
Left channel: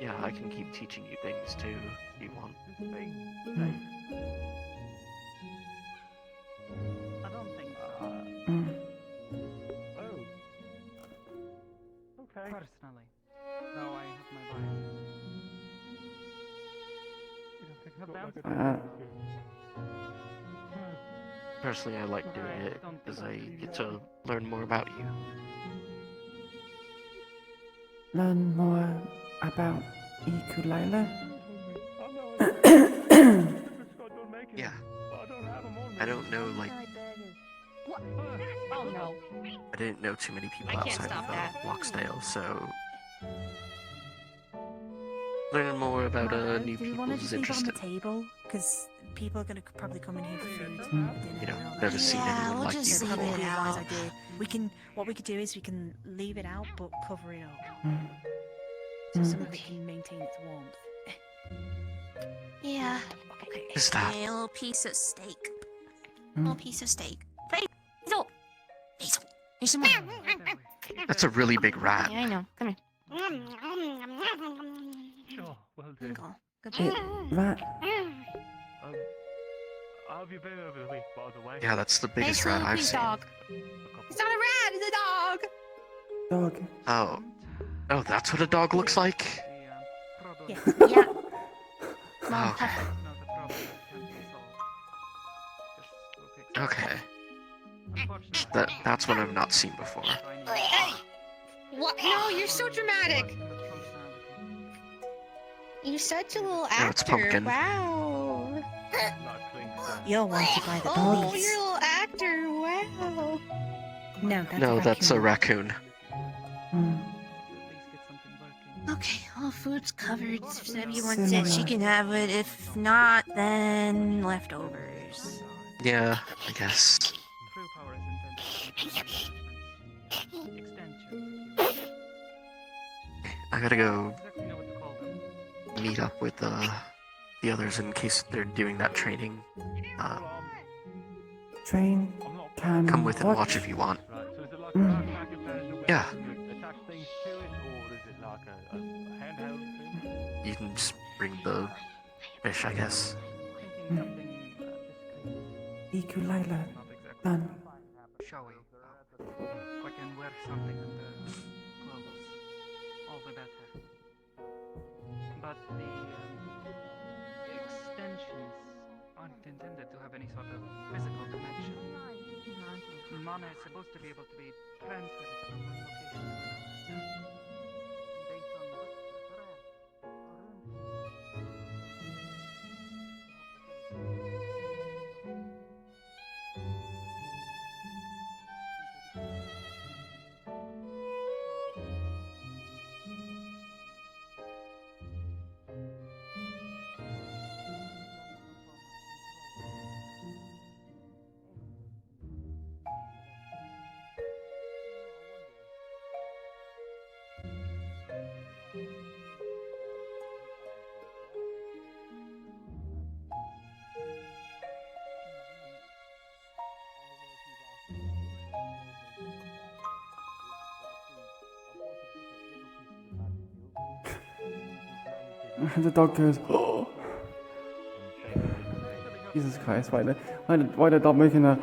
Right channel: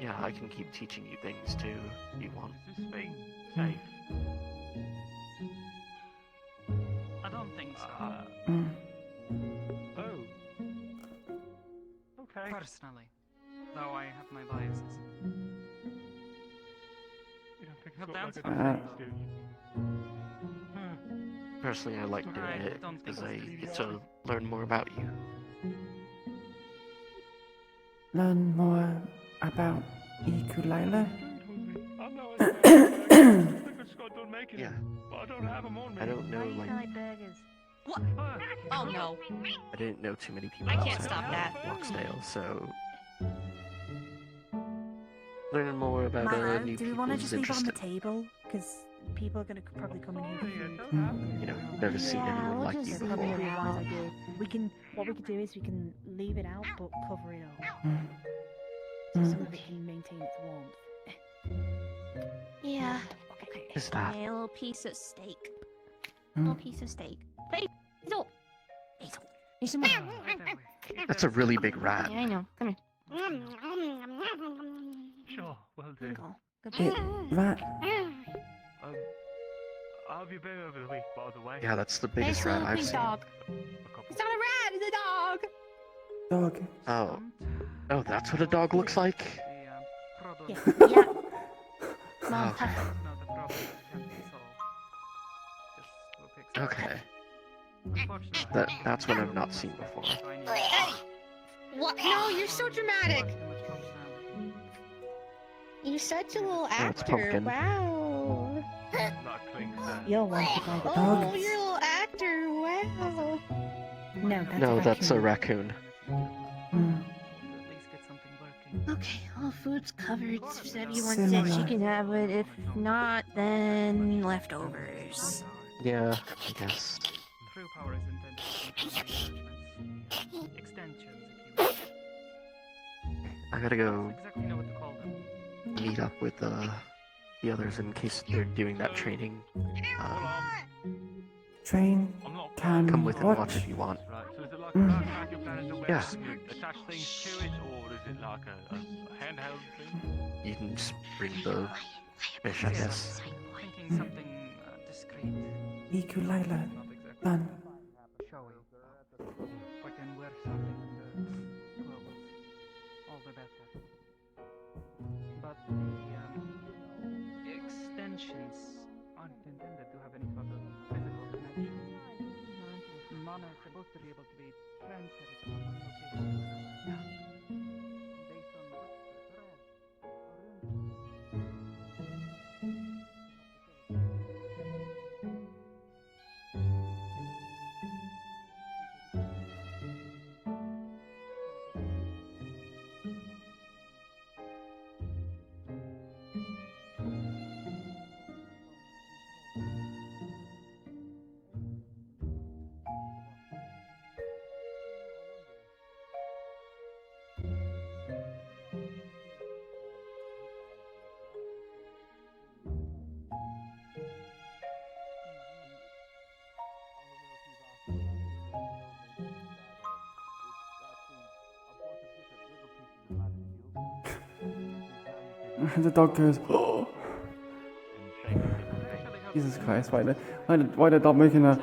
yeah, I can keep teaching you things too, if you want. Is this thing safe? I don't think so. Okay. Personally, though I have my biases. Not the answer. Personally, I like doing it because I get to learn more about you. Learn more about Iku'lylah. Yeah. I don't know, like, Oh no. I didn't know too many people I can't outside stop of that. Blocksdale, so learn more about new do we want to people's just leave it on the interest. table? Because people are going to probably come in here for food. You know, never seen anyone like you before. Probably a wise idea. What we could do is we can leave it out but cover it up. So it can maintain its warmth. Yeah. Okay. Is that? A little piece of steak. A little piece of steak. Hazel! Hazel! Here's some more. That's a really big rat. Yeah, I know. Come here. Sure, will do. Rat. How have you been over the week, by the way? Yeah, that's the biggest rat I've seen. Dog. It's not a rat, it's a dog! Dog. Oh. Oh, that's what a dog looks like? Yeah. Oh, okay. That's what I've not seen before. Hey! What? No, you're so dramatic! You're such a little actor. No, it's Pumpkin. Wow. You're wanted by the Oh, dogs. you're a little actor. Wow. No, That's a raccoon. Okay, all food's covered. If everyone Cinema. said she can have it. If not, then leftovers. Yeah, I guess. True power is intended to I gotta go exactly know what to call them. meet up with the others in case they're doing that training. Train. Can Come with and watch. watch if you want. Right, so is it like Mm. a backpack you plan to do? Yeah. You attach things to it, or is it like a handheld thing? You can just bring the fish, I guess. Thinking something discreet. Iku'lylah. Done. Shall we? I can wear something under clothes. All the better. But the extensions aren't intended to have any sort of physical connection. Mana is supposed to be able to be transferred from one location to another. Based on what thread or The dog goes, oh. Jesus Christ, why the dog making a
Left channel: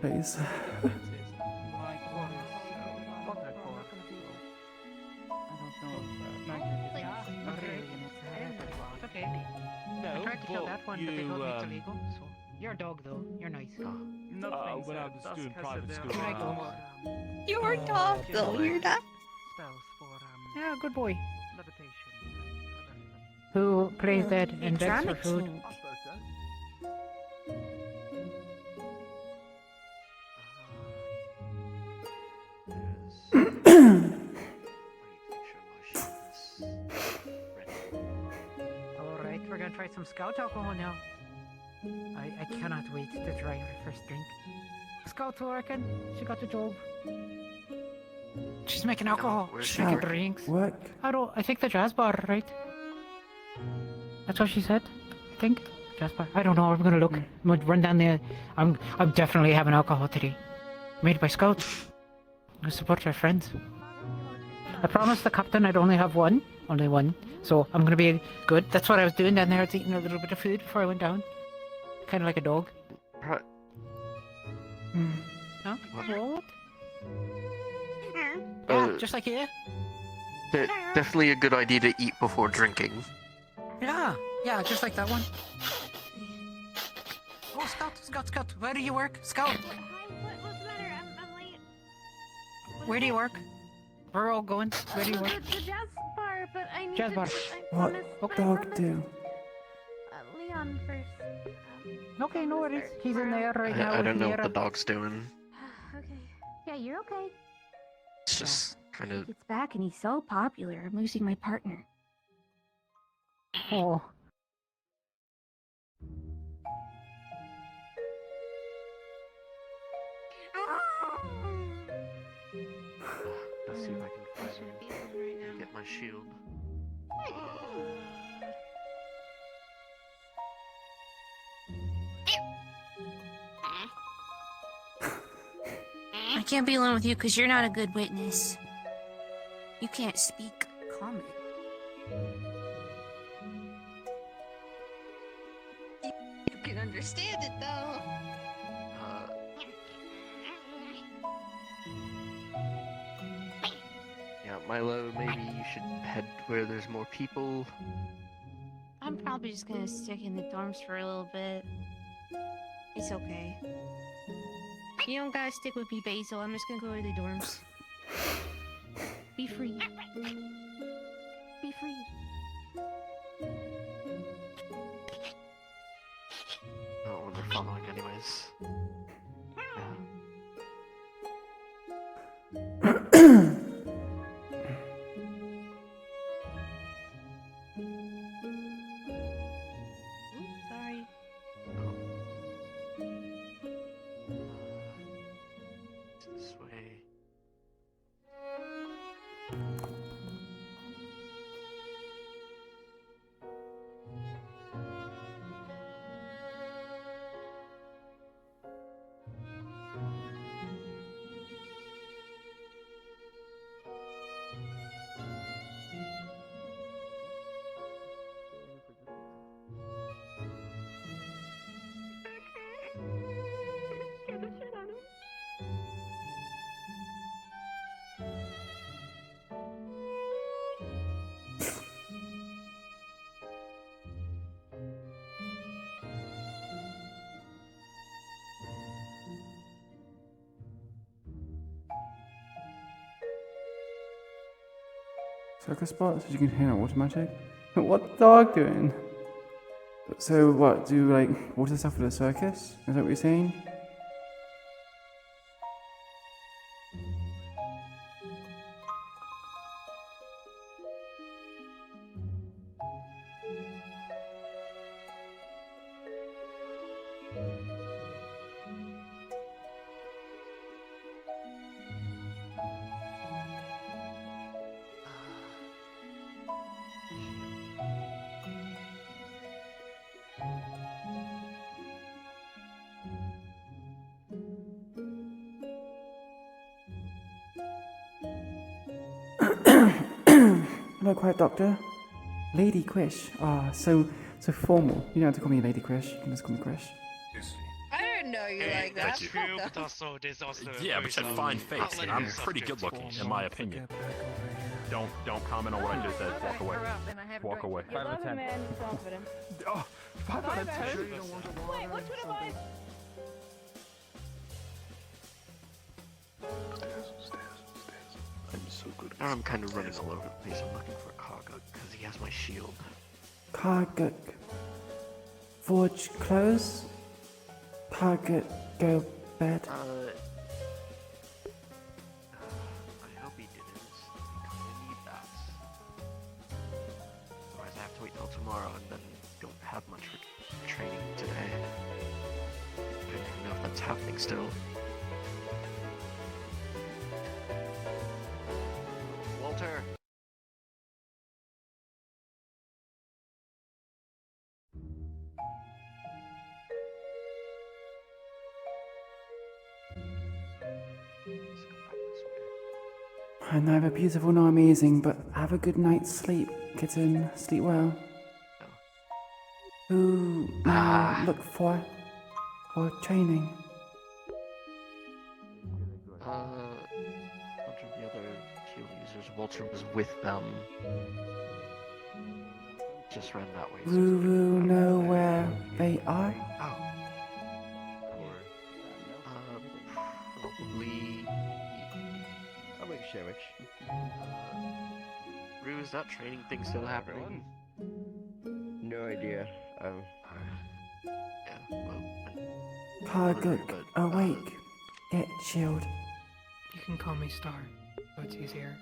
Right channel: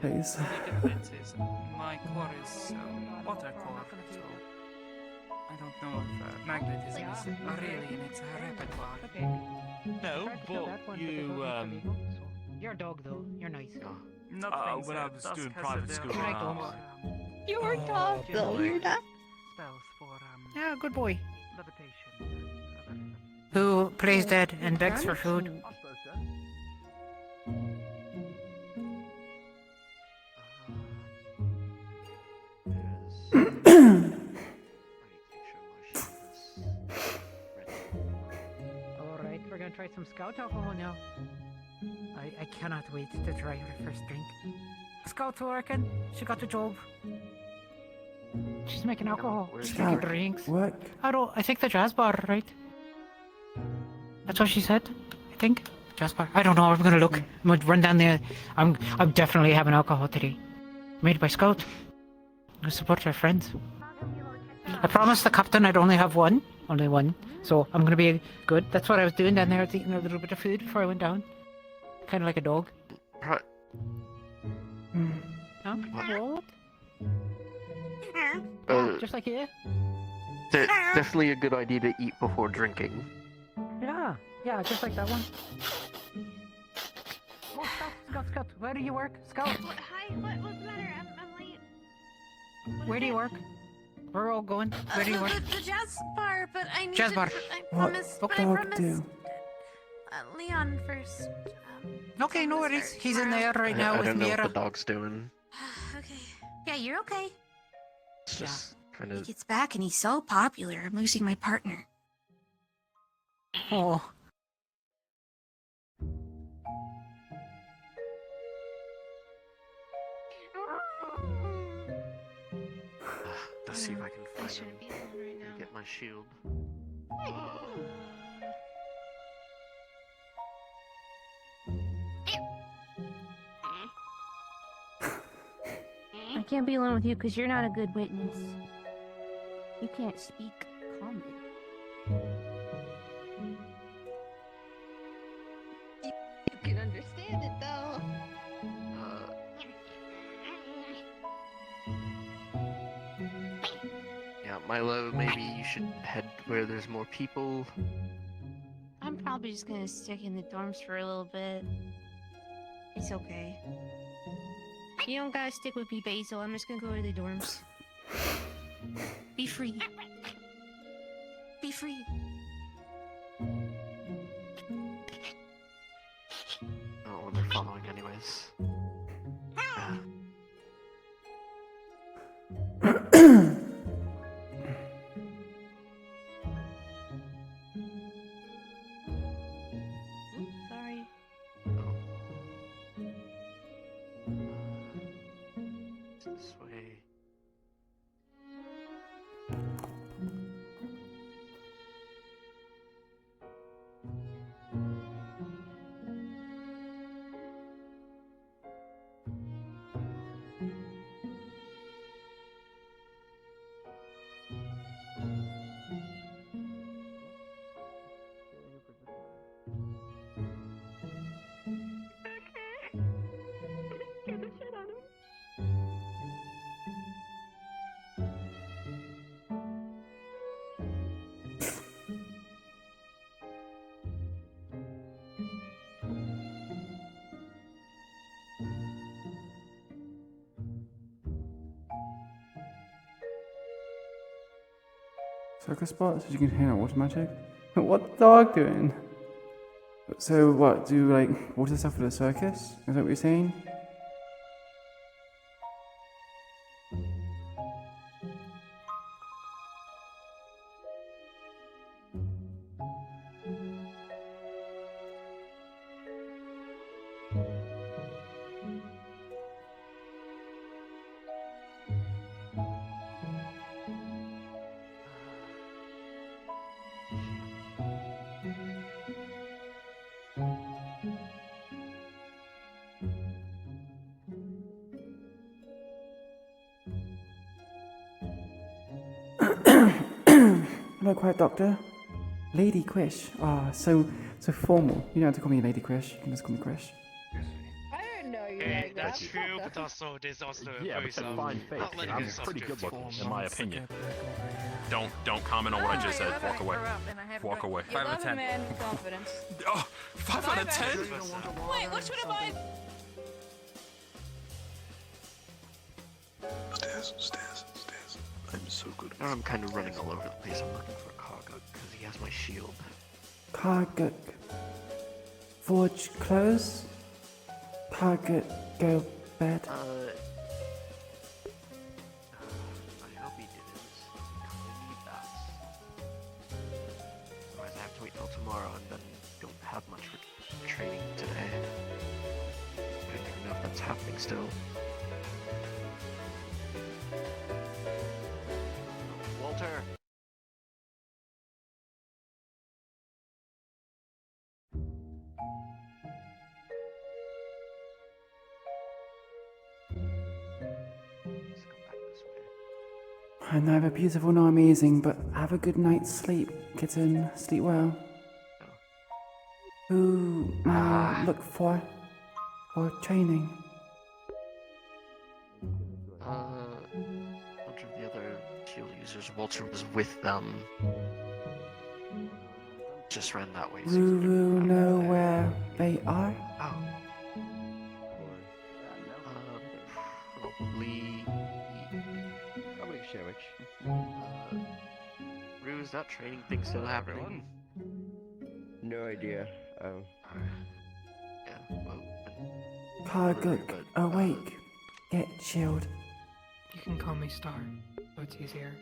face? my core is water core, so I don't know if magnetism is really in its repertoire. Okay. No, but you, You're a dog, though. You're nice. When I was doing private school, You're tough, though. You're not. spells for Yeah, good boy. levitation. Who plays dead and begs for food? I suppose so. Alright, we're gonna try some scout alcohol now. I cannot wait to try her first drink. Scout's working. She got the job. She's making alcohol. She got Scout, drinks. work. I think the jazz bar, right? That's what she said, I think. Jazz bar. I don't know, I'm gonna look. I'm gonna run down there. I'm definitely having alcohol today. Made by Scouts. I support our friends. I promised the captain I'd only have one. Only one. So I'm gonna be good. That's what I was doing down there. I was eating a little bit of food before I went down. Kinda like a dog. Right. Huh? What? Just like you? Definitely a good idea to eat before drinking. Yeah, just like that one. Oh, Scout, where do you work? Scout! Hi, what's the matter? I'm late. Where do you work? We're all going. Where do you work? The jazz bar, but I need Jazz to... bar. What dog do? Leon first. Okay, no worries. He's in there right now I with don't know what Mira. the dog's doing. Okay. Yeah, you're okay. It's just kind He of. gets back and he's so popular. I'm losing my partner. Oh. Let's see if I can I find shouldn't be him alone right now. and get my shield. I can't be alone with you because you're not a good witness. You can't speak common. You can understand it though. Yeah, Milo, maybe you should head where there's more people. I'm probably just gonna stick in the dorms for a little bit. It's okay. You don't gotta stick with me, Basil. I'm just gonna go to the dorms. Be free. Be free. Oh, they're following anyways. Oops, sorry. This way. Scared the shit out of me. Circus spot so you can hang out automatic. What's the dog doing? So what? Do like water stuff for the circus? Is that what you're saying? Hello, Quiet Doctor. Lady Quish. Ah, so formal. You don't have to call me Lady Quish. You can just call me Quish. I didn't know you Hey, like that's that. true, but also there's also Yeah, but you have fine face, and I'm pretty good looking, in my opinion. Don't comment on what I just said. Walk away. Walk away. 5 out of 10. Oh, 5 out of 10? Wait, which one am I? Stairs. I'm so good. Now I'm kind of running all over the place. I'm looking for Karguk because he has my shield. Karguk. Forge close. Karguk go bed. I hope he didn't. I kinda need that. Otherwise I have to wait till tomorrow and then don't have much for training today. I don't even know if that's happening still. Walter! I'm neither beautiful nor amazing, but have a good night's sleep, kitten. Sleep well. Who now look for training? A bunch of the other shield users. Walter was with them. Just ran that way. Woo know where they are? Probably. I'll make a sandwich. Rue, is that training thing still happening? No idea. Yeah, well. Karguk, awake. Get chilled. You can call me Star, so it's easier.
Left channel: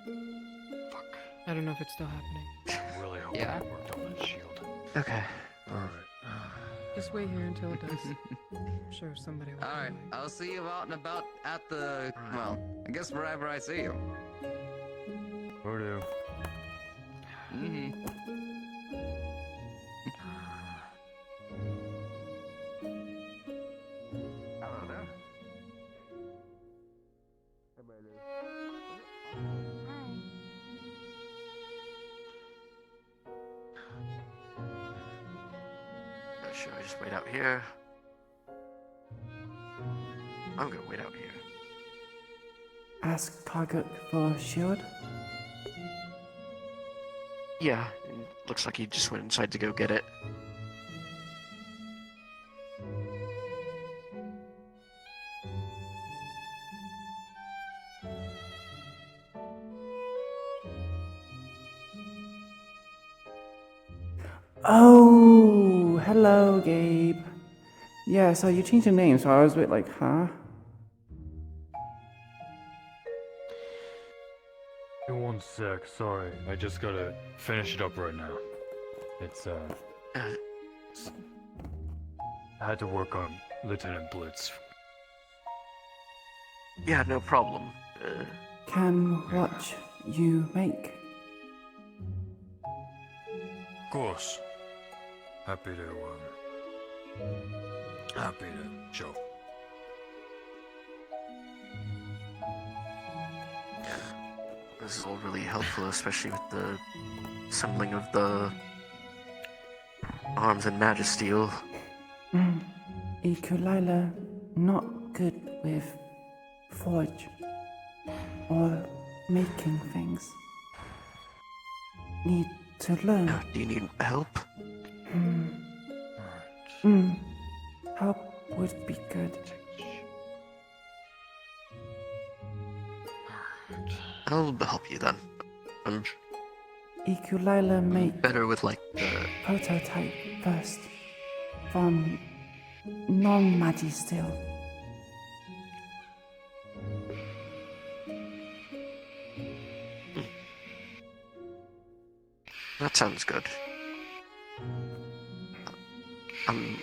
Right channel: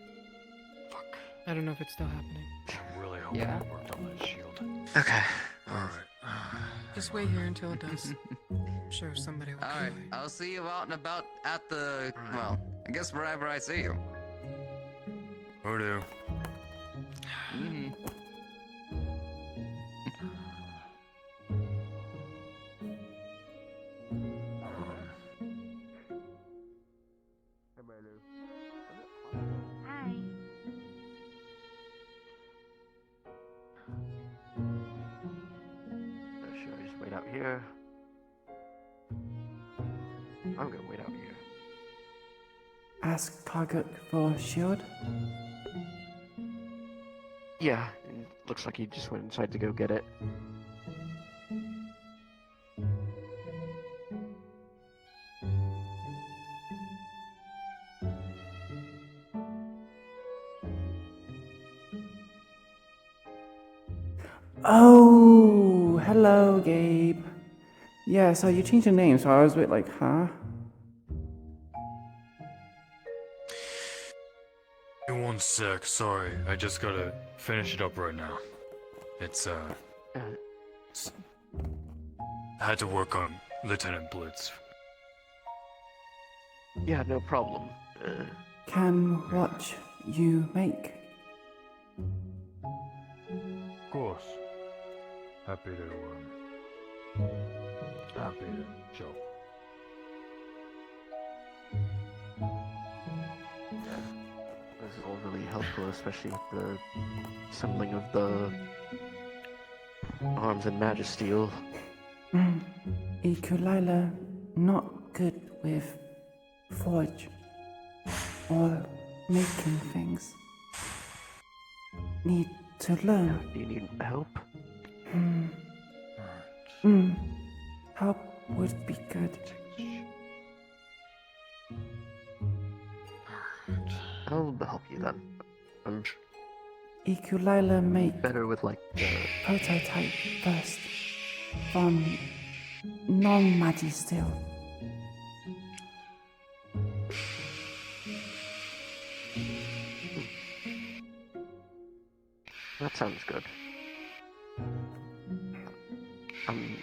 Fuck. I don't know if it's still happening. I'm really hoping Yeah. it worked on that shield. Okay. Just wait here until it does. I'm sure somebody will. Alright, I'll see you out and about at the, well, I guess wherever I see you. Voodoo. Mm-hmm. Should I just wait out here? I'm gonna wait out here. Ask Target for a shield? Yeah, it looks like he just went inside to go get it. Oh, hello, Gabe. Yeah, so you changed your name, so I was a bit like, huh? Hey, one sec, sorry. I just gotta finish it up right now. It's, I had to work on Lieutenant Blitz. Yeah, no problem. Can watch you make. Of course. Happy to show. This is all really helpful, especially with the assembling of the arms and Magisteel. Iku'lylah, not good with forge or making things. Need to learn. Do you need help? Help would be good. I'll help you then. I'm Iku'lylah make better with like the prototype first from non-Magisteel. That sounds good. I'm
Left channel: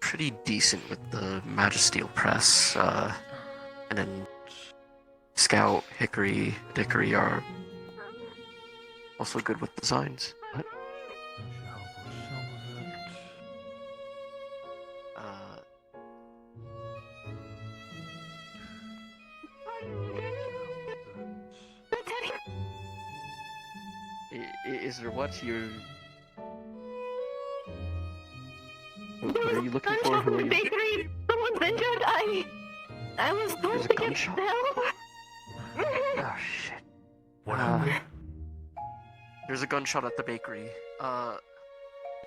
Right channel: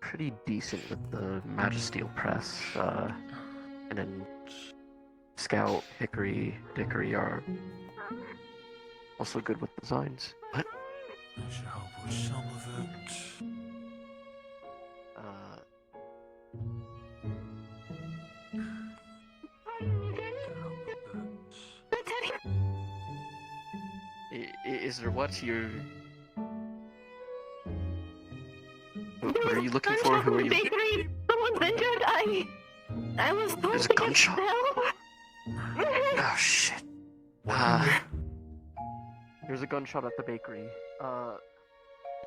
pretty decent with the Magisteel press, and then Scout, Hickory, Dickory are also good with designs. What? I should help with some of it. Is there what you're... What are you looking for? Who are you? Bakery, someone's injured. I was told There's a to get gunshot. help. Oh shit. There's a gunshot at the bakery.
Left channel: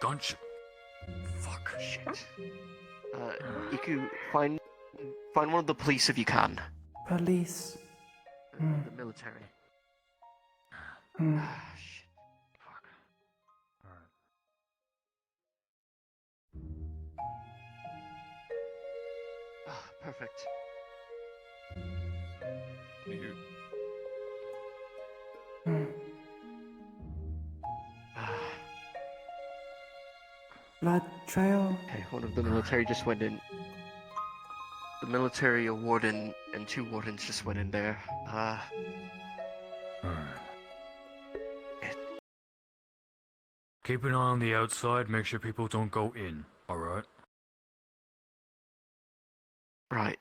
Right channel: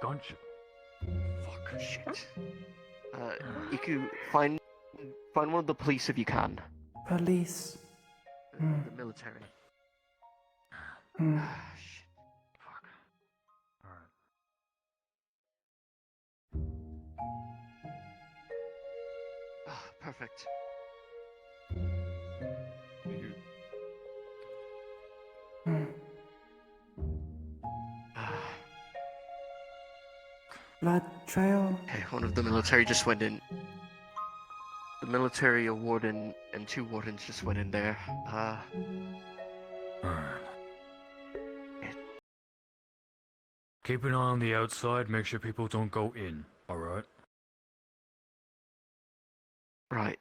Gunshot? Fuck. Shit. Iku, find one of the police if you can. Police. The military. Perfect. Blood trail. Okay, one of the military just went in. The military, a warden, and 2 wardens just went in there. Keep an eye on the outside, make sure people don't go in, alright? Right.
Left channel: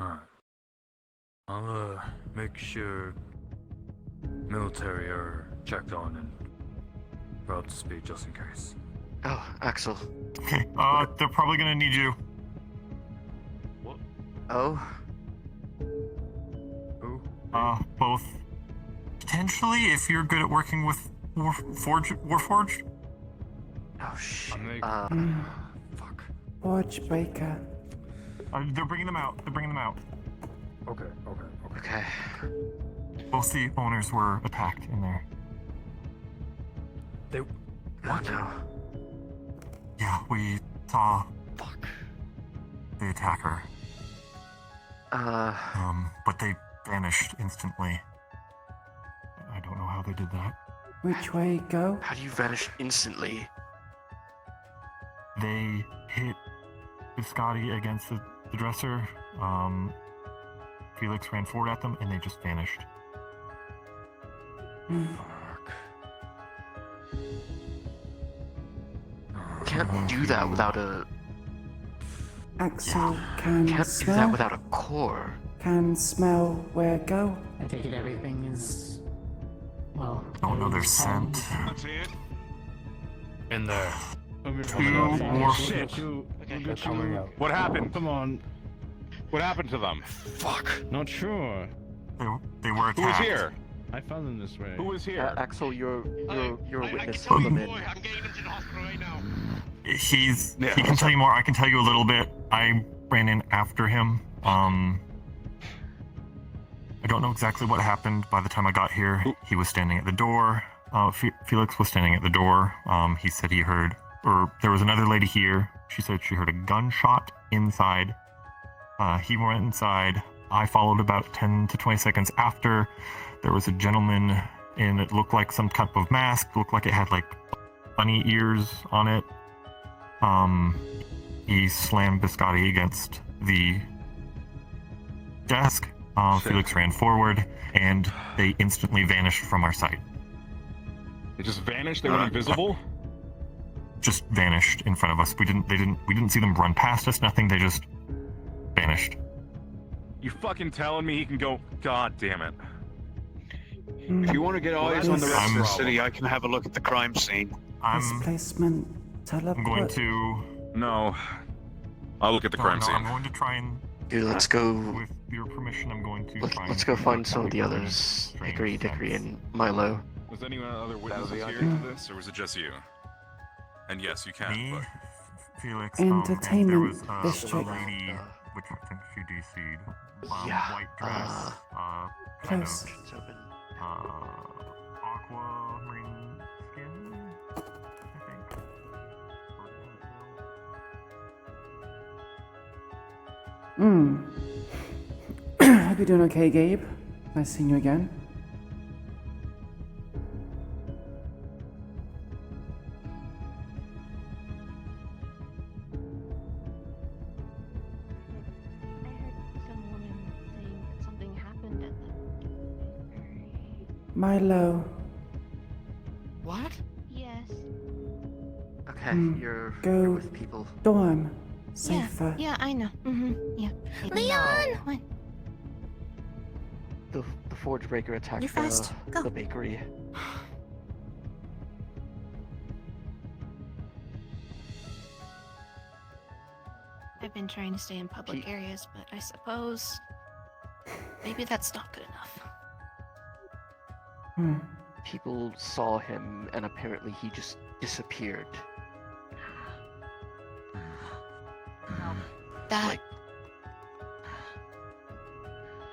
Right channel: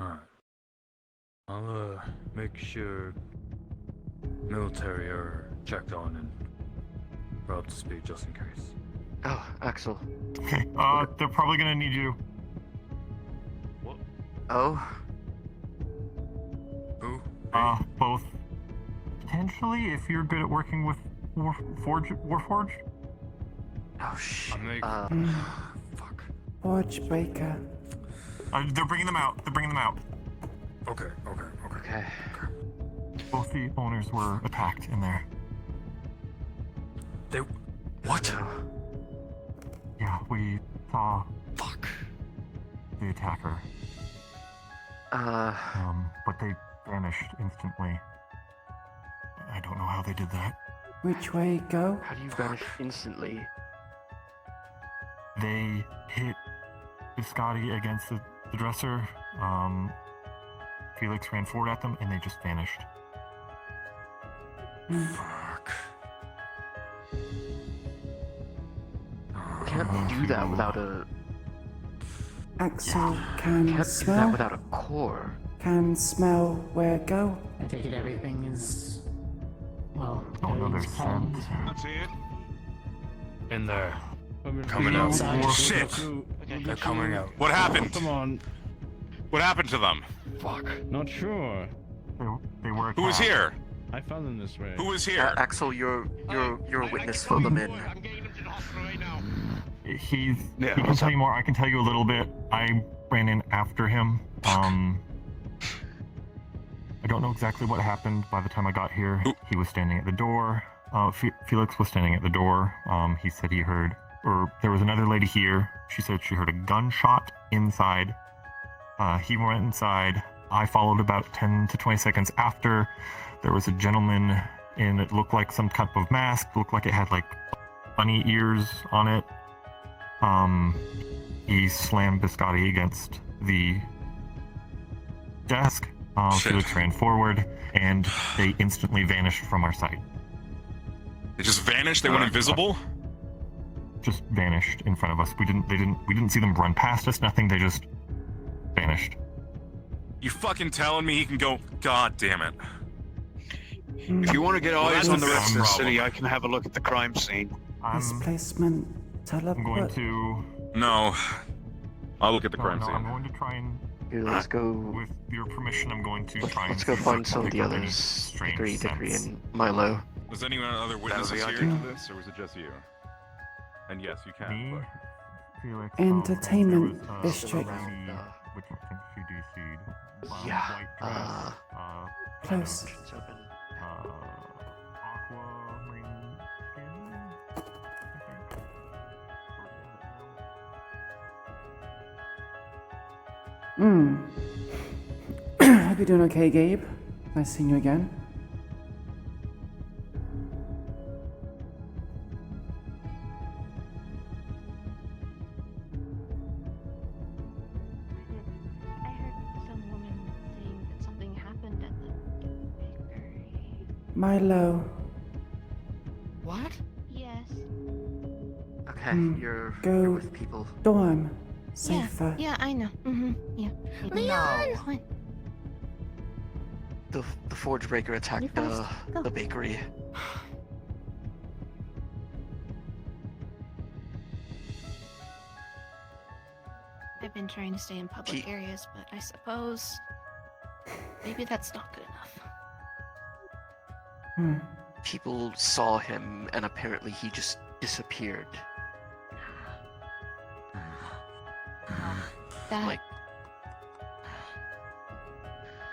Alright. I'll, make sure military are checked on and we're up to speed just in case. Oh, Axel. Okay, they're probably gonna need you. What? Oh? Who? Both. Potentially, if you're good at working with Warforged. Oh shit. Fuck. Forge breaker. They're bringing them out. Okay. Okay. Both the owners were attacked in there. They... What? Yeah, we saw... Fuck. The attacker. But they vanished instantly. they did that. Which way go? How do you vanish instantly? They hit Biscotti against the dresser. Felix ran forward at them, and they just vanished. Can't do that without a. Axel can Can't do smell. that without a core. Can smell where go. I take it everything is, well, Another scent. In there. Coming out. Shit. They're coming out. What happened? Come on. What happened to them? Fuck. Not sure. They were Who was here? I found them this way. Who was here? Axel, you're a witness. Fill them in. He can tell you more. I can tell you a little bit. I ran in after him. I don't know exactly what happened. By the time I got here, he was standing at the door. Felix was standing at the door. He said he heard, or there was another lady here. She said she heard a gunshot inside. He went inside. I followed about 10 to 20 seconds after. There was a gentleman in it looked like some type of mask. Looked like it had like bunny ears on it. He slammed Biscotti against the desk. Felix ran forward, and they instantly vanished from our sight. They just vanished? They went invisible? Just vanished in front of us. We didn't see them run past us, nothing. They just vanished. You fucking telling me he can go? God damn it. If you want to get eyes on the rest of the city, I can have a look at the crime scene. Displacement teleport. I'm going to... No. I'll look at the crime I'm scene. going to try and... Dude, let's go. With your permission, I'm going to try and... Let's go find some of the others. Hickory, and Milo. Was anyone other witnesses here for this, or was it just you? And yes, you can. Me, but... Felix, Entertainment there was, district. lady, which I think she DC'd. Yeah, White dress, Close. aquamarine skin. Hope you're doing okay, Gabe. Nice seeing you again. Milo. What? Yes. Okay, you're Go with people. dorm. Safer. Yeah, I know. Yeah. Leon! The forge breaker attacked You first. Go. the bakery. I've been trying to stay in public areas, but I suppose maybe that's not good enough. People saw him, and apparently he just disappeared. That Like,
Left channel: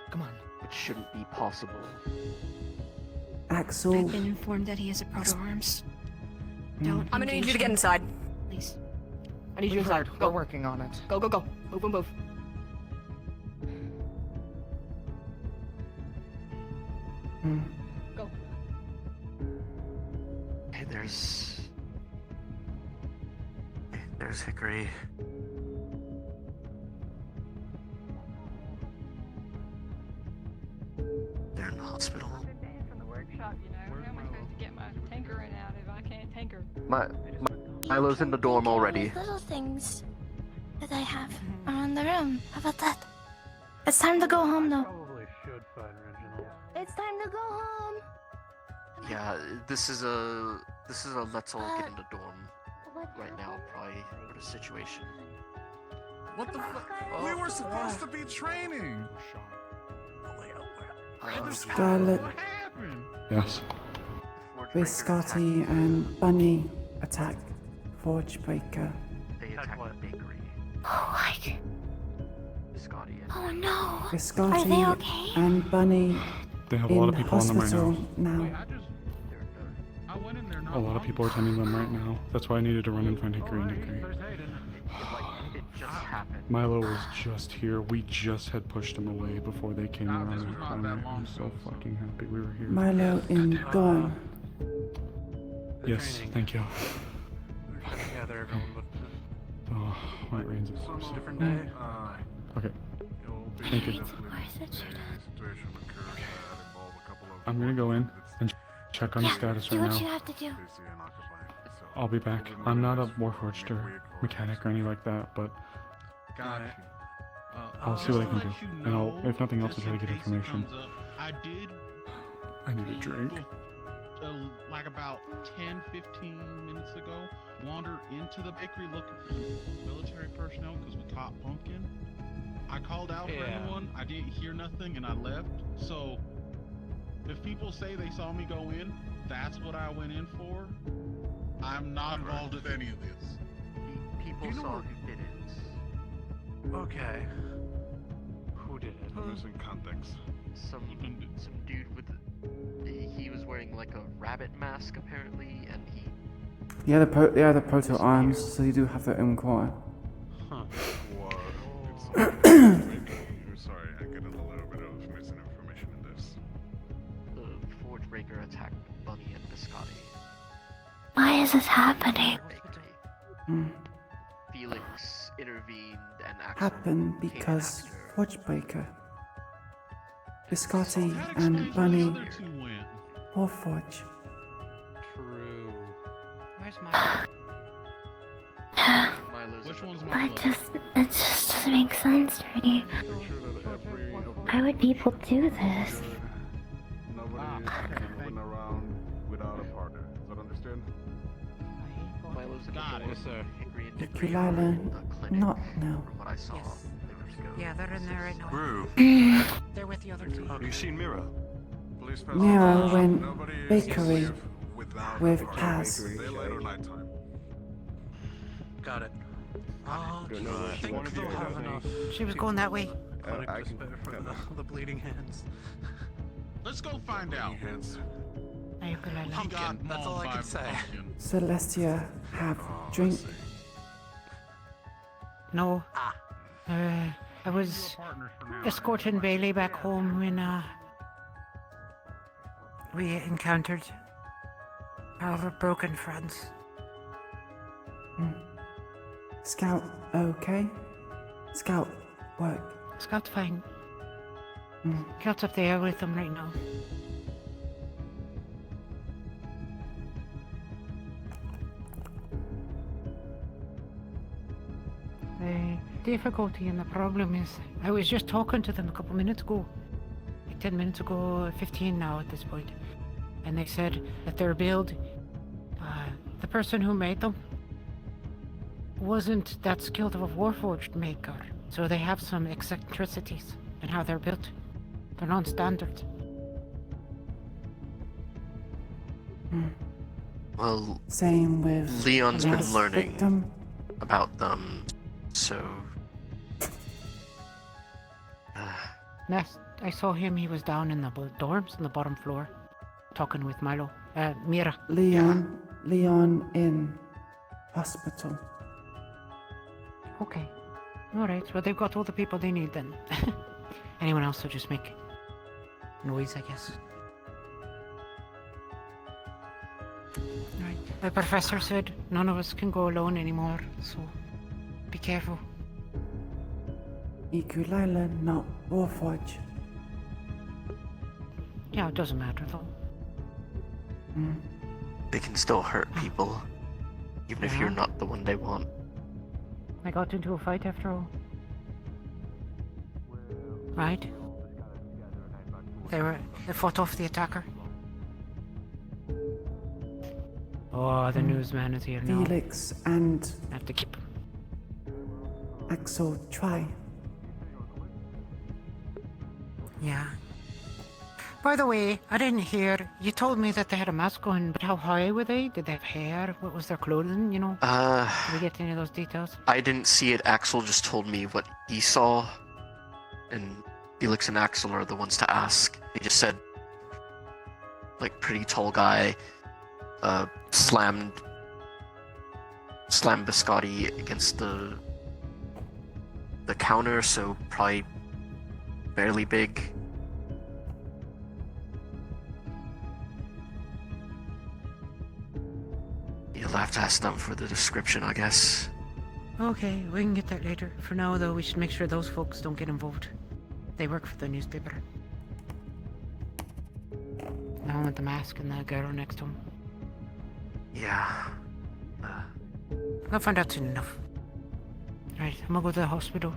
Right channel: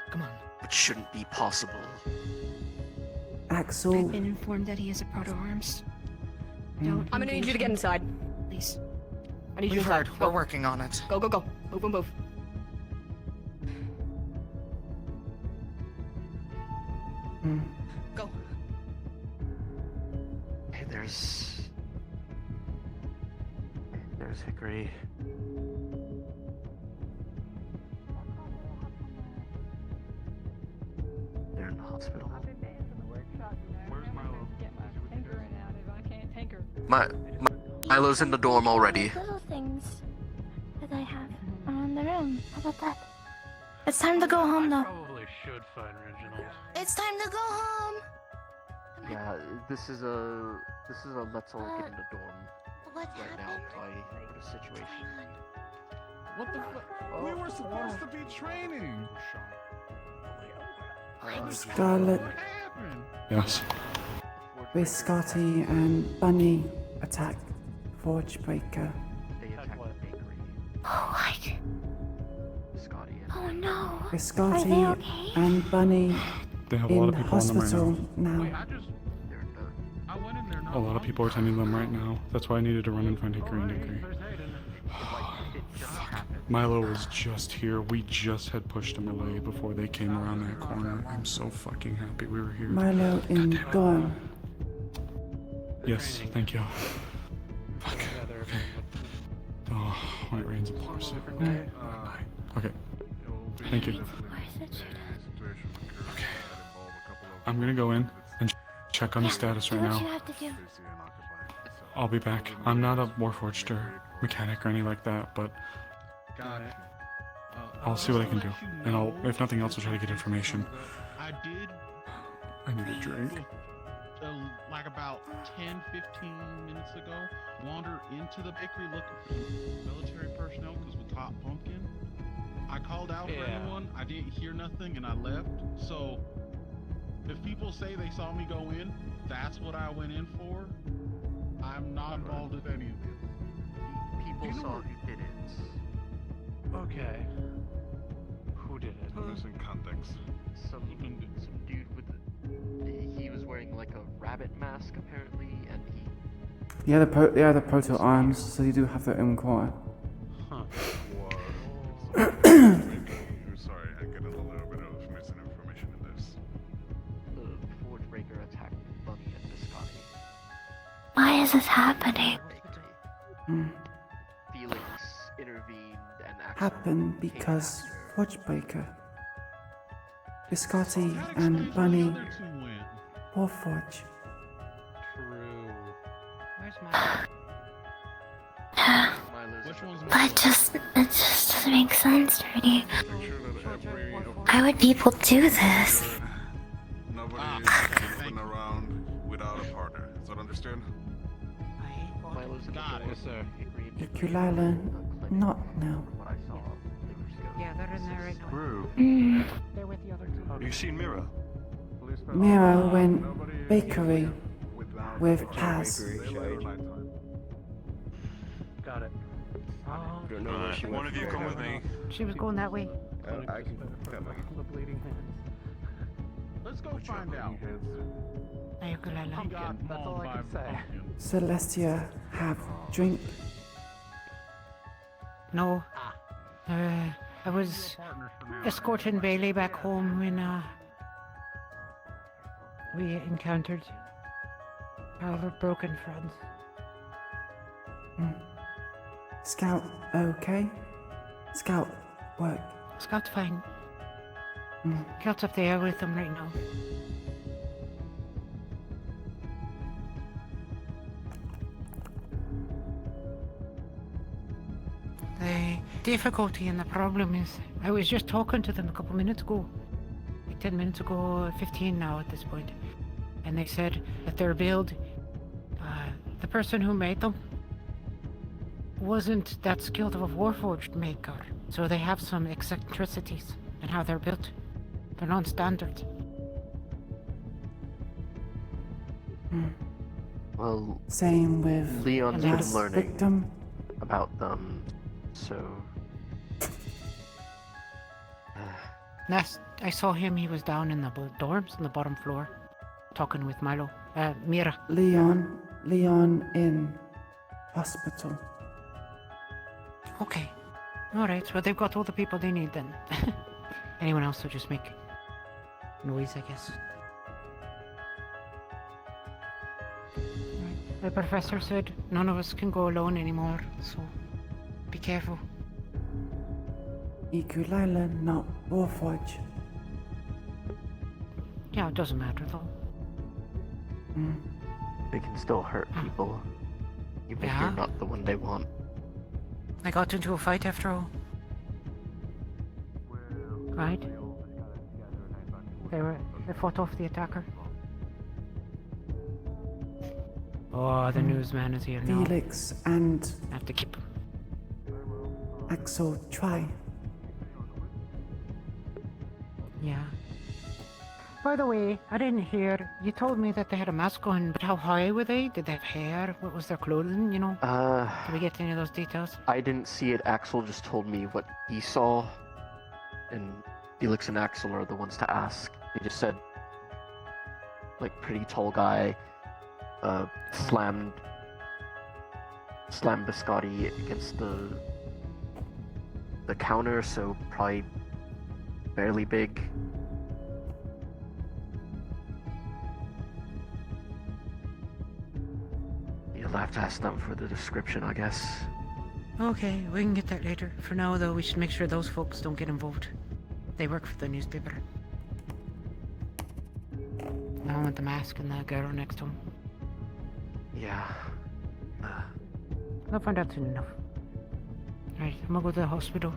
Come on. it shouldn't be possible. Axel. I've been informed that he has a proto-arms. Mm. I'm gonna need you to get inside. Please. I need you inside. Go. We're working on it. Go, go, go. Move, move, move. Go. Hey, there's Hickory. They're in the hospital. Milo's in the dorm already. Little things that I have around the room. How about that? It's time to go home, though. Probably should find Reginald. It's time to go home. Yeah, this is a let's all get in the dorm right now probably for the situation. What the fuck? We were supposed to be training. Scarlet. Yes. Biscotti and Bunny attack Forge Breaker. They attacked the bakery. Oh no. Biscotti Are they okay? and Bunny They have a in lot of people on them right hospital now. A lot of people are attending them right now. That's why I needed to run and find Hickory and Hickory. It just happened. Milo was just here. We just had pushed him away before they came around that corner. I'm so fucking happy we were here. Milo in dorm. Yes, thank you. Oh, my brain's exhausted. Okay. Thank you. I'm gonna go in and check on the status right Do what you now. have to do. I'll be back. I'm not a Warforged or mechanic or anything like that, but I'll see what I can do. And I'll, if nothing else, I'll try to get information. I did. I need a drink. Like about 10-15 minutes ago, wander into the bakery looking for military personnel because we caught Pumpkin. I called out for anyone, I didn't hear nothing, and I left. So, if people say they saw me go in, that's what I went in for. I'm not involved with any of this. People saw who did it. Okay. Who did it? Missing context. Some dude with he was wearing like a rabbit mask apparently, and he. Yeah, the proto arms, so you do have their own core. Huh. Sorry, I get a little bit of missing information in this. The Forge Breaker attacked Bunny and Biscotti. Why is this happening? Felix intervened and actually Happened because Forgebreaker, Biscotti, and Bunny Warforge. True. Where's my... But it just doesn't make sense to me. Why would people do this? Yes, sir. Iku'lylah, not now. Yeah, they're in there right now. Mm. They're with the other two. You seen Mira? Mira went bakery with Paz. Got it. Don't know where she went. She was going that way. I can come. The bleeding hands. Let's go find out. Hey, Iku'lylah. Pumpkin, that's all I can say. Celestia have drink. No. I was escorting Bailey back home when we encountered all the broken friends. Scout, okay? Scout, work. Scout's fine. Scout's up there with them right now. The difficulty and the problem is, I was just talking to them a couple minutes ago. Like 10 minutes ago, 15 now at this point. And they said that their build, the person who made them, wasn't that skilled of a Warforged maker. So they have some eccentricities in how they're built. They're non-standard. Well, Same with Leon's been last learning victim. about them, so. Next, I saw him, he was down in the dorms on the bottom floor, talking with Milo. Mira. Leon in hospital. Okay. Alright, well they've got all the people they need then. Anyone else will just make noise, I guess. Right. The professor said none of us can go alone anymore, so be careful. Iku'lylah, not Warforge. Yeah, it doesn't matter though. They can still hurt people, even if Yeah. you're not the one they want. I got into a fight after all. Right? They fought off the attacker. Oh, the newsman is here now. Felix and I have to keep. Axel try. Yeah. By the way, I didn't hear. You told me that they had a mask on, but how high were they? Did they have hair? What was their clothing? You know? Did we get any of those details? I didn't see it. Axel just told me what he saw, and Felix and Axel are the ones to ask. They just said, like, pretty tall guy, slammed Biscotti against the the counter, so probably fairly big. You'll have to ask them for the description, I guess. Okay, we can get that later. For now, though, we should make sure those folks don't get involved. They work for the newspaper. The one with the mask and the girl next to him. Yeah. We'll find out soon enough. Right, I'm gonna go to the hospital.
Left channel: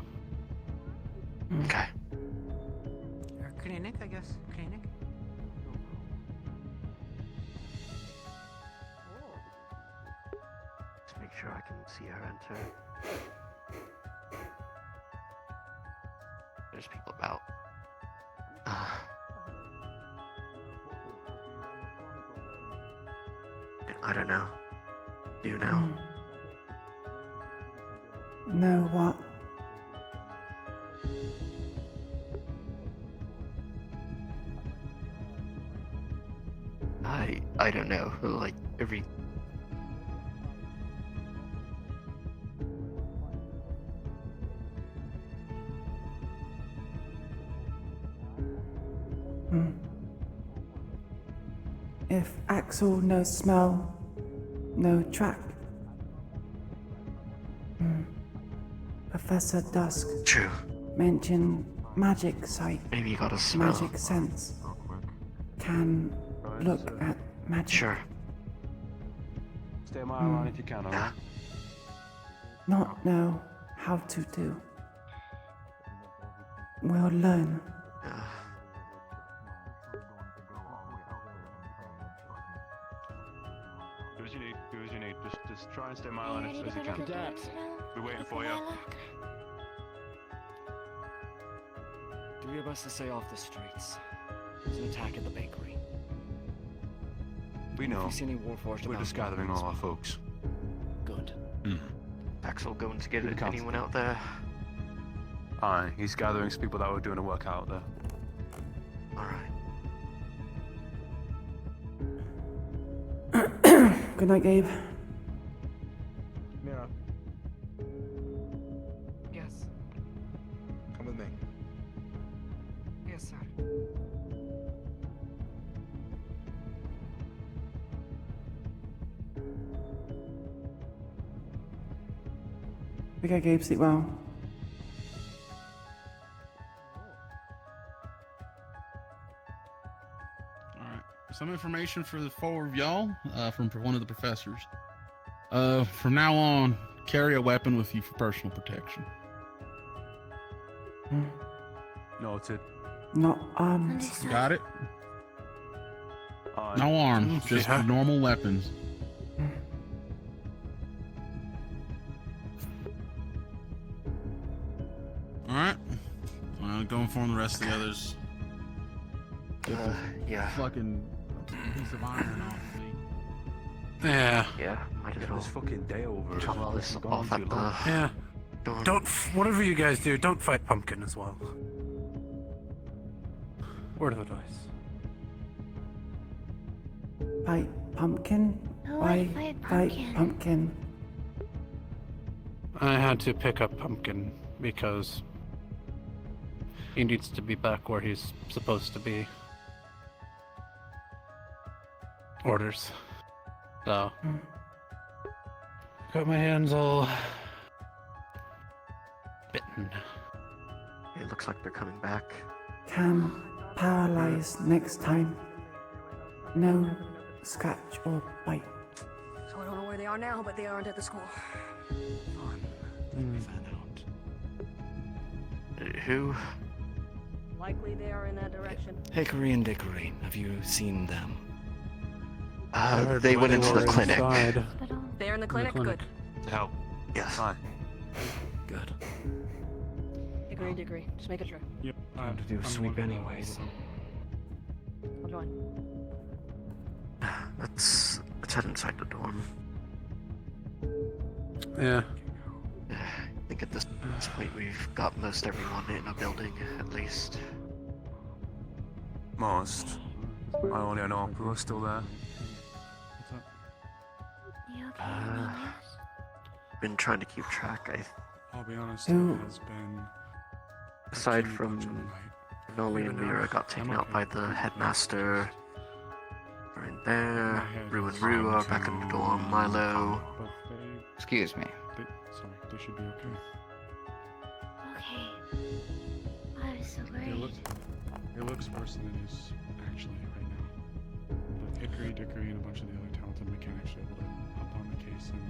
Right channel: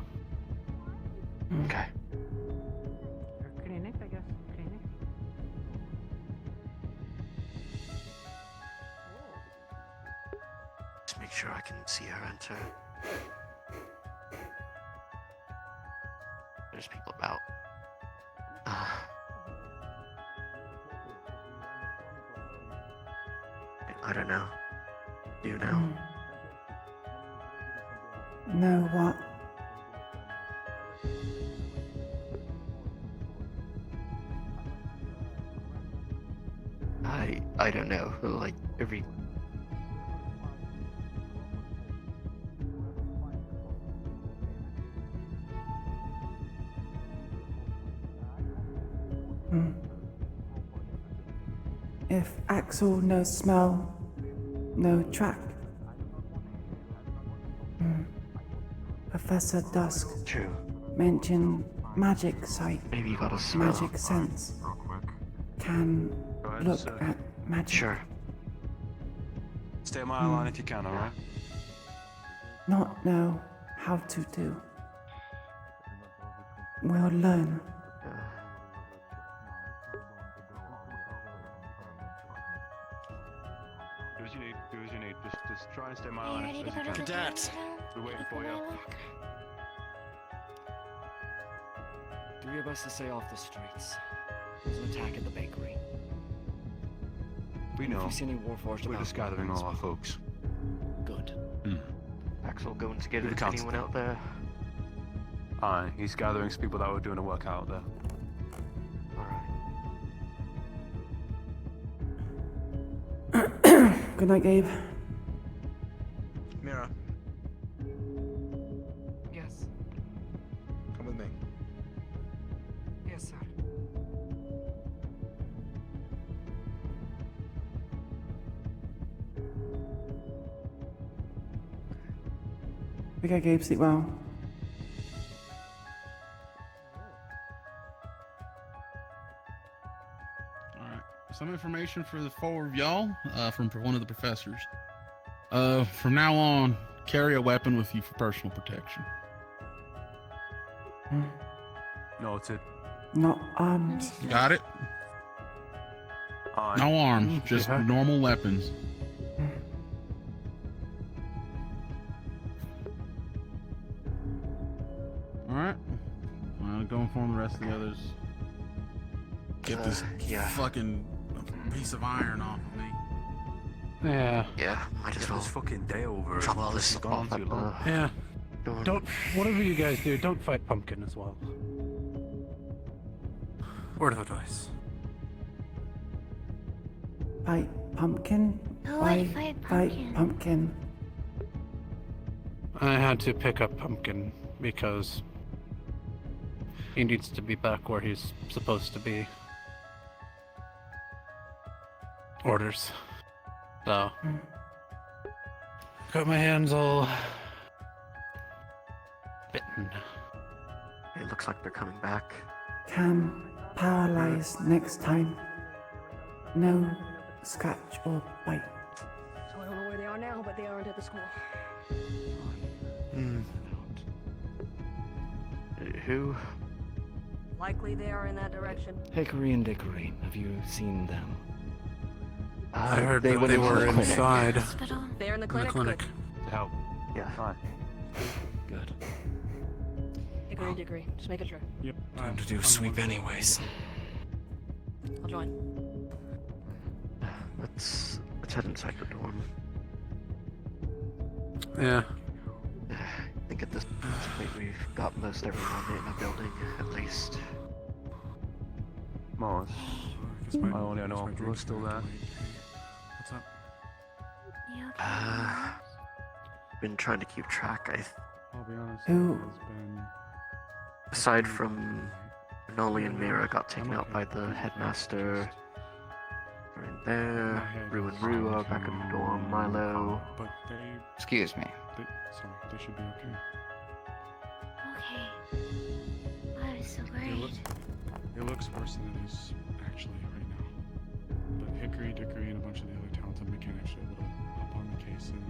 Okay. Or clinic, I guess. Clinic. Just make sure I can see her enter. There's people about. I don't know. You know. Know what? I don't know. Like every. If Axel no smell, no track. Professor Dusk. True. Mention magic sight. Maybe you got a smell. Magic sense. Can look at magic. Sure. Stay on my line if you can, alright? Not know how to do. We'll learn. Do as you need, do as you need. Just try and stay on my line as you can. Cadet, we're waiting for you. 3 of us to stay off the streets. There's an attack at the bakery. We know. If you see any Warforged We're about, just gathering all our folks. Good. Axel going to get You're the anyone constable. out there? Aye, he's gathering some people that were doing a work out there. Good night, Gabe. Mira, Yes. come with me. Yes, sir. Okay, Gabe, sleep well. Alright. Some information for the 4 of y'all from one of the professors. From now on, carry a weapon with you for personal protection. Noted. Not arms. Got it? Aye. No arms, just Yeah. normal weapons. Alright. Go inform the rest of the others. Get this yeah. fucking piece of iron off me. Yeah. Yeah, might as well. This fucking day over. Drop all this It's gone off too at long. the Yeah. dorm. Don't, whatever you guys do, don't fight Pumpkin as well. Word of advice. Fight pumpkin? Who Why would fight fight Pumpkin? pumpkin? I had to pick up Pumpkin because he needs to be back where he's supposed to be. Orders. So, got my hands all bitten. It looks like they're coming back. Can paralyze next time. No scratch or bite. So I don't know where they are now, but they aren't at the school. Who? Likely they are in that direction. Hickory and Dickory. Have you seen them? I heard They when went they into were the clinic. inside. They're in the In the clinic? clinic. Good. To help. Yes. Good. Agree. Just make it sure. Yep. Time to do sweep anyways. I'll join. Let's head inside the dorm. Yeah. I think at this point we've got most everyone in a building, at least. Most. I only know we're still there. What's up? Been trying to keep track. I Oh, I'll be honest, Who- it has been... Aside from Noli and Mira got taken out by the headmaster. Right there. Rue and Rua back in the door. Milo. But they... Excuse me. Sorry, they should be okay. Okay. I'm so It looks worse than it is actually right now. But Hickory, Dickory, and a bunch of the other talented mechanics were able to hop on the case, and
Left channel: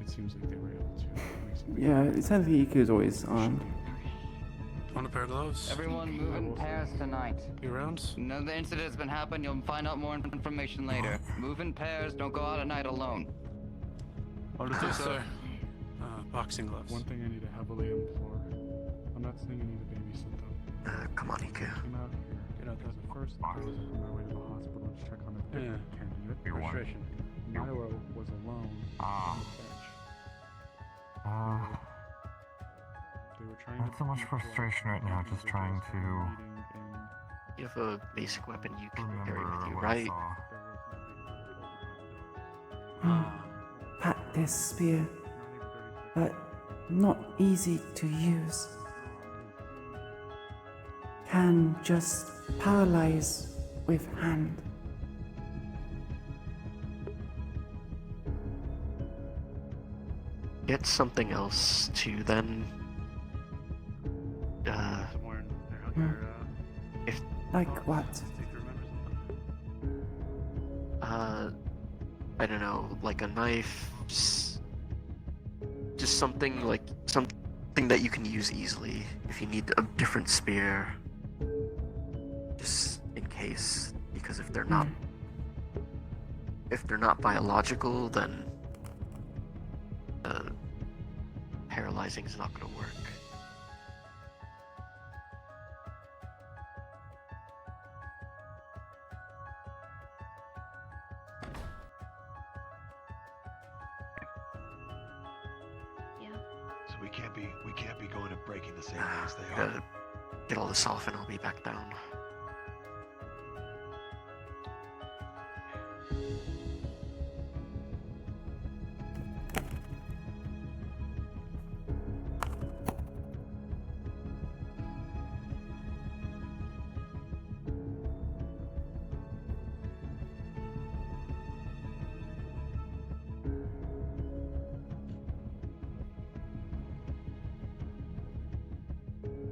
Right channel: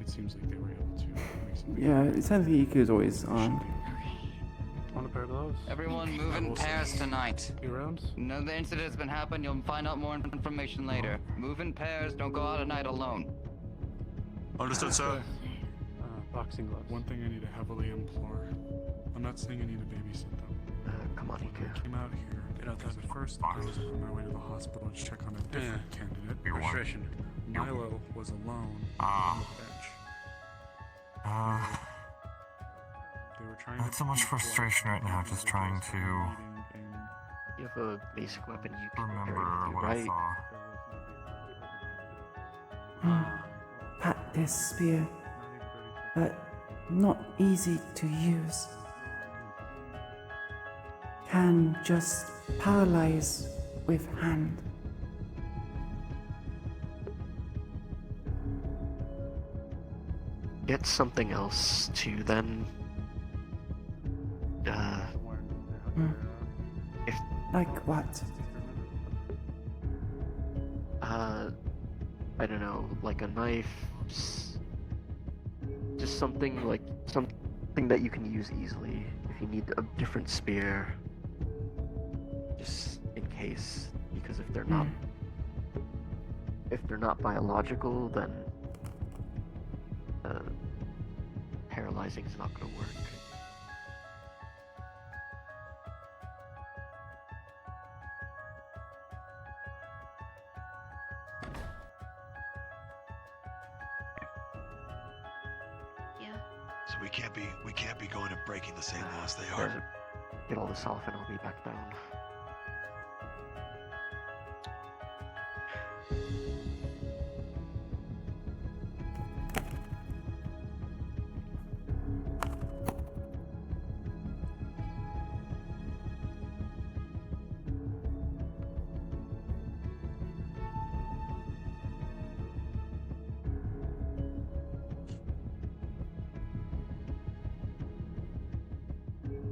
it seems like they were able to make some... Yeah, it sounds like Iku is always armed. Want a pair of gloves? Everyone move in pairs tonight. You around? No, the incident has been happened. You'll find out more information later. Move in pairs. Don't go out at night alone. Understood, sir. Boxing gloves. One thing I need to heavily implore. I'm not saying I need a baby sent up. Come on, Iku. I came out here because at first I was on my way to the hospital to check on a different candidate. Registration. Milo was alone on the bench. They were trying Not so much frustration right now, just trying to You have a basic weapon you can remember carry with you, what I right? saw. Pat this spear, but not easy to use. Can just paralyze with hand. Get something else to then. If Like what? I don't know, like a knife, just something like something that you can use easily. If you need a different spear, just in case, because if they're not biological, then paralyzing is not going to work. So we can't be going and breaking the same house they are. Get all this off and I'll be back down.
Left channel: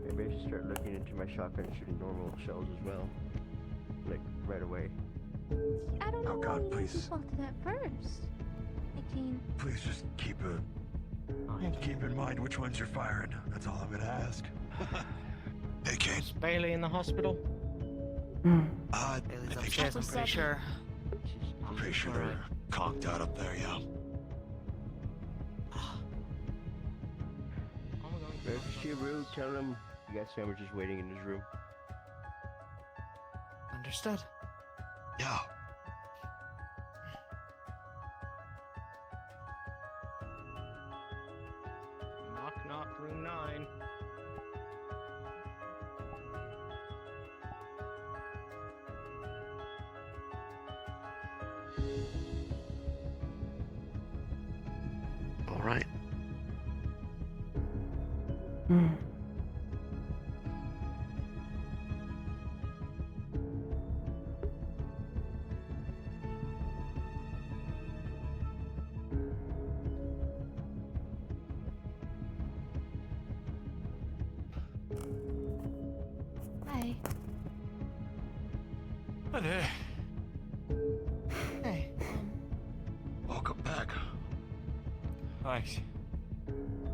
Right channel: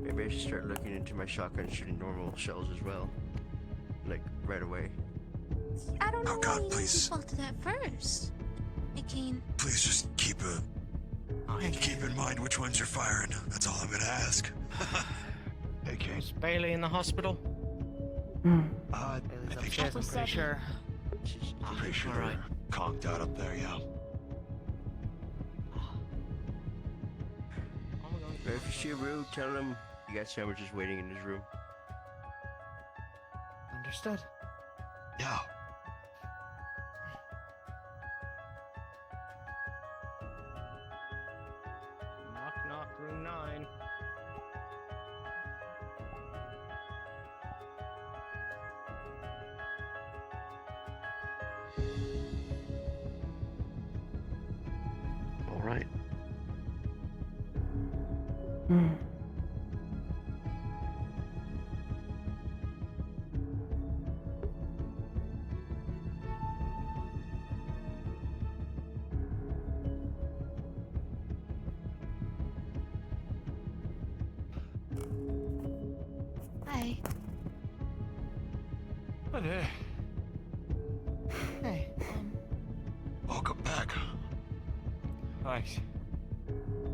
Maybe I should start looking into my shotgun shooting normal shells as well. Like, right away. I don't know Oh God, why please. you defaulted at first. Again. Please just keep in mind which ones you're firing. That's all I'm gonna ask. Hey, Kate. Is Bailey in the hospital? I think Upstairs, I'm pretty sure. I'm pretty sure they're conked out up there, yeah. If you Shiru, tell him you got sandwiches waiting in his room. Understood. Yeah. Knock, knock, room 9. All right. Hi. Hi there. Hey. Welcome back. Thanks.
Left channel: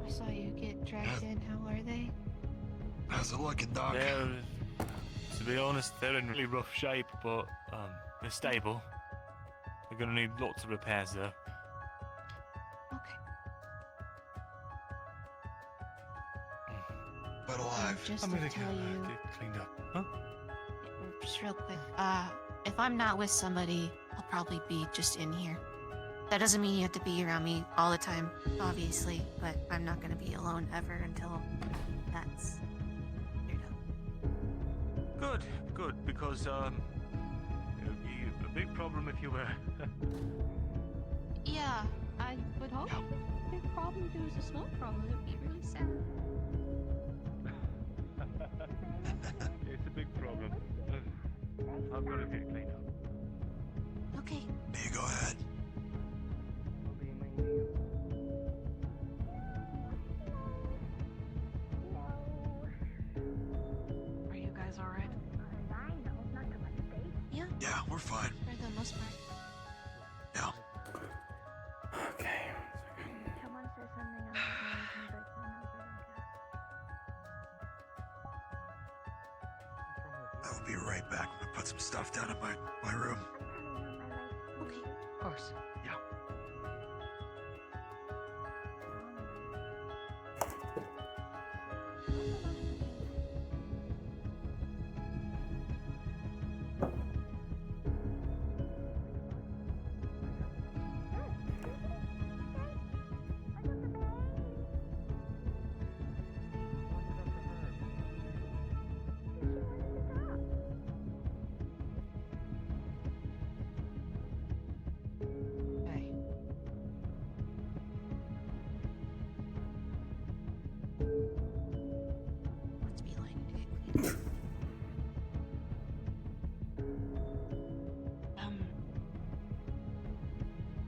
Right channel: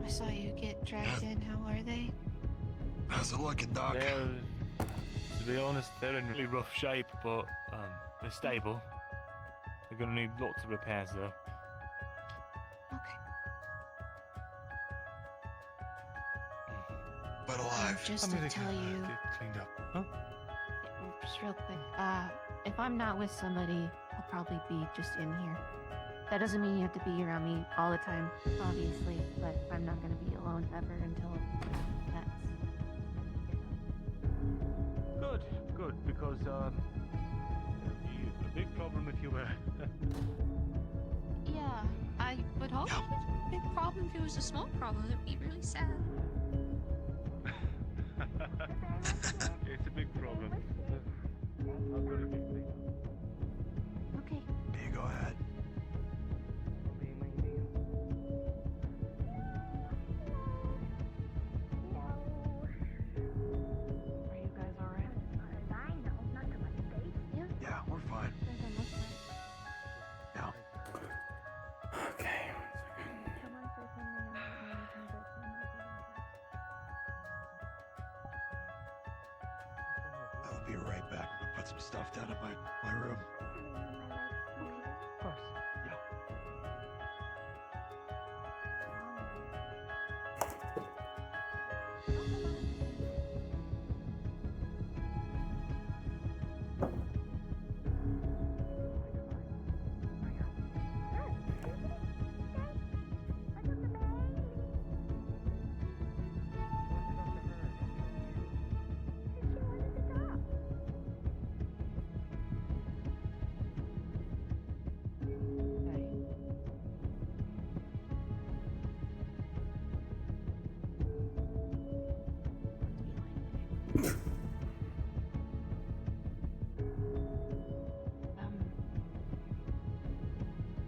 I saw you get dragged in. How are they? How's it looking, Doc? Yeah, to be honest, they're in really rough shape, but they're stable. They're gonna need lots of repairs though. But alive. Just I'm to gonna tell you, get cleaned up. Huh? just real quick. If I'm not with somebody, I'll probably be just in here. That doesn't mean you have to be around me all the time, obviously, but I'm not gonna be alone ever until that's Good, because it would be a big problem if you were. Yeah, I would hope. big problem. If it was a small problem, it'd be really sad. It's a big problem. I've got to get cleaned up. Okay. You go ahead. Are you guys alright? Yeah, we're fine. For the most part. Okay. I'll be right back. I'm gonna put some stuff down in my room. Okay. Of course. Yeah.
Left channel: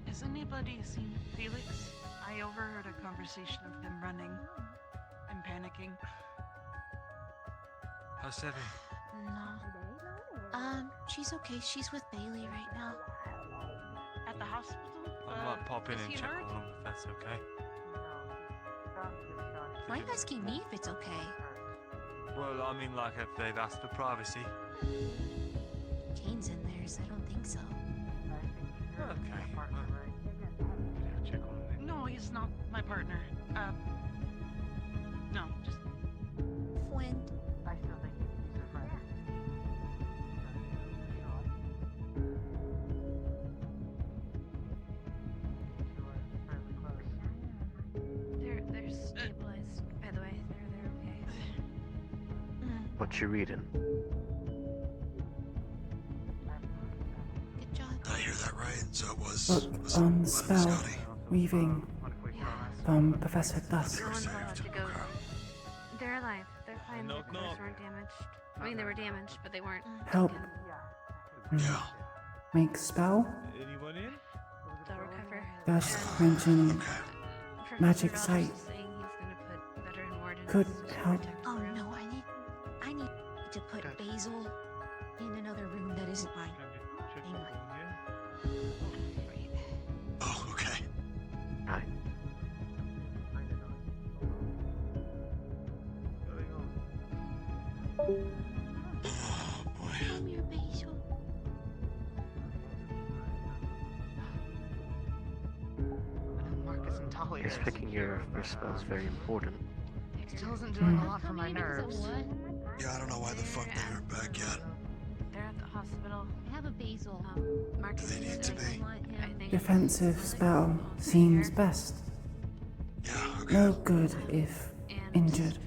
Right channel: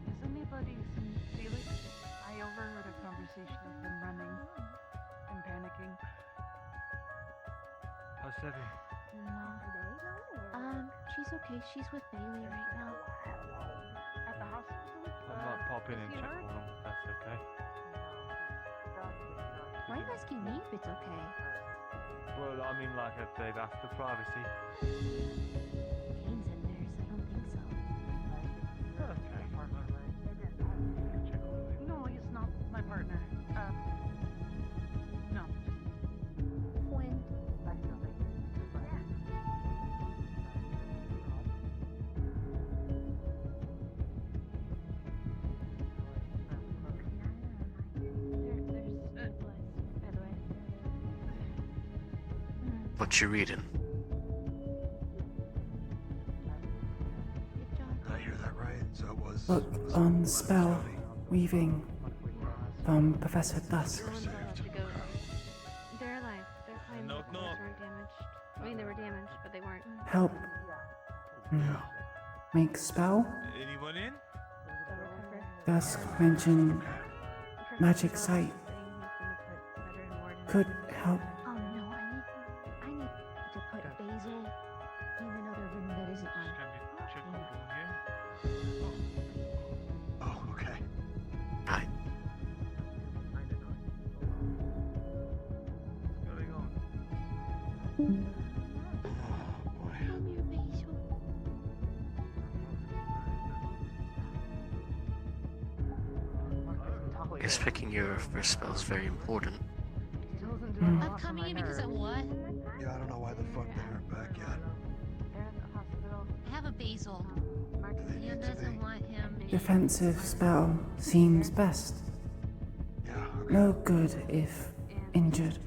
Has anybody seen Felix? I overheard a conversation of them running and panicking. How's Debbie? No. She's okay. She's with Bailey right now. At the hospital? I might pop in is and he check hurt? on them if that's okay. Why are you asking me if it's okay? Well, I mean, like, if they've asked for privacy. Kane's in there, so I don't think so. No, he's not my partner. No, just Friend. they're stabilized, by the way. They're okay. What you reading? Good job. I hear that right. So it was. Look on the spell weaving from Professor Dusk. They're alive. They're fine. Knock, Their knock. cars weren't damaged. I mean, they were damaged, but they weren't. Help. Make spell. Anyone in? They'll recover. Dusk mentioned From magic Professor sight. Dusk saying he's gonna put veteran wardens Could to help. protect the Oh room. no, I need to put Basil in another room that isn't mine. Hang on. Oh, okay. Right. Come here, Basil. I guess picking your first spell is very important. Coming in because of what? Yeah, I don't know why the fuck they aren't back yet. They're at the hospital. I have a Basil. Marcus Do they need to be? I think Defensive spell seems best. Yeah, No good if injured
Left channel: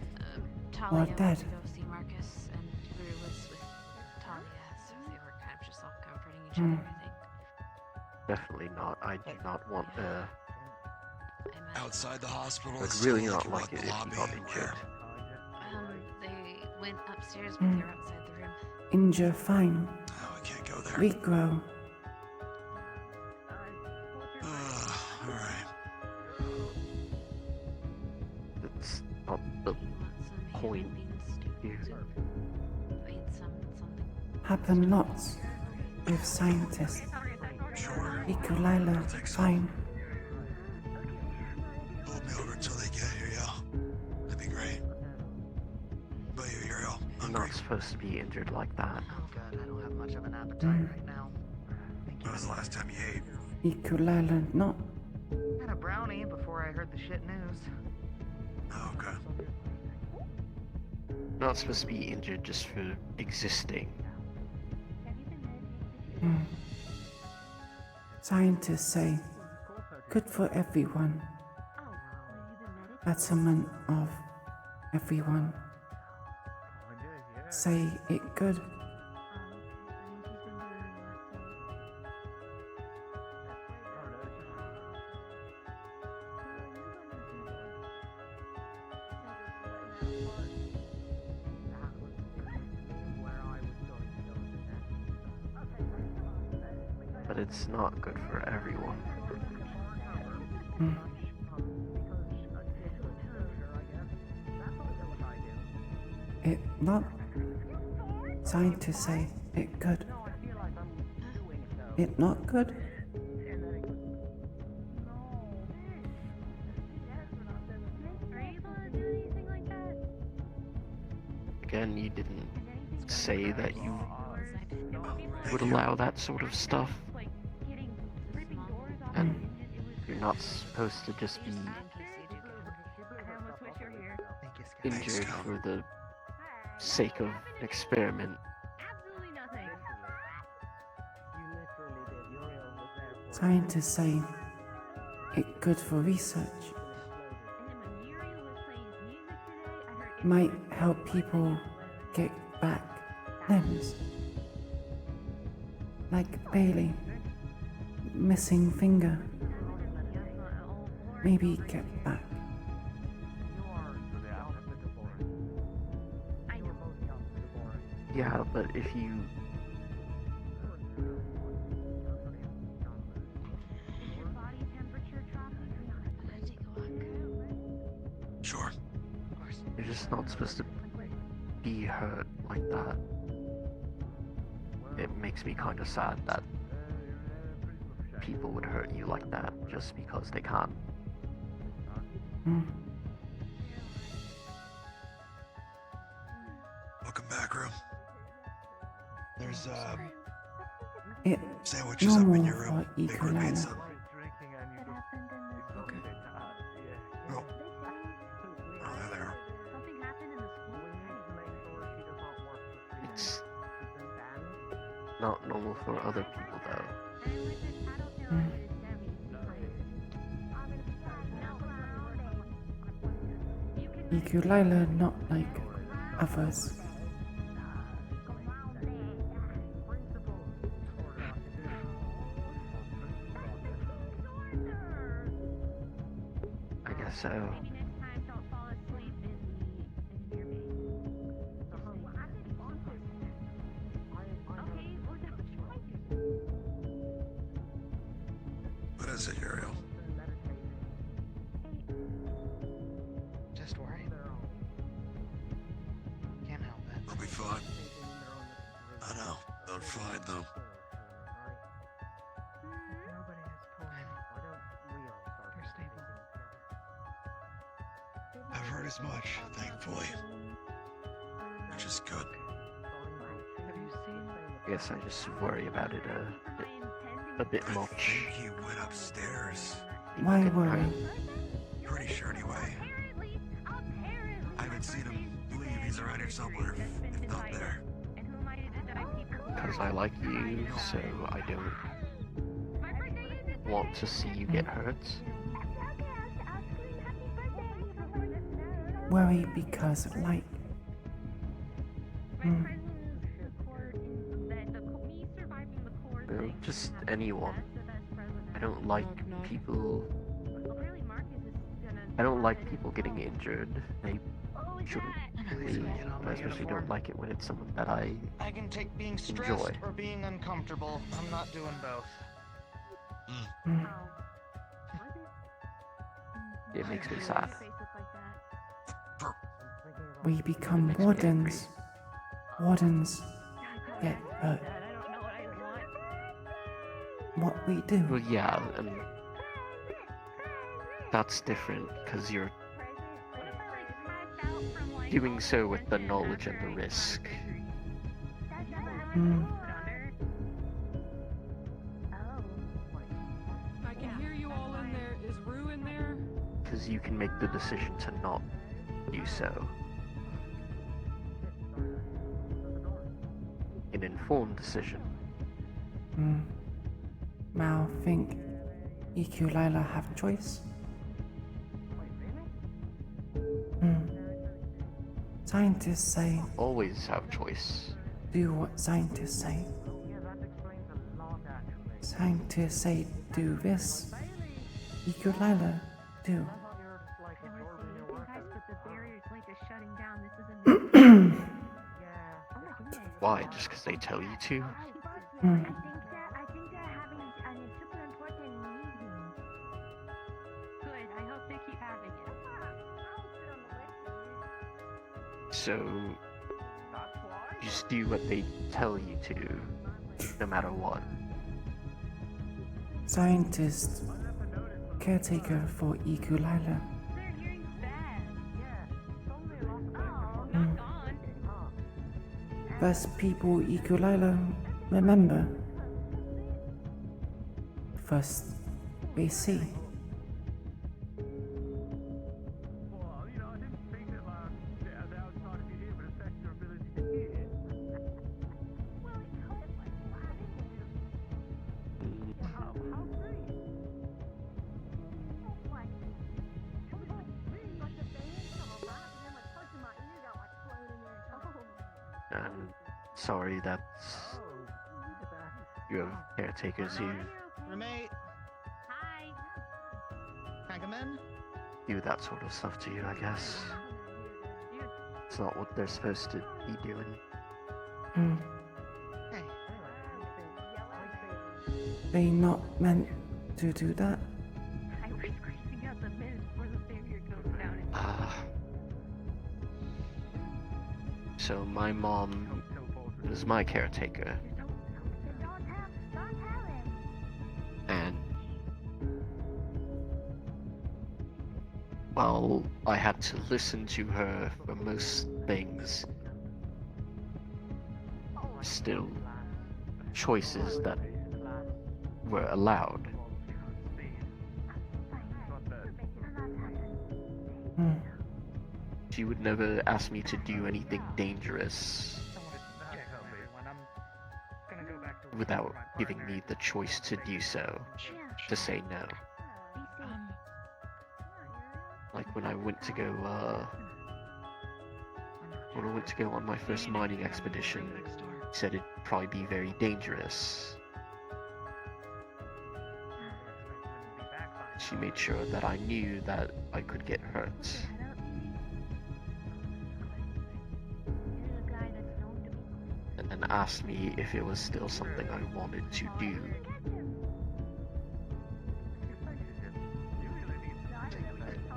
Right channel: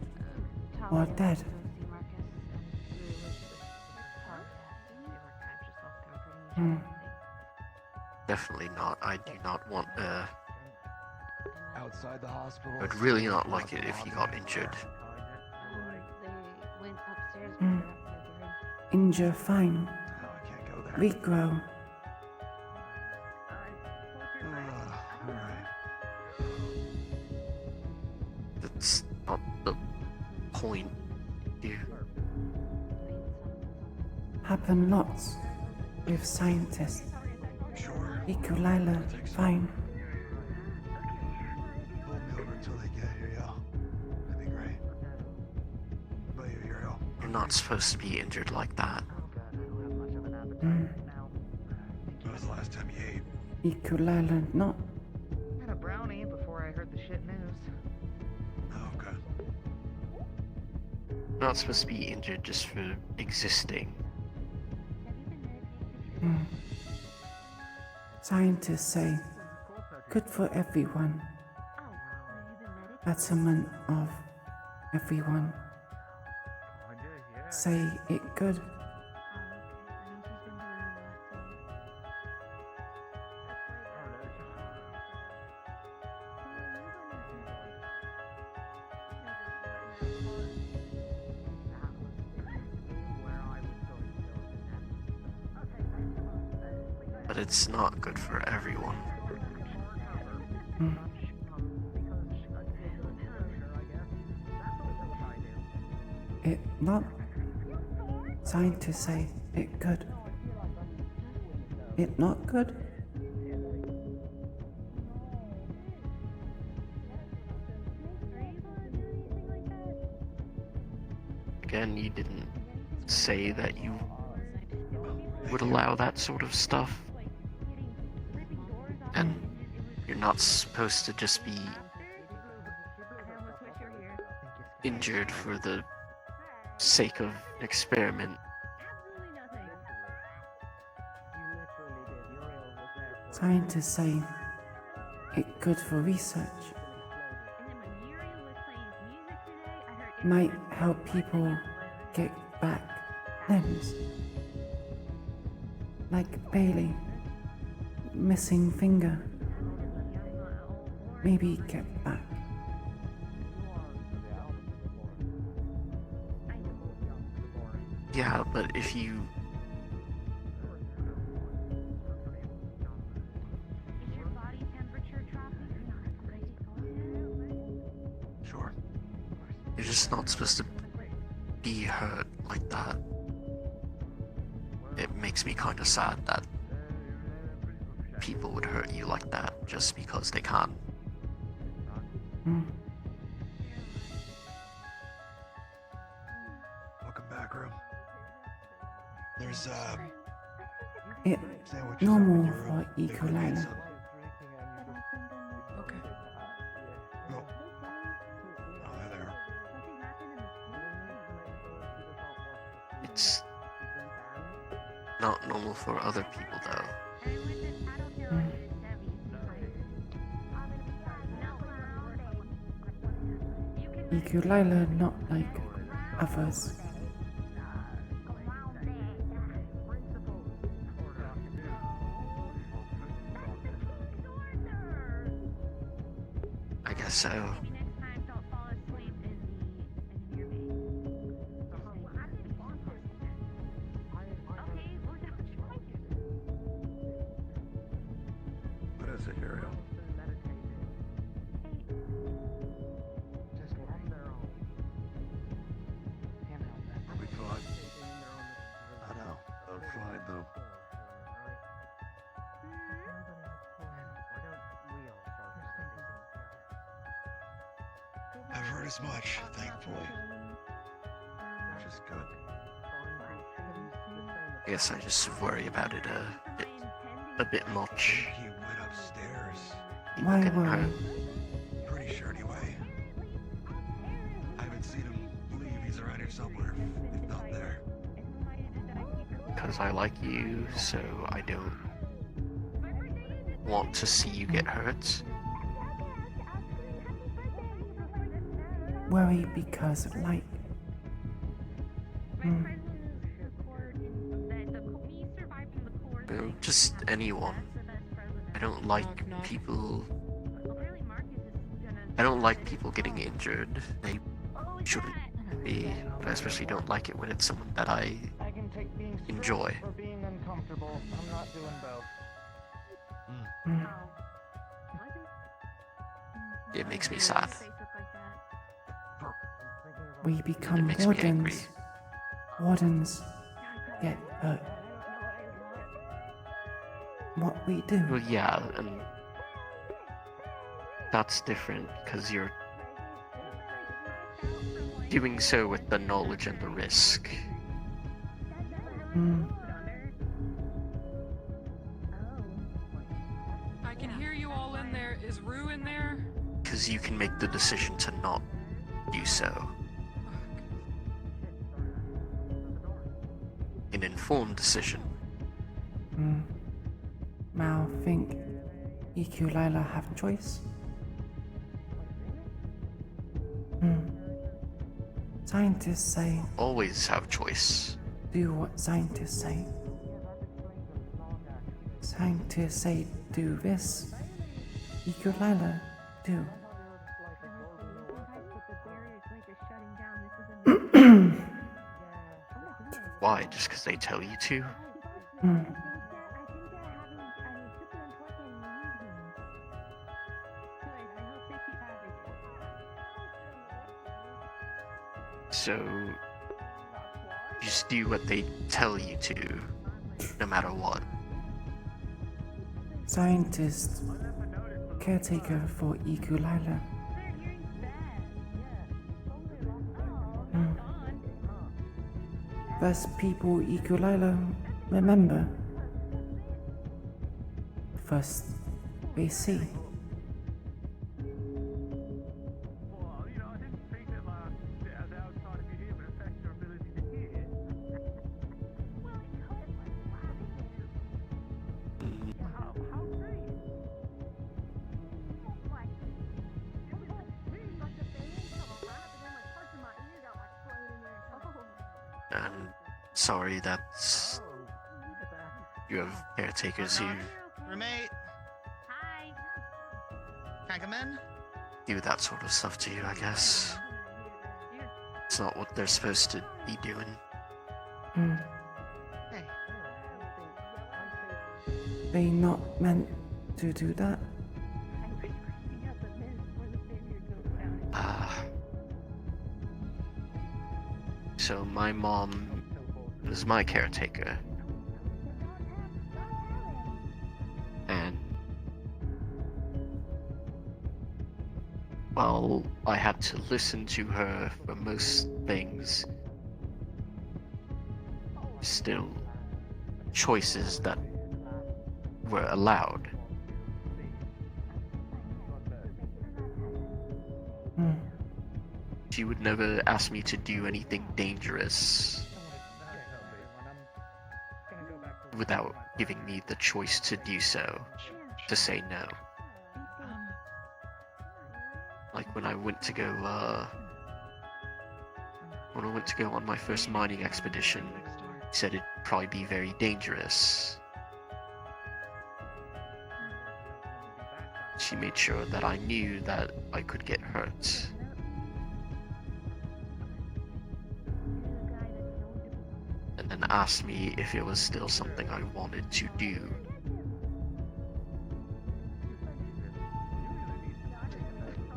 or dead. go see Marcus, and we were with Talia, so they were kind of just all comforting each other, I think. Definitely not. I do not want outside the hospital. I'd really not like it if you got injured. They went upstairs, but they were outside the room. Injure fine. Oh, I can't go there. Regrow. All right. That's not the point here. Happen lots with scientists. Iku'lylah fine. Hold me over until they get here, y'all. That'd be great. But you're ill. You're not supposed to be injured like that. Mm. When was the last time you ate? Iku'lylah not. Had a brownie before I heard the shit news. Oh, okay. You're not supposed to be injured just for existing. Mm. Scientists say good for everyone. Betterment of everyone. Say it good. it's not good for everyone. Hmm. It not scientists say it good. It not good. Again, you didn't say that you would allow that sort of stuff. And you're not supposed to just be injured for the sake of an experiment. Scientists say it good for research. Might help people get back limbs. Like Bailey, missing finger. Maybe get back. Yeah, but if you... Sure. You're just not supposed to be hurt like that. It makes me kind of sad that people would hurt you like that just because they can. Welcome back, room. There's It sandwiches up in normal your for room. Big one Iku'lylah. pizza. Okay. Oh. Oh, there. It's not normal for other people though. Iku'lylah not like others. I guess so. What is it, Uriel? Just worry. Can't help it. I'll be fine. I know. I'm fine, though. I've heard as much, thankfully. Which is good. I guess I just worry about it a bit I much. think he went upstairs. Why worry? Pretty sure anyway. I haven't seen him leave. He's around here somewhere, if not there. Because I like you, so I don't want to see you get hurt. Worry because like. Well, just anyone. I don't like people. I don't like people getting injured. They shouldn't be. I especially don't like it when it's someone that I can take being stressed enjoy. or being uncomfortable. I'm not doing both. It makes me sad. We become makes me wardens. Wardens get hurt. What we do. Well, yeah, and that's different because you're doing so with the knowledge and the risk. I can hear you all in there. Is Rue in there? Because you can make the decision to not do so. An informed decision. Mal think Iku'lylah have choice? Scientists say Always have choice. do what scientists say. Scientists say do this. Iku'lylah do. Why? Just because they tell you to? So just do what they tell you to, no matter what. Scientist, caretaker for Iku'lylah. First people Iku'lylah remember. First they see. And sorry that you have caretakers who Roommate. Hi. Can I come in? do that sort of stuff to you, I guess. It's not what they're supposed to be doing. Hey. They not meant to do that. So my mom was my caretaker. And well, I had to listen to her for most things. Still, choices that were allowed. She would never ask me to do anything dangerous without giving me the choice to do so, to say no. Like when I went to go on my first mining expedition, she said it'd probably be very dangerous. She made sure that I knew that I could get hurt. And then asked me if it was still something I wanted to do.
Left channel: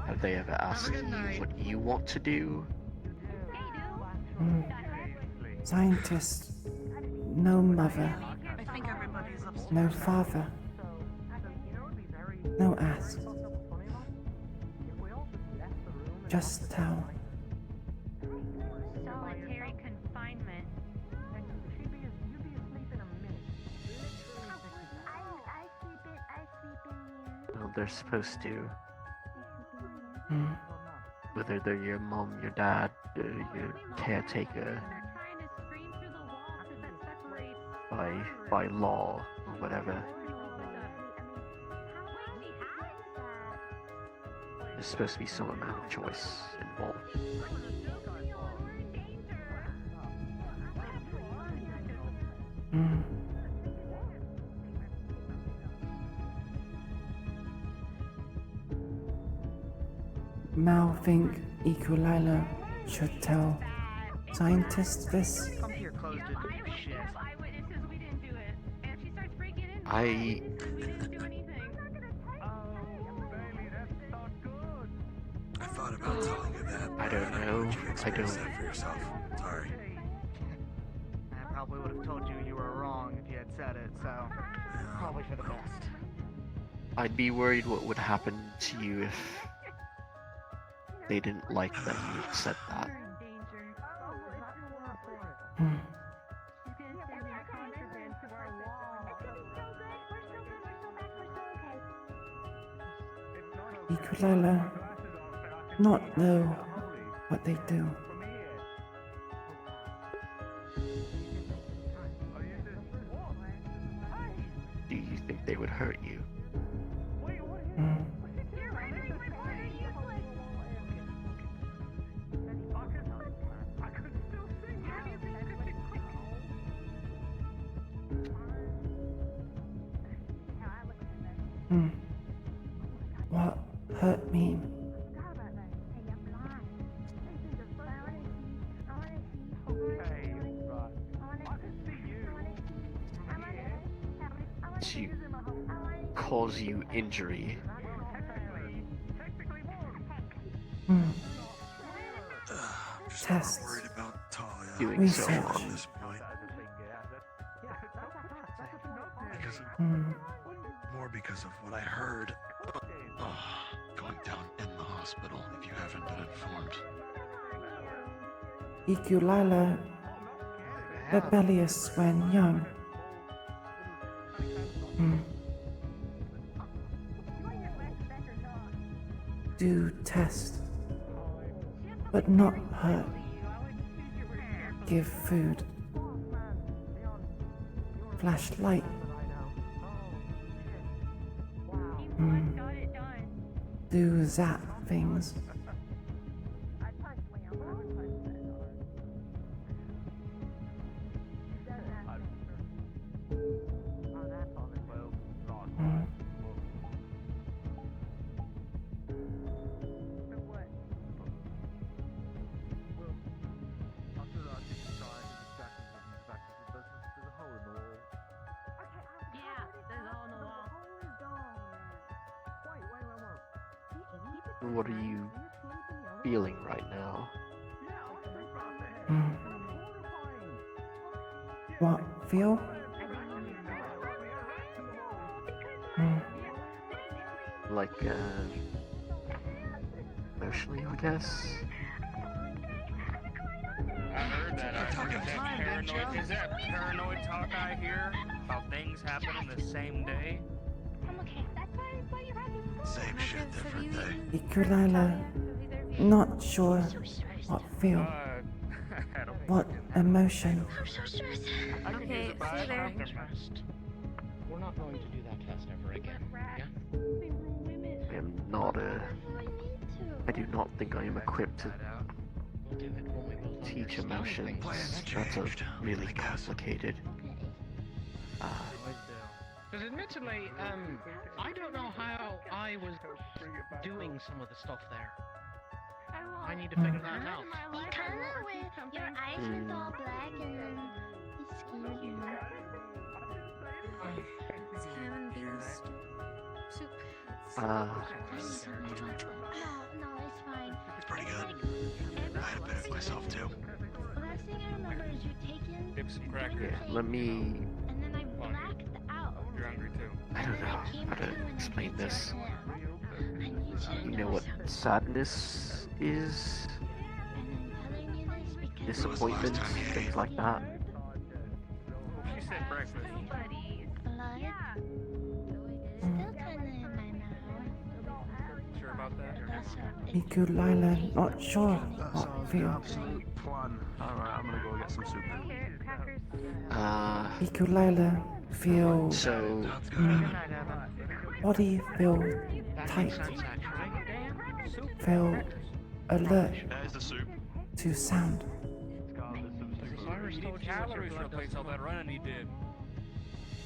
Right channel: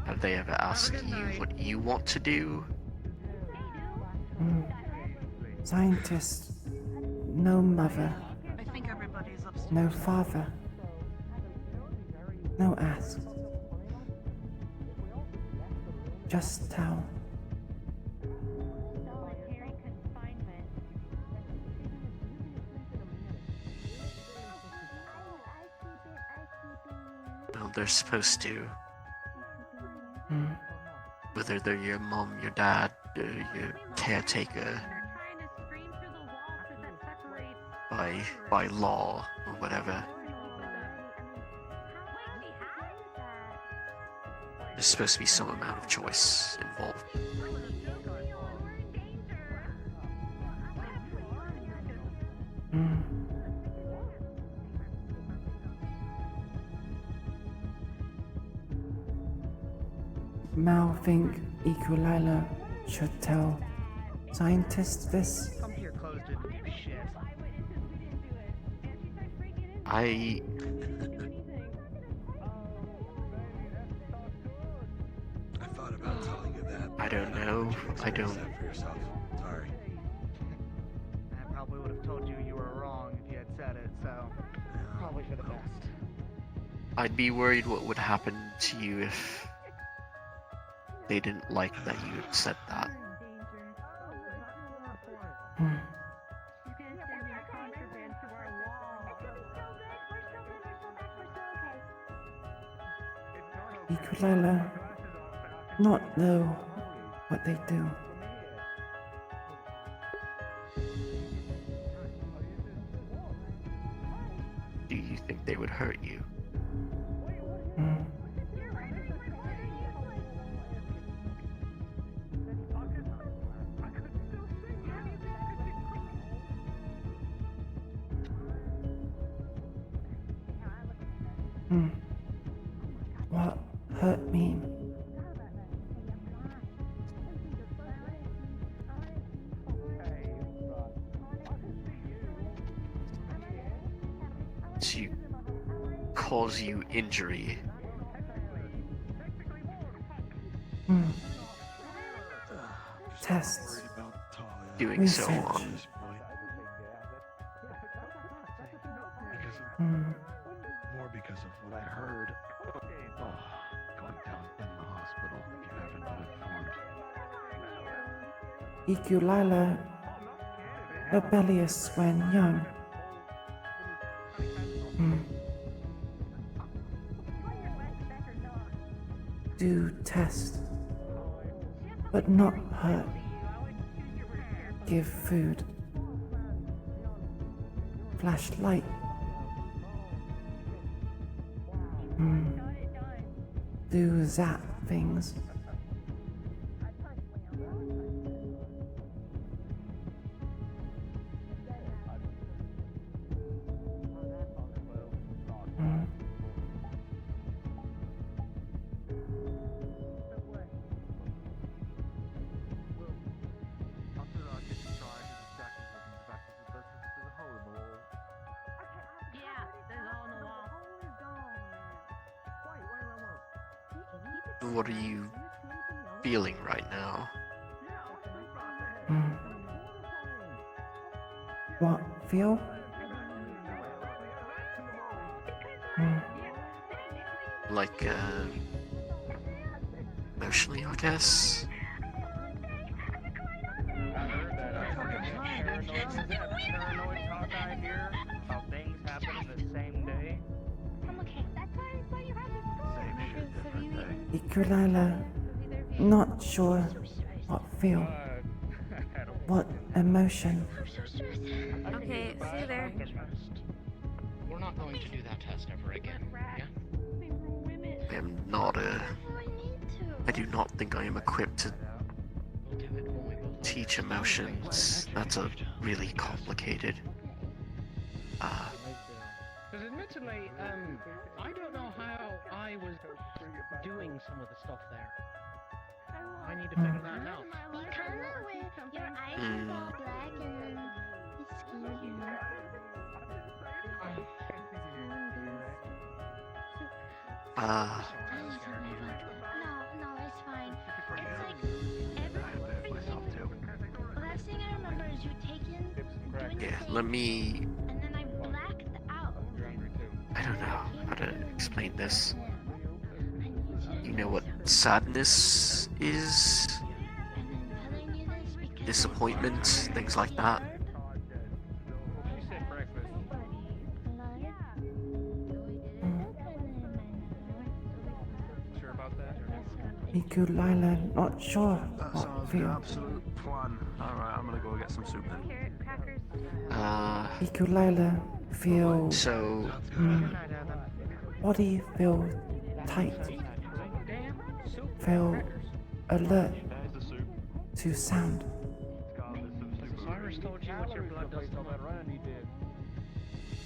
Have they ever asked you what you want to do? Scientist, no mother, I think everybody's upstairs. no father, no ask. Just tell. Well, they're supposed to. Whether they're your mom, your dad, or your caretaker, by law or whatever. There's supposed to be some amount of choice involved. Mal think Iku'lylah should tell scientists this. Come here, closed it. Shit. I thought about telling you that. I don't know. I don't. For yourself. Sorry. I probably would have told you you were wrong if you had said it, so probably for the best. I'd be worried what would happen to you if they didn't like that you said that. Iku'lylah not know what they do. Do you think they would hurt you? What hurt me? To cause you injury. tests, doing so research. on. More because of what I heard. Going down in the hospital, if you haven't been informed. Iku'lylah, rebellious when young. Do test, but not hurt. Give food. Flashlight. Do zap things. What are you feeling right now? What feel? Like, emotionally, I guess? Is that paranoid talk I hear? How things happen the same day? Same shit, different day. Iku'lylah, not sure what feel. What emotion? Okay, see you there. We're not going to do that test ever again, yeah? I am not I do not think I am equipped to teach emotions. That's a really complicated. Because admittedly, I don't know how I was doing some of the stuff there. I need to figure that out. Your eyes are all black and then excuse me. No, it's fine. It's pretty good. I had a bit of myself too. Last thing I remember is you taking Yeah, let me. and then I blacked out. I don't know how to explain this. You know what sadness is? Disappointment, things like that. Iku'lylah, not sure what feel. Absolute plan. Alright, I'm gonna go get some soup then. Iku'lylah, feel. So. Body feel tight. Feel alert to sound.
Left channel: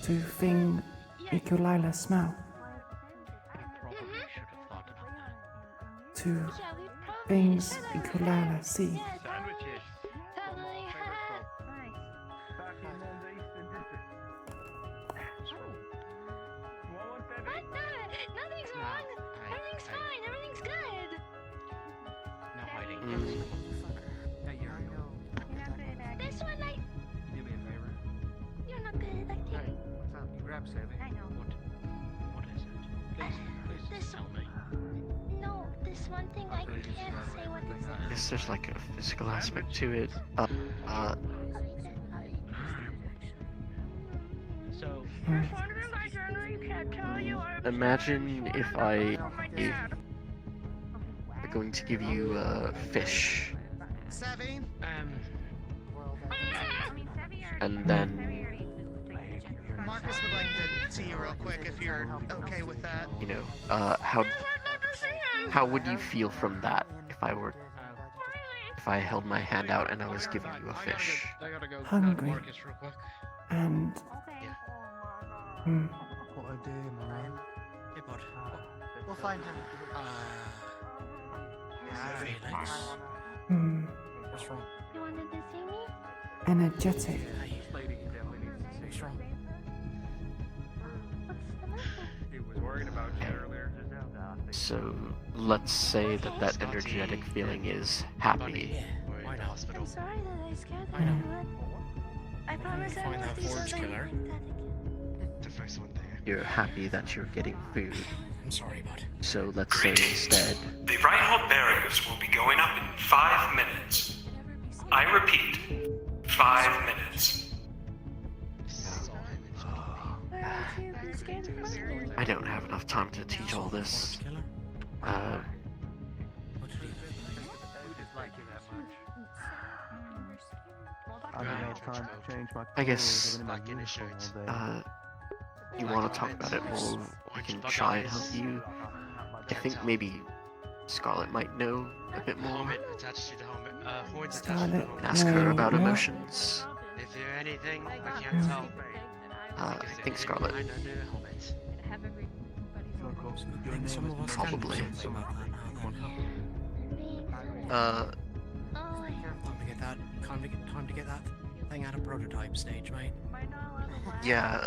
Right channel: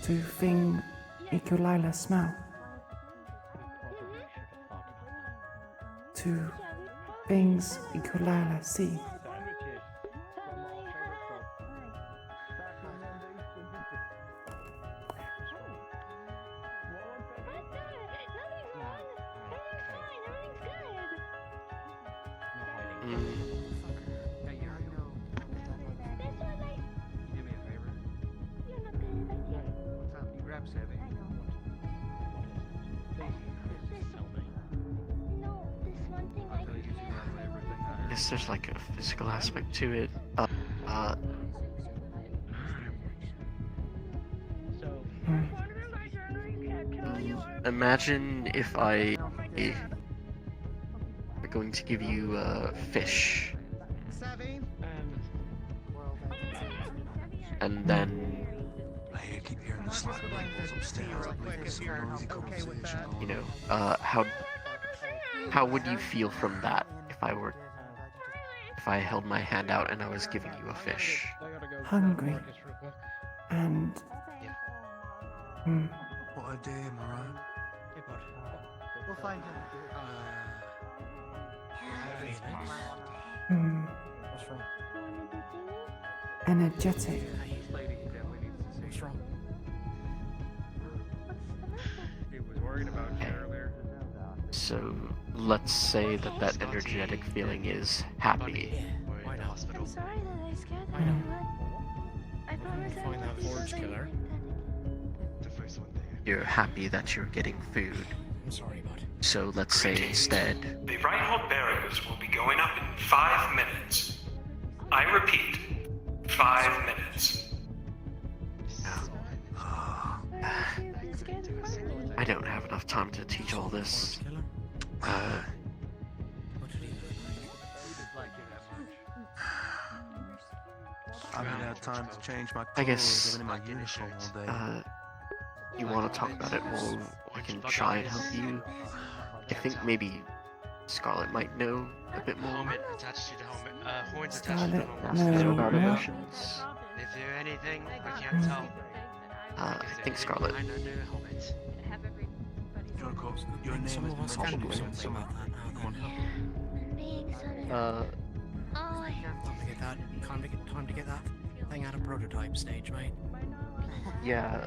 To thing Iku'lylah smell. To things Iku'lylah see. I guess there's like a physical aspect to it. Imagine if I were going to give you fish, and then you know, how would you feel from that if I held my hand out and I was giving you a fish? Hungry. And What a day, Mariah. We'll find him. What's wrong? energetic. What's wrong? He was worried about you earlier. So let's say that energetic feeling is happy. Why not? I'm sorry that I scared everyone. I promise I Find won't that do Forge something killer. You're happy that you're getting food. I'm sorry, bud. So let's say instead, The right-hold barriers will be going up in 5 minutes. I repeat, 5 minutes. I don't have enough time to teach all this. I guess, you want to talk about it more, I can try and help you. I think maybe Scarlet might know a bit more. Helmet attached to the helmet. Scarlet, Ask her about no. emotions. Is there anything I can't tell? I think Scarlet. Behind under the helmet. I think some of us can do something about that. Time to get that thing out of prototype stage, mate. Yeah,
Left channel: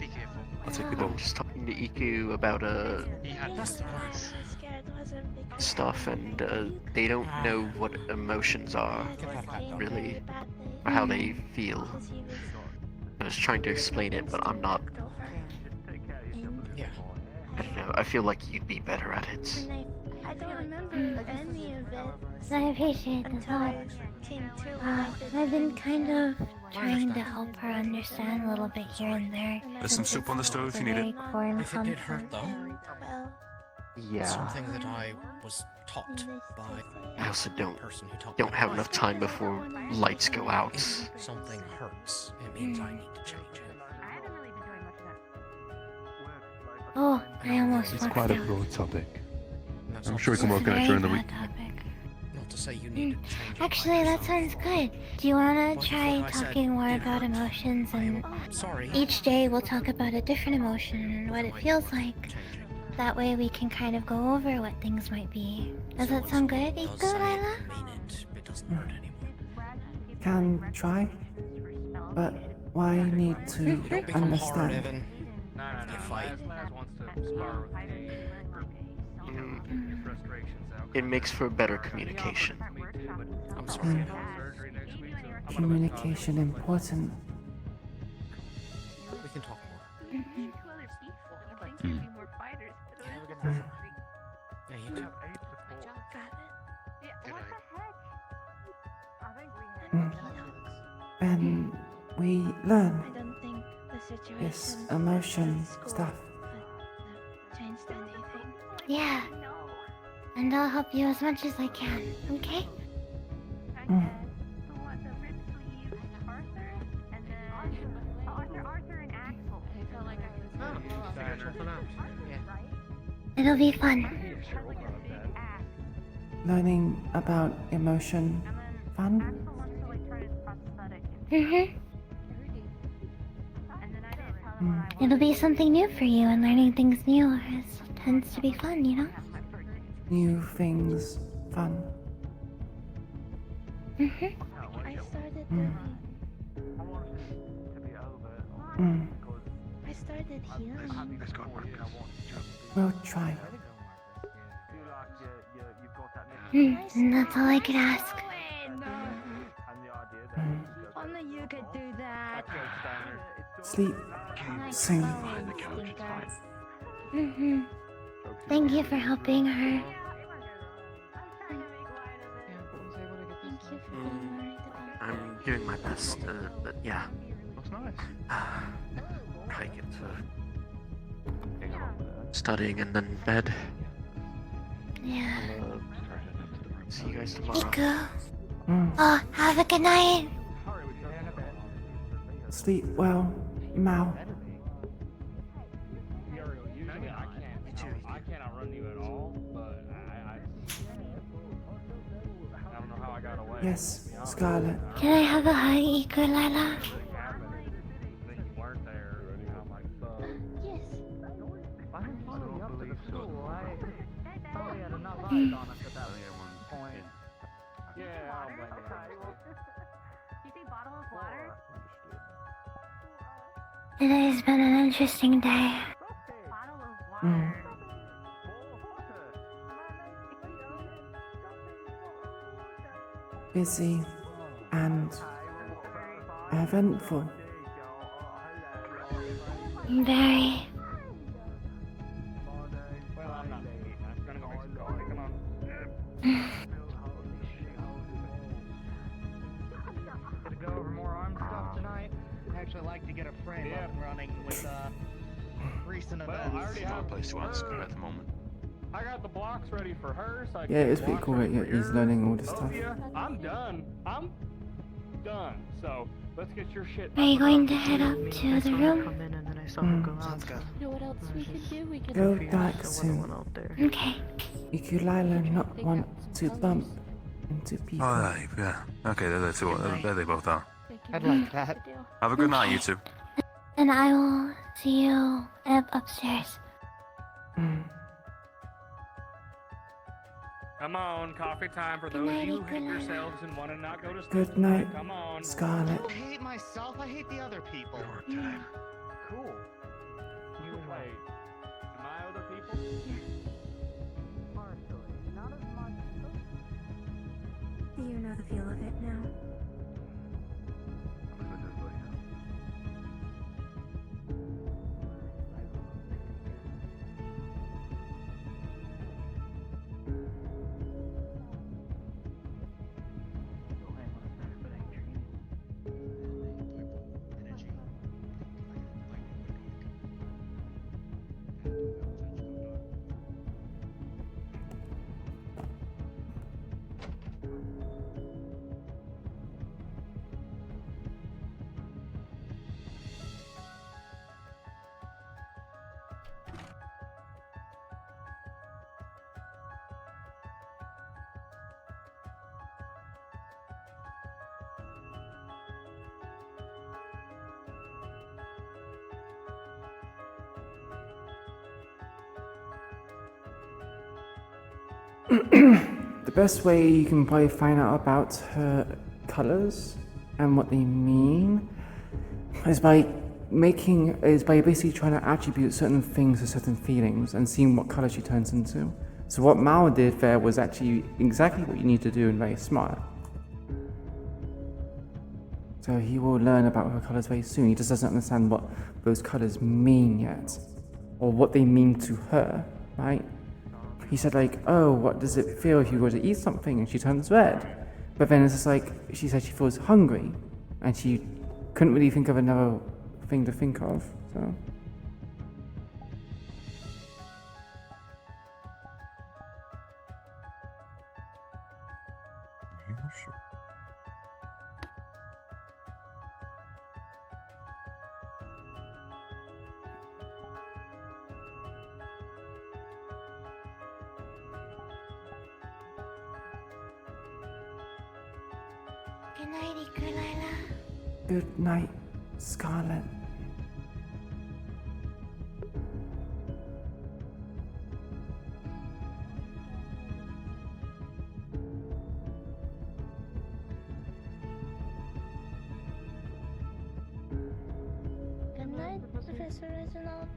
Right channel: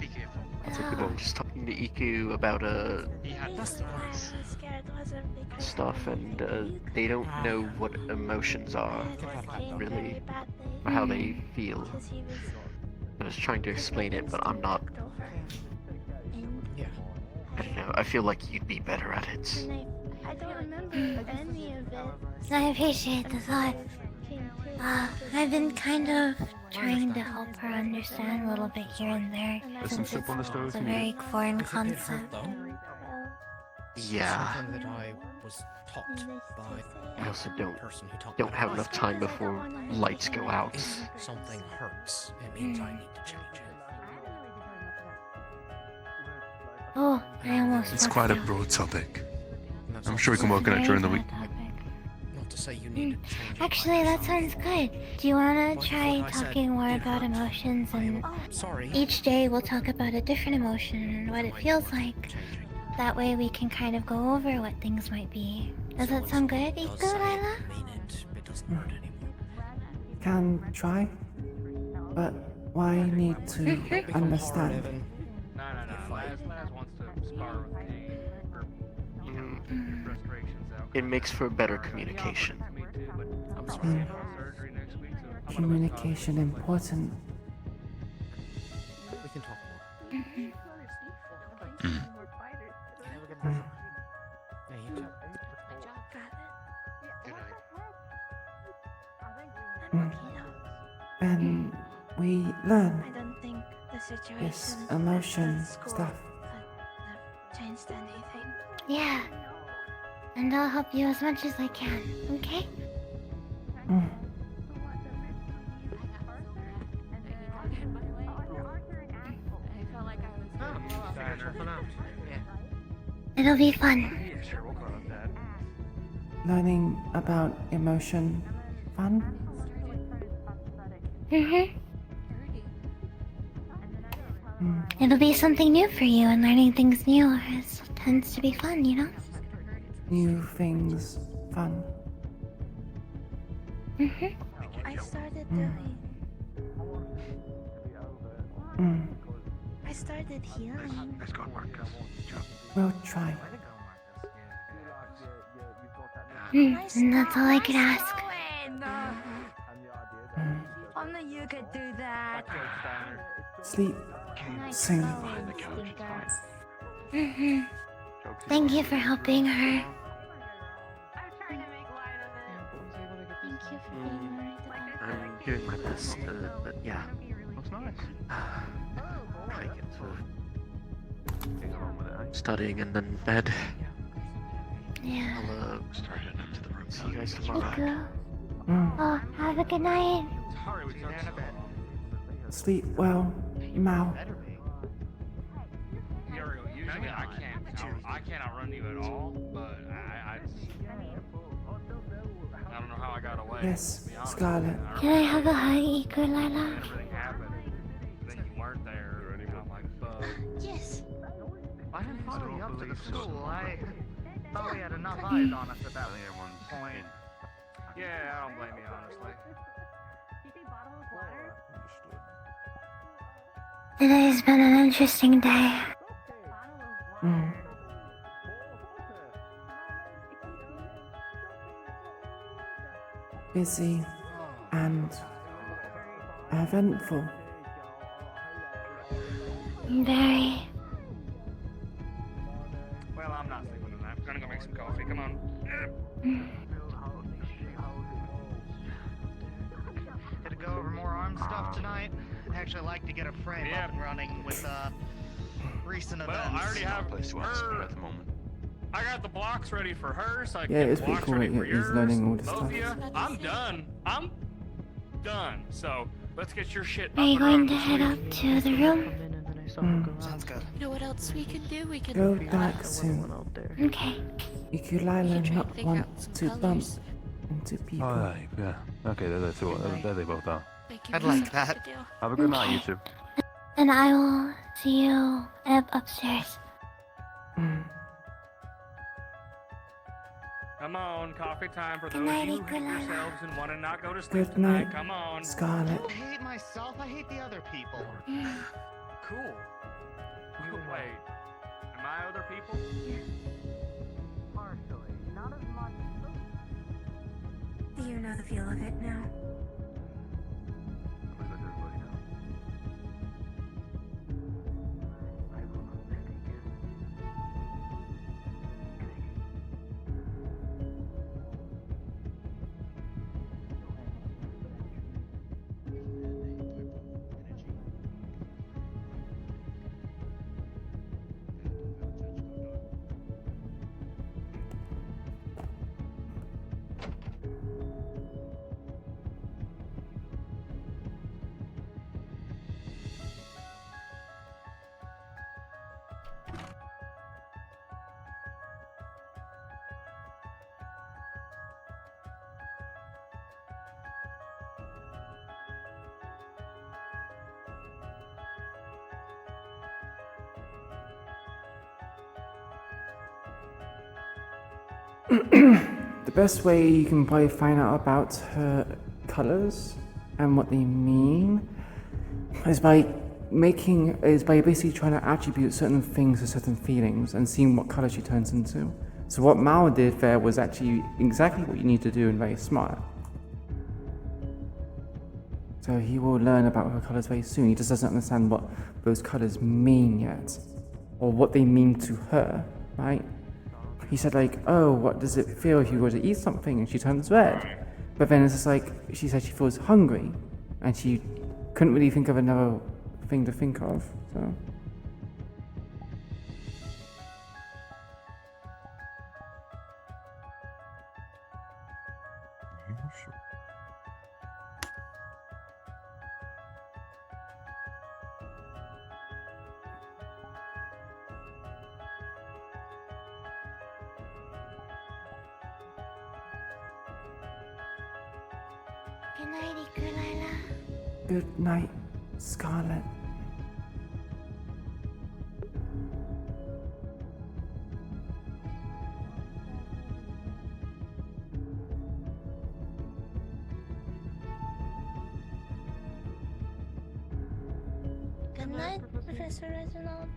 Be careful. I'm just talking to Iku about, He had stuff, and, they don't know what emotions are, really, or how they feel. I was trying to explain it, but I'm not... I don't know, I feel like you'd be better at it. I don't remember any of it. I appreciate the thought. I've been kind of trying to help her understand a little bit here and there. There's some soup on the stove if you need Very it. foreign If it did concept. hurt, though, Yeah. something that I was taught by I also the person who taught me don't how have to enough fight. time before lights go out. If something hurts, it means I need to change it. Oh, I almost It's walked quite a out. broad topic. And that's I'm not sure we to can say- work on it during the week. Not to say you need to change it. Actually, that sounds good. Do you want What to try if I said talking more it about hurts? emotions and Sorry. each day we'll talk about a different emotion and what it feels like. That way we can kind of go over what things might be. Does that sound good, Iku'lylah? It doesn't hurt anymore. Can try, but why need to understand? No. Laz wants to spar with Kane or get your frustrations out. It makes for better communication. Me too, but I'm Mm. surgery next week, so I'm gonna Communication important. We can talk more. Mm. Mm. And we learn I don't think the situation this emotion stuff. changed anything. Yeah. And I'll help you as much as I can, okay? Mm. It'll be fun. Learning about emotion fun? Mm-hmm. Mm. It'll be something new for you, and learning things new tends to be fun, you know? New things fun. Mm-hmm. I started Mm. I started healing. We'll try. And that's all I could ask. Mm. Only you could do that. Sleep soon. Mm-hmm. Thank you for helping her. I'm doing my best, but yeah. That's nice. I get to studying and then bed. Yeah. See you guys tomorrow. Iku. Mm. Oh, have a good night. Sleep well, Mal. Usually I can't outrun you at all, but I don't know how I got away. Yes, Scarlet. Can I have a hug, Iku'lylah? Yes. Mm. Yeah, I don't blame you, honestly. It has been an interesting day. Mm. busy and eventful. Very. Well, I'm not thinking of that. I'm gonna go make some coffee. Come on. Gonna go over more arm stuff tonight. I actually like to get a frame up and running with recent events. I already have Not a place to ask her at the moment. I got the blocks ready for her, so I Yeah, can it's pretty cool that he's learning all this stuff. I'm done. I'm done. So let's get your shit. Are you going to head up to the room? Sounds good. You know what else we could do? We could Go back soon. Okay. Iku'lylah not want to bump into people. Oh, yeah. Okay, there they both are. I'd like that. Have a good night, you two. And I will see you upstairs. Come on, coffee time for those of you who hate yourselves and want to not go to sleep. Good night, Come on. Scarlet. I hate myself. I hate the other people. Cool. Wait, am I other people? You know the feel of it now. The best way you can probably find out about her colors and what they mean is by basically trying to attribute certain things to certain feelings and seeing what color she turns into. So what Mao did there was actually exactly what you need to do and very smart. So he will learn about her colors very soon. He just doesn't understand what those colors mean yet, or what they mean to her, right? He said like, oh, what does it feel if you were to eat something and she turns red? But then it's just like, she said she feels hungry and she couldn't really think of another thing to think of, so. Good night, Iku'lylah. Good night, Scarlet. Good night, Professor Reginald.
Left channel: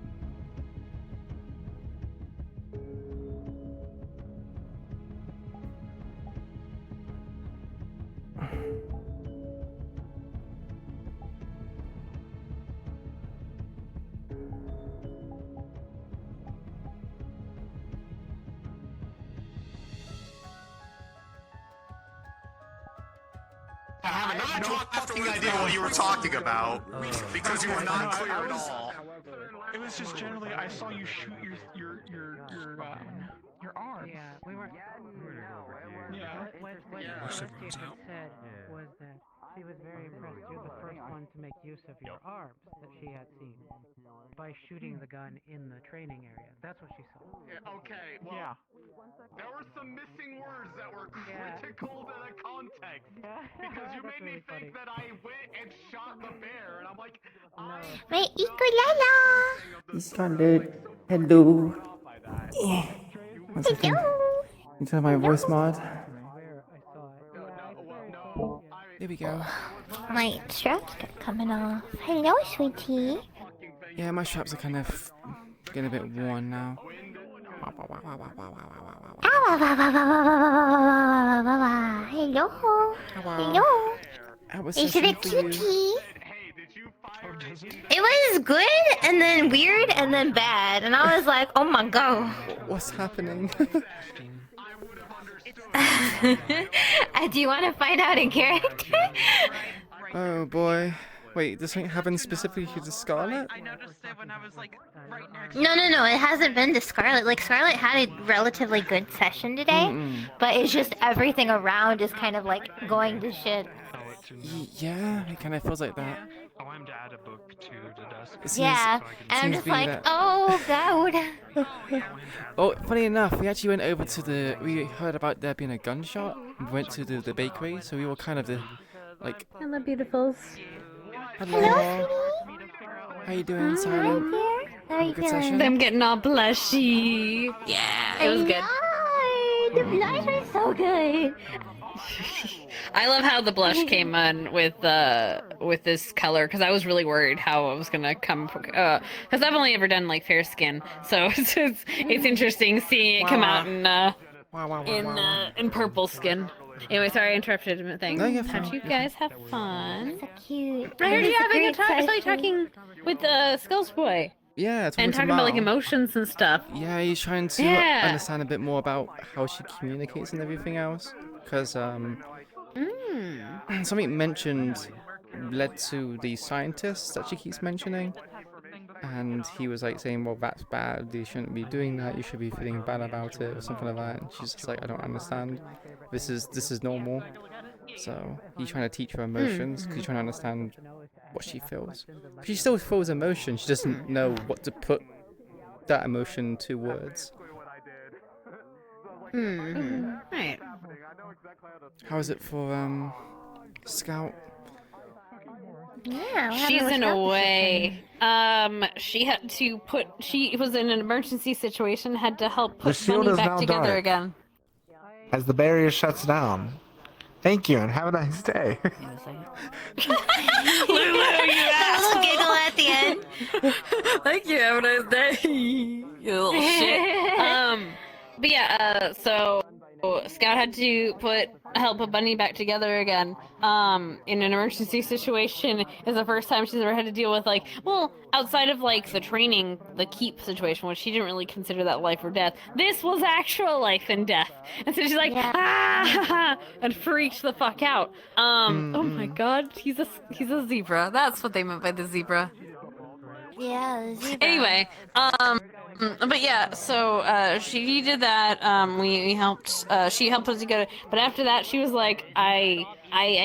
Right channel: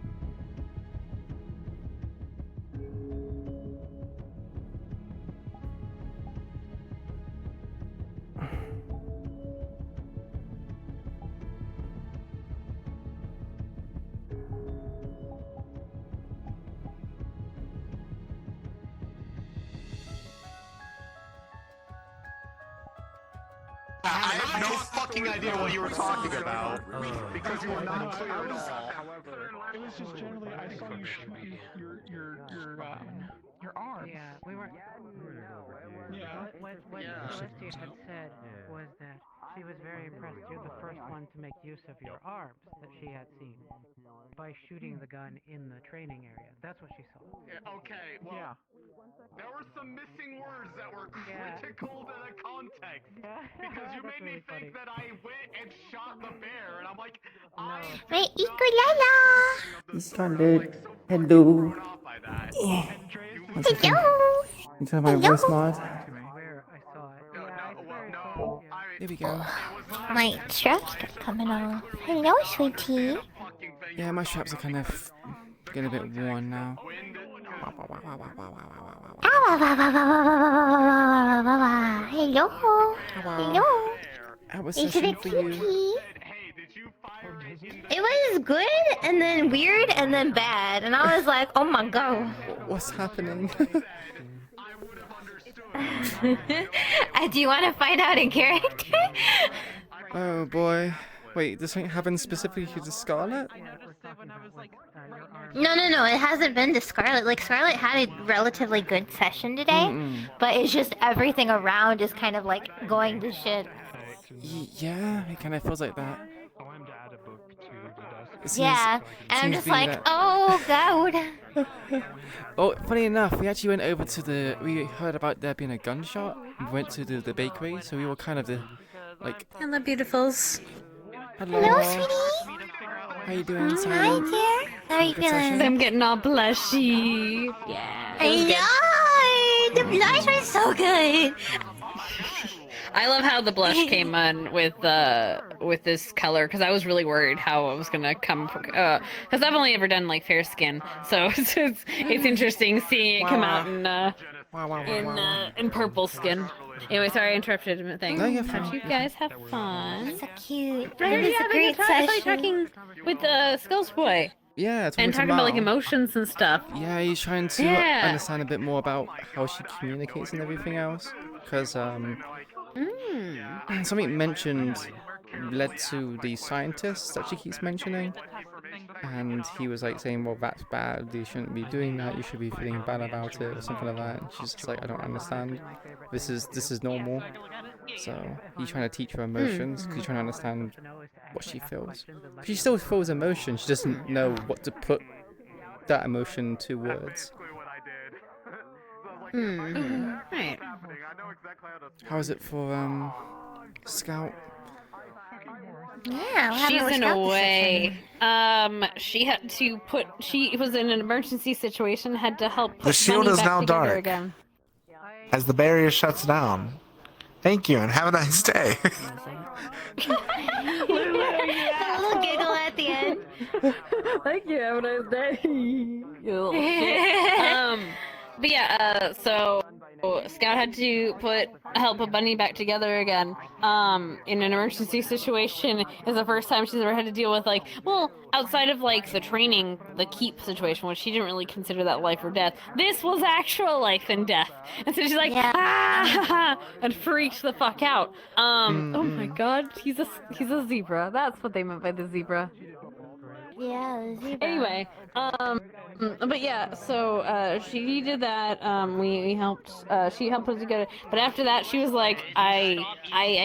I have no fucking idea what you were talking about because you were not clear at all. It was just generally, I saw you shoot your arm. Yeah, we weren't. Yeah. What Celestia had said was that she was very impressed. You're the first one to make use of your arms that she had seen by shooting the gun in the training area. That's what she saw. Yeah, okay, well, there were some missing words that were critical to the context. Because you made me think that I went and shot the bear, and I'm like, Wait, Iku'lylah! Scarlet, hello. Yeah. One second. You turn my voice mod. There we go. My straps are coming off. Hello, sweetie. Yeah, my straps are kind of getting a bit worn now. Hello. Hello. How was Is session it a for you? cutie? It was good, and then weird, and then bad, and I was like, oh my god. What's happening? Do you want to find out in character? Oh boy. Wait, does something happen specifically to Scarlet? No, it hasn't been to Scarlet. Like, Scarlet had a relatively good session today, but it's just everything around is kind of like going to shit. Yeah, it kind of feels like that. Yeah, and I'm just like, oh god. Oh, funny enough, we actually went over to we heard about there being a gunshot. We went to the bakery, so we were kind of like... Hello, beautifuls. Hello, sweetie. How you doing, Silent? How are you Good feeling? session? I'm getting all blushy. Yeah, it was good. The blush was so good. I love how the blush came on with this color because I was really worried how it was gonna come because I've only ever done like fair skin, so it's interesting seeing it come out in purple skin. Anyway, sorry I interrupted things. No, you're fine. Hope you guys have fun. So cute. Right, It was yeah, a great I thought you were talking with Skulls Boy. Yeah, and talking about like emotions and stuff. Yeah, he's trying to understand a bit more about how she communicates and everything else. Because something mentioned led to the scientists that she keeps mentioning. And he was like saying, well, that's bad, you shouldn't be doing that, you should be feeling bad about it, or something like that. And she's just like, I don't understand. This is normal. So he's trying to teach her emotions, because he's trying to understand what she feels. She still feels emotion, she doesn't know what to put that emotion to words. Right. How is it for Scout? Yeah, She's in a way. She had to put. She was in an emergency situation. Had to help The put shield money is back now together dark. again. As the barrier shuts down. Thank you, and have a nice day. The little giggle at the end. Thank you. Have a nice day. You little shit. But yeah. So Scout had to help put Bunny back together again. In an emergency situation is the first time she's ever had to deal with outside of like the training, the keep situation, which she didn't really consider that life or death. This was actual life and death, and so she's like and freaked the fuck out. Oh my god, he's a zebra. That's what they meant by the zebra. Yeah, zebra. Anyway, but yeah, so she did that. We helped. She helped us together. But after that, she was like, I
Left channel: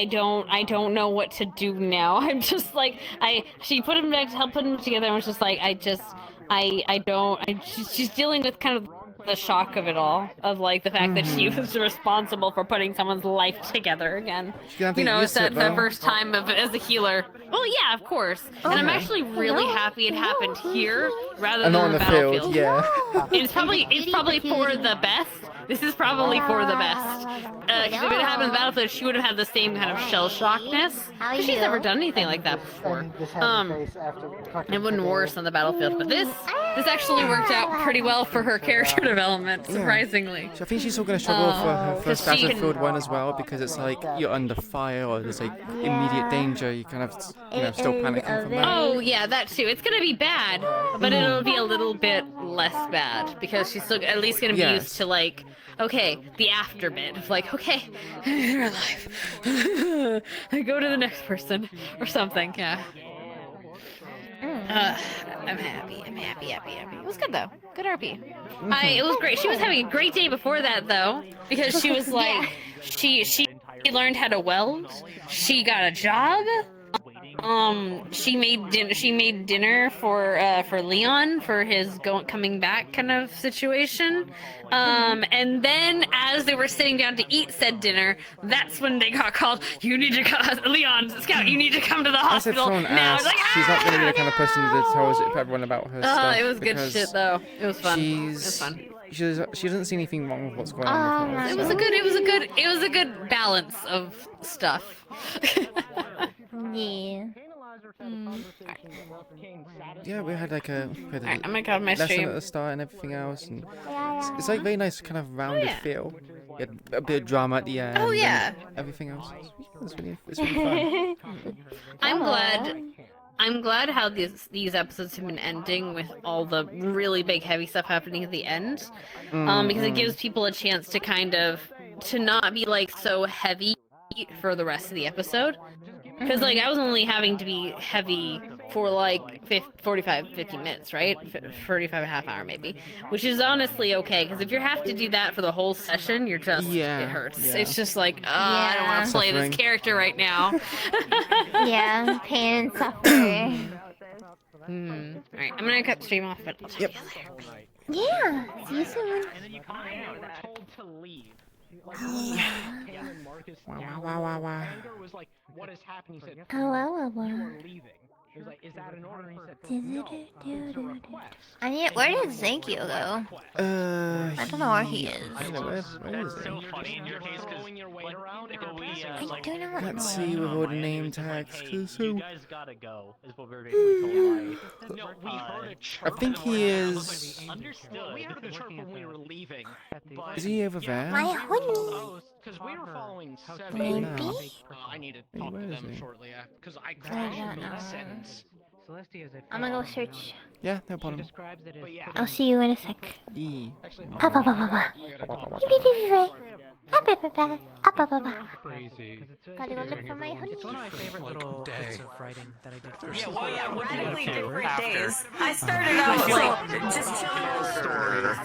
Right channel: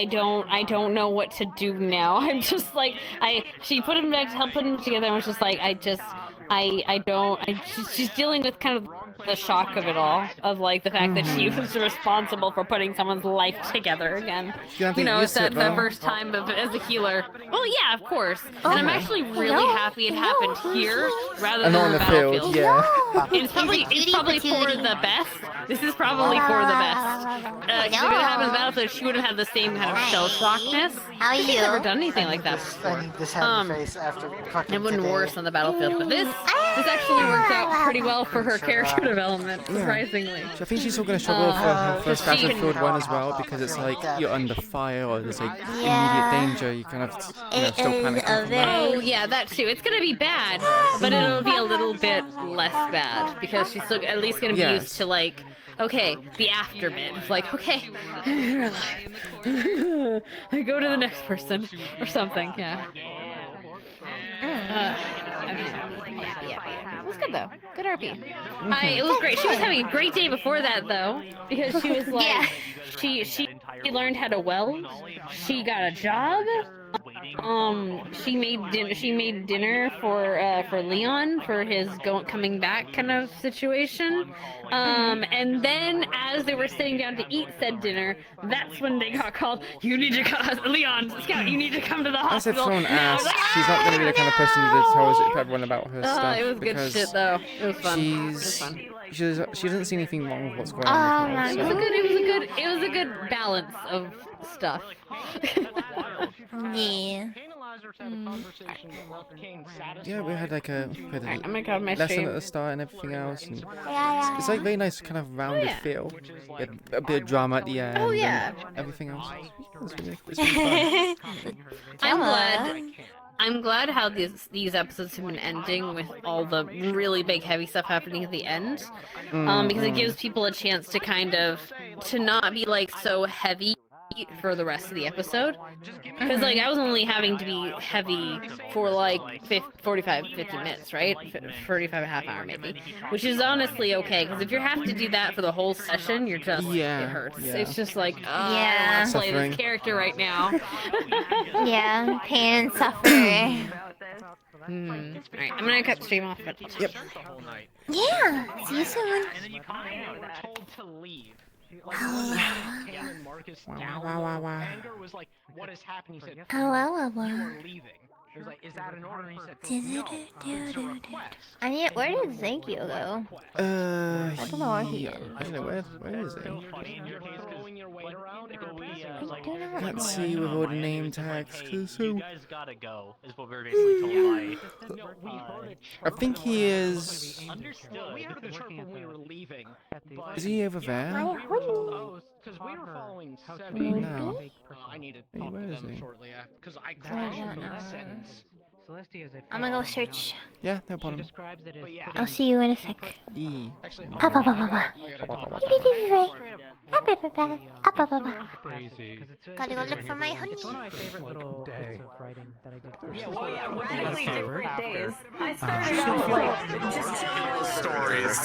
don't know what to do now. I'm just like, she put him back to help put him together, and was just like, she's dealing with kind of the shock of it all, of like the fact that she was responsible for putting someone's life together again. You know, it's that first time as a healer. Well, yeah, of course. And I'm actually really happy it happened here rather than on on the the field, battlefield. yeah. It's probably for the best. This is probably for the best. Because if it happened in the battlefield, she would have had the same kind of shell shockness. She's never done anything like that before. It wouldn't worse on the battlefield, but this actually worked out pretty well for her character development, surprisingly. So I think she's still going to struggle for her first Battlefield 1 as well, because it's like you're under fire or there's like immediate danger. You kind of still panicking from that. Oh yeah, that too. It's gonna be bad, but it'll be a little bit less bad because she's still at least gonna be used to like, okay, the after bit of like, okay, you're alive. I go to the next person or something. Yeah. I'm happy. It was good though. Good RP. It was great. She was having a great day before that though, because she was like, she learned how to weld. She got a job. She made dinner for Leon for his coming back kind of situation. And then as they were sitting down to eat said dinner, that's when they got called. You need to come, Leon, Scout. You need to come to the I said hospital. someone asked, she's not going to be the kind of person that tells everyone about her stuff. It was good because shit though. It was fun. She doesn't see anything wrong with what's going on with her. It was a good balance of stuff. Yeah. Yeah, we had like a Alright, I'm gonna cut my lesson stream. at the start and everything else, and Yeah, it's like very nice kind of rounded yeah. feel. We had a bit of drama at the end. Oh, yeah. And everything else. It's really fun. I'm glad how these episodes have been ending with all the really big heavy stuff happening at the end, because it gives people a chance to kind of to not be like so heavy for the rest of the episode. Because like I was only having to be heavy for like 45, 50 minutes, right? 45 and a half hour maybe, which is honestly okay. Because if you have to do that for the whole session, you're just it hurts. yeah. It's just like I don't want to play Suffering. this character right now. Yeah, pain and suffering. Alright, I'm gonna cut the stream off. But yep. Yeah, see you soon. Wow. was like, what has happened? He said, Hello. leaving. He was like, is that an order? He said, I need. Where did Ezekiel go? I don't know where he is. I don't know where is he? I do know what Can't see with all the name tags. So gotta go, is what we were basically I think he is. We heard the chart when we were leaving. Is he over there? Because we were following seven. No. I need to Hey, talk where to is them he? shortly after. Because I I don't couldn't know. that sentence. Celestia is a I'm gonna go search. Yeah, no problem. describes it as I'll see you in a sec. E. Up. crazy. Gotta go look for my honey. It's one of my favorite little bits of writing that I did for Radically different days. I started out like just telling stories.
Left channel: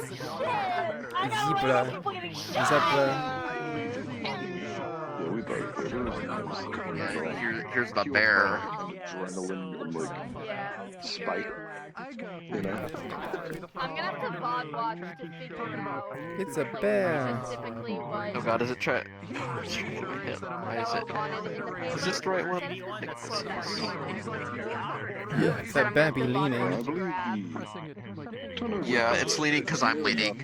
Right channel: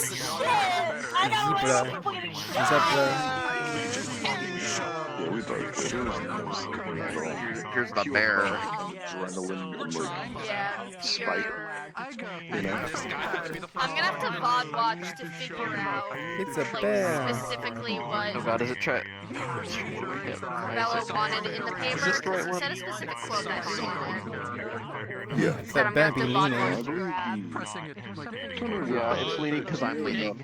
Here's the bear. Adrenaline and like spike. You know? I'm gonna have to VOD watch to figure out It's a bear. specifically what Oh god, is it try? how it's wanted in the paper. Is this the right one? It's that bear be leaning. Yeah, it's leaning because I'm leaning.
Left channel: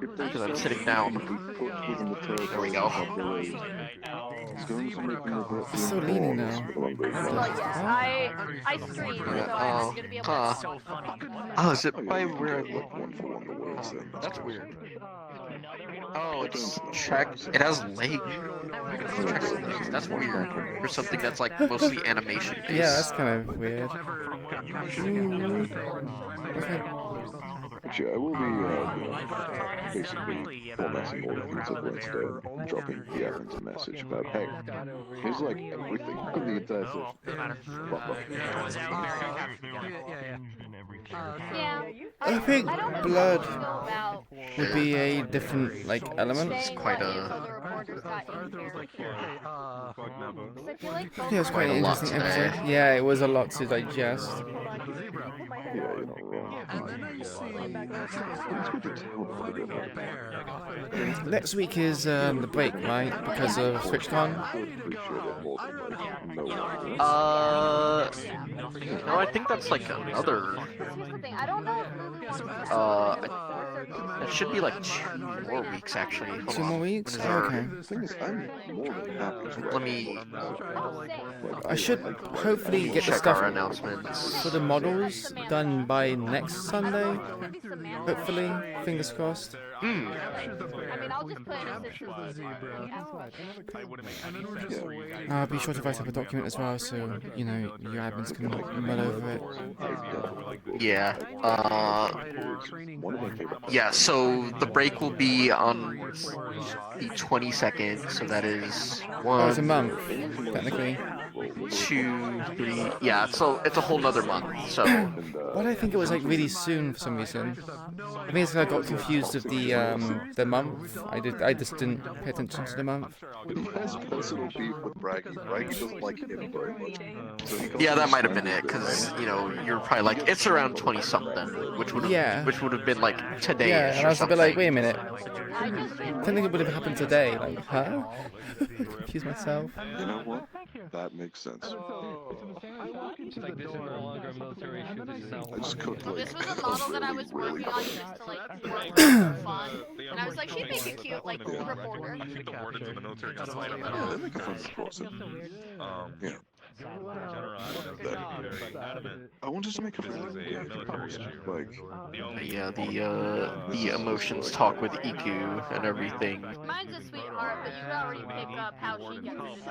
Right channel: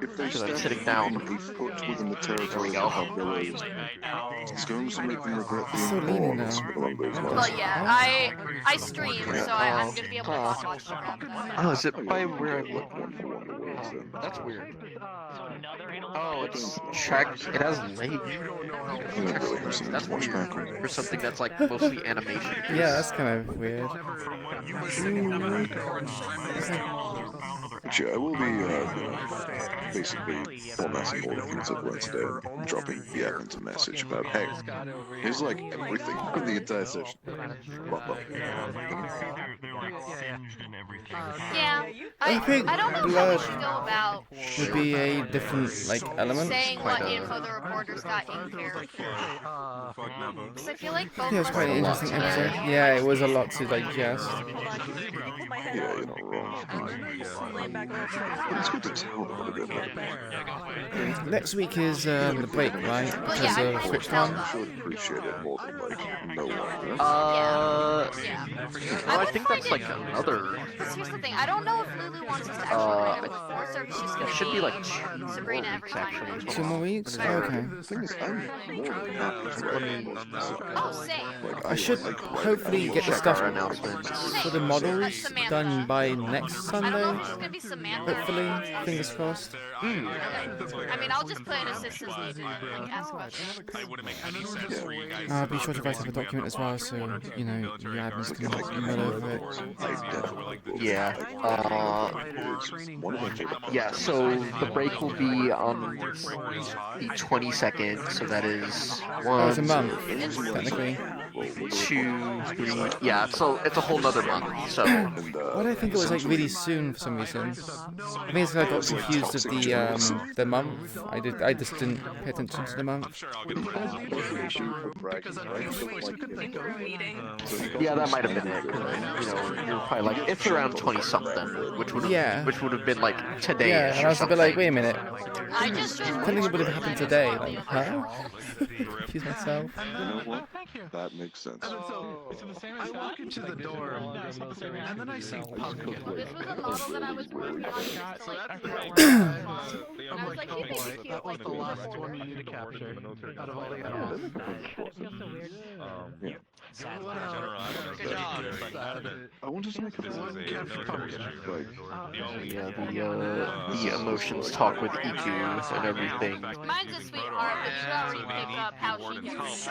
Because I'm sitting down. There we go. It's still leaning now. What the hell? I stream, Yeah, so I'm gonna be able to. Oh, is it by where I look? That's weird. Oh, it's track. It has legs. That's weird. For something that's like mostly animation. Yeah, that's kind of weird. Actually, I will be basically formatting all the things I've learned today and dropping the admins a message about, hey, here's like everything in the entire session. Yeah. I think I don't know blood how to go about would be a different like element. saying what info the reporters got in here. 'Cause I feel like both Yeah, it was quite an interesting episode. Yeah, it was a lot to digest. Yeah, you're not wrong. It's good to tell them a bit about Next week is the break, right? Because of SwitchCon. No, I think that's like another. Here's the thing, I don't know if Lulu wants to It should be like 2 more weeks actually. 2 more weeks? Oh, okay. Let me. I should hopefully get the check stuff our announcements. for the models done by next Sunday. Hopefully, fingers crossed. I mean, I'll just put an assistance needed and ask questions. I'll be sure to write up a document as well, so you know your admins can mull over it. Yeah. Yeah. So the break will be on the 22nd. So that is one. Oh, it's a month, technically. 2, 3. Yeah. So it's a whole nother month. So. Why do I think it was like really soon for some reason? I think it's 'cause I got confused with the month. I just didn't pay attention to the month. Yeah, that might have been it, because you know you're probably like it's around 20 something, which would have been like today. Yeah, and I was a bit like, wait a minute. Technically, it would have happened today. Like, huh? Confused myself. You know what? That makes sense. This was a model that I was working on just to like and I was like, she may be cute, like the reporter. I wanted to make a gift like Yeah, the emotions talk with Iku and everything. Mine's a sweetheart, but you should already pick up how she gets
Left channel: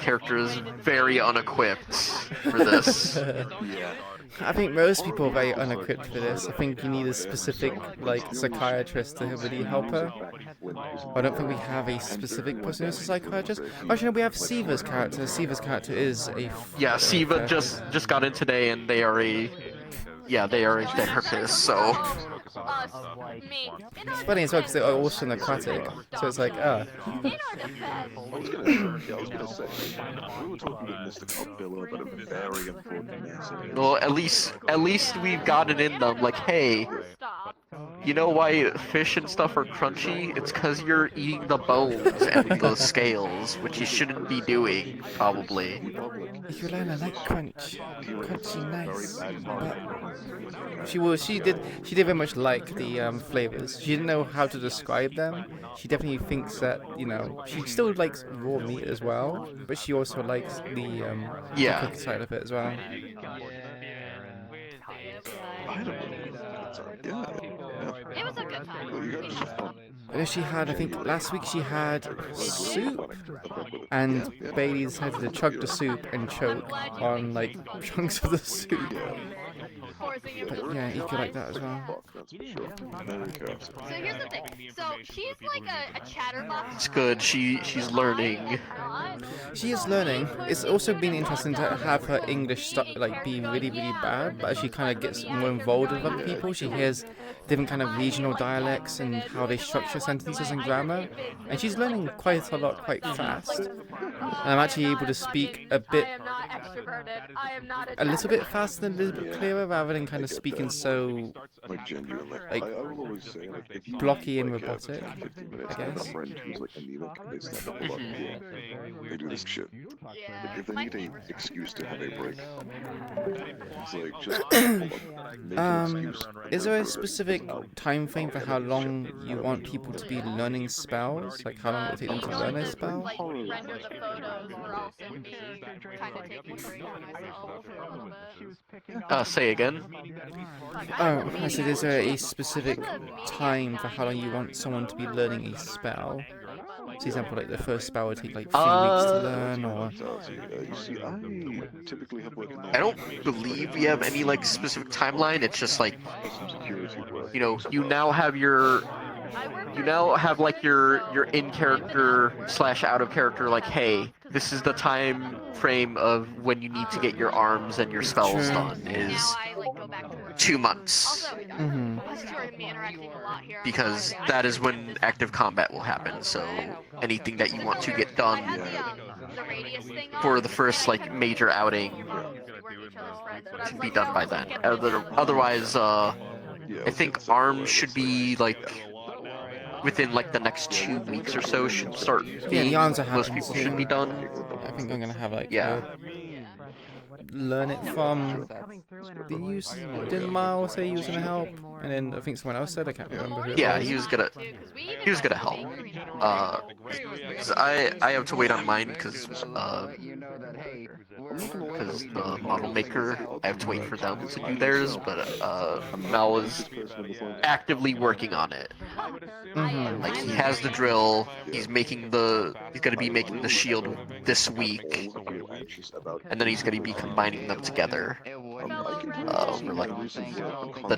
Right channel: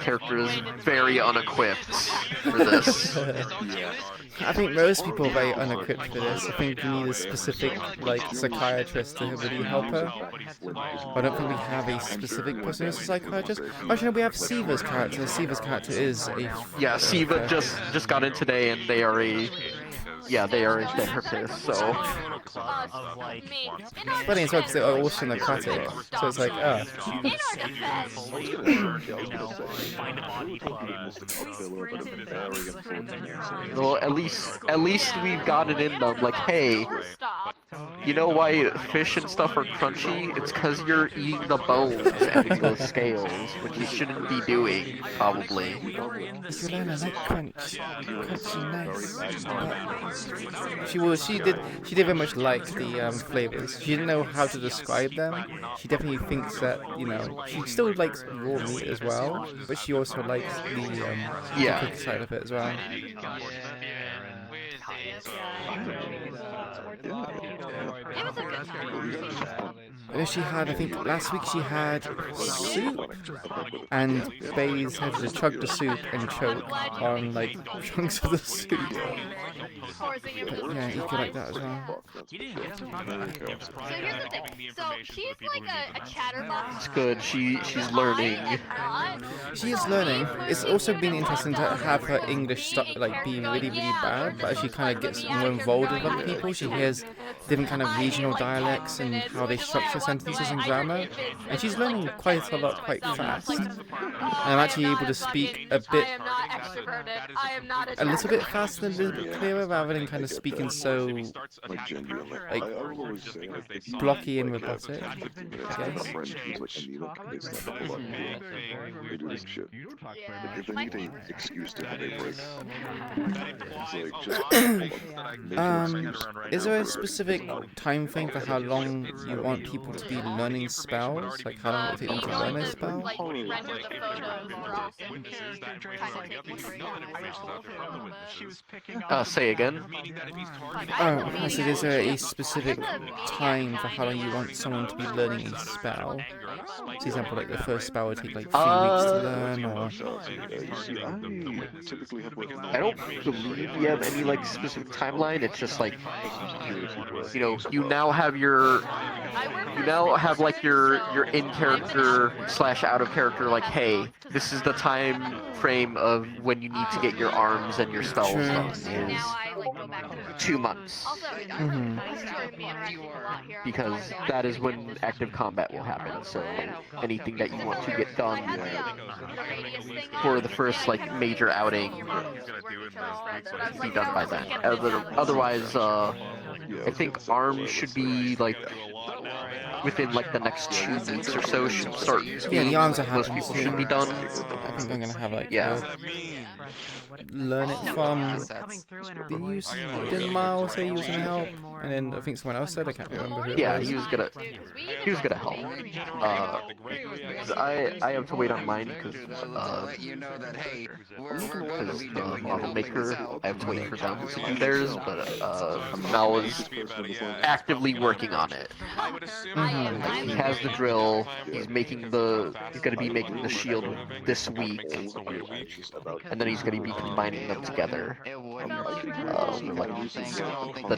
Character is very unequipped for this. Yeah. I think most people are very unequipped for this. I think you need a specific, like, psychiatrist to really help her. I don't think we have a specific person who's a psychiatrist. Actually, no, we have Siva's character. Siva's character is a... Yeah, Siva just got in today, and they are a therapist, so... It's funny as well, because they're also an aquatic. So it's like, ah. Well, at least we've gotten in them, like, hey, you know why fish and stuff are crunchy? It's because you're eating the bones and those scales, which you shouldn't be doing, probably. Iku'lylah, I like crunch. Crunchy, nice. But she did very much like the flavors. She didn't know how to describe them. She definitely thinks that, you know, she still likes raw meat as well, but she also likes the cooked side of it as well. It was a good time. She had, I think, last week she had soup, and Bailey decided to chug the soup and choke on, like, chunks of the soup. But yeah, you could like that as well. So here's the thing. So she's like a chatterbox. It's good. She's learning. She is learning. It's also been interesting to have her English like be really, really bad, but as she kind of gets more involved with other people, she hears different kind of regional dialects and how they structure sentences and grammar, and she's learning quite a lot, quite fast. And I'm actually able to speak a little bit faster and a little bit clearer, rather than kind of speaking so like blocky and robotic, I guess. They do this shit. If they need an excuse to have a break, it's like just is there a specific time frame for how long you want people to be learning spells? Like how long it will take them to learn a spell? Say again? Oh, I said, is there a specific time for how long you want someone to be learning a spell? For example, like the first spell would take like 3 weeks to learn, or... I don't believe we have any like specific timeline. It's just like, you know, you now have like your in character / out of character, like, hey, this is the time frame of when you need to get your arms and your spells done is 2 months. Also, because that is when active combat will happen. So anything that you want to get done for the first like major outing should be done by then. Otherwise, I think arms should be like within like the next 2 weeks or so should start. Yeah, the arms are happening soon. Should be done. I think I'm gonna have like learn it from didn't Miles say he was gonna help, and then I think someone else said, I can't remember who it was. He was gonna help. I have to wait on mine because model maker, I have to wait for them to do theirs, but Mel is actively working on it. Like, he has the drill. He's gonna be making the shield this week, and then he's gonna be combining them together for like the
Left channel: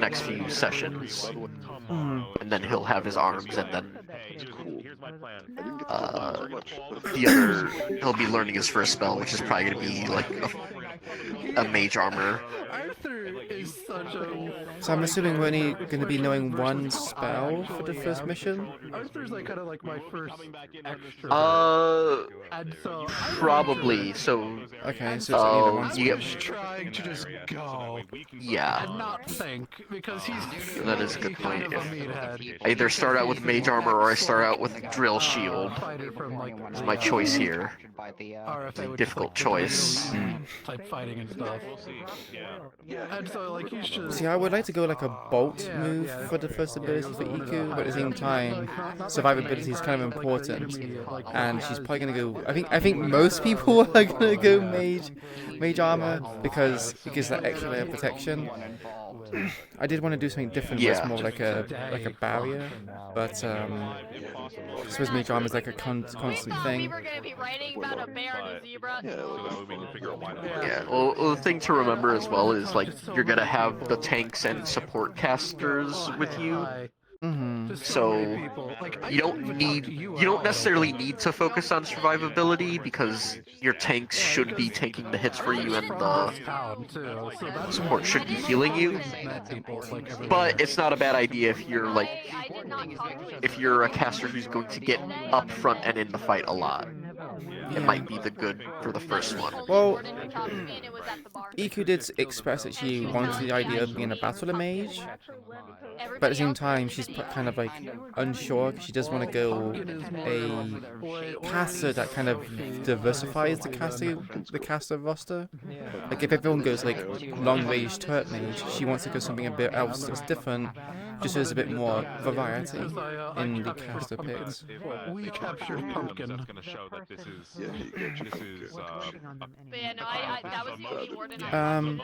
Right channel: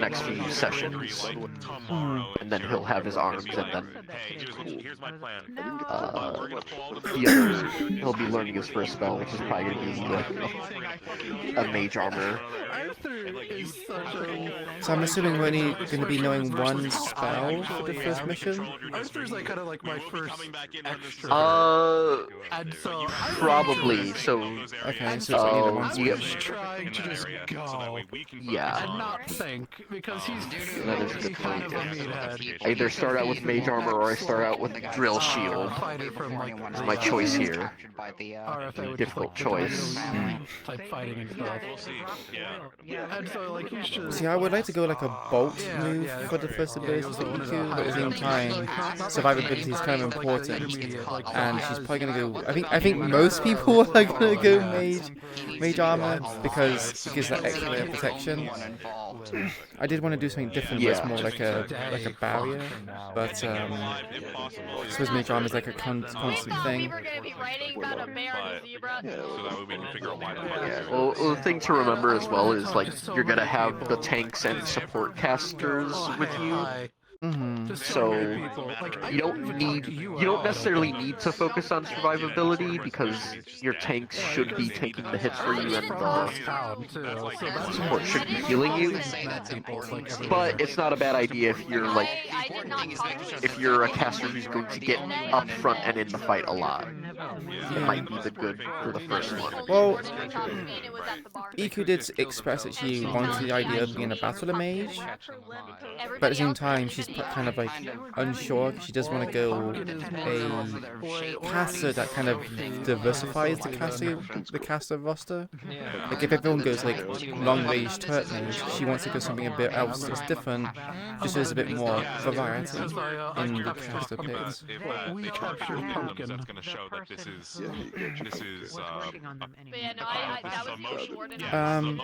next few sessions, and then he'll have his arms, and then he'll be learning his first spell, which is probably gonna be like a mage armor. So I'm assuming we're only going to be knowing one spell for the first mission? I And so Probably. So. Okay, so it's only the one you he's trying to just go Yeah. and not think because he's That is a low-key good kind point. of a meathead. I either start out with Mage Armor or I start out with Drill Shield. Fighter from like It's my choice here. RFA, which Difficult is like choice. type fighting and stuff. And so like he's just. See, I would like to go like a bolt move for the first ability for Iku, but at the same time, survivability is kind of important, and she's probably gonna go. I think most people are gonna go mage armor because it gives that extra layer of protection. I did want to do something different where it's more like a barrier, but I suppose mage armor is like a constant thing. Yeah, well, the thing to remember as well is like you're gonna have the tanks and support casters with you. So you don't necessarily need to focus on survivability because your tanks should be taking the hits for you and the support should be healing you. But it's not a bad idea if you're a caster who's going to get up front and in the fight a lot. It might be the good for the first one. Well, Iku did express that she wanted the idea of being a battler mage, but at the same time she's kind of like unsure. She does want to go a caster that kind of diversifies the caster roster. Like if everyone goes like long range turret mage, she wants to go something a bit else that's different, just so there's a bit more variety in the caster picks. We captured Pumpkin. Yeah, you captured Pumpkin. But yeah, no, that was the only warden I Do you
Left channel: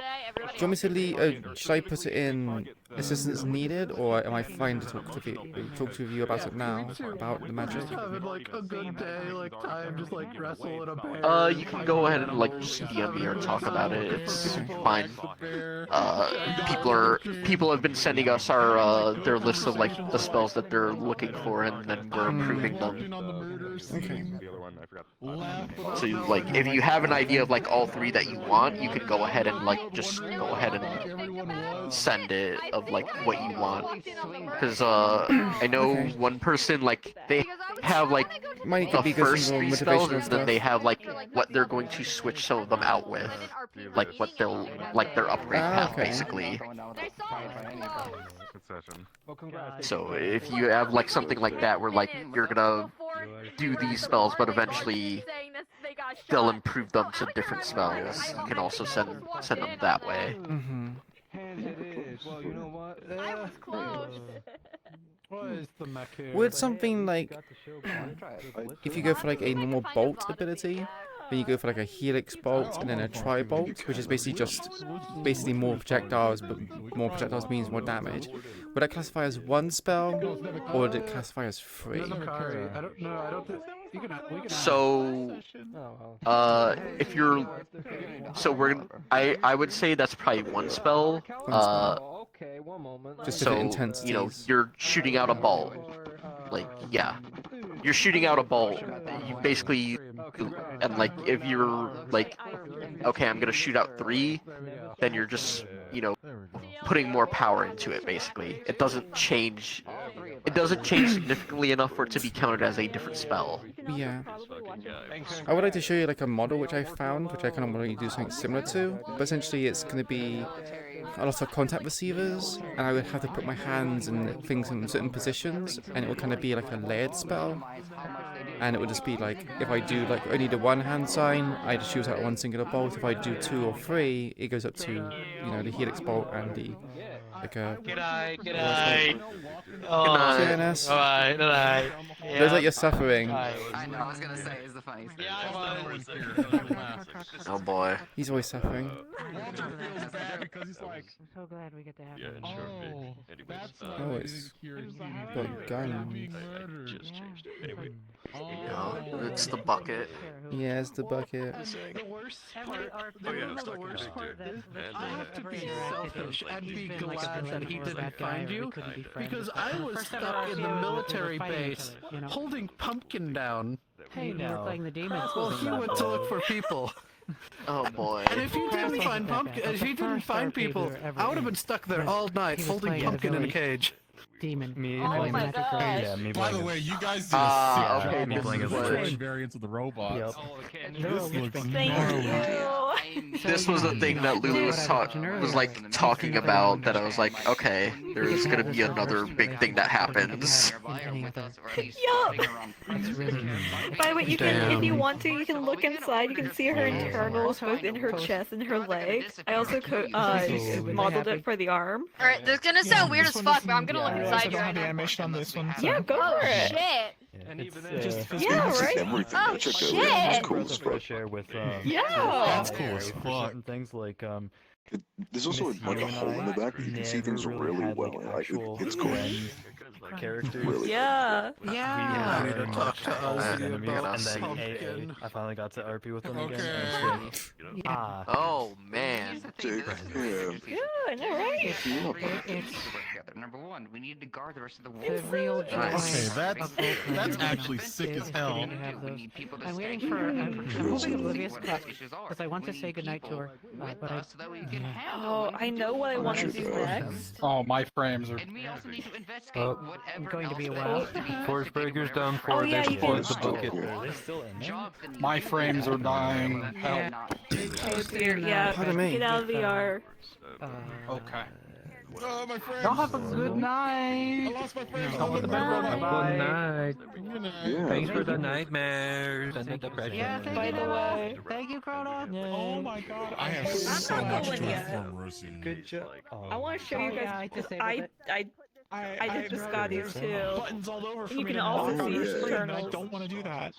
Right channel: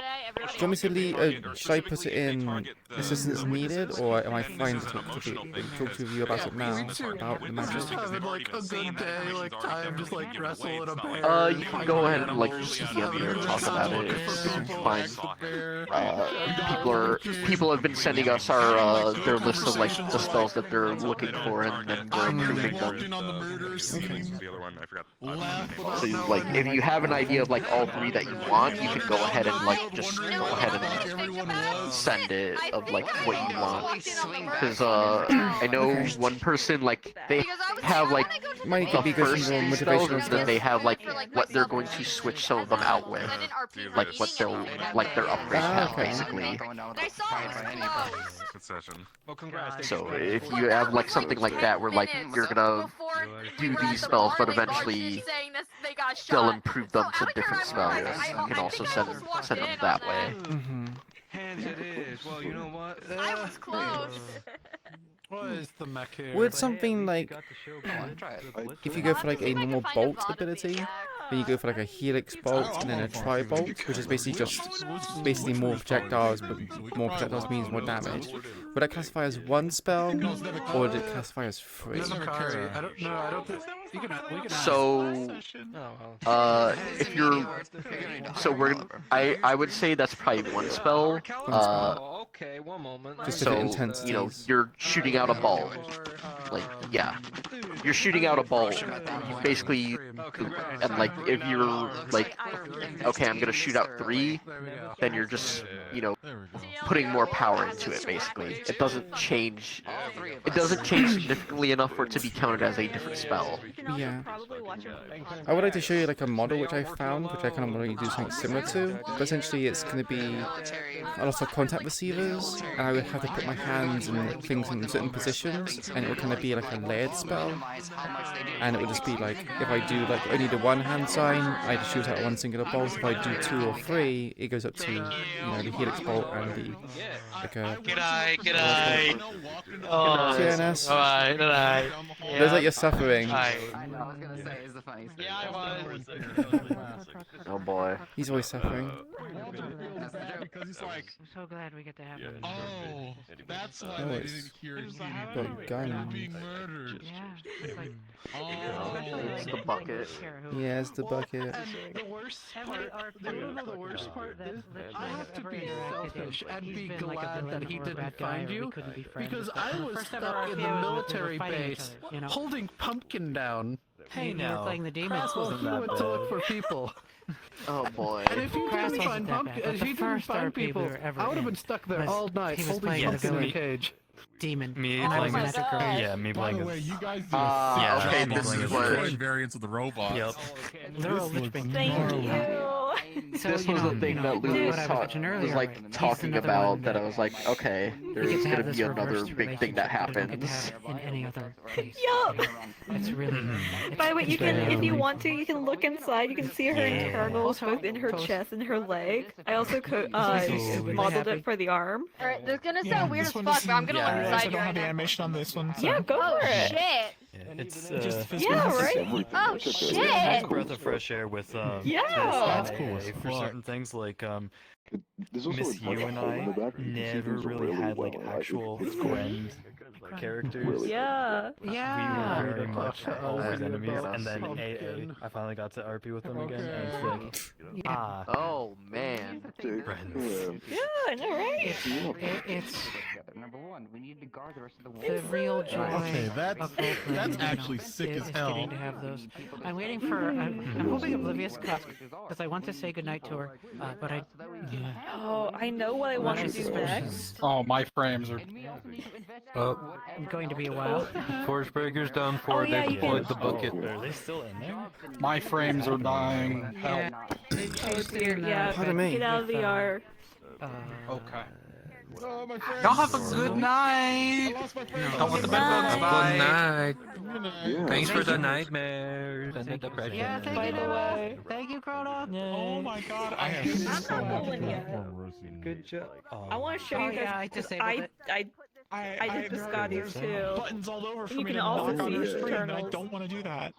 want me to leave, should I put it in assistance needed, or am I fine to talk to you about it now, about the magic? Having like a good day, like time just like wrestle in a bear. You can go ahead and like DM me or talk about it. It's fine. People have been sending us their list of like the spells that they're looking for, and then we're improving them. Okay. So like, if you have an idea of like all three that you want, you can go ahead and like just go ahead and send it of like what you want. Because I know one person like they have like the first three spells, and then they have like what they're going to switch some of them out with, like what they'll like their upgrade path basically. So if you have like something like that where like you're gonna do these spells but eventually they'll improve them to different spells, you can also send them that way. Would something like, if you go for like a normal bolt ability, then you go for like a helix bolt and then a tri bolt, which is basically more projectiles, but more projectiles means more damage. Would that classify as one spell, or would it classify as 3? So, if you're, I would say that's probably one spell. Just so, different intensities. You know, you're shooting out a bolt. Like, yeah, you're shooting out a bolt. You basically, and like, if you're like, okay, I'm gonna shoot out 3, then you're just, you know, putting more power into it. Basically, it doesn't change significantly enough for it to be counted as a different spell. Yeah. I would like to show you like a model which I found, which I kind of want to do something similar to, but essentially it's going to be a lot of contact receivers, and I would have to put my hands and things in certain positions, and it would kind of be like a layered spell. And it would just be like, if I do like only the one hand sign, I just shoot out one singular bolt. If I do 2 or 3, it goes up to, you know, the helix bolt and the like a. G'day. Oh, CNS. Alright. Yeah. Looks like you're suffering. Yeah, I was. Oh boy. He's always suffering. I'm so glad we get to have him. Oh, it's got guns. It's the bucket. Yeah, it's the bucket. The worst part is I have to be selfish and be glad that he didn't find you, because I was stuck in the military base holding Pumpkin down. Hey, now playing the demons. Well, he went to look for people. Oh boy. And if you didn't find people, I would have been stuck there all night holding Pumpkin in a cage. demon. Me Oh playing my it. gosh. Yeah, me By playing the it. way, you guys did Yeah, a okay, sick this job is on what- the variants of the robots. Yep. This looks Thank gnarly. you. This was the thing that Lou was like talking about. That I was like, okay, there is gonna be another big thing that happens. In any other case. Yup. It's really. By the way, you can, if you Damn. want to, you can look inside. You can see her Yeah. internals, both in her chest and her legs. I also modeled it for the arm. Alright, this is gonna sound weird as fuck, but I'm gonna look inside you right now. animation on this one. Yeah, go Oh for it. shit! Yeah, right? Oh It's shit! a breath of fresh air with Yeah. That's cool as for certain things like There's also Miss a bunch You of and hole in the I back. You can see never things really really had well. like actual It's cool. friend characters. Yeah. We were very much always enemies, and then AA, I finally got to RP with them again, and it's like, Oh man. Yeah, I know, right? It's Number one, we need to guard the rest of the the real joy. Okay, that's of Oakland actually sick is as hell. getting to have those. I'm waiting for. I'm hoping Oblivious because I want to say goodnight to her, but I. Oh, I know what I want to do next. Oh, my frames are. I'm going to be a while. Force Breaker's done for, Oh, yeah, they you can- put the bucket. Are they still in there? My frames are dying. Yeah. Yeah, Pardon me. get out of VR. Okay. Y'all have a good night. I lost my frames. Good night. Good night. Thanks for the nightmares and the depression. Yeah, thank By you. the way. Thank you, Crota. Oh my god, I have so much stress. Good job. I want to show you yeah, guys I because disabled I did the Scotties too. Buttons all over for You me can to also knock on see her his screen, and I internals. don't want to do that.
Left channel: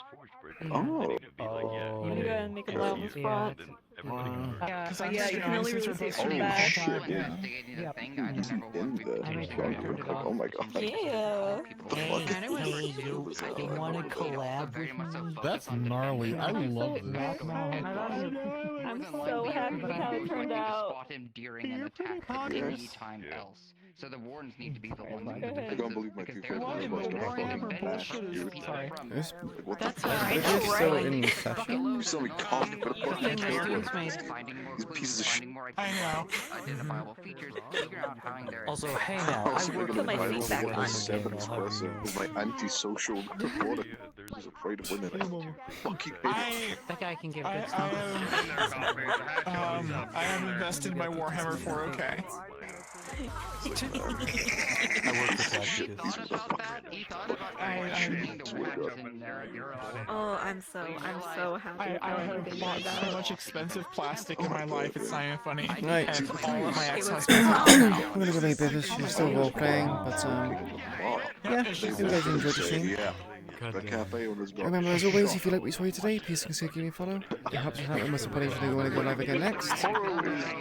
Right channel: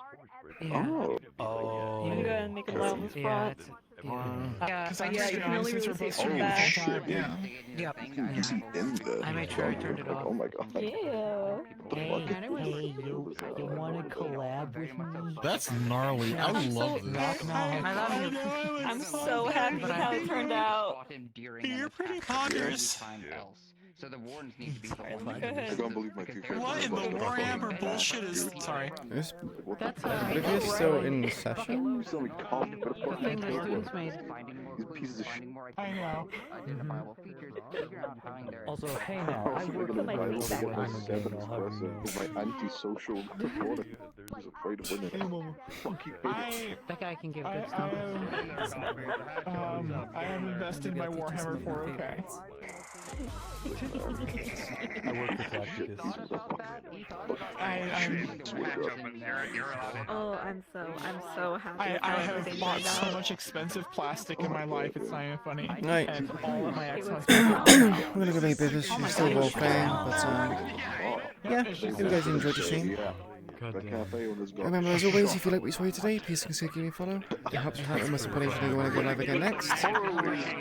Oh. Oh. I'm gonna make him loud in front. Because I'm Yeah, you can only since really we're see both it from from back. time. Yeah. You can see in the front. Like, oh my god. Yeah. You want to collab with me? That's gnarly. I love this. I'm so happy with how it turned out. You're pretty Yes. So the wardens need to be the ones. I can't believe my two frames are fucking Bullshit is. Sorry. Is That's Oblivious still in session? You saw me cough, but The thing the students made. these pieces of shit. I know. Identifiable features, figure out how they're Also, hey now, I work Put my feet back on. my antisocial reporter was afraid of women. Fucking hate. That guy can give I good stuff. am investing my Warhammer 4K. I work this lab Oh, I'm so happy. I have bought so much expensive plastic in my life, it's not even funny. Right. And all of my I'm gonna go make business. She's still role playing, but yeah. Hope you guys enjoyed the stream. Remember, as always, if you like what you saw here today, please consider giving me a follow. It helps us out with my support if you want to go live again next.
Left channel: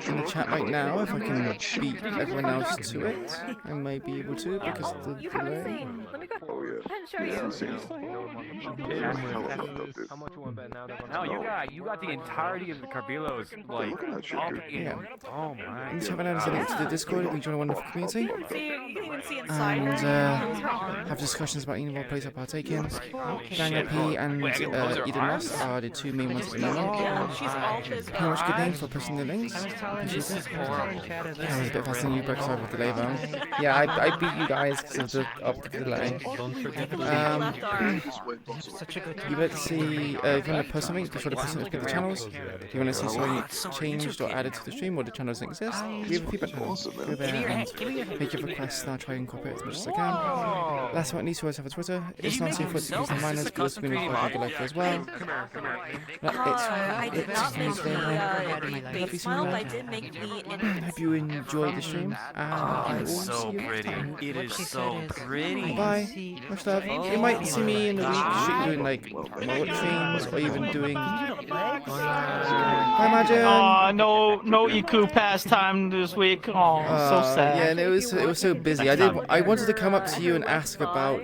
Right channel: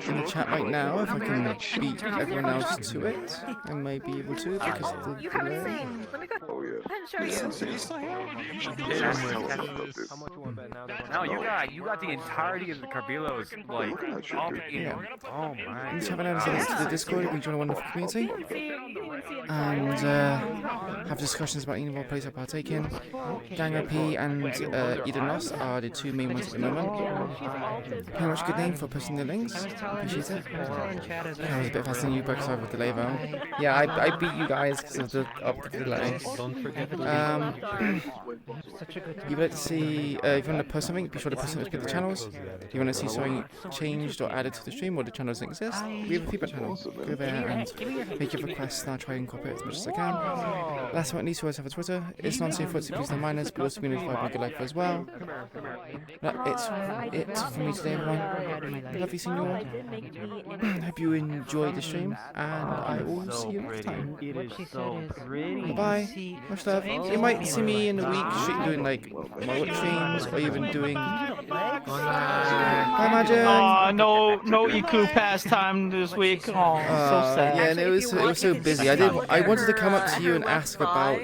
In the chat right now, if I can beat everyone else to it, I may be able to because of the delay. Oh yeah. How much you want to bet now? No, you got the entirety of the Carbilos, like, all Yeah. Oh my. And have an link to the Discord. We join a wonderful community and have discussions about any of our plays I partake in. Gang OP and Eden Lost are the two main ones at the moment. Pretty much a good name for posting the links. Appreciate it. Yeah, I was a bit faster than you, but sorry for the delay, though. Yeah, I beat you guys because of the delay. You would like to see, if you want to post something, be sure to post something to the channels. If you want to see something changed or added to the stream or the channel doesn't exist, we have a feedback channel. Go there and make your requests and I'll try and incorporate as much as I can. Last but not least, we also have a Twitter. It's non-safe for the minors, but also be notified when I go live as well. It's for me today, everyone. Love you, seeing you all. Hope you enjoyed the stream, and I will see you next time. It is so pretty. Bye. Much love. You might see me in a week doing like my streams or even doing. Bye, Majin. No Iku pastime this week. So sad. Yeah, and it was so busy. I wanted to come up to you and ask about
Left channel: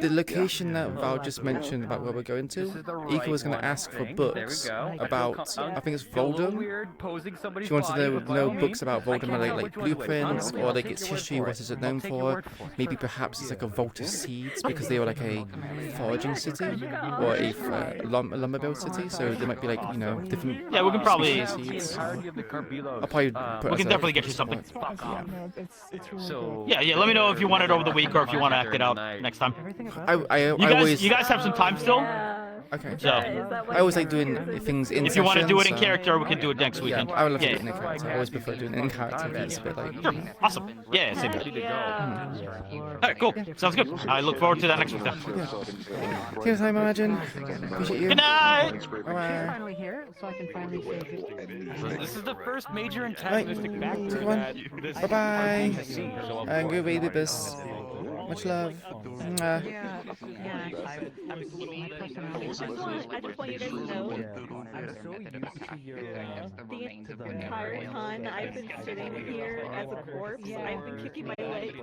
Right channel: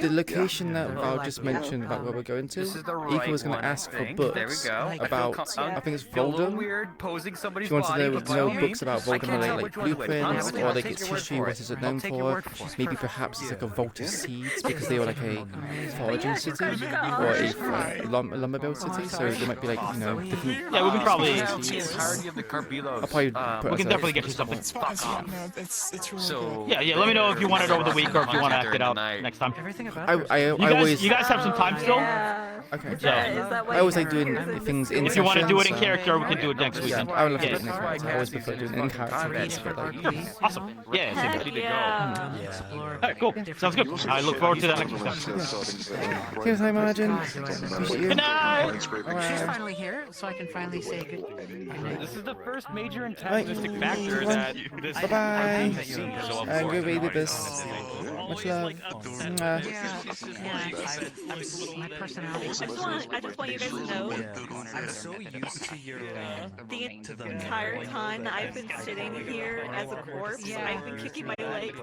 The location that Val just mentioned about where we're going to, Ika was going to ask for books about, I think it's Voldem. She wanted to know books about Voldem, like blueprints, or like its history, what is it known for. Maybe perhaps it's like a vault of seeds, because they were like a foraging city, or a lumber mill city, so there might be like, you know, different... Yeah, we can probably... seeds. I'll probably put we can definitely get you something. Yeah, let me know if you want it over the week or if you want to act it out next time. You guys have some time still? Okay. So, I always like doing things in if you want to do it in so- character, we can do it next weekend. Yeah, I would love to do it in character. I always prefer doing it in character. It's a bit like... Awesome. Yeah, same here. Alright, cool. Sounds good. I look forward to that next week. Here's time, Imagine. Appreciate you. Good night! Bye-bye. Finally here, so I can finally say good. This is the first major Right. antagonistic factor that this Bye-bye. And good baby bus. Much love. Mwah. I just want you guys to know the entire time I've been sitting here as a corpse, I've been kicking my legs.